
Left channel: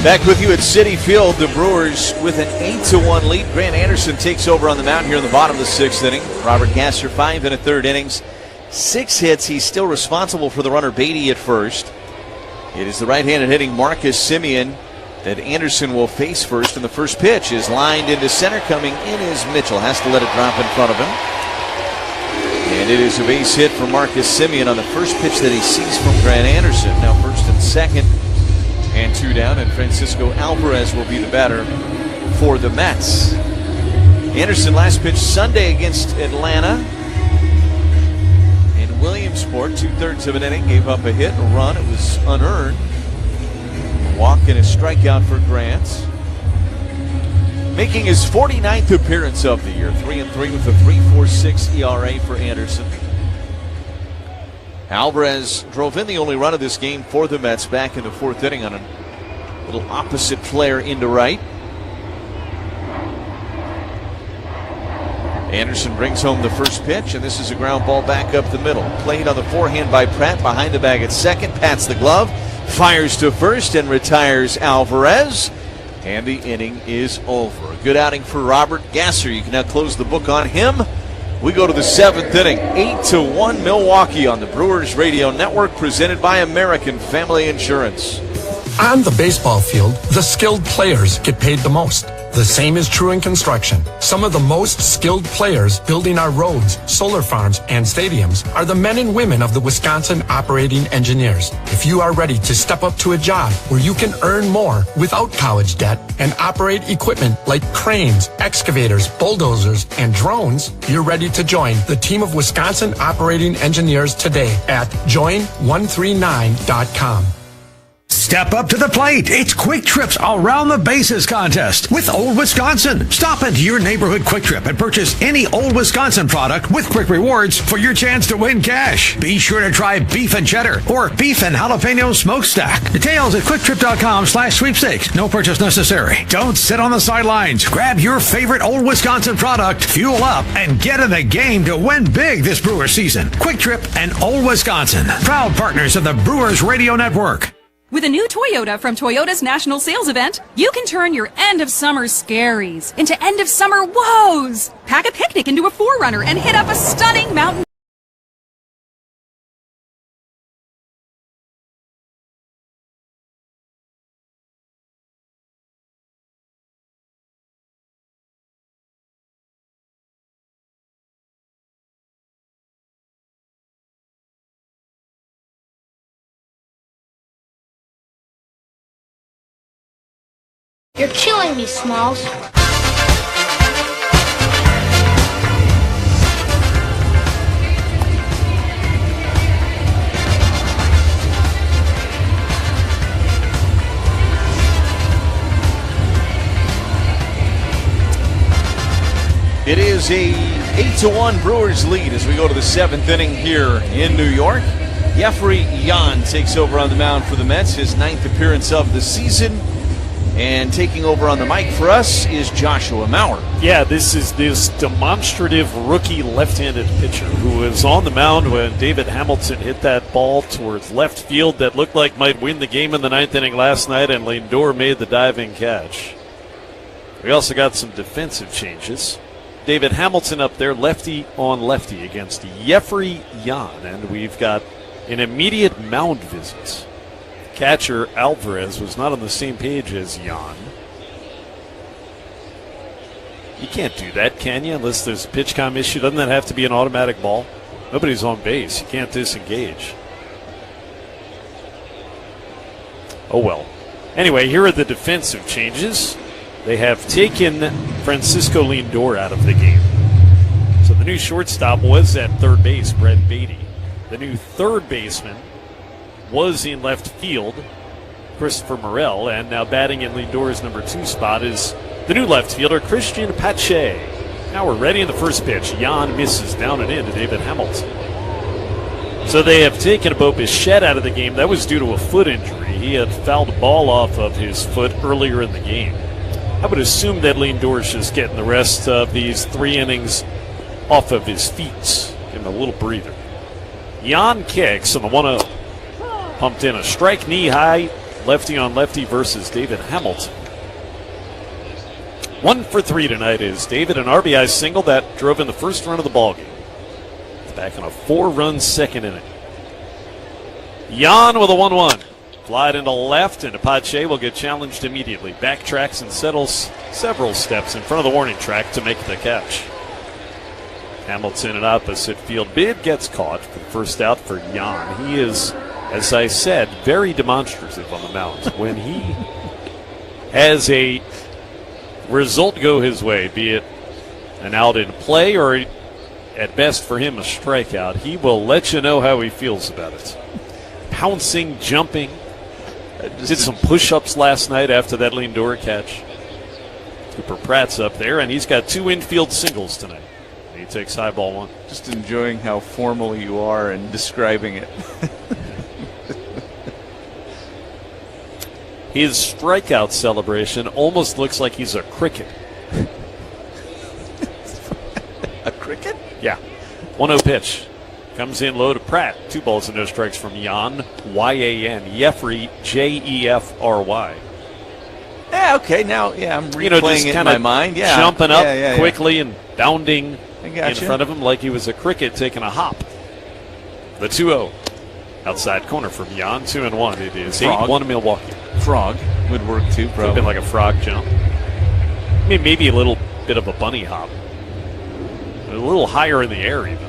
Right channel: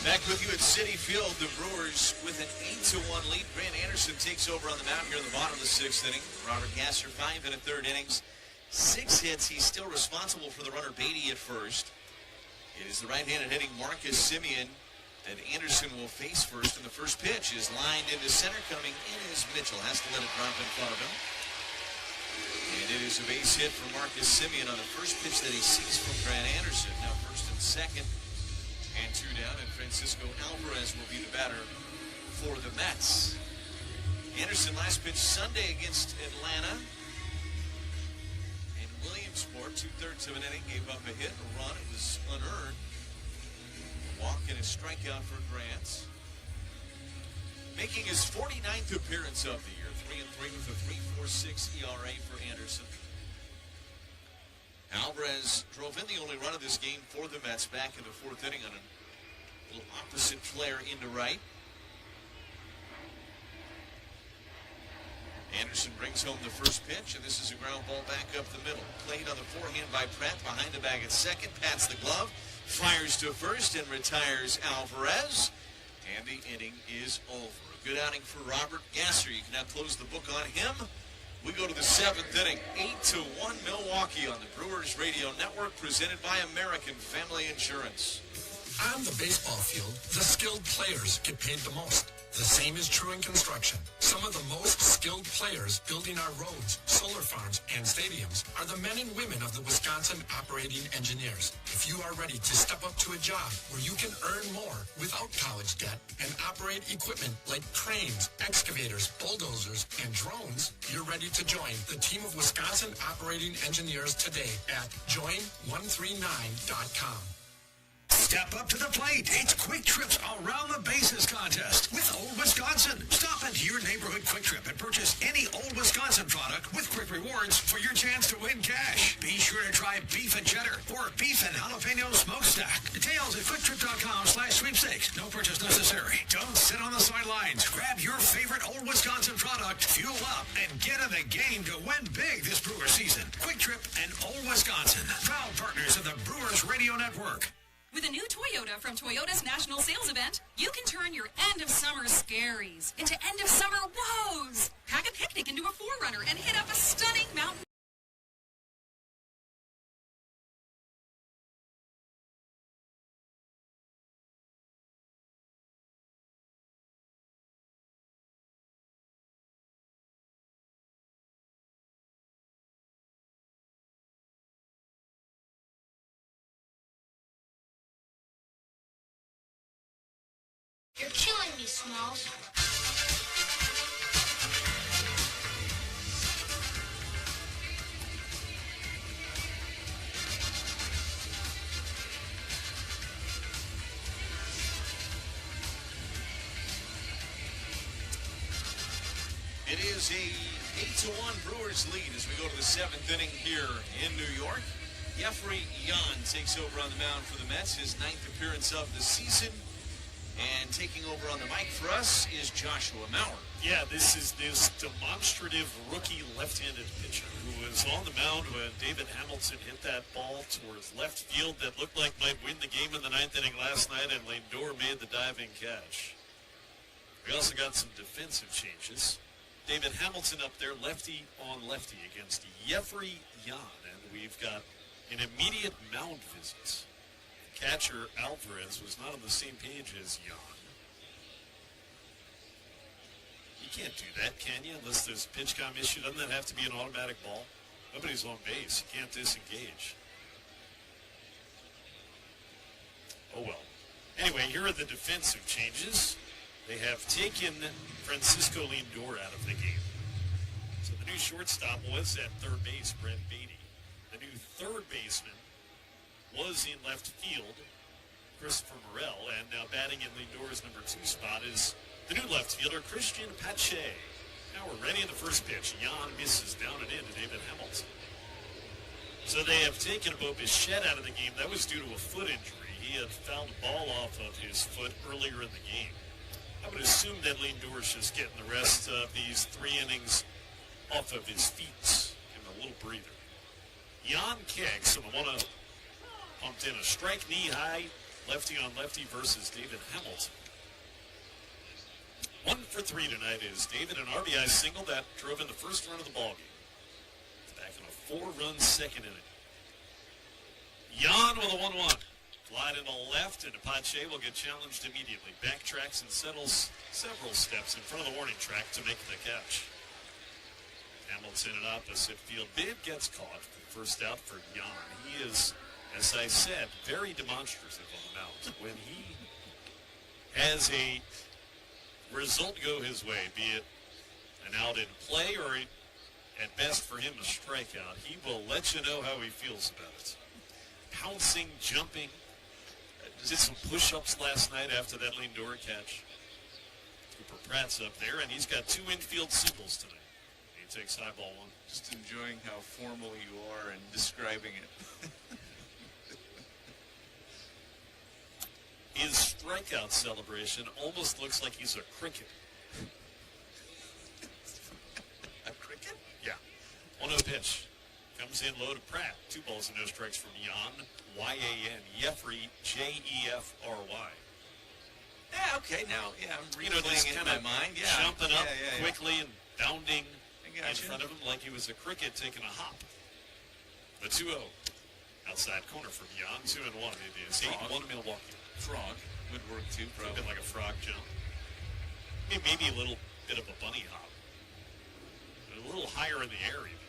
Back with you at Citi Field. The Brewers with an 8-1 lead. Grant Anderson takes over on the mound here in the bottom of the 6th inning. Robert Gasser 5 1/3 innings, 6 hits. He's still responsible for the runner Beatty at first. It is the right-handed hitting Marcus Semien that Anderson will face first, and the first pitch is lined into center. Coming in is Mitchell. Has to let it drop in front of him. And it is a base hit for Marcus Semien on the first pitch that he sees from Grant Anderson. Now first and second and 2 down, and Francisco Alvarez will be the batter for the Mets. Anderson last pitch Sunday against Atlanta in Williamsport, 2/3 of an inning, gave up a hit, a run. It was unearned. A walk and a strikeout for Grant. Making his 49th appearance of the year, 3-3 with a 3.46 ERA for Anderson. Alvarez drove in the only run of this game for the Mets back in the 4th inning on a little opposite flare into right. Anderson brings home the first pitch, and this is a ground ball back up the middle. Played on the forehand by Pratt, behind the bag at second, pats the glove, fires to first, and retires Alvarez. And the inning is over. A good outing for Robert Gasser. You can now close the book on him. We go to the 7th inning, 8-1 Milwaukee on the Brewers Radio Network, presented by American Family Insurance. On the baseball field, the skilled players get paid the most. The same is true in construction. Some of the most skilled players building our roads, solar farms, and stadiums are the men and women of the Wisconsin operating engineers. If you are ready to step up to a job where you can earn more without college debt and operate equipment like cranes, excavators, bulldozers, and drones, you're ready to join the team of Wisconsin operating engineers today at join139.com. Step up to the plate. It's Quick Trips Around the Bases contest with Old Wisconsin. Stop into your neighborhood Quick Trip and purchase any Old Wisconsin product with Quick Rewards for your chance to win cash. Be sure to try beef and cheddar or beef and jalapeno smokestack. Details at quicktrip.com/sweepstakes. No purchase necessary. Don't sit on the sidelines. Grab your favorite Old Wisconsin product, fuel up, and get in the game to win big this Brewers season. Quick Trip and Old Wisconsin, proud partners of the Brewers Radio Network. With a new Toyota from Toyota's National Sales Event, you can turn your end-of-summer scaries into end-of-summer woes. Pack a picnic into a 4Runner and hit up a stunning mountain. You're killing me, Smalls. It is a 8-1 Brewers lead as we go to the 7th inning here in New York. Jeffrey Yan takes over on the mound for the Mets, his 9th appearance of the season. And taking over on the mic for us is Joshua Maurer. Yeah, this is this demonstrative rookie left-handed pitcher who was on the mound when David Hamilton hit that ball towards left field that looked like might win the game in the 9th inning last night, and Lindor made the diving catch. We also got some defensive changes. David Hamilton up there, lefty on lefty against Jeffrey Yan, and we've got an immediate mound visit. Catcher Alvarez was not on the same page as Yan. You can't do that, can you? Unless there's a pitch comm issue. Doesn't that have to be an automatic ball? Nobody's on base. You can't disengage. Oh well. Anyway, here are the defensive changes. They have taken Francisco Lindor out of the game. So the new shortstop was at third base, Brett Beatty. The new third baseman was in left field, Christopher Morel, and now batting in Lindor's number 2 spot is the new left fielder, Christian Pache. Now we're ready in the first pitch. Yan misses down and in to David Hamilton. So they have taken Bo Bichette out of the game. That was due to a foot injury. He had fouled a ball off of his foot earlier in the game. I would assume that Lindor's just getting the rest of these 3 innings off of his feet. Give him a little breather. Yan kicks on the 1-0. Pumped in a strike knee high lefty on lefty versus David Hamilton. 1 for 3 tonight is David, an RBI single that drove in the first run of the ballgame. It's back in a 4-run second inning. Jan with a 1-1. Flied into left, and Apache will get challenged immediately. Backtracks and settles several steps in front of the warning track to make the catch. Hamilton in opposite field. Bid gets caught for the first out for Jan. He is, as I said, very demonstrative on the mound. When he has a result go his way, be it an out in play or at best for him a strikeout, he will let you know how he feels about it. Pouncing, jumping. Did some push-ups last night after that Lindor catch. Cooper Pratt's up there, and he's got 2 infield singles tonight. He takes high ball 1. Just enjoying how formal you are in describing it. His strikeout celebration almost looks like he's a cricket. A cricket? Yeah. 1-0 pitch. Comes in low to Pratt. 2 balls and no strikes from Jan. Y-A-N. Jeffrey, J-E-F-R-Y. Yeah, okay. Now, I'm replaying it in my mind. Yeah. Jumping up quickly and bounding in gotcha. front of him like he was a cricket taking a hop. The 2-0. Outside corner from Jan. 2-1. It is 8-1 Milwaukee. Frog would work too, Could have been like a frog jump. I mean, maybe a little bit of a bunny hop. A little higher in the air even.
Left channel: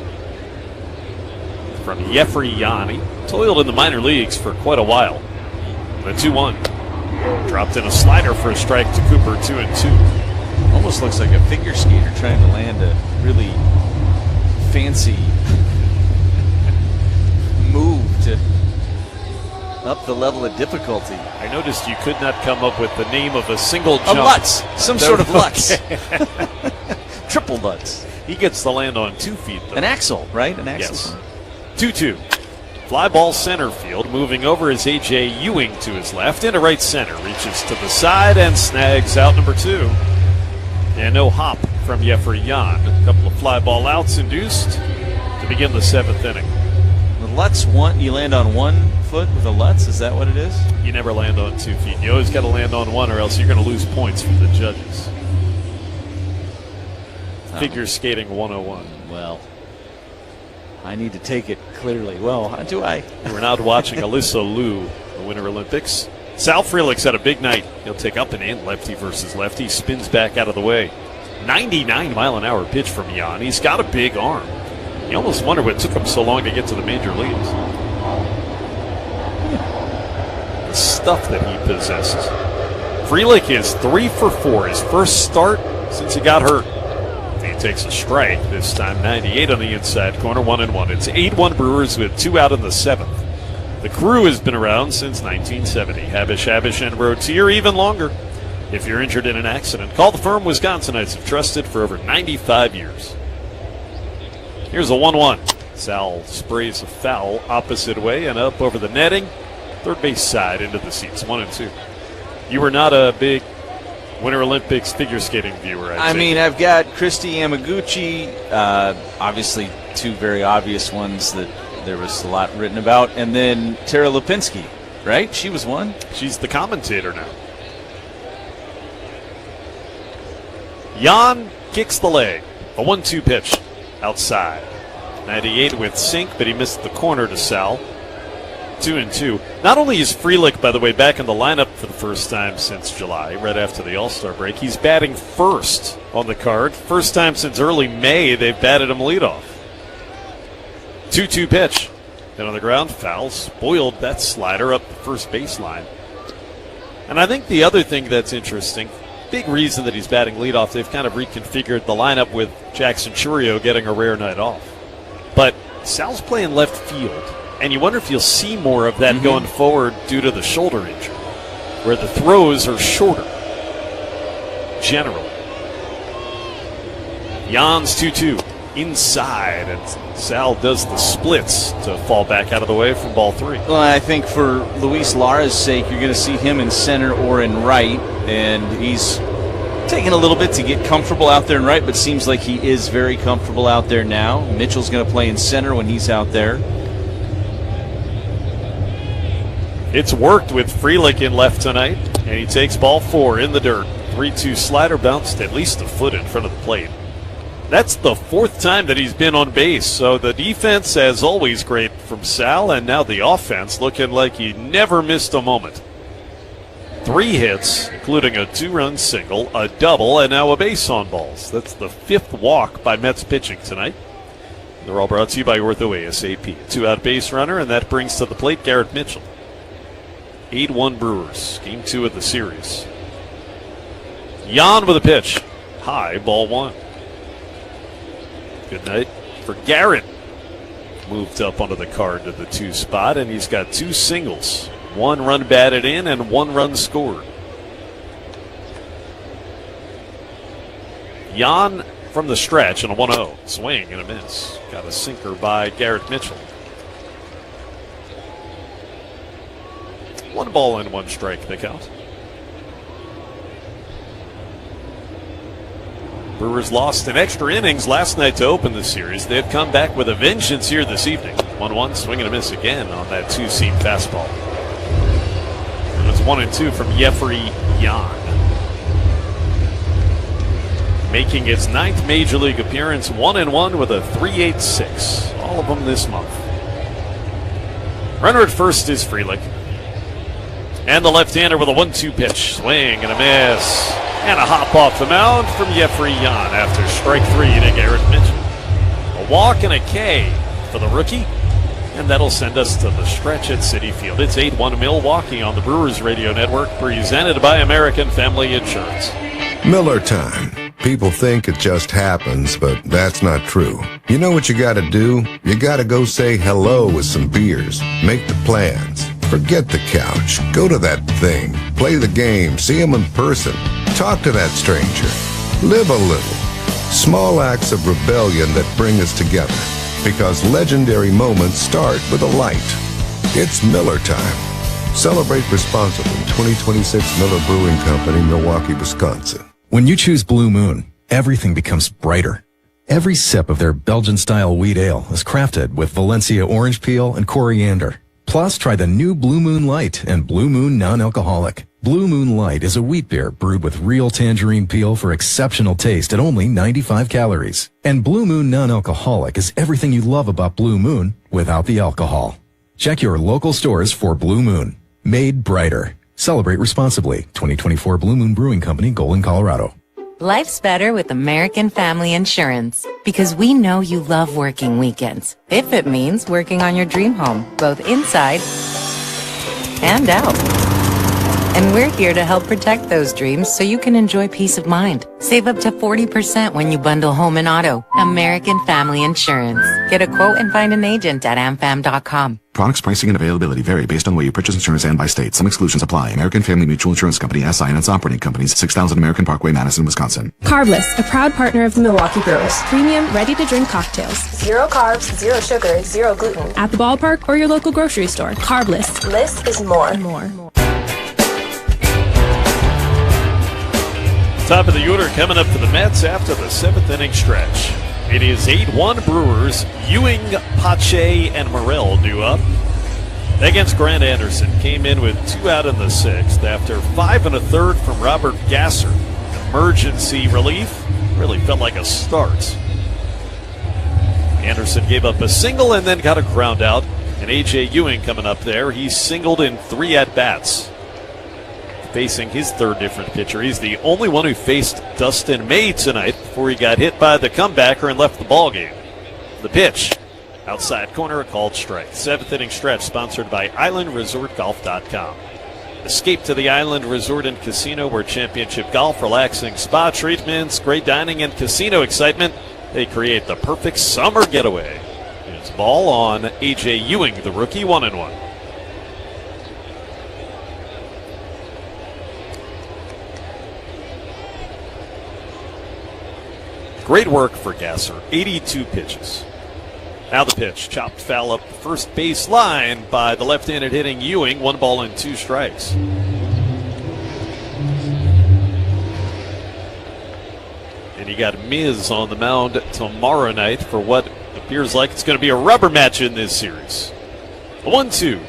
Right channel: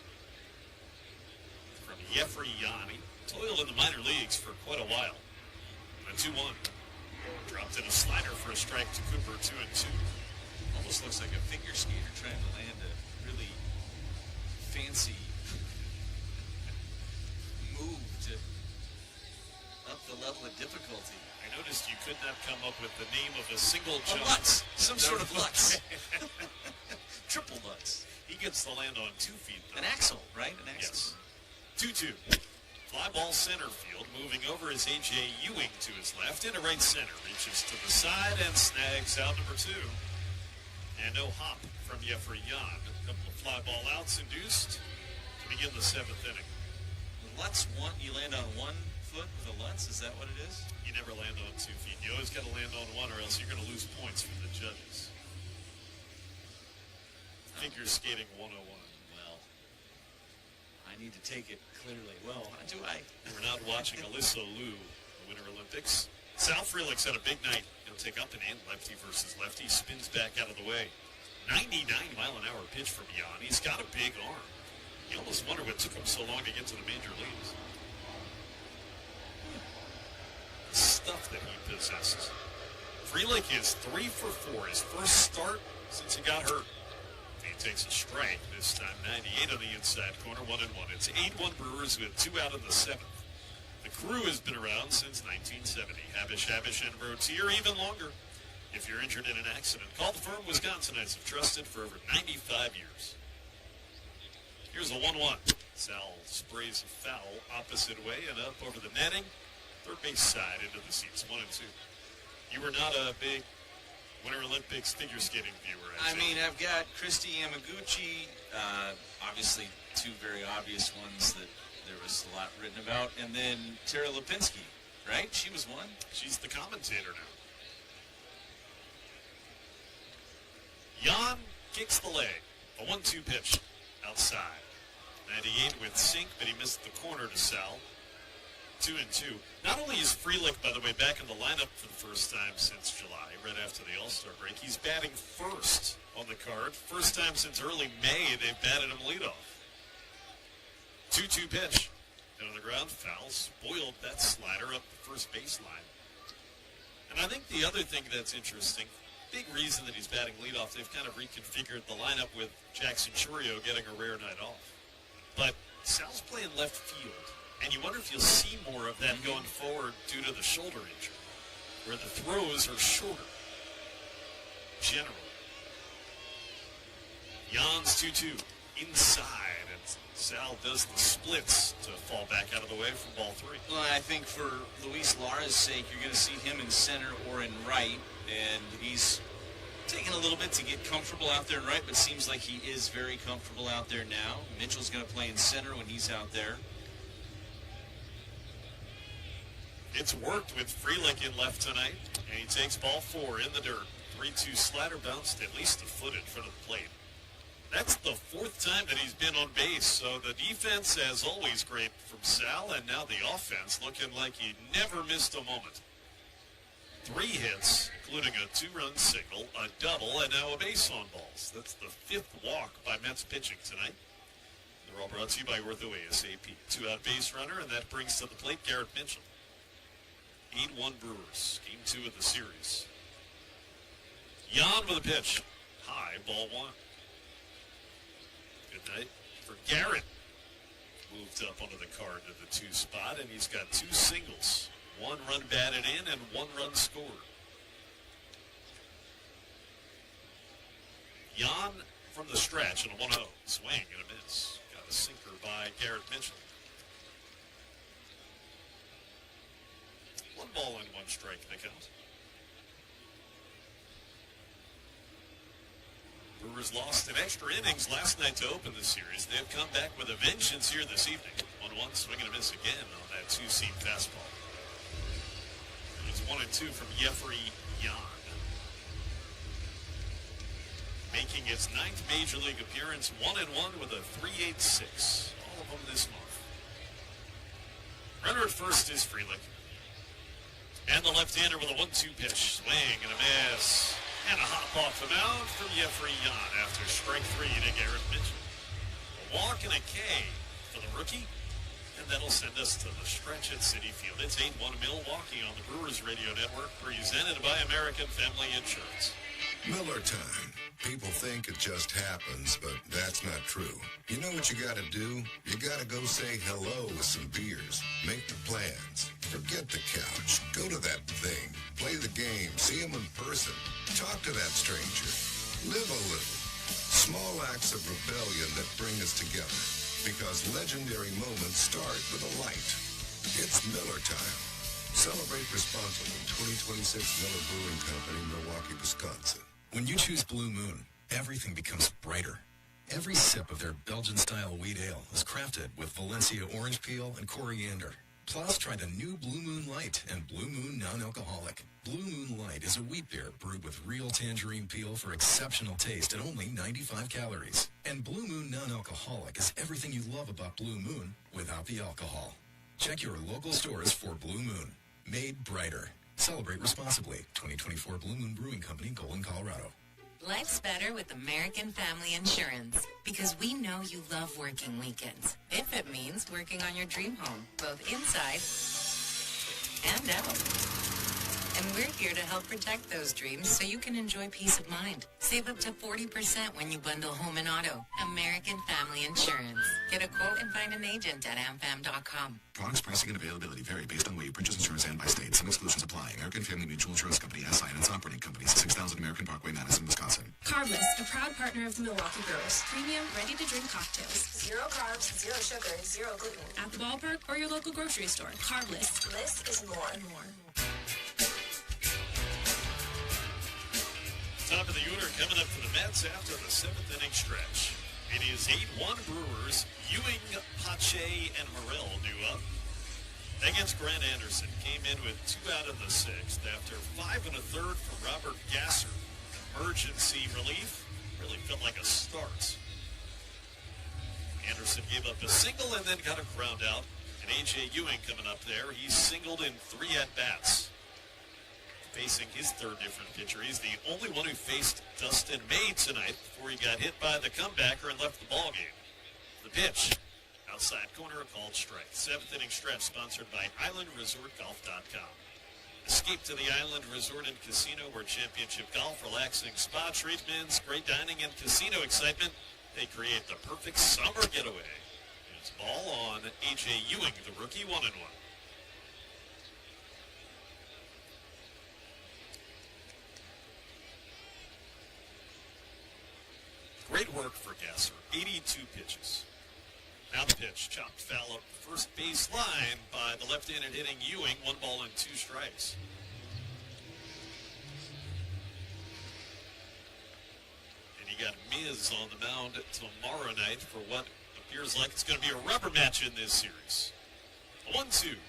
From Jeffrey Jan. He toiled in the minor leagues for quite a while. The 2-1. Dropped in a slider for a strike to Cooper. 2-2. Almost looks like a figure skater trying to land a really fancy move to up the level of difficulty. I noticed you could not come up with the name of a single jump. A Lutz. Some sort of Lutz. Triple Lutz. He gets the land on 2 feet, though. An axle, right? An axle. Yes. 2-2. Fly ball center field. Moving over is A.J. Ewing to his left. Into right center. Reaches to the side and snags out number 2. And no hop from Jeffrey Jan. A couple of fly ball outs induced to begin the 7th inning. The Lutz, you land on 1 foot with a Lutz? Is that what it is? You never land on 2 feet. You always got to land on 1 or else you're going to lose points from the judges. Figure skating 101. Well, I need to take it clearly. Well, how do I? We're now watching Alyssa Liu, the Winter Olympics. Sal Frelick's had a big night. He'll take up and in, lefty versus lefty. Spins back out of the way. 99-mile-an-hour pitch from Jan. He's got a big arm. You almost wonder what took him so long to get to the major leagues. The stuff that he possesses. Frelick is 3 for 4. His first start since he got hurt. He takes a strike, this time 98 on the inside corner, 1-1. It's 8-1 Brewers with 2 out in the 7th. The crew has been around since 1970. Habish, and Rotier even longer. If you're injured in an accident, call the firm Wisconsinites have trusted for over 95 years. Here's a 1-1. Sal sprays a foul opposite way and up over the netting. Third base side into the seats, 1-2. You were not a big Winter Olympics figure skating viewer, I mean, I've got Christy Yamaguchi, obviously 2 very obvious ones that there was a lot written about, and then Tara Lipinski, right? She was one. She's the commentator now. Jan kicks the leg. A 1-2 pitch outside. 98 with sink, but he missed the corner to Sal. 2-2. Not only is Frelick, by the way, back in the lineup for the first time since July, right after the All-Star break, he's batting first on the card. First time since early May they've batted him leadoff. 2-2 pitch. Then on the ground, foul, spoiled that slider up the first baseline. And I think the other thing that's interesting, big reason that he's batting leadoff, they've kind of reconfigured the lineup with Jackson Churio getting a rare night off. But Sal's playing left field. And you wonder if you'll see more of that going forward due to the shoulder injury, where the throws are shorter, generally. Jan's 2-2 inside, and Sal does the splits to fall back out of the way from ball 3. Well, I think for Luis Lara's sake, you're going to see him in center or in right, and he's taking a little bit to get comfortable out there in right, but seems like he is very comfortable out there now. Mitchell's going to play in center when he's out there. It's worked with Frelick in left tonight, and he takes ball 4 in the dirt. 3-2 slider bounced at least a foot in front of the plate. That's the 4th time that he's been on base, so the defense, as always, great from Sal, and now the offense looking like he never missed a moment. 3 hits, including a 2-run single, a double, and now a base on balls. That's the 5th walk by Mets pitching tonight. They're all brought to you by Ortho ASAP. 2-out base runner, and that brings to the plate Garrett Mitchell. 8-1 Brewers, game 2 of the series. Jan with a pitch. High, ball 1. Good night for Garrett. Moved up onto the card to the 2 spot, and he's got 2 singles. 1 run batted in and 1 run scored. Jan from the stretch and a 1-0. Swing and a miss. Got a sinker by Garrett Mitchell. 1 ball and 1 strike, the count. Brewers lost in extra innings last night to open the series. They've come back with a vengeance here this evening. 1-1, swing and a miss again on that 2-seam fastball. And it's 1-2 from Jeffrey Jan. Making his 9th Major League appearance, 1-1 with a 3.86. All of them this month. Runner at first is Frelick. And the left-hander with a 1-2 pitch. Swing and a miss. And a hop off the mound from Jeffrey Jan after strike 3 to Garrett Mitchell. A walk and a K for the rookie. And that'll send us to the stretch at Citi Field. It's 8-1 Milwaukee on the Brewers Radio Network, presented by American Family Insurance. Miller time. People think it just happens, but that's not true. You know what you gotta do? You gotta go say hello with some beers. Make the plans. Forget the couch. Go to that thing. Play the game. See him in person. Talk to that stranger. Live a little. Small acts of rebellion that bring us together. Because legendary moments start with a light. It's Miller time. Celebrate responsibly. 2026 Miller Brewing Company, Milwaukee, Wisconsin. When you choose Blue Moon, everything becomes brighter. Every sip of their Belgian-style wheat ale is crafted with Valencia orange peel and coriander. Plus, try the new Blue Moon Light and Blue Moon Non-Alcoholic. Blue Moon Light is a wheat beer brewed with real tangerine peel for exceptional taste at only 95 calories. And Blue Moon Non-Alcoholic is everything you love about Blue Moon without the alcohol. Check your local stores for Blue Moon. Made brighter. Celebrate responsibly. 2024 Blue Moon Brewing Company, Golden, Colorado. Life's better with American Family Insurance because we know you love working weekends. If it means working on your dream home, both inside and out. And we're here to help protect those dreams so you can enjoy peace of mind. Save up to 40% when you bundle home and auto. American Family Insurance. Get a quote and find an agent at amfam.com. Products, pricing, and availability vary based on where you purchase insurance and by state. Some exclusions apply. American Family Mutual Insurance Company, SI, and its operating companies, 6000 American Parkway, Madison, Wisconsin. Carbless, a proud partner of the Milwaukee Brewers. Premium, ready-to-drink cocktails. 0 carbs, 0 sugar, 0 gluten. At the ballpark or your local grocery store. Carbless. Less is more. Top of the order coming up for the Mets after the 7th inning stretch. It is 8-1 Brewers. Ewing, Pache, and Morel due up. Against Grant Anderson. Came in with 2 out in the 6th after 5 1/3 from Robert Gasser. Emergency relief. Really felt like a start. Anderson gave up a single and then got a ground out. And A.J. Ewing coming up there. He singled in 3 at-bats. Facing his 3rd different pitcher. He's the only one who faced Dustin May tonight before he got hit by the comebacker and left the ballgame. The pitch. Outside corner, a called strike. 7th inning stretch sponsored by IslandResortGolf.com. Escape to the Island Resort and Casino where championship golf, relaxing spa treatments, great dining, and casino excitement. They create the perfect summer getaway. It's ball on A.J. Ewing, the rookie, 1-1. Great work for Gasser. 82 pitches. Now the pitch. Chopped foul up the first base line by the left-handed hitting Ewing. 1 ball and 2 strikes. And you got Miz on the mound tomorrow night for what appears like it's going to be a rubber match in this series. A 1-2.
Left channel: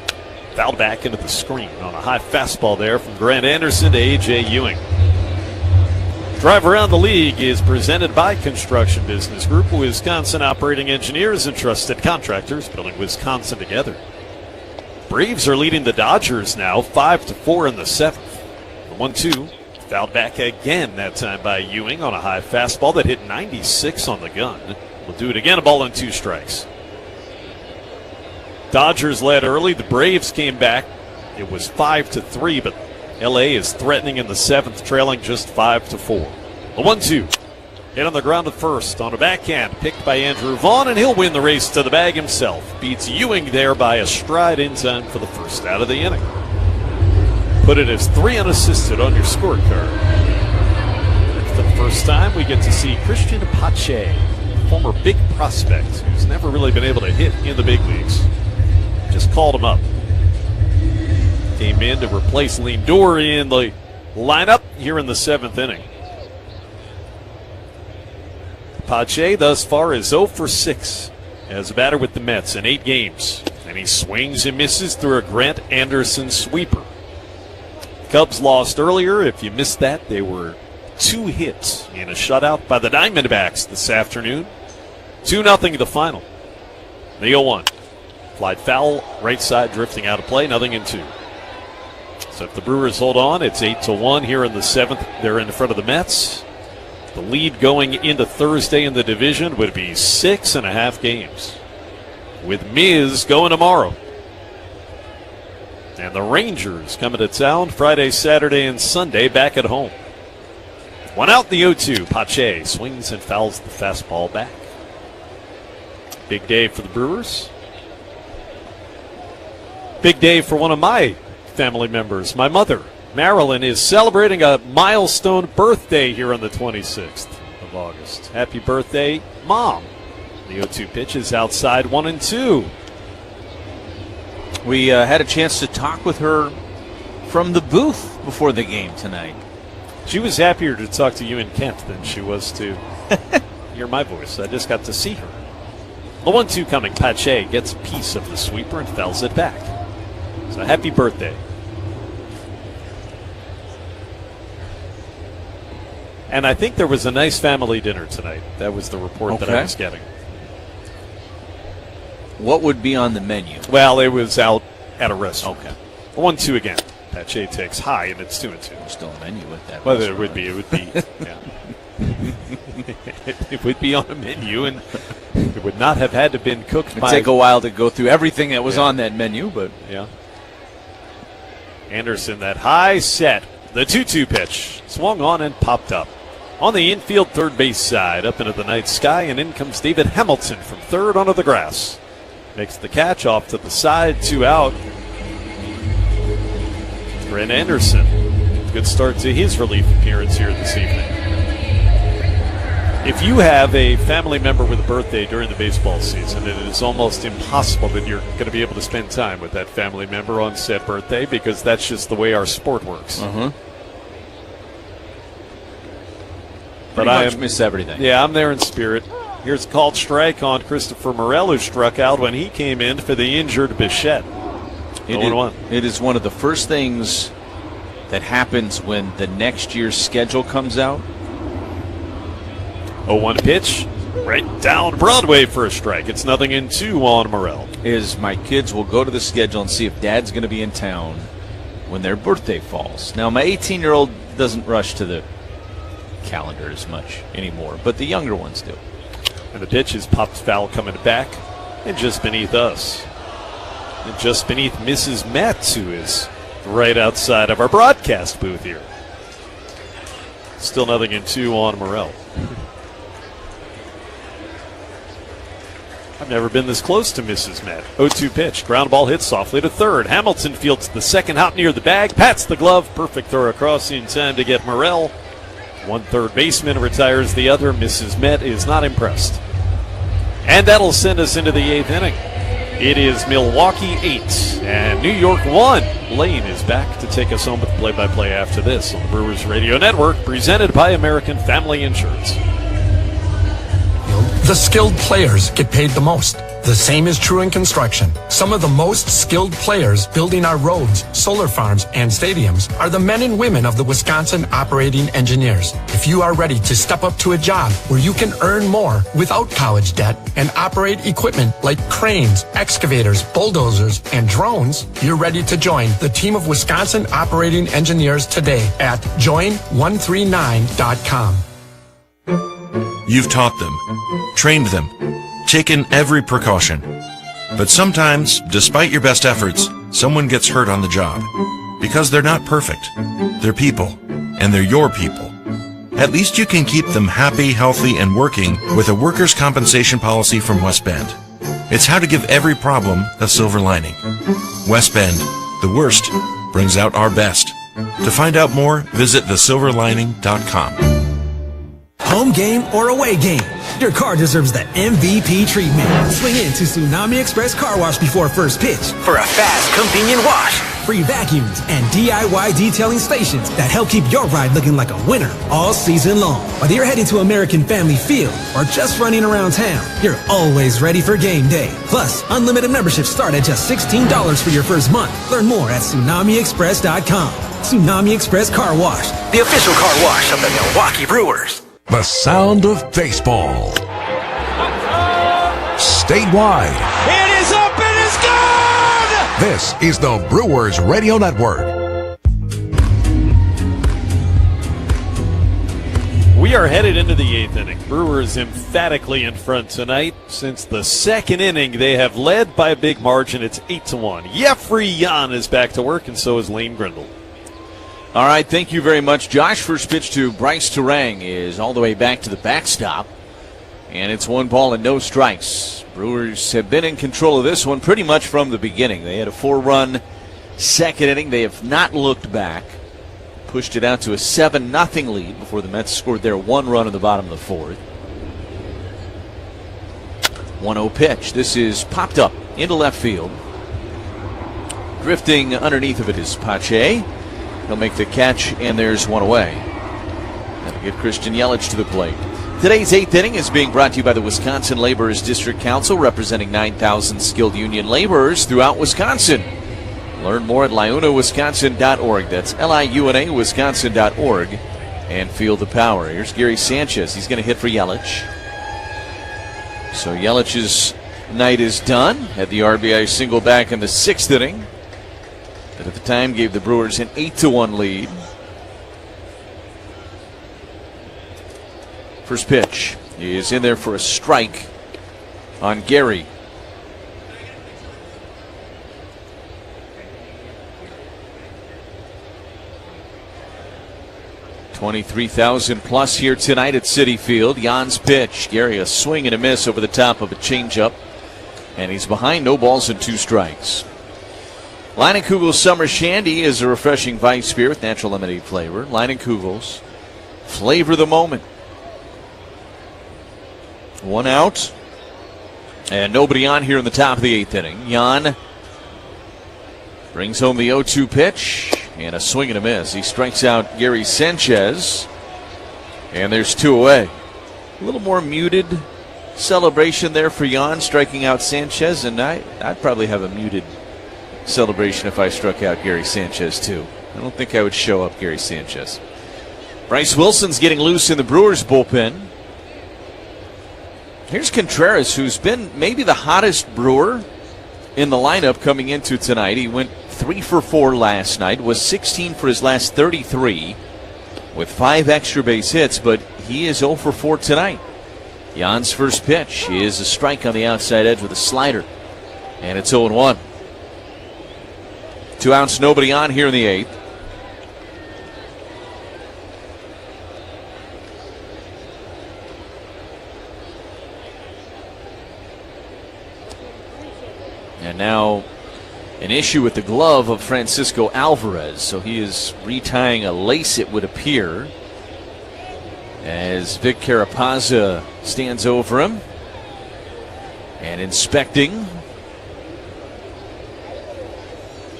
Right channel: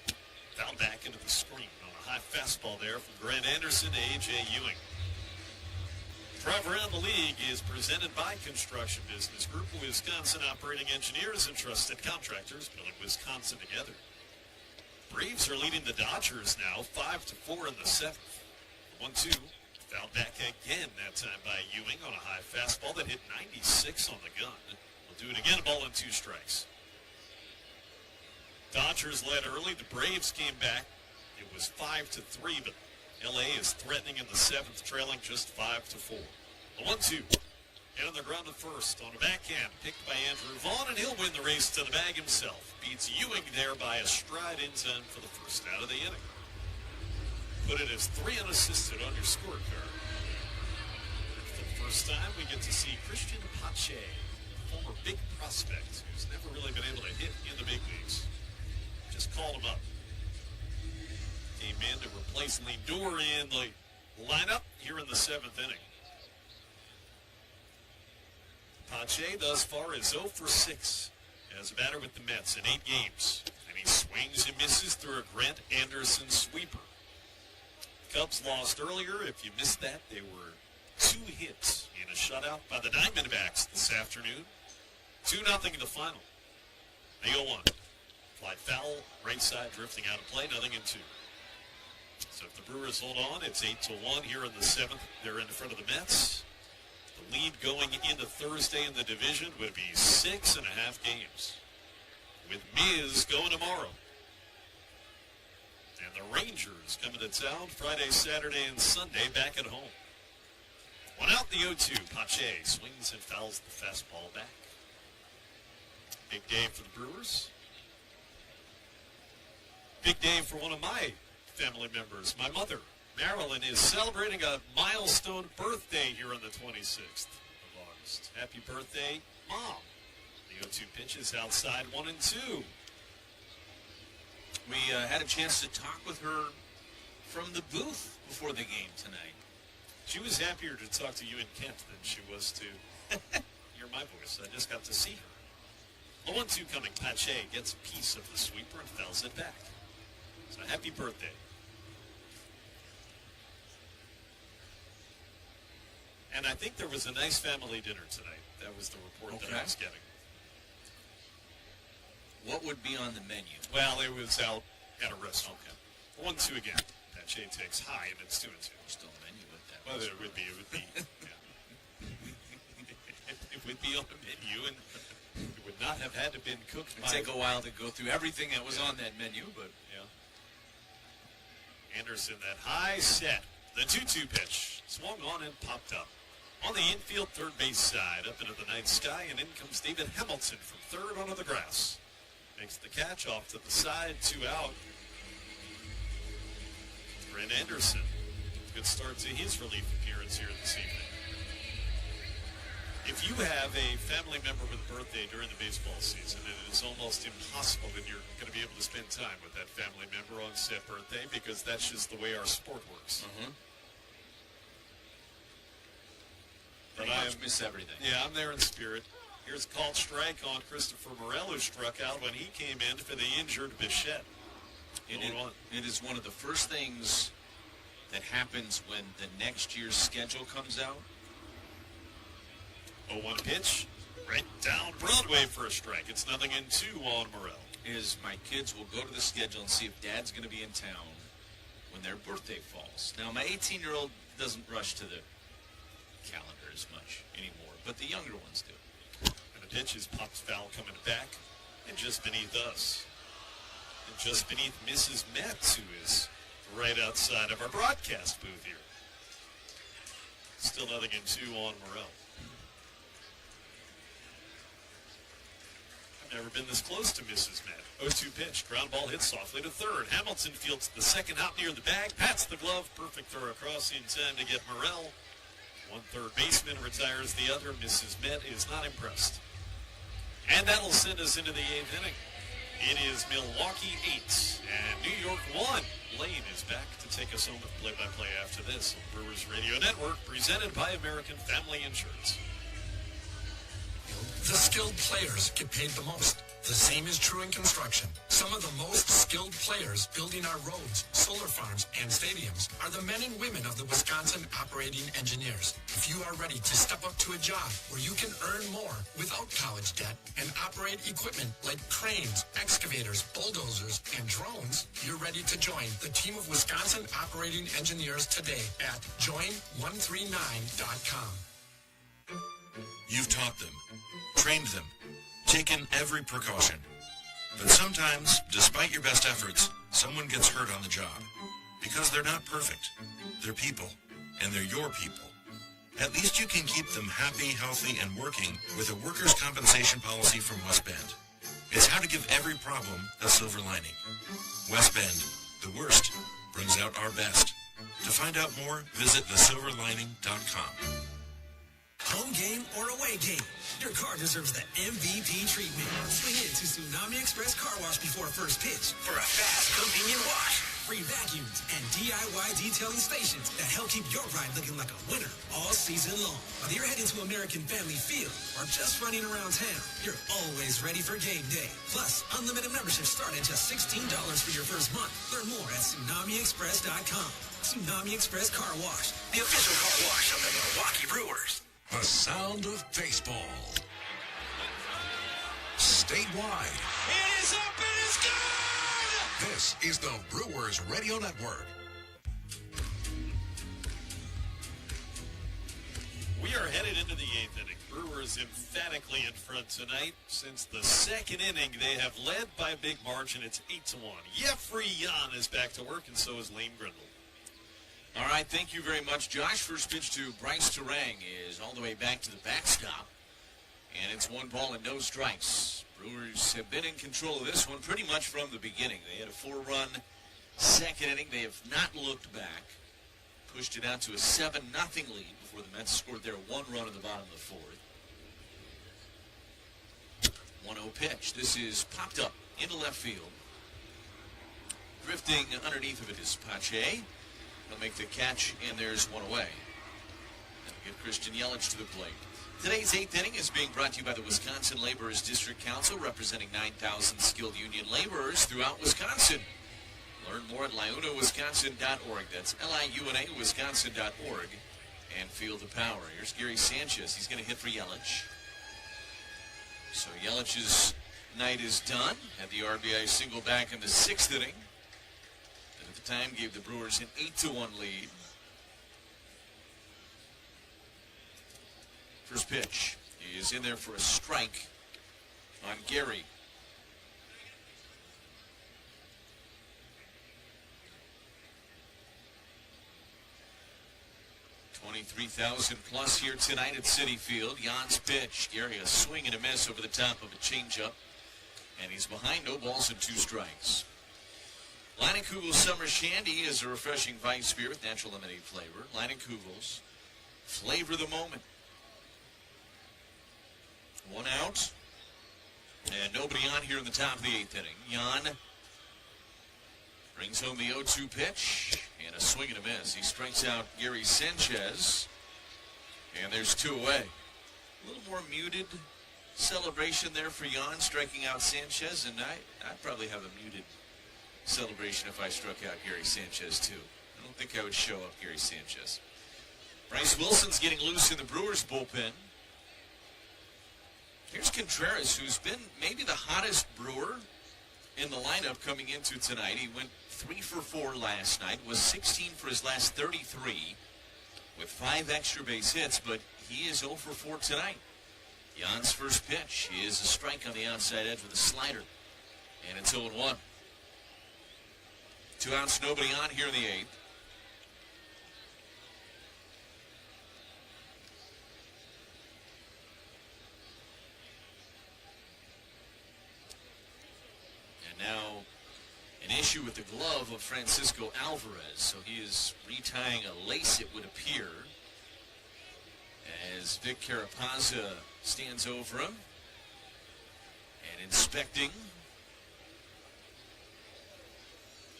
Fouled back into the screen on a high fastball there from Grant Anderson to A.J. Ewing. Drive Around the League is presented by Construction Business Group, Wisconsin operating engineers and trusted contractors building Wisconsin together. Braves are leading the Dodgers now 5-4 in the 7th. The 1-2 fouled back again, that time by Ewing on a high fastball that hit 96 on the gun. We'll do it again, a ball and 2 strikes. Dodgers led early. The Braves came back. It was 5-3, but L.A. is threatening in the 7th, trailing just 5-4. The 1-2 hit on the ground at first on a backhand, picked by Andrew Vaughn, and he'll win the race to the bag himself. Beats Ewing there by a stride in time for the first out of the inning. Put it as 3 unassisted on your scorecard. For the first time, we get to see Christian Pache, former big prospect who's never really been able to hit in the big leagues. Just called him up. Came in to replace Lindor in the lineup here in the 7th inning. Pache thus far is 0 for 6 as a batter with the Mets in 8 games. And he swings and misses through a Grant Anderson sweeper. Cubs lost earlier. If you missed that, they were 2 hits in a shutout by the Diamondbacks this afternoon. 2-0 the final. The 0-1. Flied foul, right side drifting out of play, 0-2. So if the Brewers hold on, it's 8-1 here in the 7th. They're in front of the Mets. The lead going into Thursday in the division would be 6.5 games, with Miz going tomorrow. And the Rangers coming to town Friday, Saturday, and Sunday back at home. 1 out, the 0-2. Pache swings and fouls the fastball back. Big day for the Brewers. Big day for one of my family members. My mother, Marilyn, is celebrating a milestone birthday here on the 26th of August. Happy birthday, Mom. The 0-2 pitch is outside, 1-2. We had a chance to talk with her from the booth before the game tonight. She was happier to talk to you in Kent than she was to hear my voice. I just got to see her. The 1-2 coming. Pache gets a piece of the sweeper and fouls it back. So happy birthday. And I think there was a nice family dinner tonight. That was the report that I was getting. What would be on the menu? Well, it was out at a restaurant. Okay. 1-2 again. Pache takes high, and it's 2-2. Still a menu with that. Well, it would be. Yeah. It would be on a menu, and it would not have had to been cooked. It'd take a while to go through everything that was on that menu, but yeah. Anderson, that high set, the 2-2 pitch, swung on and popped up. On the infield third base side, up into the night sky, and in comes David Hamilton from third onto the grass. Makes the catch off to the side, 2 out. Grant Anderson, good start to his relief appearance here this evening. If you have a family member with a birthday during the baseball season, it is almost impossible that you're going to be able to spend time with that family member on said birthday, because that's just the way our sport works. But I miss everything. Yeah, I'm there in spirit. Here's a called strike on Christopher Morel, who struck out when he came in for the injured Bichette. It is one of the first things that happens when the next year's schedule comes out. 0-1 pitch, right down Broadway for a strike. It's 0-2 on Morel. Is my kids will go to the schedule and see if Dad's going to be in town when their birthday falls. Now, my 18-year-old doesn't rush to the calendar as much anymore, but the younger ones do. And the pitch is popped foul coming back, and just beneath us. And just beneath Mrs. Metz, who is right outside of our broadcast booth here. Still 0-2 on Morel. I've never been this close to Mrs. Met. 0-2 pitch. Ground ball hit softly to third. Hamilton fields the second hop near the bag. Pats the glove. Perfect throw across in time to get Morel. One third baseman retires the other. Mrs. Met is not impressed. And that'll send us into the 8th inning. It is Milwaukee 8 and New York 1. Lane is back to take us home with play-by-play after this on the Brewers Radio Network, presented by American Family Insurance. The skilled players get paid the most. The same is true in construction. Some of the most skilled players building our roads, solar farms, and stadiums are the men and women of the Wisconsin operating engineers. If you are ready to step up to a job where you can earn more without college debt and operate equipment like cranes, excavators, bulldozers, and drones, you're ready to join the team of Wisconsin operating engineers today at join139.com. You've taught them, trained them, taken every precaution. But sometimes, despite your best efforts, someone gets hurt on the job. Because they're not perfect. They're people, and they're your people. At least you can keep them happy, healthy, and working with a workers' compensation policy from West Bend. It's how to give every problem a silver lining. West Bend, the worst brings out our best. To find out more, visit thesilverlining.com. Home game or away game, your car deserves the MVP treatment. Swing in to Tsunami Express Car Wash before first pitch for a fast, convenient wash. Free vacuums and DIY detailing stations that help keep your ride looking like a winner all season long. Whether you're heading to American Family Field or just running around town, you're always ready for game day. Plus, unlimited memberships start at just $16 for your first month. Learn more at TsunamiExpress.com. Tsunami Express Car Wash, the official car wash of the Milwaukee Brewers. The sound of baseball. Statewide. It is up and it's gone! This is the Brewers Radio Network. We are headed into the 8th inning. Brewers emphatically in front tonight. Since the 2nd inning, they have led by a big margin. It's 8-1. Jeffrey Jan is back to work, and so is Lane Grindle. All right, thank you very much, Josh. First pitch to Bryce Terang is all the way back to the backstop, and it's 1 ball and no strikes. Brewers have been in control of this one pretty much from the beginning. They had a 4-run 2nd inning. They have not looked back. Pushed it out to a 7-0 lead before the Mets scored their 1 run in the bottom of the 4th. 1-0 pitch. This is popped up into left field. Drifting underneath of it is Pache. He'll make the catch, and there's 1 away. That'll get Christian Yelich to the plate. Today's 8th inning is being brought to you by the Wisconsin Laborers District Council, representing 9,000 skilled union laborers throughout Wisconsin. Learn more at liunawisconsin.org. That's Liuna Wisconsin.org. And feel the power. Here's Gary Sanchez. He's going to hit for Yelich. So Yelich's night is done. Had the RBI single back in the 6th inning. That at the time gave the Brewers an 8-1 lead. First pitch is in there for a strike on Gary. $23,000+ here tonight at Citi Field. Jan's pitch. Gary a swing and a miss over the top of a changeup. And he's behind, no balls and 2 strikes. Leinenkugel's Summer Shandy is a refreshing Vice beer with natural lemonade flavor. Leinenkugel's, flavor the moment. 1 out. And nobody on here in the top of the 8th inning. Jan brings home the 0-2 pitch. And a swing and a miss. He strikes out Gary Sanchez. And there's 2 away. A little more muted celebration there for Jan striking out Sanchez. And I'd probably have a muted celebration if I struck out Gary Sanchez too. I don't think I would show up Gary Sanchez. Bryce Wilson's getting loose in the Brewers bullpen. Here's Contreras, who's been maybe the hottest Brewer in the lineup coming into tonight. He went 3 for 4 last night, was 16 for his last 33 with 5 extra base hits, but he is 0 for 4 tonight. Jan's first pitch is a strike on the outside edge with a slider, and it's 0-1. 2 outs, nobody on here in the 8th. And now an issue with the glove of Francisco Alvarez. So he is retying a lace, it would appear, as Vic Carapazza stands over him and inspecting.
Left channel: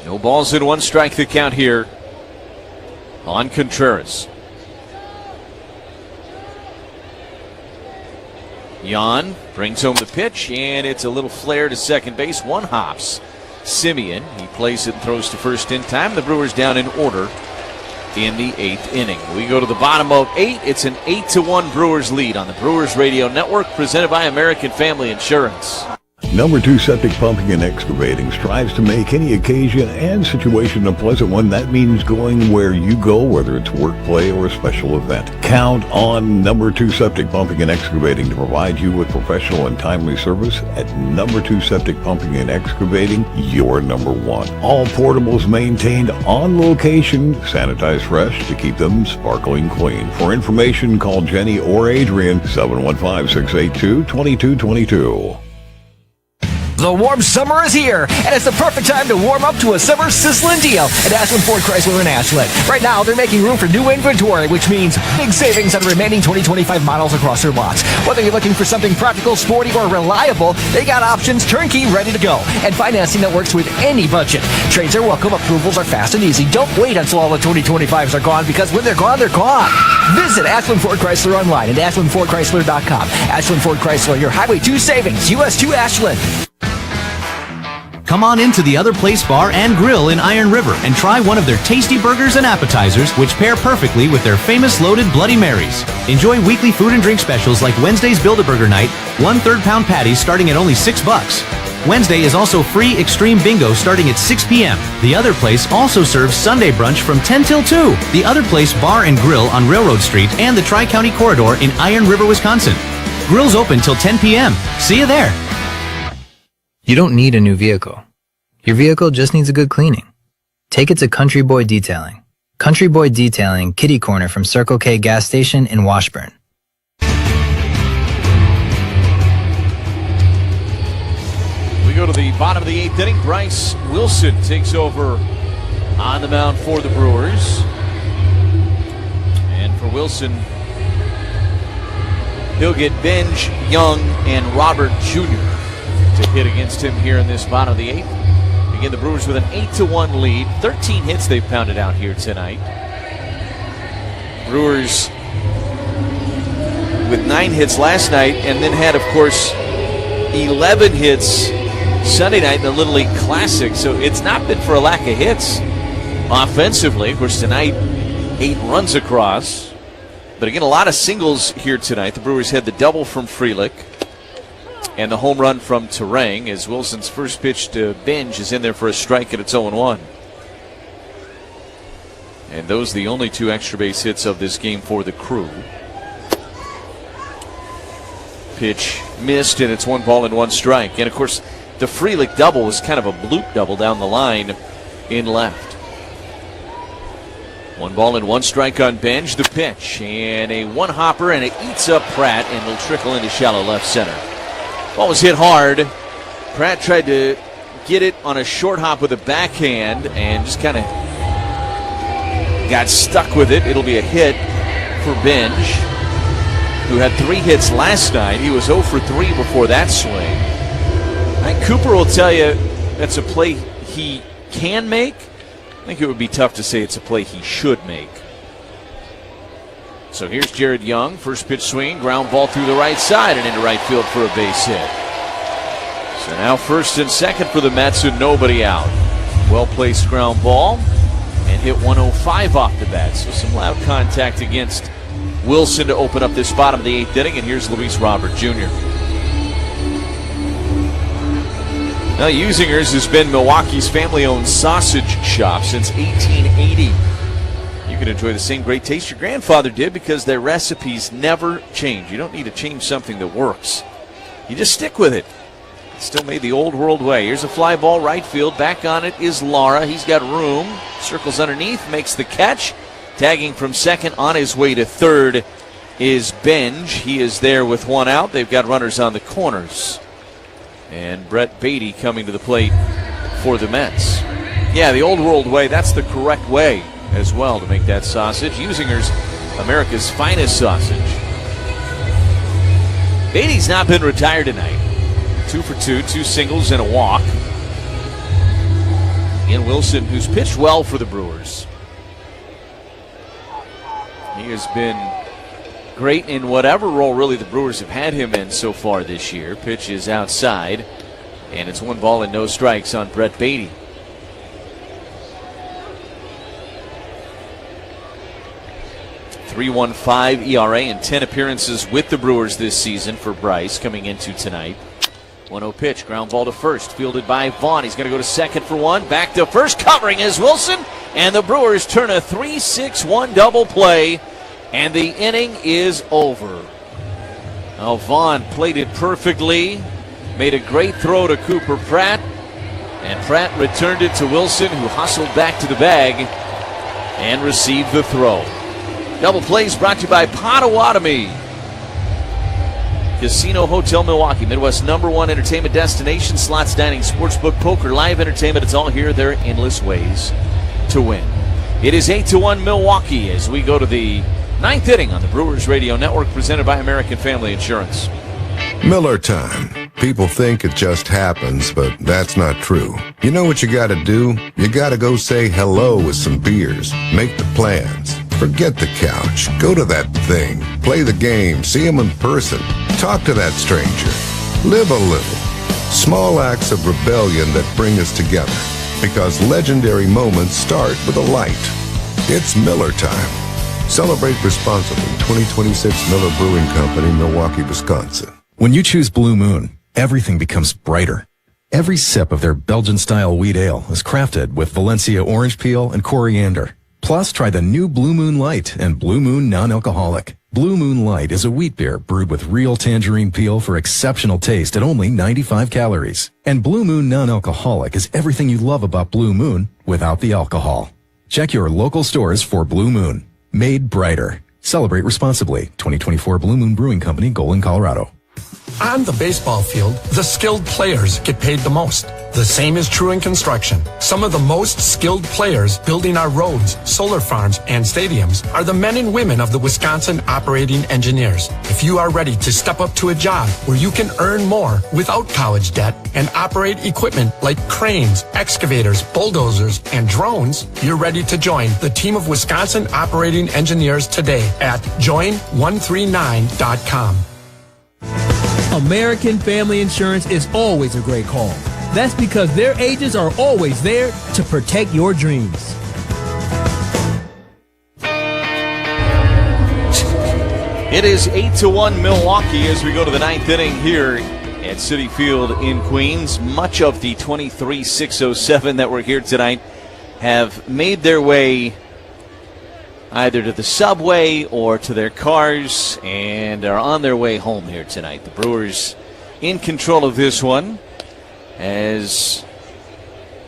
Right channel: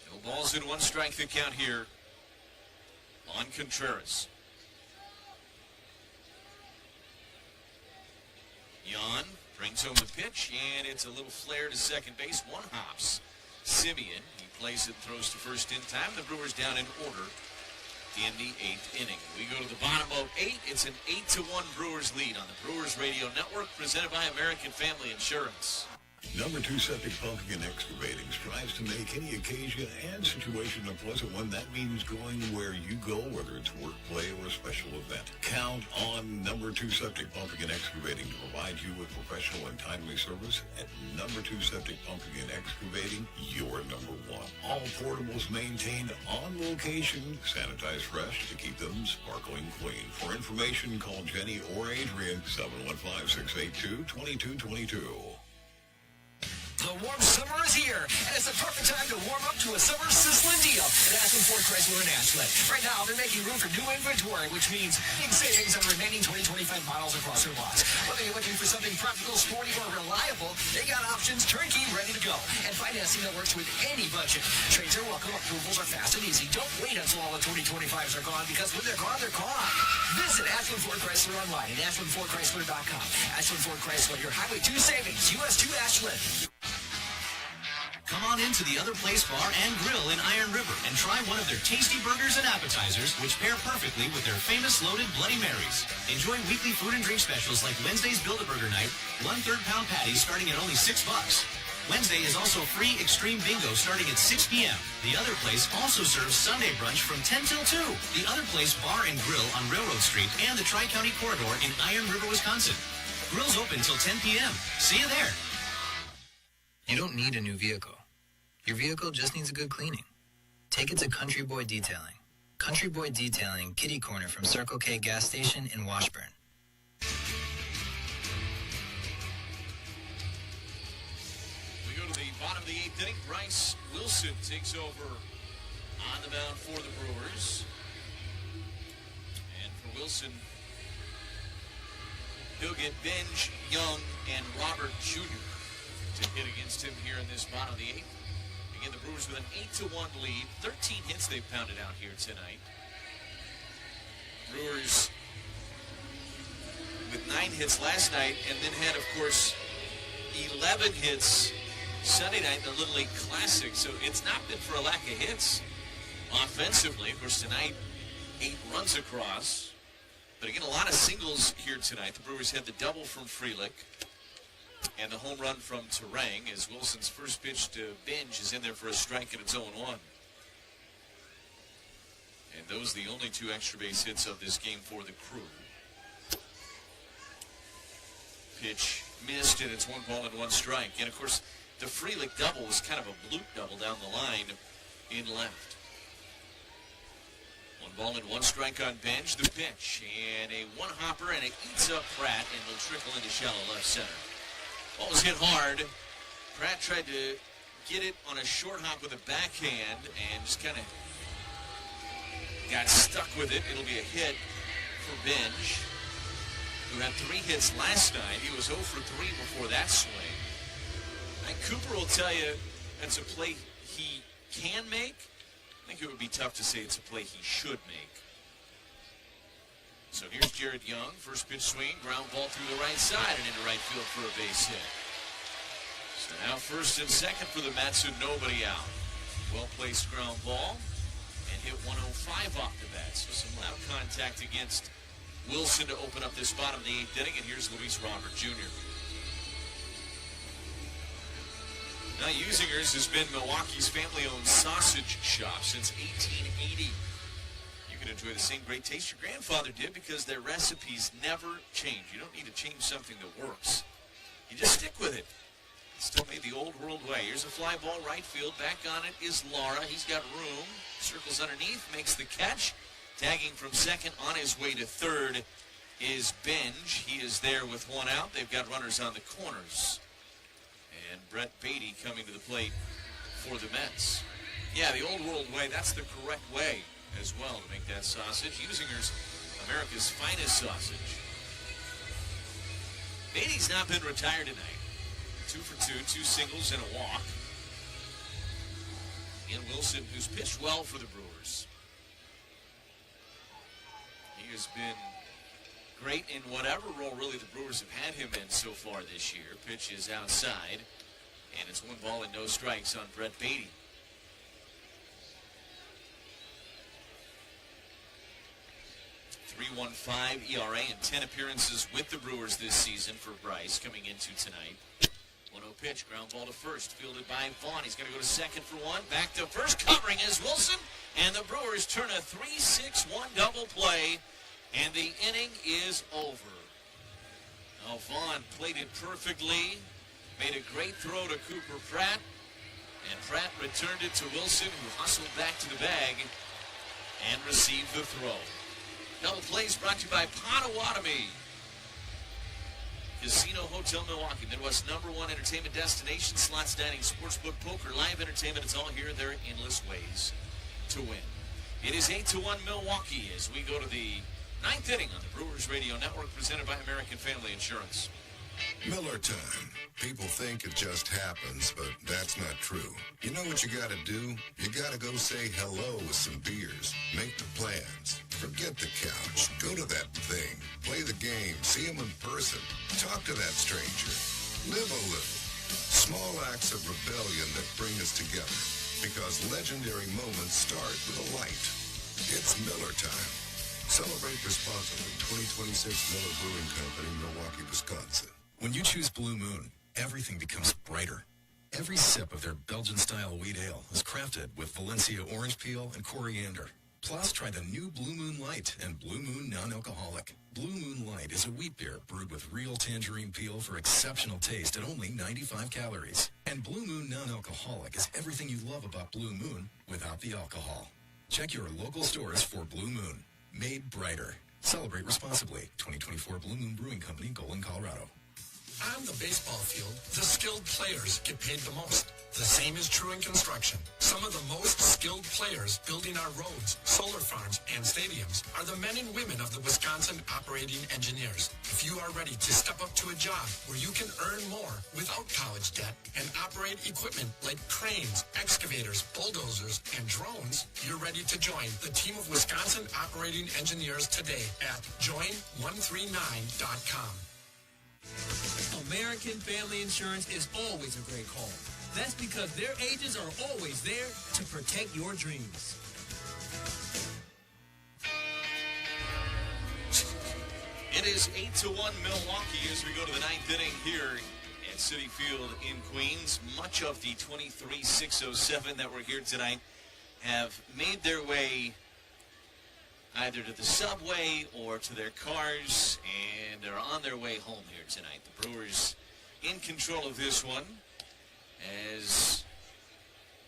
No balls and 1 strike the count here on Contreras. Jan brings home the pitch, and it's a little flare to second base. One hops. Simeon, he plays it and throws to first in time. The Brewers down in order in the 8th inning. We go to the bottom of 8. It's an 8-1 Brewers lead on the Brewers Radio Network, presented by American Family Insurance. Number 2 Septic Pumping and Excavating strives to make any occasion and situation a pleasant one. That means going where you go, whether it's work, play, or a special event. Count on Number 2 Septic Pumping and Excavating to provide you with professional and timely service. At Number 2 Septic Pumping and Excavating, you're number 1. All portables maintained on location, sanitized fresh to keep them sparkling clean. For information, call Jenny or Adrian, 715-682-2222. The warm summer is here, and it's the perfect time to warm up to a summer sizzling deal at Ashland Ford Chrysler in Ashland. Right now, they're making room for new inventory, which means big savings on the remaining 2025 models across their lots. Whether you're looking for something practical, sporty, or reliable, they got options turnkey ready to go, and financing that works with any budget. Trades are welcome, approvals are fast and easy. Don't wait until all the 2025s are gone, because when they're gone, they're gone. Visit Ashland Ford Chrysler online at ashlandfordchrysler.com. Ashland Ford Chrysler, your Highway 2 savings, US 2 Ashland. Come on into the Other Place Bar and Grill in Iron River and try one of their tasty burgers and appetizers, which pair perfectly with their famous loaded Bloody Marys. Enjoy weekly food and drink specials like Wednesday's Build-A-Burger Night, 1/3 pound patties starting at only $6. Wednesday is also free Extreme Bingo starting at 6 p.m. The Other Place also serves Sunday brunch from 10 till 2. The Other Place Bar and Grill on Railroad Street and the Tri-County Corridor in Iron River, Wisconsin. Grill's open till 10 p.m. See you there. You don't need a new vehicle. Your vehicle just needs a good cleaning. Take it to Country Boy Detailing. Country Boy Detailing, kitty corner from Circle K gas station in Washburn. We go to the bottom of the 8th inning. Bryce Wilson takes over on the mound for the Brewers. And for Wilson, he'll get Benj, Young, and Robert Jr. to hit against him here in this bottom of the 8th. Again, the Brewers with an 8-1 lead. 13 hits they've pounded out here tonight. Brewers with 9 hits last night, and then had, of course, 11 hits Sunday night in the Little League Classic. So it's not been for a lack of hits offensively. Of course, tonight, 8 runs across. But again, a lot of singles here tonight. The Brewers had the double from Frelick and the home run from Terang, as Wilson's first pitch to Benj is in there for a strike, and it's 0-1. And those are the only 2 extra base hits of this game for the Crew. Pitch missed, and it's 1 ball and 1 strike. And of course, the Frelick double was kind of a bloop double down the line in left. 1 ball and 1 strike on Benj. The pitch, and a 1-hopper, and it eats up Pratt, and it'll trickle into shallow left center. Ball was hit hard. Pratt tried to get it on a short hop with a backhand and just kind of got stuck with it. It'll be a hit for Benj, who had 3 hits last night. He was 0 for 3 before that swing. I think Cooper will tell you that's a play he can make. I think it would be tough to say it's a play he should make. So here's Jared Young, first pitch swing, ground ball through the right side and into right field for a base hit. So now first and second for the Mets with nobody out. Well-placed ground ball and hit 105 off the bat. So some loud contact against Wilson to open up this bottom of the 8th inning, and here's Luis Robert Jr. Now Usinger's has been Milwaukee's family-owned sausage shop since 1880. You can enjoy the same great taste your grandfather did because their recipes never change. You don't need to change something that works. You just stick with it. It's still made the old world way. Here's a fly ball right field. Back on it is Lara. He's got room. Circles underneath, makes the catch. Tagging from second on his way to third is Benj. He is there with 1 out. They've got runners on the corners. And Brett Beatty coming to the plate for the Mets. Yeah, the old world way, that's the correct way as well to make that sausage. Usinger's America's finest sausage. Beatty's not been retired tonight. 2 for 2, 2 singles and a walk. Ian Wilson, who's pitched well for the Brewers. He has been great in whatever role really the Brewers have had him in so far this year. Pitch is outside, and it's 1 ball and no strikes on Brett Beatty. .315 ERA and 10 appearances with the Brewers this season for Bryce coming into tonight. 1-0 pitch, ground ball to first, fielded by Vaughn. He's going to go to second for one, back to first, covering is Wilson, and the Brewers turn a 3-6-1 double play, and the inning is over. Now Vaughn played it perfectly, made a great throw to Cooper Pratt, and Pratt returned it to Wilson, who hustled back to the bag and received the throw. Double plays brought to you by Potawatomi Casino Hotel Milwaukee, Midwest's #1 entertainment destination. Slots, dining, sportsbook, poker, live entertainment. It's all here. There are endless ways to win. It is 8-1 Milwaukee as we go to the 9th inning on the Brewers Radio Network, presented by American Family Insurance. Miller time. People think it just happens, but that's not true. You know what you gotta do? You gotta go say hello with some beers. Make the plans. Forget the couch. Go to that thing. Play the game. See him in person. Talk to that stranger. Live a little. Small acts of rebellion that bring us together. Because legendary moments start with a light. It's Miller time. Celebrate responsibly. 2026 Miller Brewing Company, Milwaukee, Wisconsin. When you choose Blue Moon, everything becomes brighter. Every sip of their Belgian-style wheat ale is crafted with Valencia orange peel and coriander. Plus, try the new Blue Moon Light and Blue Moon Non-Alcoholic. Blue Moon Light is a wheat beer brewed with real tangerine peel for exceptional taste at only 95 calories. And Blue Moon Non-Alcoholic is everything you love about Blue Moon without the alcohol. Check your local stores for Blue Moon. Made brighter. Celebrate responsibly. 2024 Blue Moon Brewing Company, Golden, Colorado. On the baseball field, the skilled players get paid the most. The same is true in construction. Some of the most skilled players building our roads, solar farms, and stadiums are the men and women of the Wisconsin operating engineers. If you are ready to step up to a job where you can earn more without college debt and operate equipment like cranes, excavators, bulldozers, and drones, you're ready to join the team of Wisconsin operating engineers today at join139.com. American Family Insurance is always a great call. That's because their agents are always there to protect your dreams. It is 8-1 Milwaukee as we go to the 9th inning here at Citi Field in Queens. Much of the 23-607 that were here tonight have made their way either to the subway or to their cars and are on their way home here tonight. The Brewers in control of this one as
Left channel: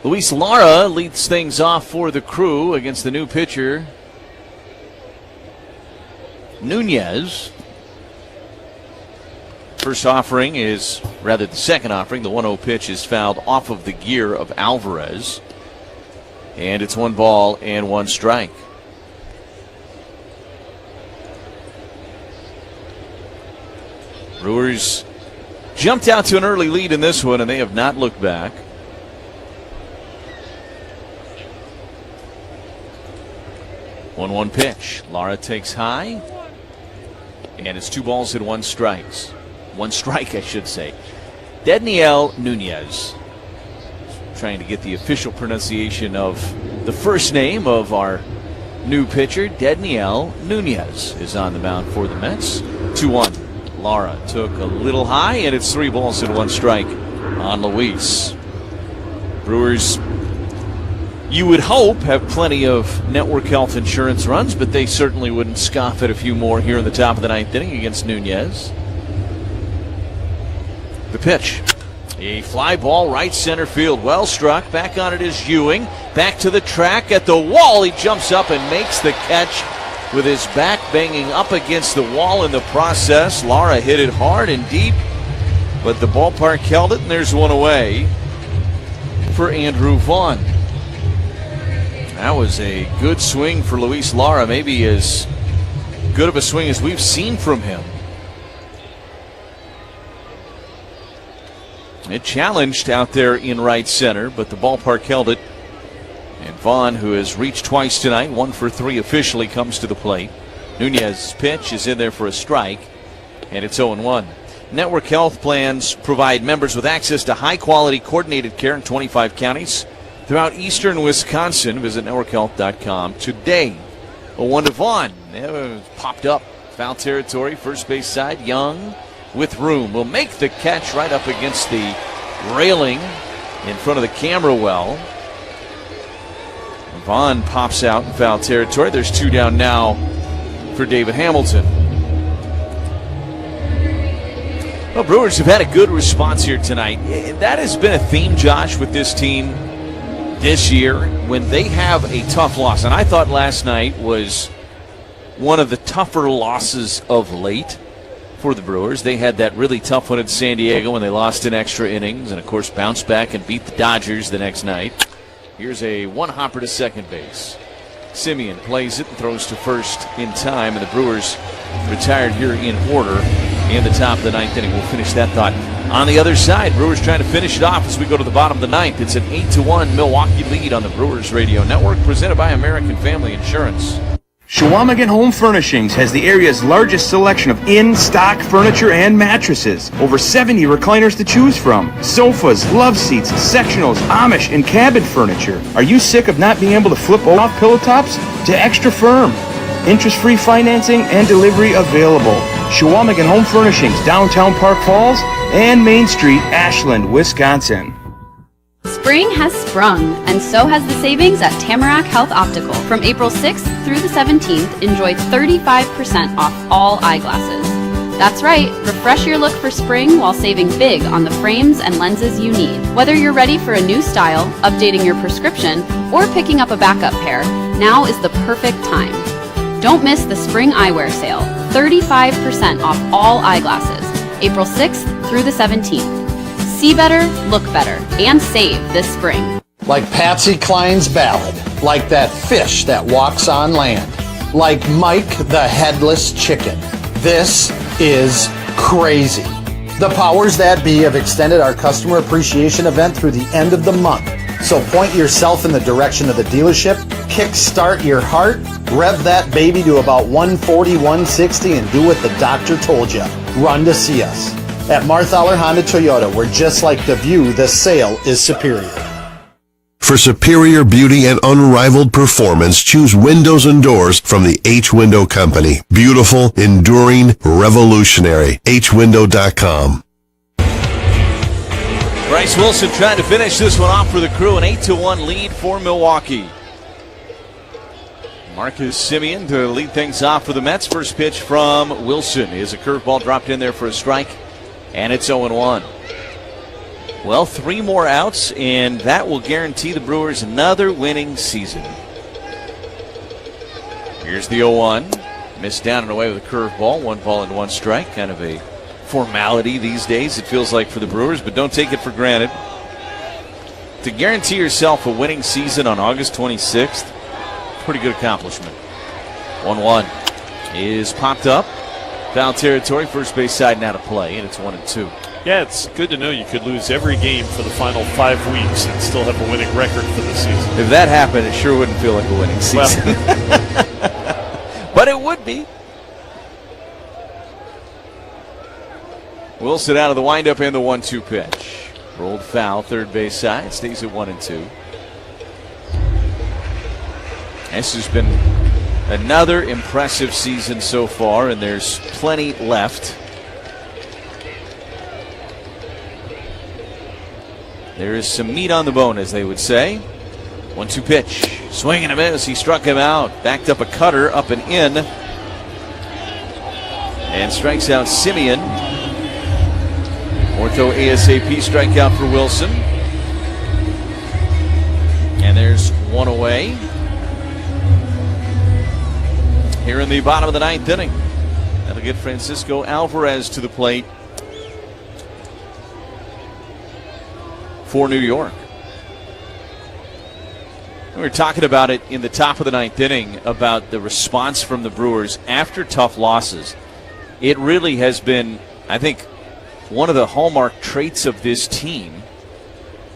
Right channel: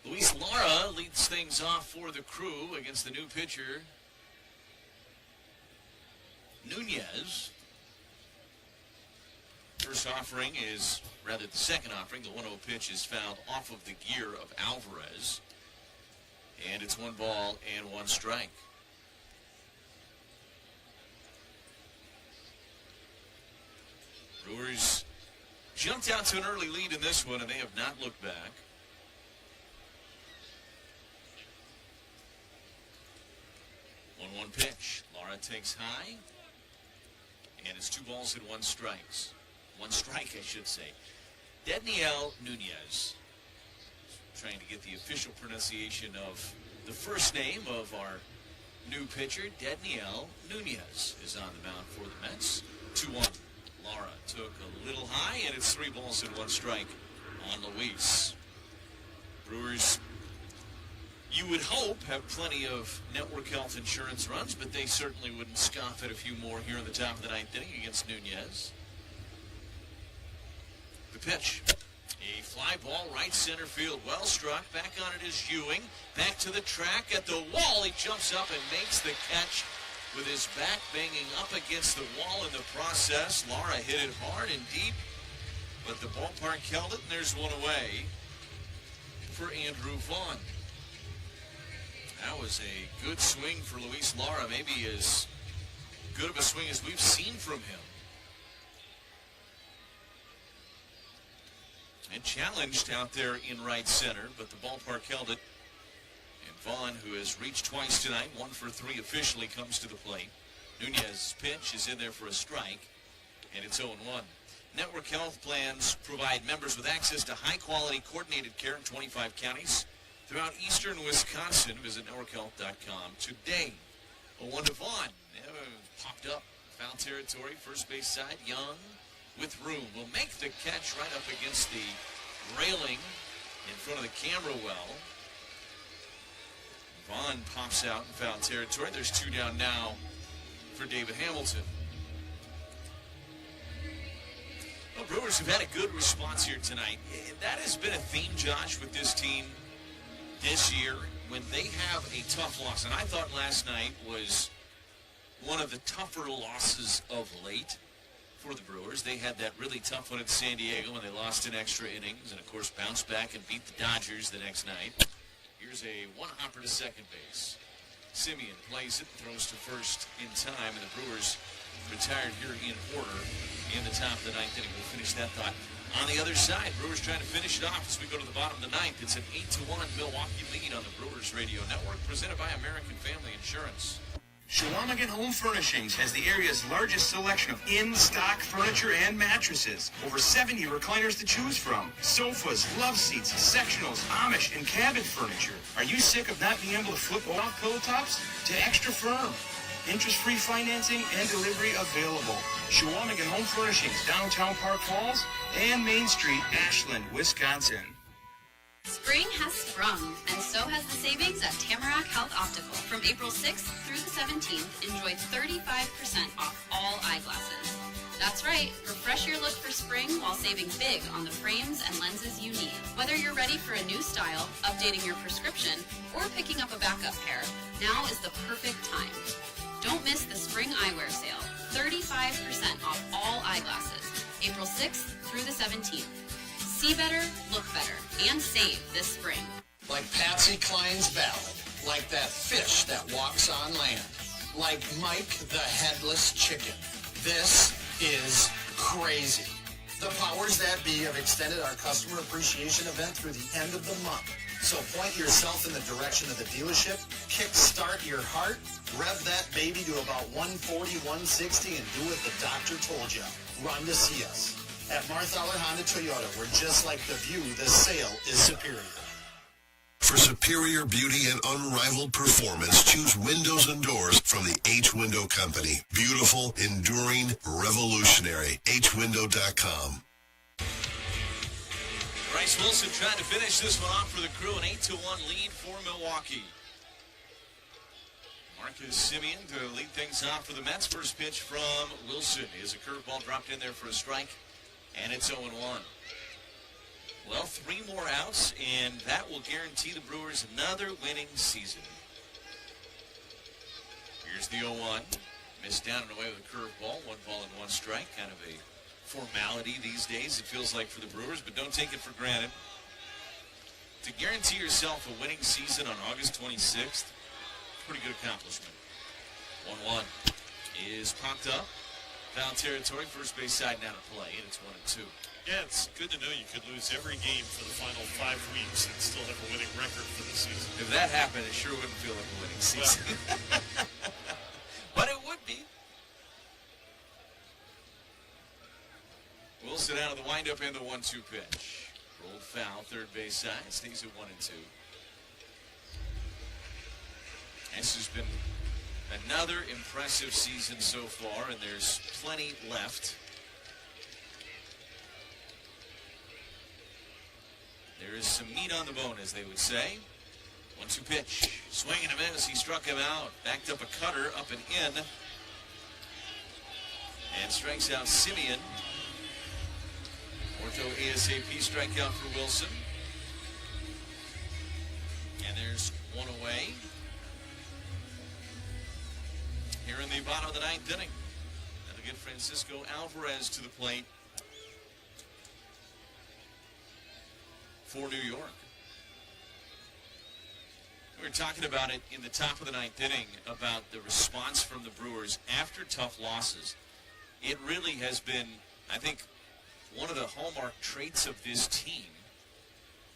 Luis Lara leads things off for the Crew against the new pitcher, Nunez. First offering is, rather the second offering, the 1-0 pitch is fouled off of the gear of Alvarez. And it's 1 ball and 1 strike. Brewers jumped out to an early lead in this one, and they have not looked back. One pitch. Lara takes high, and it's 2 balls and 1 strike. 1 strike, I should say. Dedniel Nunez. Trying to get the official pronunciation of the first name of our new pitcher. Dedniel Nunez is on the mound for the Mets. 2-1. Lara took a little high, and it's 3 balls and 1 strike on Luis. Brewers, you would hope, have plenty of network health insurance runs, but they certainly wouldn't scoff at a few more here in the top of the 9th inning against Nunez. The pitch. A fly ball right center field. Well struck. Back on it is Ewing. Back to the track at the wall. He jumps up and makes the catch with his back banging up against the wall in the process. Lara hit it hard and deep, but the ballpark held it, and there's 1 away for Andrew Vaughn. That was a good swing for Luis Lara, maybe as good of a swing as we've seen from him. It challenged out there in right center, but the ballpark held it. And Vaughn, who has reached twice tonight, 1 for 3 officially, comes to the plate. Nunez's pitch is in there for a strike, and it's 0-1. Network health plans provide members with access to high-quality coordinated care in 25 counties throughout eastern Wisconsin. Visit networkhealth.com today. 1 to Vaughn. Popped up. Foul territory, first base side. Young with room will make the catch right up against the railing in front of the camera well. Vaughn pops out in foul territory. There's 2 down now for David Hamilton. Well, Brewers have had a good response here tonight. That has been a theme, Josh, with this team this year when they have a tough loss. And I thought last night was one of the tougher losses of late for the Brewers. They had that really tough one at San Diego when they lost in extra innings and, of course, bounced back and beat the Dodgers the next night. Here's a one-hopper to second base. Simeon plays it and throws to first in time, and the Brewers retired here in order in the top of the 9th inning. We'll finish that thought on the other side. Brewers trying to finish it off as we go to the bottom of the 9th. It's an 8-1 Milwaukee lead on the Brewers Radio Network, presented by American Family Insurance. Chequamegon Home Furnishings has the area's largest selection of in-stock furniture and mattresses. Over 70 recliners to choose from. Sofas, love seats, sectionals, Amish, and cabin furniture. Are you sick of not being able to flip off pillow tops? To Extra Firm. Interest-free financing and delivery available. Chequamegon Home Furnishings, downtown Park Falls and Main Street, Ashland, Wisconsin. Spring has sprung, and so has the savings at Tamarack Health Optical. From April 6th through the 17th, enjoy 35% off all eyeglasses. That's right, refresh your look for spring while saving big on the frames and lenses you need. Whether you're ready for a new style, updating your prescription, or picking up a backup pair, now is the perfect time. Don't miss the spring eyewear sale, 35% off all eyeglasses, April 6th through the 17th. See better, look better, and save this spring. Like Patsy Cline's ballad, like that fish that walks on land, like Mike the Headless Chicken. This is crazy. The powers that be have extended our customer appreciation event through the end of the month. So point yourself in the direction of the dealership, kickstart your heart, rev that baby to about 140, 160, and do what the doctor told you. Run to see us. At Marthaler Honda Toyota, we're just like the view, the sale is superior. For superior beauty and unrivaled performance, choose windows and doors from the H Window Company. Beautiful, enduring, revolutionary. HWindow.com. Bryce Wilson trying to finish this one off for the Crew. An 8-1 lead for Milwaukee. Marcus Simeon to lead things off for the Mets. First pitch from Wilson is a curveball dropped in there for a strike. And it's 0-1. Well, 3 more outs, and that will guarantee the Brewers another winning season. Here's the 0-1. Missed down and away with a curveball. 1 ball and 1 strike. Kind of a formality these days, it feels like, for the Brewers, but don't take it for granted. To guarantee yourself a winning season on August 26th, pretty good accomplishment. 1-1 is popped up. Foul territory, first base side now to play, and it's 1-2. Yeah, it's good to know you could lose every game for the final 5 weeks and still have a winning record for the season. If that happened, it sure wouldn't feel like a winning season. Well. But it would be. Wilson out of the windup and the 1-2 pitch. Rolled foul, third base side, stays at 1-2. This has been another impressive season so far, and there's plenty left. There is some meat on the bone, as they would say. 1-2 pitch. Swing and a miss. He struck him out. Backed up a cutter, up and in. And strikes out Simeon. Ortho ASAP strikeout for Wilson. And there's one away. Here in the bottom of the 9th inning. That'll get Francisco Alvarez to the plate for New York. We were talking about it in the top of the 9th inning about the response from the Brewers after tough losses. It really has been, I think, one of the hallmark traits of this team.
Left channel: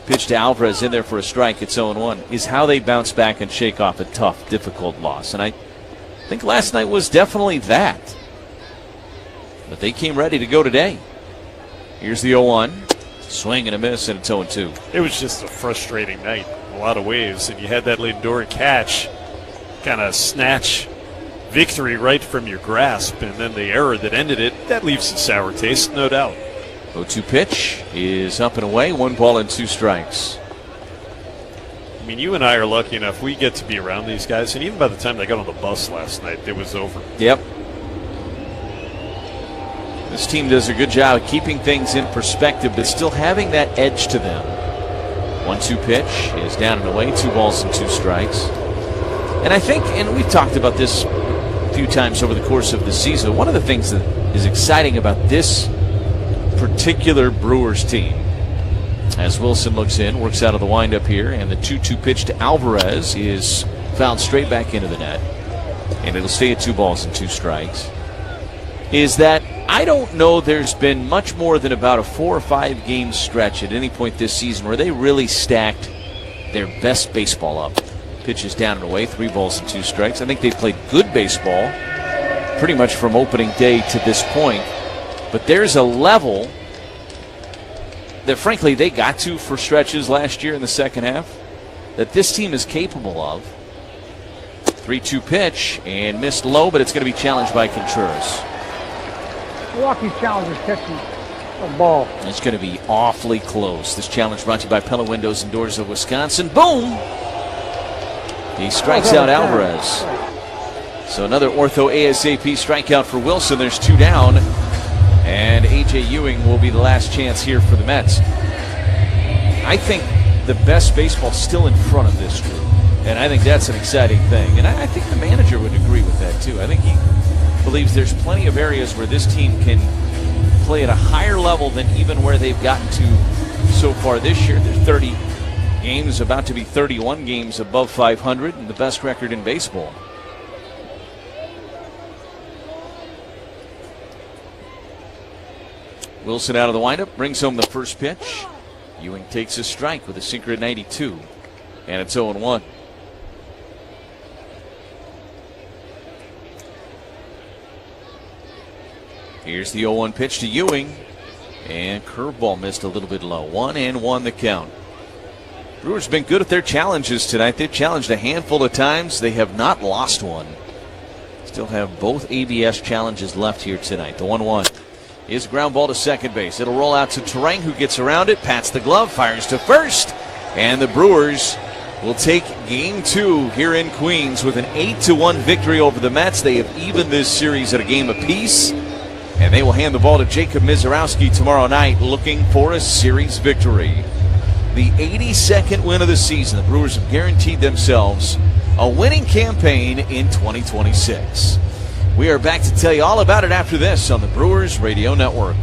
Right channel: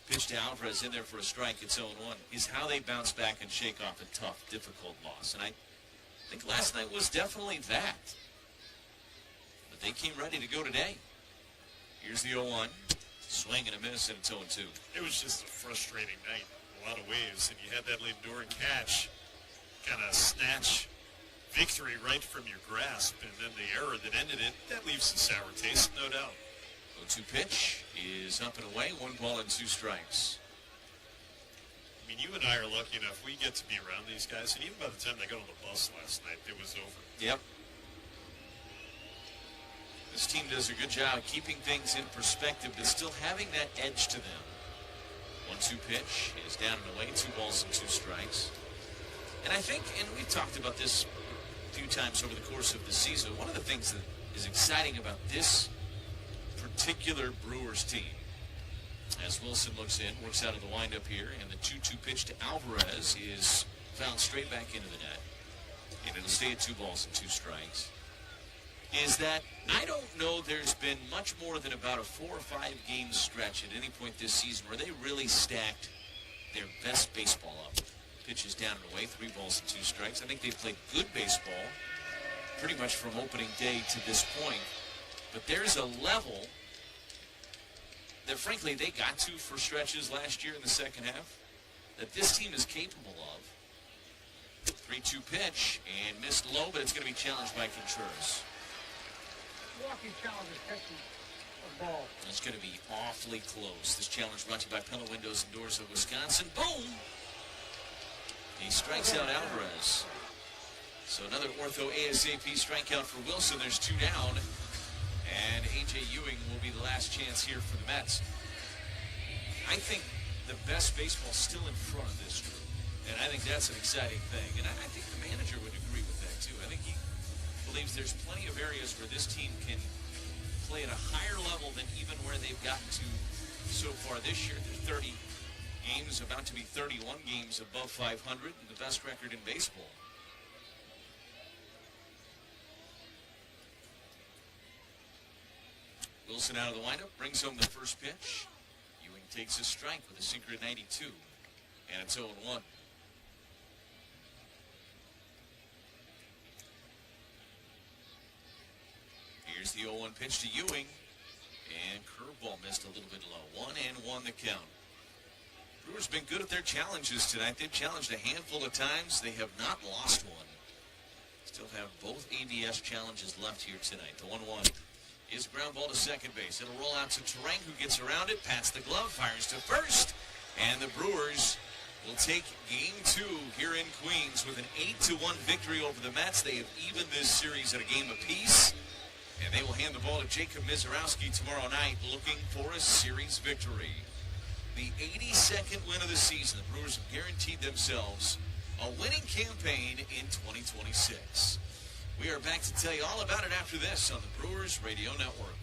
Pitch to Alvarez in there for a strike. It's 0-1. Is how they bounce back and shake off a tough, difficult loss. And I think last night was definitely that. But they came ready to go today. Here's the 0-1. Swing and a miss, and it's 0-2. It was just a frustrating night in a lot of ways, and you had that Lindor catch kind of snatch victory right from your grasp, and then the error that ended it, that leaves a sour taste, no doubt. 0-2 pitch is up and away, 1 ball and 2 strikes. I mean, you and I are lucky enough, we get to be around these guys, and even by the time they got on the bus last night, it was over. Yep. This team does a good job of keeping things in perspective, but still having that edge to them. 1-2 pitch is down and away, 2 balls and 2 strikes. And I think, and we've talked about this a few times over the course of the season, one of the things that is exciting about this particular Brewers team, as Wilson looks in, works out of the windup here, and the 2-2 pitch to Alvarez is fouled straight back into the net, and it'll stay at 2 balls and 2 strikes, is that I don't know there's been much more than about a 4 or 5 game stretch at any point this season where they really stacked their best baseball up. Pitches down and away, 3 balls and 2 strikes. I think they've played good baseball pretty much from opening day to this point. But there's a level that, frankly, they got to for stretches last year in the second half that this team is capable of. 3-2 pitch and missed low, but it's going to be challenged by Contreras. Milwaukee's challenge is catching a ball. It's going to be awfully close. This challenge brought to you by Pella Windows and Doors of Wisconsin. Boom! He strikes out Alvarez. So another ortho ASAP strikeout for Wilson. There's 2 down. And A.J. Ewing will be the last chance here for the Mets. I think the best baseball still in front of this group. And I think that's an exciting thing. And I think the manager would agree with that, too. I think he believes there's plenty of areas where this team can play at a higher level than even where they've gotten to so far this year. They're 30 games, about to be 31 games above 500, and the best record in baseball. Wilson out of the windup, brings home the first pitch. Ewing takes a strike with a sinker at 92, and it's 0-1. Here's the 0-1 pitch to Ewing, and curveball missed a little bit low. 1-1 the count. Brewers been good at their challenges tonight. They've challenged a handful of times. They have not lost one. Still have both ABS challenges left here tonight. The 1-1 is ground ball to second base. It'll roll out to Terang, who gets around it, pats the glove, fires to first, and the Brewers will take game 2 here in Queens with an 8-1 victory over the Mets. They have evened this series at a game apiece. And they will hand the ball to Jacob Mizorowski tomorrow night, looking for a series victory. The 82nd win of the season. The Brewers have guaranteed themselves a winning campaign in 2026. We are back to tell you all about it after this on the Brewers Radio Network.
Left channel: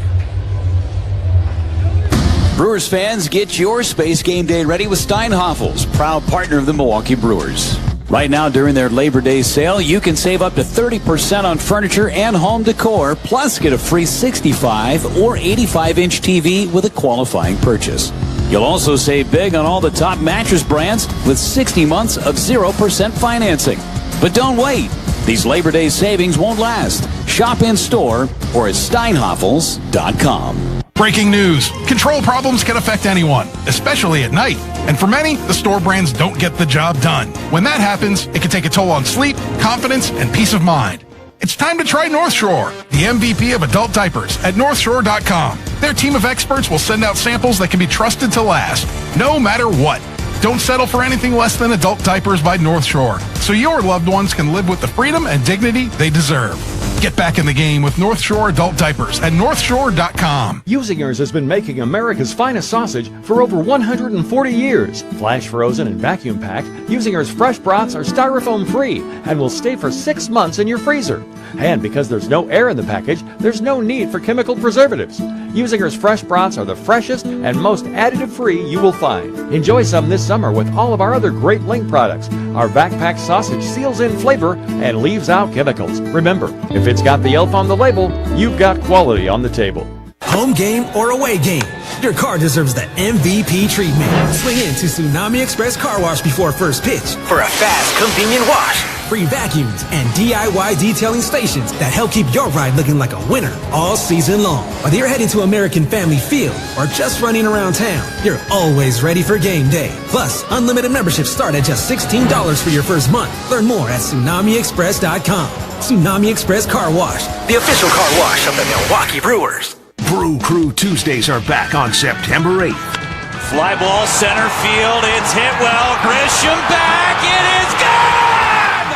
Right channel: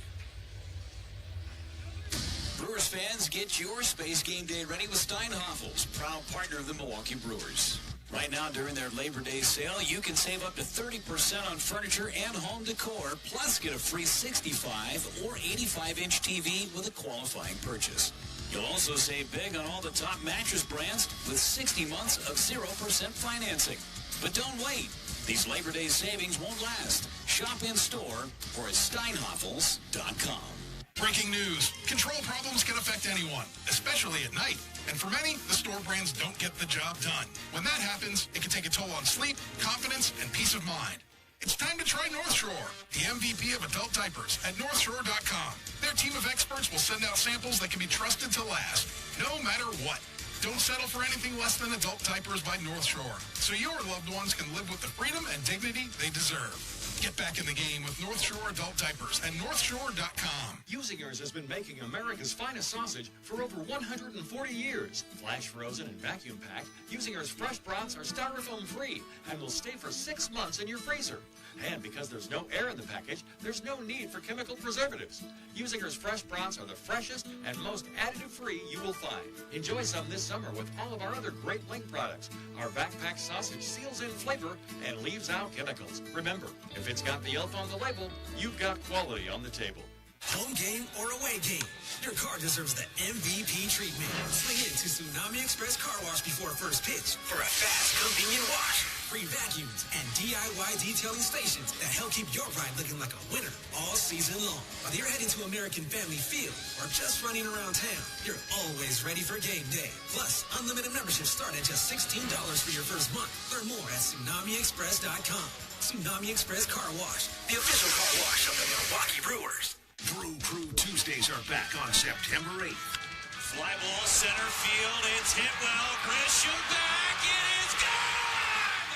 Brewers fans, get your Space Game Day ready with Steinhafels, proud partner of the Milwaukee Brewers. Right now, during their Labor Day sale, you can save up to 30% on furniture and home decor, plus get a free 65 or 85-inch TV with a qualifying purchase. You'll also save big on all the top mattress brands with 60 months of 0% financing. But don't wait. These Labor Day savings won't last. Shop in store or at steinhafels.com. Breaking news. Control problems can affect anyone, especially at night. And for many, the store brands don't get the job done. When that happens, it can take a toll on sleep, confidence, and peace of mind. It's time to try North Shore, the MVP of adult diapers at NorthShore.com. Their team of experts will send out samples that can be trusted to last, no matter what. Don't settle for anything less than adult diapers by North Shore, so your loved ones can live with the freedom and dignity they deserve. Get back in the game with North Shore adult diapers at NorthShore.com. Usingers has been making America's finest sausage for over 140 years. Flash frozen and vacuum packed, Usingers fresh brats are styrofoam free and will stay for 6 months in your freezer. And because there's no air in the package, there's no need for chemical preservatives. Usingers fresh brats are the freshest and most additive free you will find. Enjoy some this summer with all of our other great Link products. Our vac-packed sausage seals in flavor and leaves out chemicals. Remember, if it's got the elf on the label, you've got quality on the table. Home game or away game, your car deserves the MVP treatment. Swing in to Tsunami Express Car Wash before first pitch for a fast, convenient wash. free vacuums, and DIY detailing stations that help keep your ride looking like a winner all season long. Whether you're heading to American Family Field or just running around town, you're always ready for game day. Plus, unlimited memberships start at just $16 for your first month. Learn more at TsunamiExpress.com. Tsunami Express Car Wash, the official car wash of the Milwaukee Brewers. Brew Crew Tuesdays are back on September 8th. Fly ball center field. It's hit well. Grisham back. It is gone!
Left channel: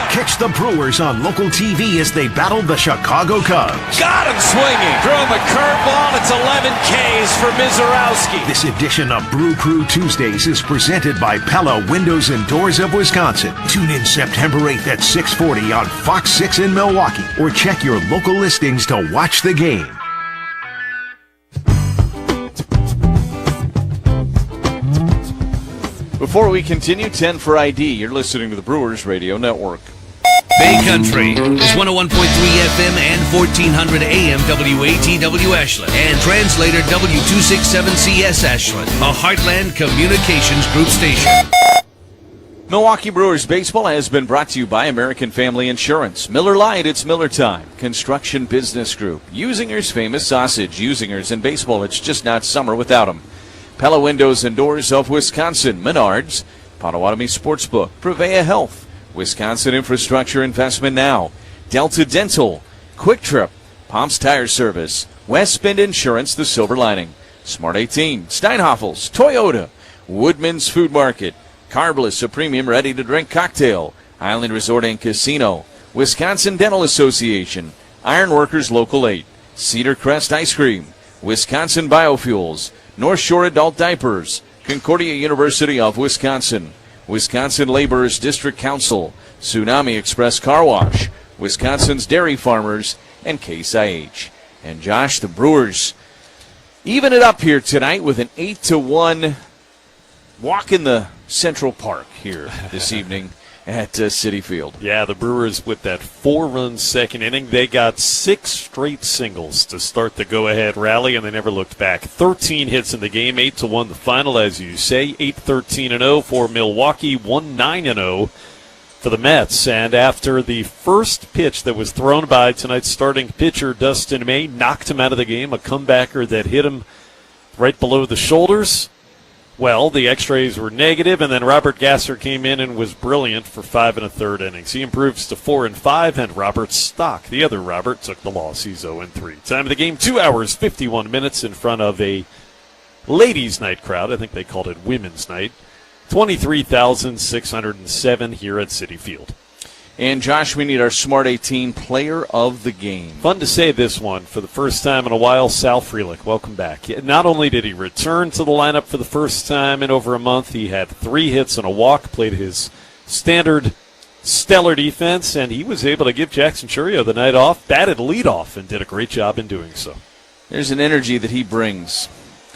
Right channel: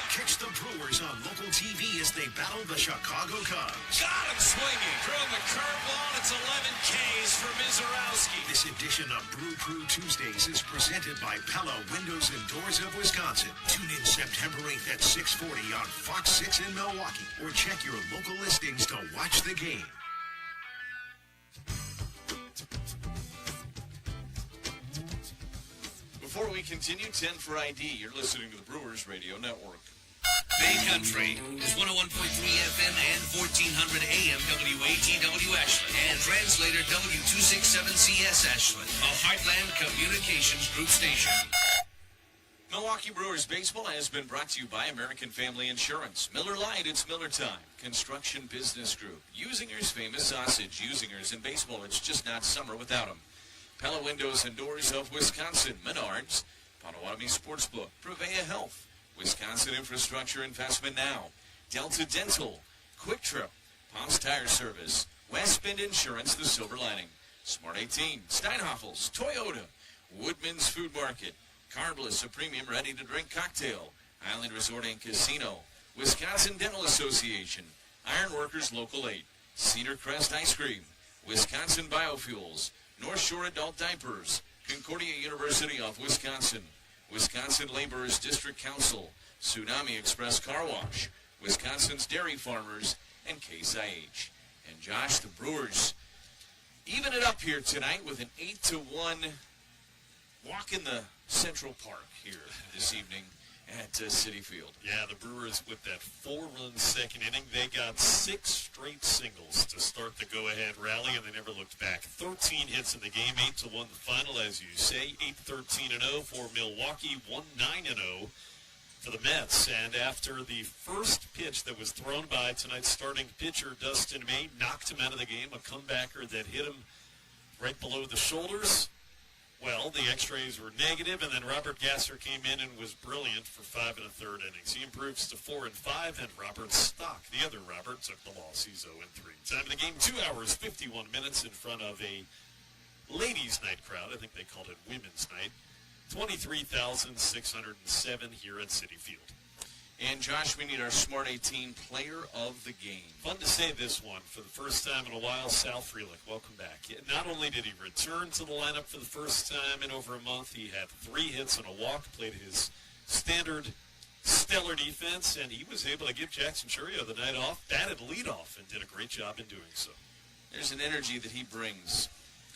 Catch the Brewers on local TV as they battle the Chicago Cubs. Got him swinging. Throw him a curveball. It's 11 Ks for Mizorowski. This edition of Brew Crew Tuesdays is presented by Pella Windows and Doors of Wisconsin. Tune in September 8th at 6:40 on Fox 6 in Milwaukee, or check your local listings to watch the game. Before we continue, 10 for ID. You're listening to the Brewers Radio Network. Bay Country is 101.3 FM and 1400 AM WATW Ashland and translator W267CS Ashland, a Heartland Communications Group station. Milwaukee Brewers baseball has been brought to you by American Family Insurance. Miller Lite, it's Miller time. Construction Business Group. Usinger's famous sausage. Usinger's in baseball, it's just not summer without them. Pella Windows and Doors of Wisconsin. Menards. Potawatomi Sportsbook. Prevea Health. Wisconsin Infrastructure Investment Now. Delta Dental. Quick Trip. Pomps Tire Service. West Bend Insurance, the silver lining. Smart 18. Steinhoffels. Toyota. Woodman's Food Market. Carbliss, a premium ready-to-drink cocktail. Island Resort and Casino. Wisconsin Dental Association. Ironworkers Local 8. Cedar Crest Ice Cream. Wisconsin Biofuels. North Shore Adult Diapers. Concordia University of Wisconsin. Wisconsin Laborers District Council. Tsunami Express Car Wash. Wisconsin's Dairy Farmers. And Case IH. And Josh, the Brewers even it up here tonight with an 8-1 walk in the Central Park here this evening at Citi Field. Yeah, the Brewers with that 4-run second inning. They got 6 straight singles to start the go-ahead rally, and they never looked back. 13 hits in the game, 8-1 the final, as you say. 8-13-0 for Milwaukee, 1-9-0 for the Mets. And after the first pitch that was thrown by tonight's starting pitcher, Dustin May, knocked him out of the game, a comebacker that hit him right below the shoulders. Well, the x-rays were negative, and then Robert Gasser came in and was brilliant for 5 1/3 innings. He improves to 4-5, and Robert Stock, the other Robert, took the loss. He's 0-3. Time of the game, 2 hours, 51 minutes in front of a ladies' night crowd. I think they called it women's night. 23,607 here at Citi Field. And, Josh, we need our Smart 18 player of the game. Fun to say this one for the first time in a while. Sal Frelick, welcome back. Not only did he return to the lineup for the first time in over a month, he had 3 hits and a walk, played his standard stellar defense, and he was able to give Jackson Churio the night off, batted leadoff, and did a great job in doing so. There's an energy that he brings.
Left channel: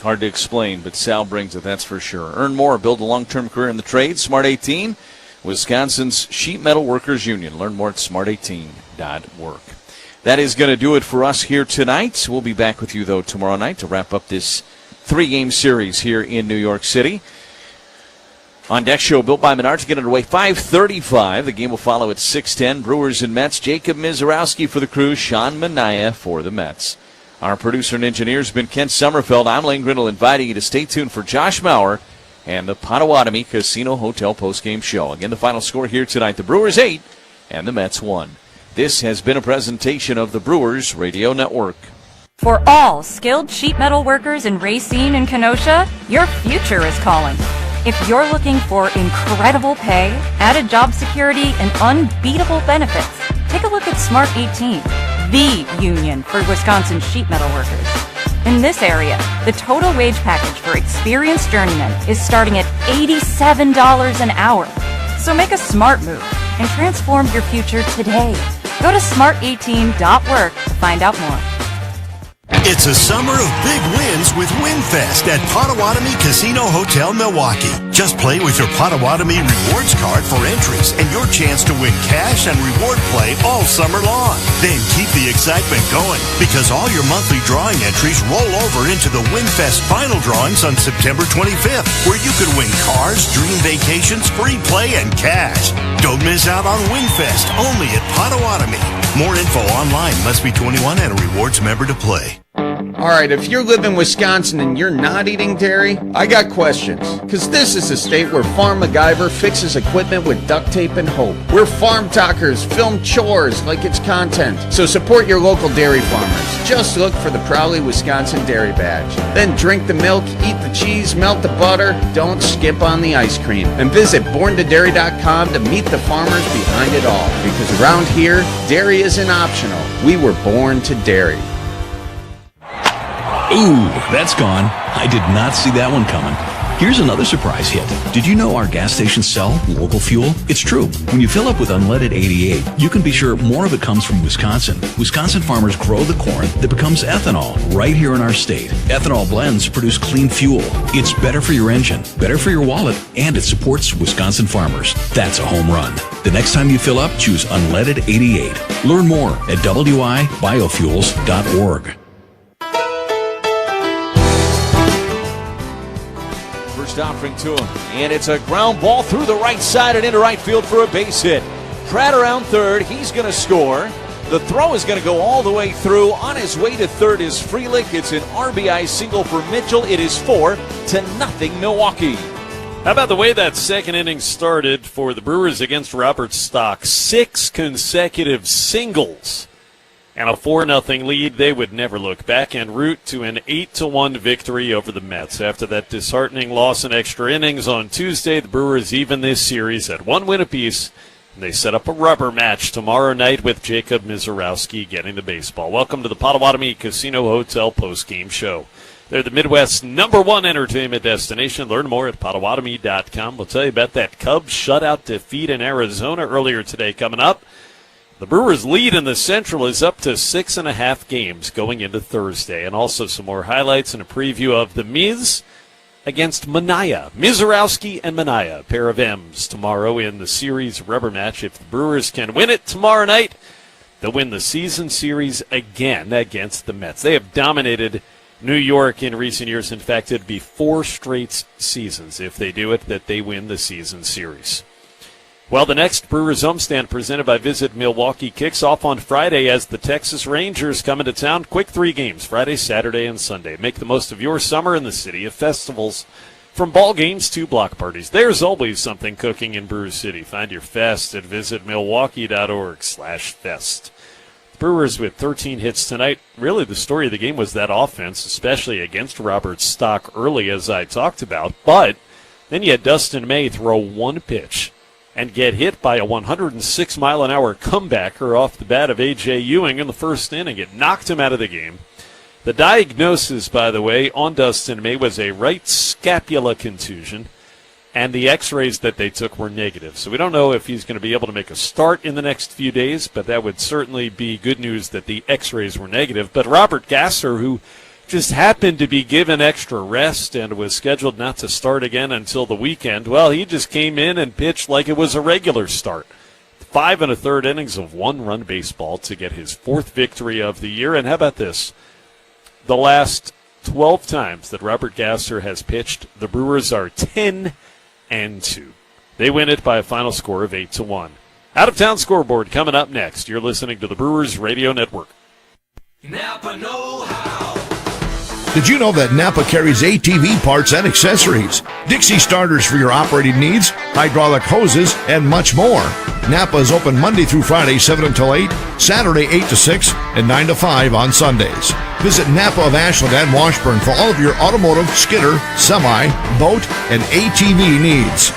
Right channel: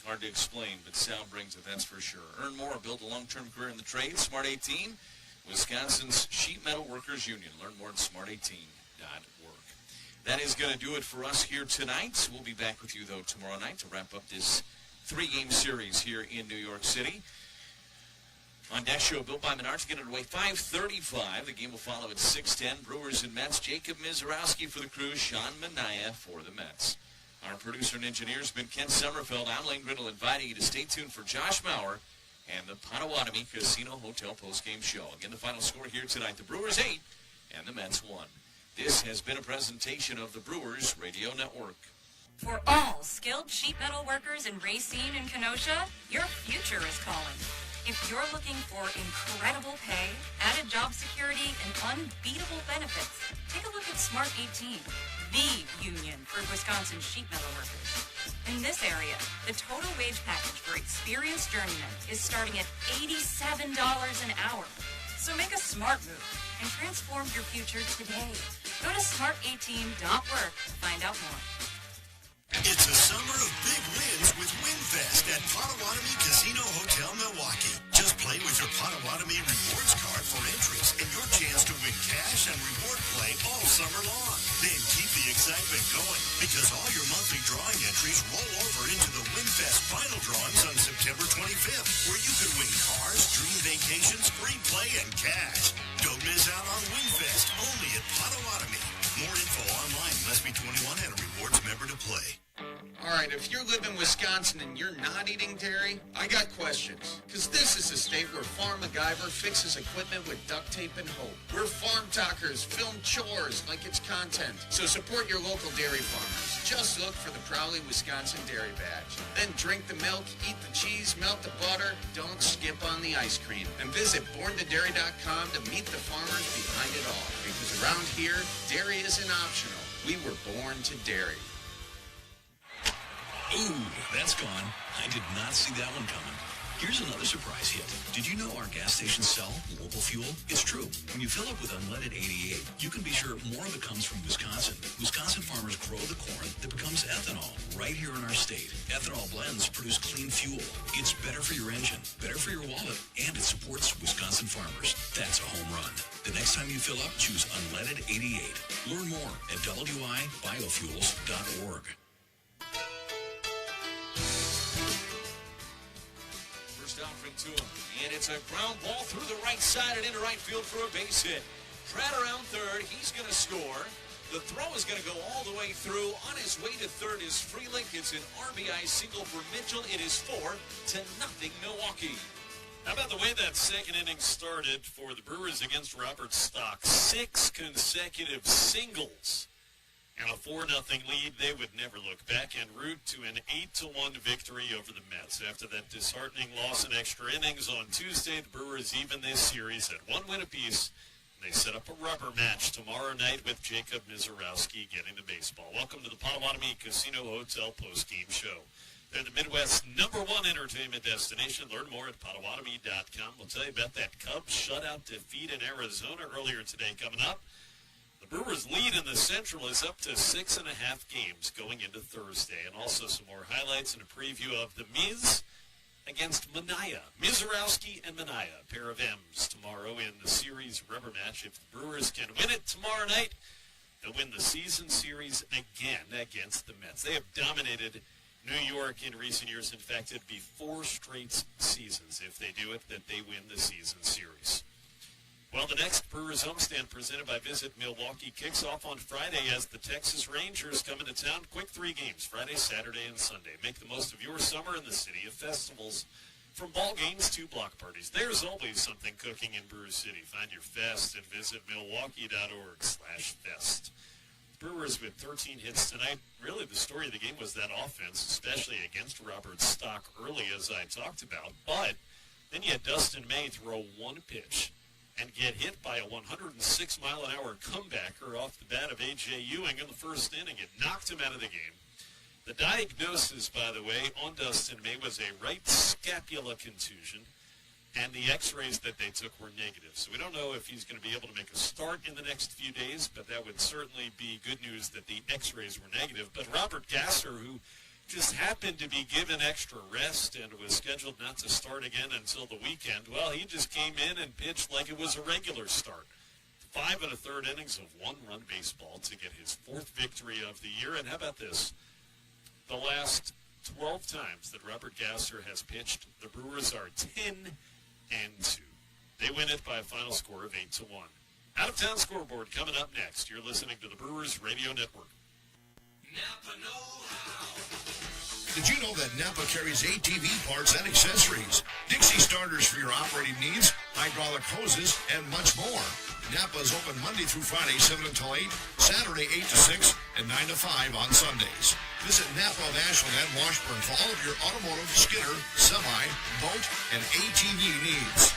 Hard to explain, but Sal brings it, that's for sure. Earn more, build a long-term career in the trade. Smart 18. Wisconsin's Sheet Metal Workers Union. Learn more at smart18.work. That is going to do it for us here tonight. We'll be back with you, though, tomorrow night to wrap up this 3-game series here in New York City. On Deck Show, built by Menards, get underway 5:35. The game will follow at 6:10. Brewers and Mets. Jacob Mizorowski for the Crew. Sean Mania for the Mets. Our producer and engineer has been Kent Sommerfeld. I'm Lane Grindle, inviting you to stay tuned for Josh Maurer and the Potawatomi Casino Hotel postgame show. Again, the final score here tonight, the Brewers 8 and the Mets 1. This has been a presentation of the Brewers Radio Network. For all skilled sheet metal workers in Racine and Kenosha, your future is calling. If you're looking for incredible pay, added job security, and unbeatable benefits, take a look at Smart 18, the union for Wisconsin sheet metal workers. In this area, the total wage package for experienced journeymen is starting at $87 an hour. So make a smart move and transform your future today. Go to smart18.work to find out more. It's a summer of big wins with WinFest at Potawatomi Casino Hotel, Milwaukee. Just play with your Potawatomi Rewards card for entries and your chance to win cash and reward play all summer long. Then keep the excitement going because all your monthly drawing entries roll over into the WinFest final drawings on September 25th, where you could win cars, dream vacations, free play, and cash. Don't miss out on WinFest only at Potawatomi. More info online. Must be 21 and a rewards member to play. All right, if you live in Wisconsin and you're not eating dairy, I got questions. Because this is a state where Farm MacGyver fixes equipment with duct tape and hope. Where Farm Talkers film chores like it's content. So support your local dairy farmers. Just look for the Proudly Wisconsin Dairy Badge. Then drink the milk, eat the cheese, melt the butter. Don't skip on the ice cream. And visit borntodairy.com to meet the farmers behind it all. Because around here, dairy isn't optional. We were born to dairy. Ooh, that's gone. I did not see that one coming. Here's another surprise hit. Did you know our gas stations sell local fuel? It's true. When you fill up with unleaded 88, you can be sure more of it comes from Wisconsin. Wisconsin farmers grow the corn that becomes ethanol right here in our state. Ethanol blends produce clean fuel. It's better for your engine, better for your wallet, and it supports Wisconsin farmers. That's a home run. The next time you fill up, choose unleaded 88. Learn more at wibiofuels.org. Offering to him, and it's a ground ball through the right side and into right field for a base hit. Pratt around third, he's going to score. The throw is going to go all the way through. On his way to third is Frelick. It's an RBI single for Mitchell. It is 4-0 Milwaukee. How about the way that second inning started for the Brewers against Robert Stock? 6 consecutive singles and a 4-0 lead. They would never look back en route to an 8-1 victory over the Mets. After that disheartening loss in extra innings on Tuesday, the Brewers even this series at 1 win apiece, and they set up a rubber match tomorrow night with Jacob Mizorowski getting the baseball. Welcome to the Potawatomi Casino Hotel postgame show. They're the Midwest's #1 entertainment destination. Learn more at Potawatomi.com. We'll tell you about that Cubs shutout defeat in Arizona earlier today coming up. The Brewers' lead in the Central is up to 6.5 games going into Thursday. And also some more highlights and a preview of the Miz against Manaea. Mizorowski and Manaea, a pair of M's tomorrow in the series rubber match. If the Brewers can win it tomorrow night, they'll win the season series again against the Mets. They have dominated New York in recent years. In fact, it'd be 4 straight seasons if they do it that they win the season series. Well, the next Brewers homestand presented by Visit Milwaukee kicks off on Friday as the Texas Rangers come into town. Quick 3 games, Friday, Saturday, and Sunday. Make the most of your summer in the city of festivals. From ball games to block parties, there's always something cooking in Brew City. Find your fest at visitmilwaukee.org/fest. Brewers with 13 hits tonight. Really, the story of the game was that offense, especially against Robert Stock early, as I talked about. But then you had Dustin May throw 1 pitch and get hit by a 106-mile-an-hour comebacker off the bat of A.J. Ewing in the first inning. It knocked him out of the game. The diagnosis, by the way, on Dustin May was a right scapula contusion, and the x-rays that they took were negative. So we don't know if he's going to be able to make a start in the next few days, but that would certainly be good news that the x-rays were negative. But Robert Gasser, who just happened to be given extra rest and was scheduled not to start again until the weekend, well, he just came in and pitched like it was a regular start. 5 1/3 innings of 1-run baseball to get his 4th victory of the year. And how about this? The last 12 times that Robert Gasser has pitched, the Brewers are 10-2. They win it by a final score of 8-1. Out-of-town scoreboard coming up next. You're listening to the Brewers Radio Network. Napa know-how. Did you know that Napa carries ATV parts and accessories, Dixie starters for your operating needs, hydraulic hoses, and much more? Napa is open Monday through Friday, 7 until 8, Saturday, 8 to 6, and 9 to 5 on Sundays. Visit Napa of Ashland and Washburn for all of your automotive, skidder, semi, boat, and ATV needs.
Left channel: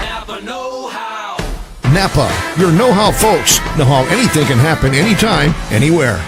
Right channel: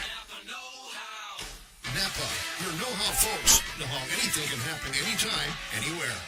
Napa know-how. Napa, your know-how folks know how anything can happen anytime, anywhere.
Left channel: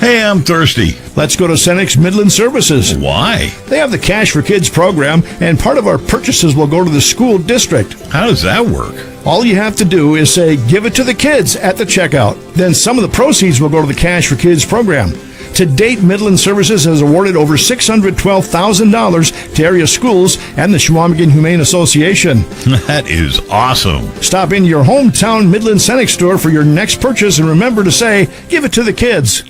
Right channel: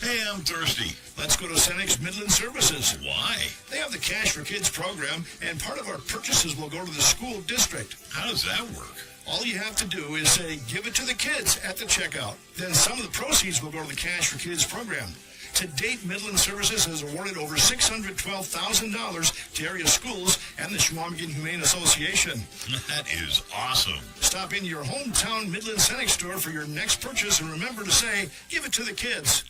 Hey, I'm thirsty. Let's go to Cenex Midland Services. Why? They have the Cash for Kids program, and part of our purchases will go to the school district. How does that work? All you have to do is say, give it to the kids at the checkout. Then some of the proceeds will go to the Cash for Kids program. To date, Midland Services has awarded over $612,000 to area schools and the Chequamegon Humane Association. That is awesome. Stop in your hometown Midland Scenic store for your next purchase and remember to say, give it to the kids.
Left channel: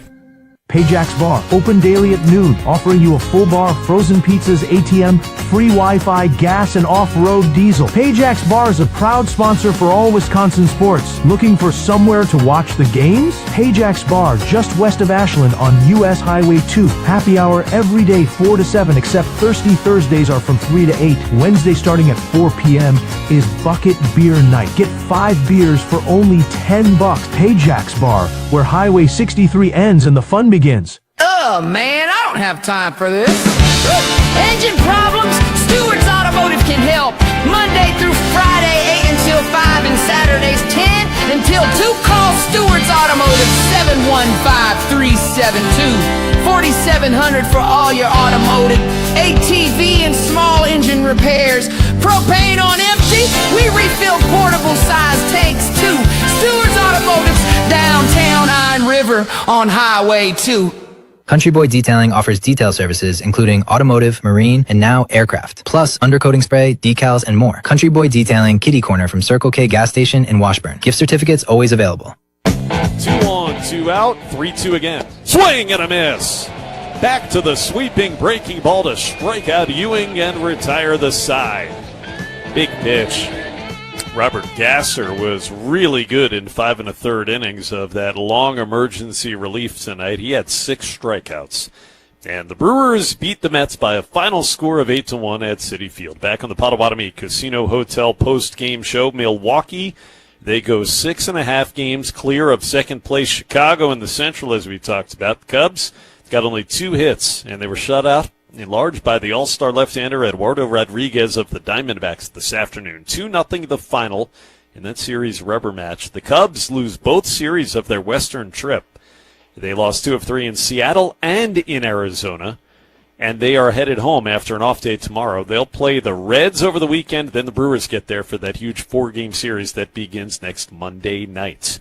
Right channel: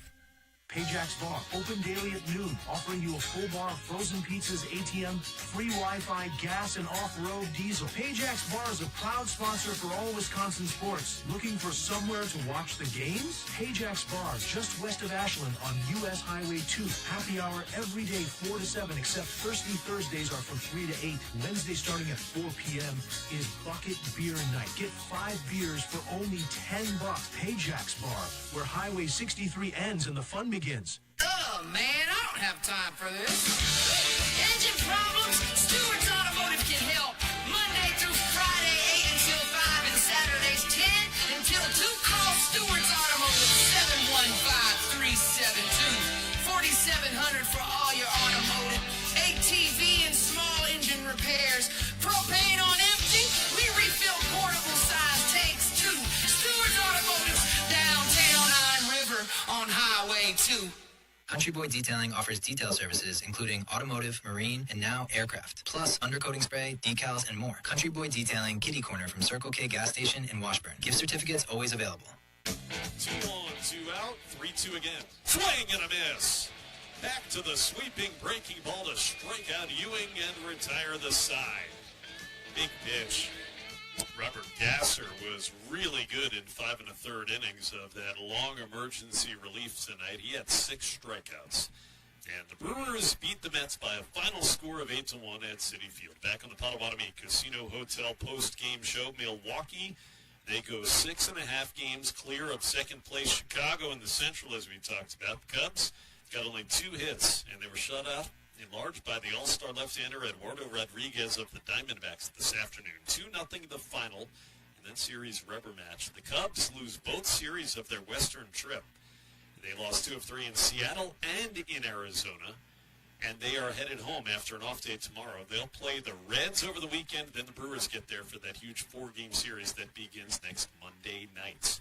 Payjack's Bar, open daily at noon, offering you a full bar, frozen pizzas, ATM, free Wi-Fi, gas, and off-road diesel. Payjack's Bar is a proud sponsor for all Wisconsin sports. Looking for somewhere to watch the games? Payjack's Bar, just west of Ashland on U.S. Highway 2. Happy hour every day 4 to 7, except Thirsty Thursdays are from 3 to 8. Wednesday starting at 4 p.m. is Bucket Beer Night. Get 5 beers for only $10. Payjack's Bar, where Highway 63 ends and the fun begins. Oh, man, I don't have time for this. Engine problems? Stewart's Automotive can help. Monday through Friday, 8 until 5, and Saturdays, 10 until 2. Call Stewart's Automotive, 715-372-4700 for all your automotive, ATV, and small engine repairs. Propane on empty? We refill portable size tanks, too. Stewart's Automotive, downtown Iron River on Highway 2. Country Boy Detailing offers detail services including automotive, marine, and now aircraft, plus undercoating spray, decals, and more. Country Boy Detailing, kitty corner from Circle K gas station in Washburn. Gift certificates always available. 2 on, 2 out, 3-2 again. Swing and a miss. Back to the sweeping breaking ball to strike out Ewing and retire the side. Big pitch. Robert Gasser was really good in 5 1/3 innings of that long emergency relief tonight. He had 6 strikeouts. And the Brewers beat the Mets by a final score of 8-1 at Citi Field. Back on the Potawatomi Casino Hotel post-game show, Milwaukee, they go 6.5 games clear of second place Chicago in the Central, as we talked about. The Cubs got only 2 hits, and they were shut out in large by the all-star left-hander Eduardo Rodriguez of the Diamondbacks this afternoon. 2-0 the final in that series rubber match. The Cubs lose both series of their Western trip. They lost 2 of 3 in Seattle and in Arizona, and they are headed home after an off day tomorrow. They'll play the Reds over the weekend, then the Brewers get there for that huge 4-game series that begins next Monday night.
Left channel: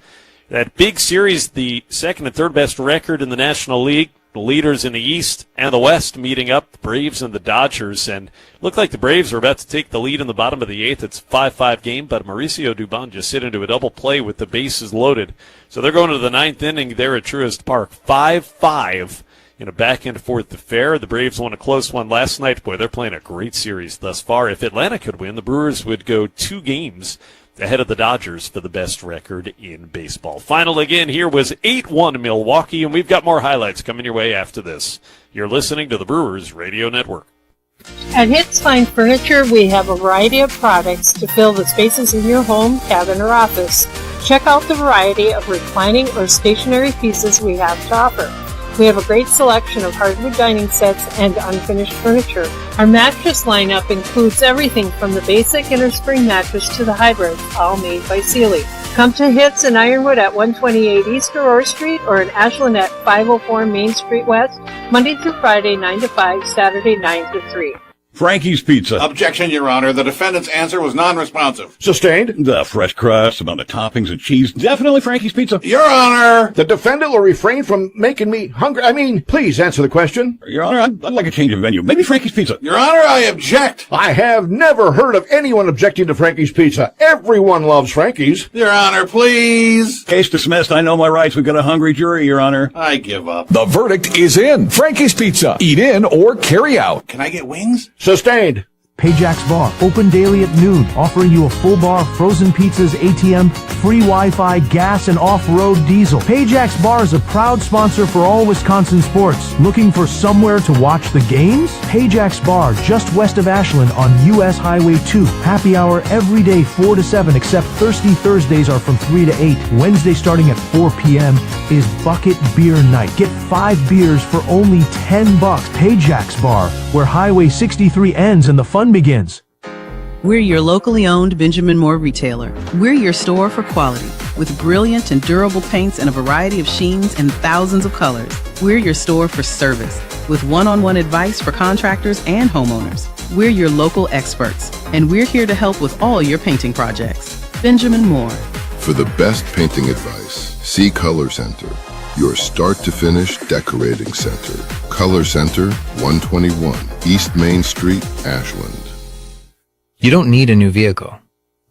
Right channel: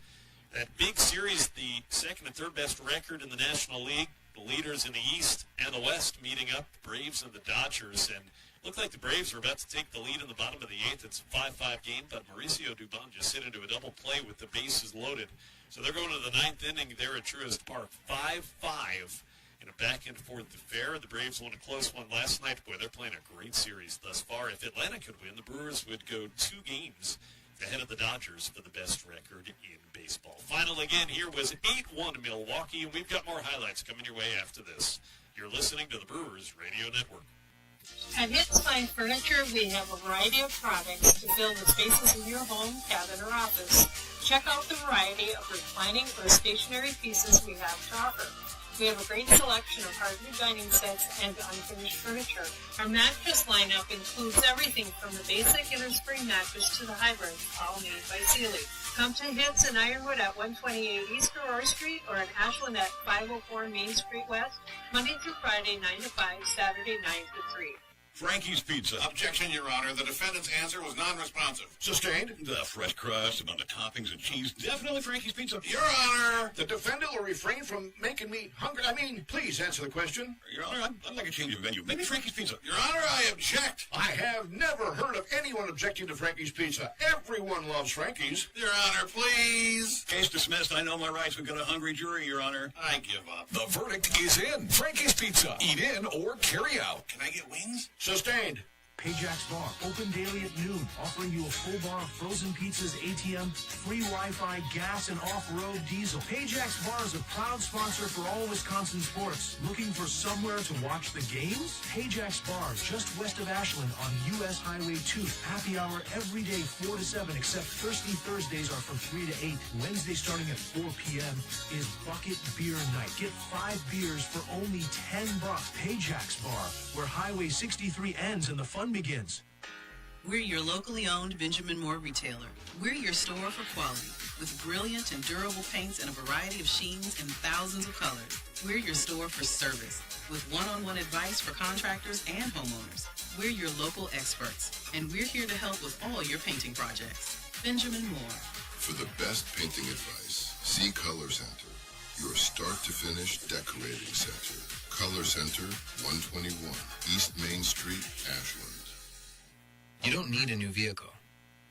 That big series, the second and third best record in the National League, the leaders in the East and the West meeting up, the Braves and the Dodgers, and it looked like the Braves were about to take the lead in the bottom of the 8th. It's a 5-5 game, but Mauricio Dubon just hit into a double play with the bases loaded. So they're going to the 9th inning there at Truist Park, 5-5 in a back-and-forth affair. The Braves won a close one last night. Boy, they're playing a great series thus far. If Atlanta could win, the Brewers would go 2 games ahead of the Dodgers for the best record in baseball. Final again here was 8-1 Milwaukee, and we've got more highlights coming your way after this. You're listening to the Brewers Radio Network. At Hits Fine Furniture, we have a variety of products to fill the spaces in your home, cabin, or office. Check out the variety of reclining or stationary pieces we have to offer. We have a great selection of hardwood dining sets and unfinished furniture. Our mattress lineup includes everything from the basic innerspring mattress to the hybrids, all made by Sealy. Come to Hits in Ironwood at 128 East Aurora Street or in Ashland at 504 Main Street West, Monday through Friday 9 to 5, Saturday 9 to 3. Frankie's Pizza. Objection, Your Honor. The defendant's answer was non-responsive. Sustained. The fresh crust, amount of toppings and cheese. Definitely Frankie's Pizza. Your Honor. The defendant will refrain from making me hungry. Please answer the question. Your Honor, I'd like a change of venue. Maybe Frankie's Pizza. Your Honor, I object. I have never heard of anyone objecting to Frankie's Pizza. Everyone loves Frankie's. Your Honor, please. Case dismissed. I know my rights. We've got a hungry jury, Your Honor. I give up. The verdict is in. Frankie's Pizza. Eat in or carry out. Can I get wings? Sustained. Payjack's Bar, open daily at noon, offering you a full bar, frozen pizzas, ATM, free Wi-Fi, gas, and off-road diesel. Payjack's Bar is a proud sponsor for all Wisconsin sports. Looking for somewhere to watch the games? Payjack's Bar, just west of Ashland on U.S. Highway 2. Happy hour every day 4 to 7, except Thirsty Thursdays are from 3 to 8. Wednesday starting at 4 p.m. is Bucket Beer Night. Get 5 beers for only $10. Payjack's Bar, where Highway 63 ends and the fun begins. We're your locally owned Benjamin Moore retailer. We're your store for quality, with brilliant and durable paints and a variety of sheens and thousands of colors. We're your store for service, with one-on-one advice for contractors and homeowners. We're your local experts, and we're here to help with all your painting projects. Benjamin Moore. For the best painting advice, see Color Center. your start-to-finish decorating center. Color Center, 121 East Main Street, Ashland. You don't need a new vehicle.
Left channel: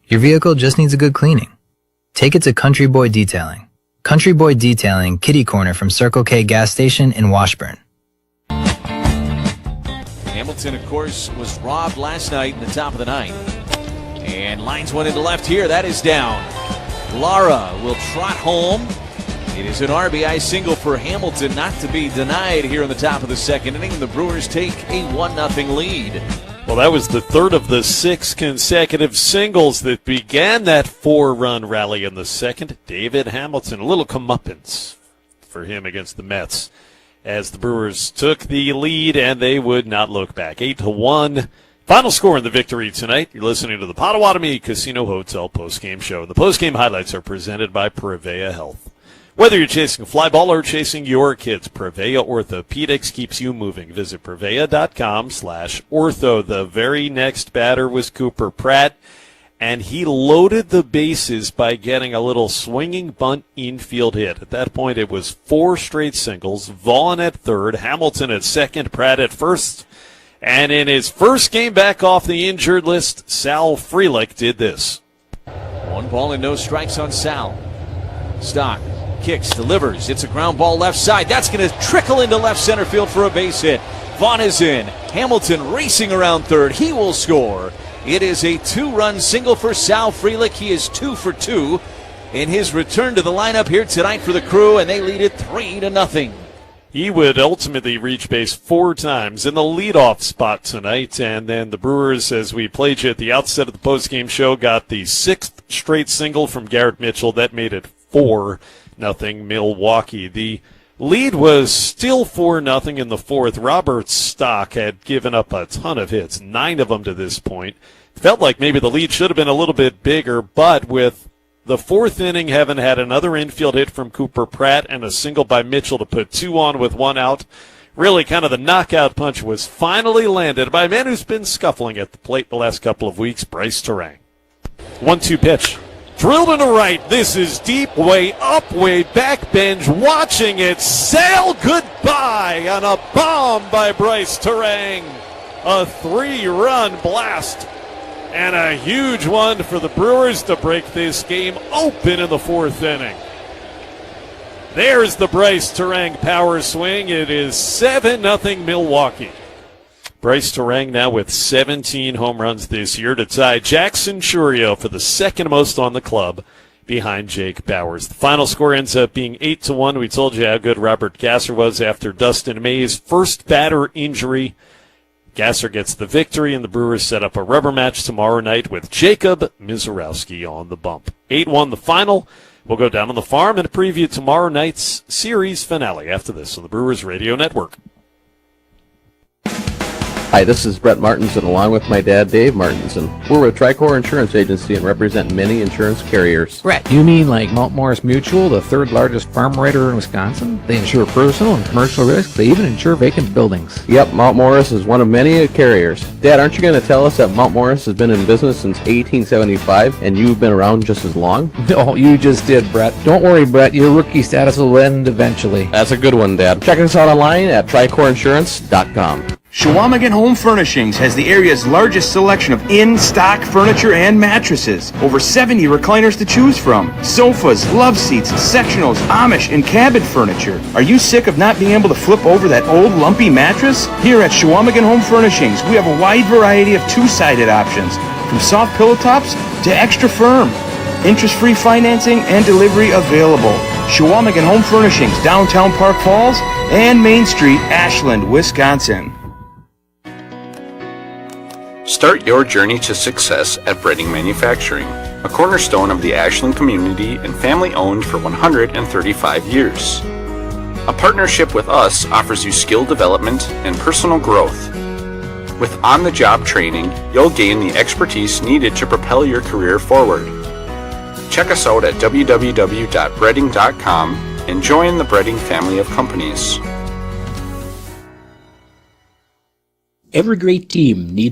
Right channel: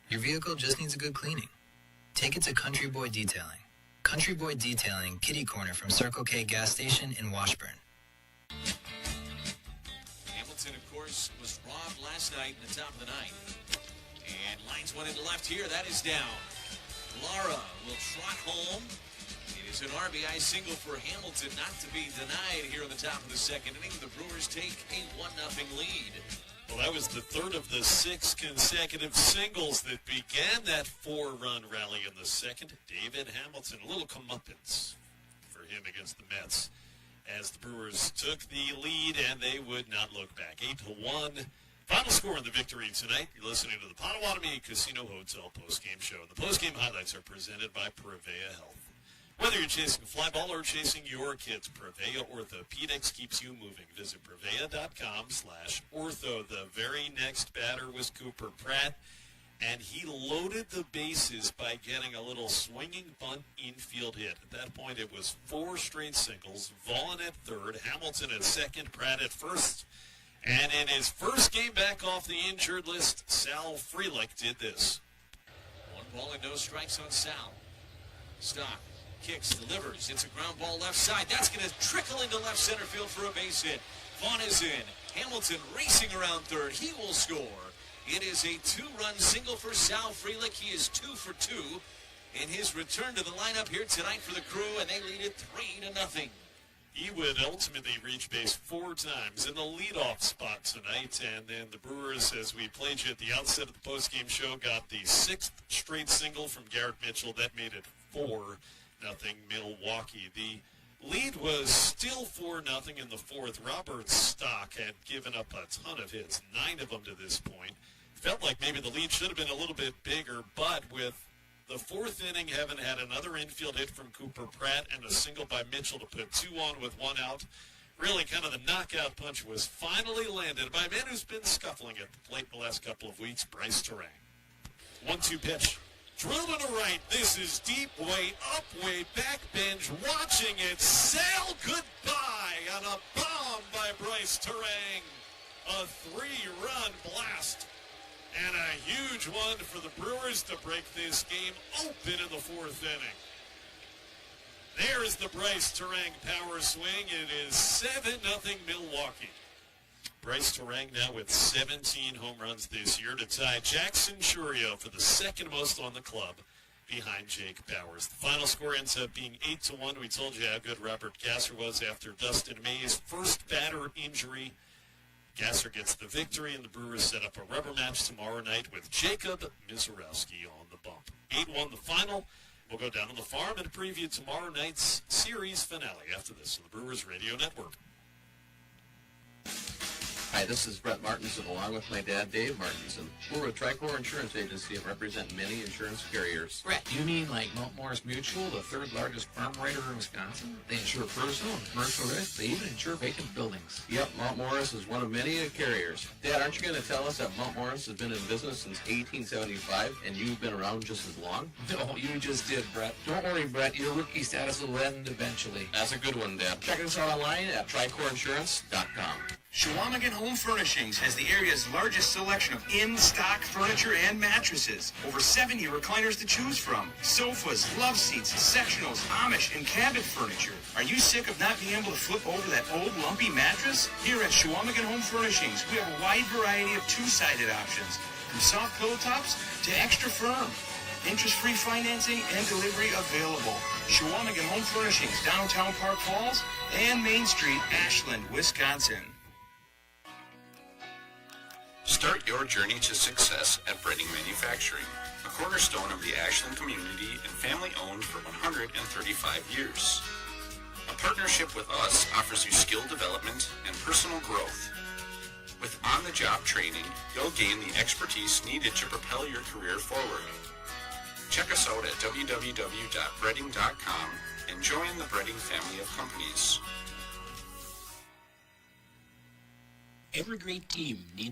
Your vehicle just needs a good cleaning. Take it to Country Boy Detailing. Country Boy Detailing, kitty corner from Circle K gas station in Washburn. Hamilton, of course, was robbed last night in the top of the ninth. And lines one into left here. That is down. Lara will trot home. It is an RBI single for Hamilton, not to be denied here in the top of the second inning. The Brewers take a 1-0 lead. Well, that was the third of the 6 consecutive singles that began that 4-run rally in the second. David Hamilton, a little comeuppance for him against the Mets as the Brewers took the lead, and they would not look back. 8-1. Final score in the victory tonight. You're listening to the Potawatomi Casino Hotel postgame show. The postgame highlights are presented by Prevea Health. Whether you're chasing a fly ball or chasing your kids, Prevea Orthopedics keeps you moving. Visit Prevea.com/ortho. The very next batter was Cooper Pratt, and he loaded the bases by getting a little swinging bunt infield hit. At that point, it was 4 straight singles. Vaughn at third, Hamilton at second, Pratt at first. And in his first game back off the injured list, Sal Frelick did this. 1 ball and no strikes on Sal. Stock kicks, delivers. It's a ground ball left side. That's going to trickle into left center field for a base hit. Vaughn is in. Hamilton racing around third. He will score. It is a 2-run single for Sal Frelick. He is 2 for 2 in his return to the lineup here tonight for the Crew, and they lead it 3-0. He would ultimately reach base 4 times in the leadoff spot tonight. And then the Brewers, as we played you at the outset of the postgame show, got the 6th straight single from Garrett Mitchell. That made it 4-0 Milwaukee. The lead was still 4-0 in the 4th. Robert Stock had given up a ton of hits, 9 of them to this point. Felt like maybe the lead should have been a little bit bigger, but with the 4th inning having had another infield hit from Cooper Pratt and a single by Mitchell to put 2 on with 1 out, really kind of the knockout punch was finally landed by a man who's been scuffling at the plate the last couple of weeks, Bryce Terang. 1-2 pitch. Drilled into right. This is deep, way up, way back. Bench watching it sail goodbye on a bomb by Bryce Terang. A 3-run blast and a huge one for the Brewers to break this game open in the 4th inning. There's the Bryce Terang power swing. It is 7-0 Milwaukee. Bryce Terang now with 17 home runs this year to tie Jackson Churio for the 2nd most on the club behind Jake Bowers. The final score ends up being 8-1. We told you how good Robert Gasser was after Dustin May's first batter injury. Gasser gets the victory, and the Brewers set up a rubber match tomorrow night with Jacob Mizorowski on the bump. 8-1 the final. We'll go down on the farm and preview tomorrow night's series finale after this on the Brewers Radio Network. Hi, this is Brett Martinson along with my dad, Dave Martinson. We're with Tricor Insurance Agency and represent many insurance carriers. Brett, you mean like Mount Morris Mutual, the 3rd largest farm writer in Wisconsin? They insure personal and commercial risks. They even insure vacant buildings. Yep, Mount Morris is one of many carriers. Dad, aren't you going to tell us that Mount Morris has been in business since 1875 and you've been around just as long? No, you just did, Brett. Don't worry, Brett. Your rookie status will end eventually. That's a good one, Dad. Check us out online at tricoroinsurance.com. Chequamegon Home Furnishings has the area's largest selection of in-stock furniture and mattresses. Over 70 recliners to choose from. Sofas, love seats, sectionals, Amish, and cabin furniture. Are you sick of not being able to flip over that old lumpy mattress? Here at Chequamegon Home Furnishings, we have a wide variety of 2-sided options, from soft pillow tops to extra firm. Interest-free financing and delivery available. Chequamegon Home Furnishings, downtown Park Falls and Main Street, Ashland, Wisconsin. Start your journey to success at Breading Manufacturing, a cornerstone of the Ashland community and family-owned for 135 years. A partnership with us offers you skill development and personal growth. With on-the-job training, you'll gain the expertise needed to propel your career forward. Check us out at www.breading.com and join the Breading family of companies. Every great team needs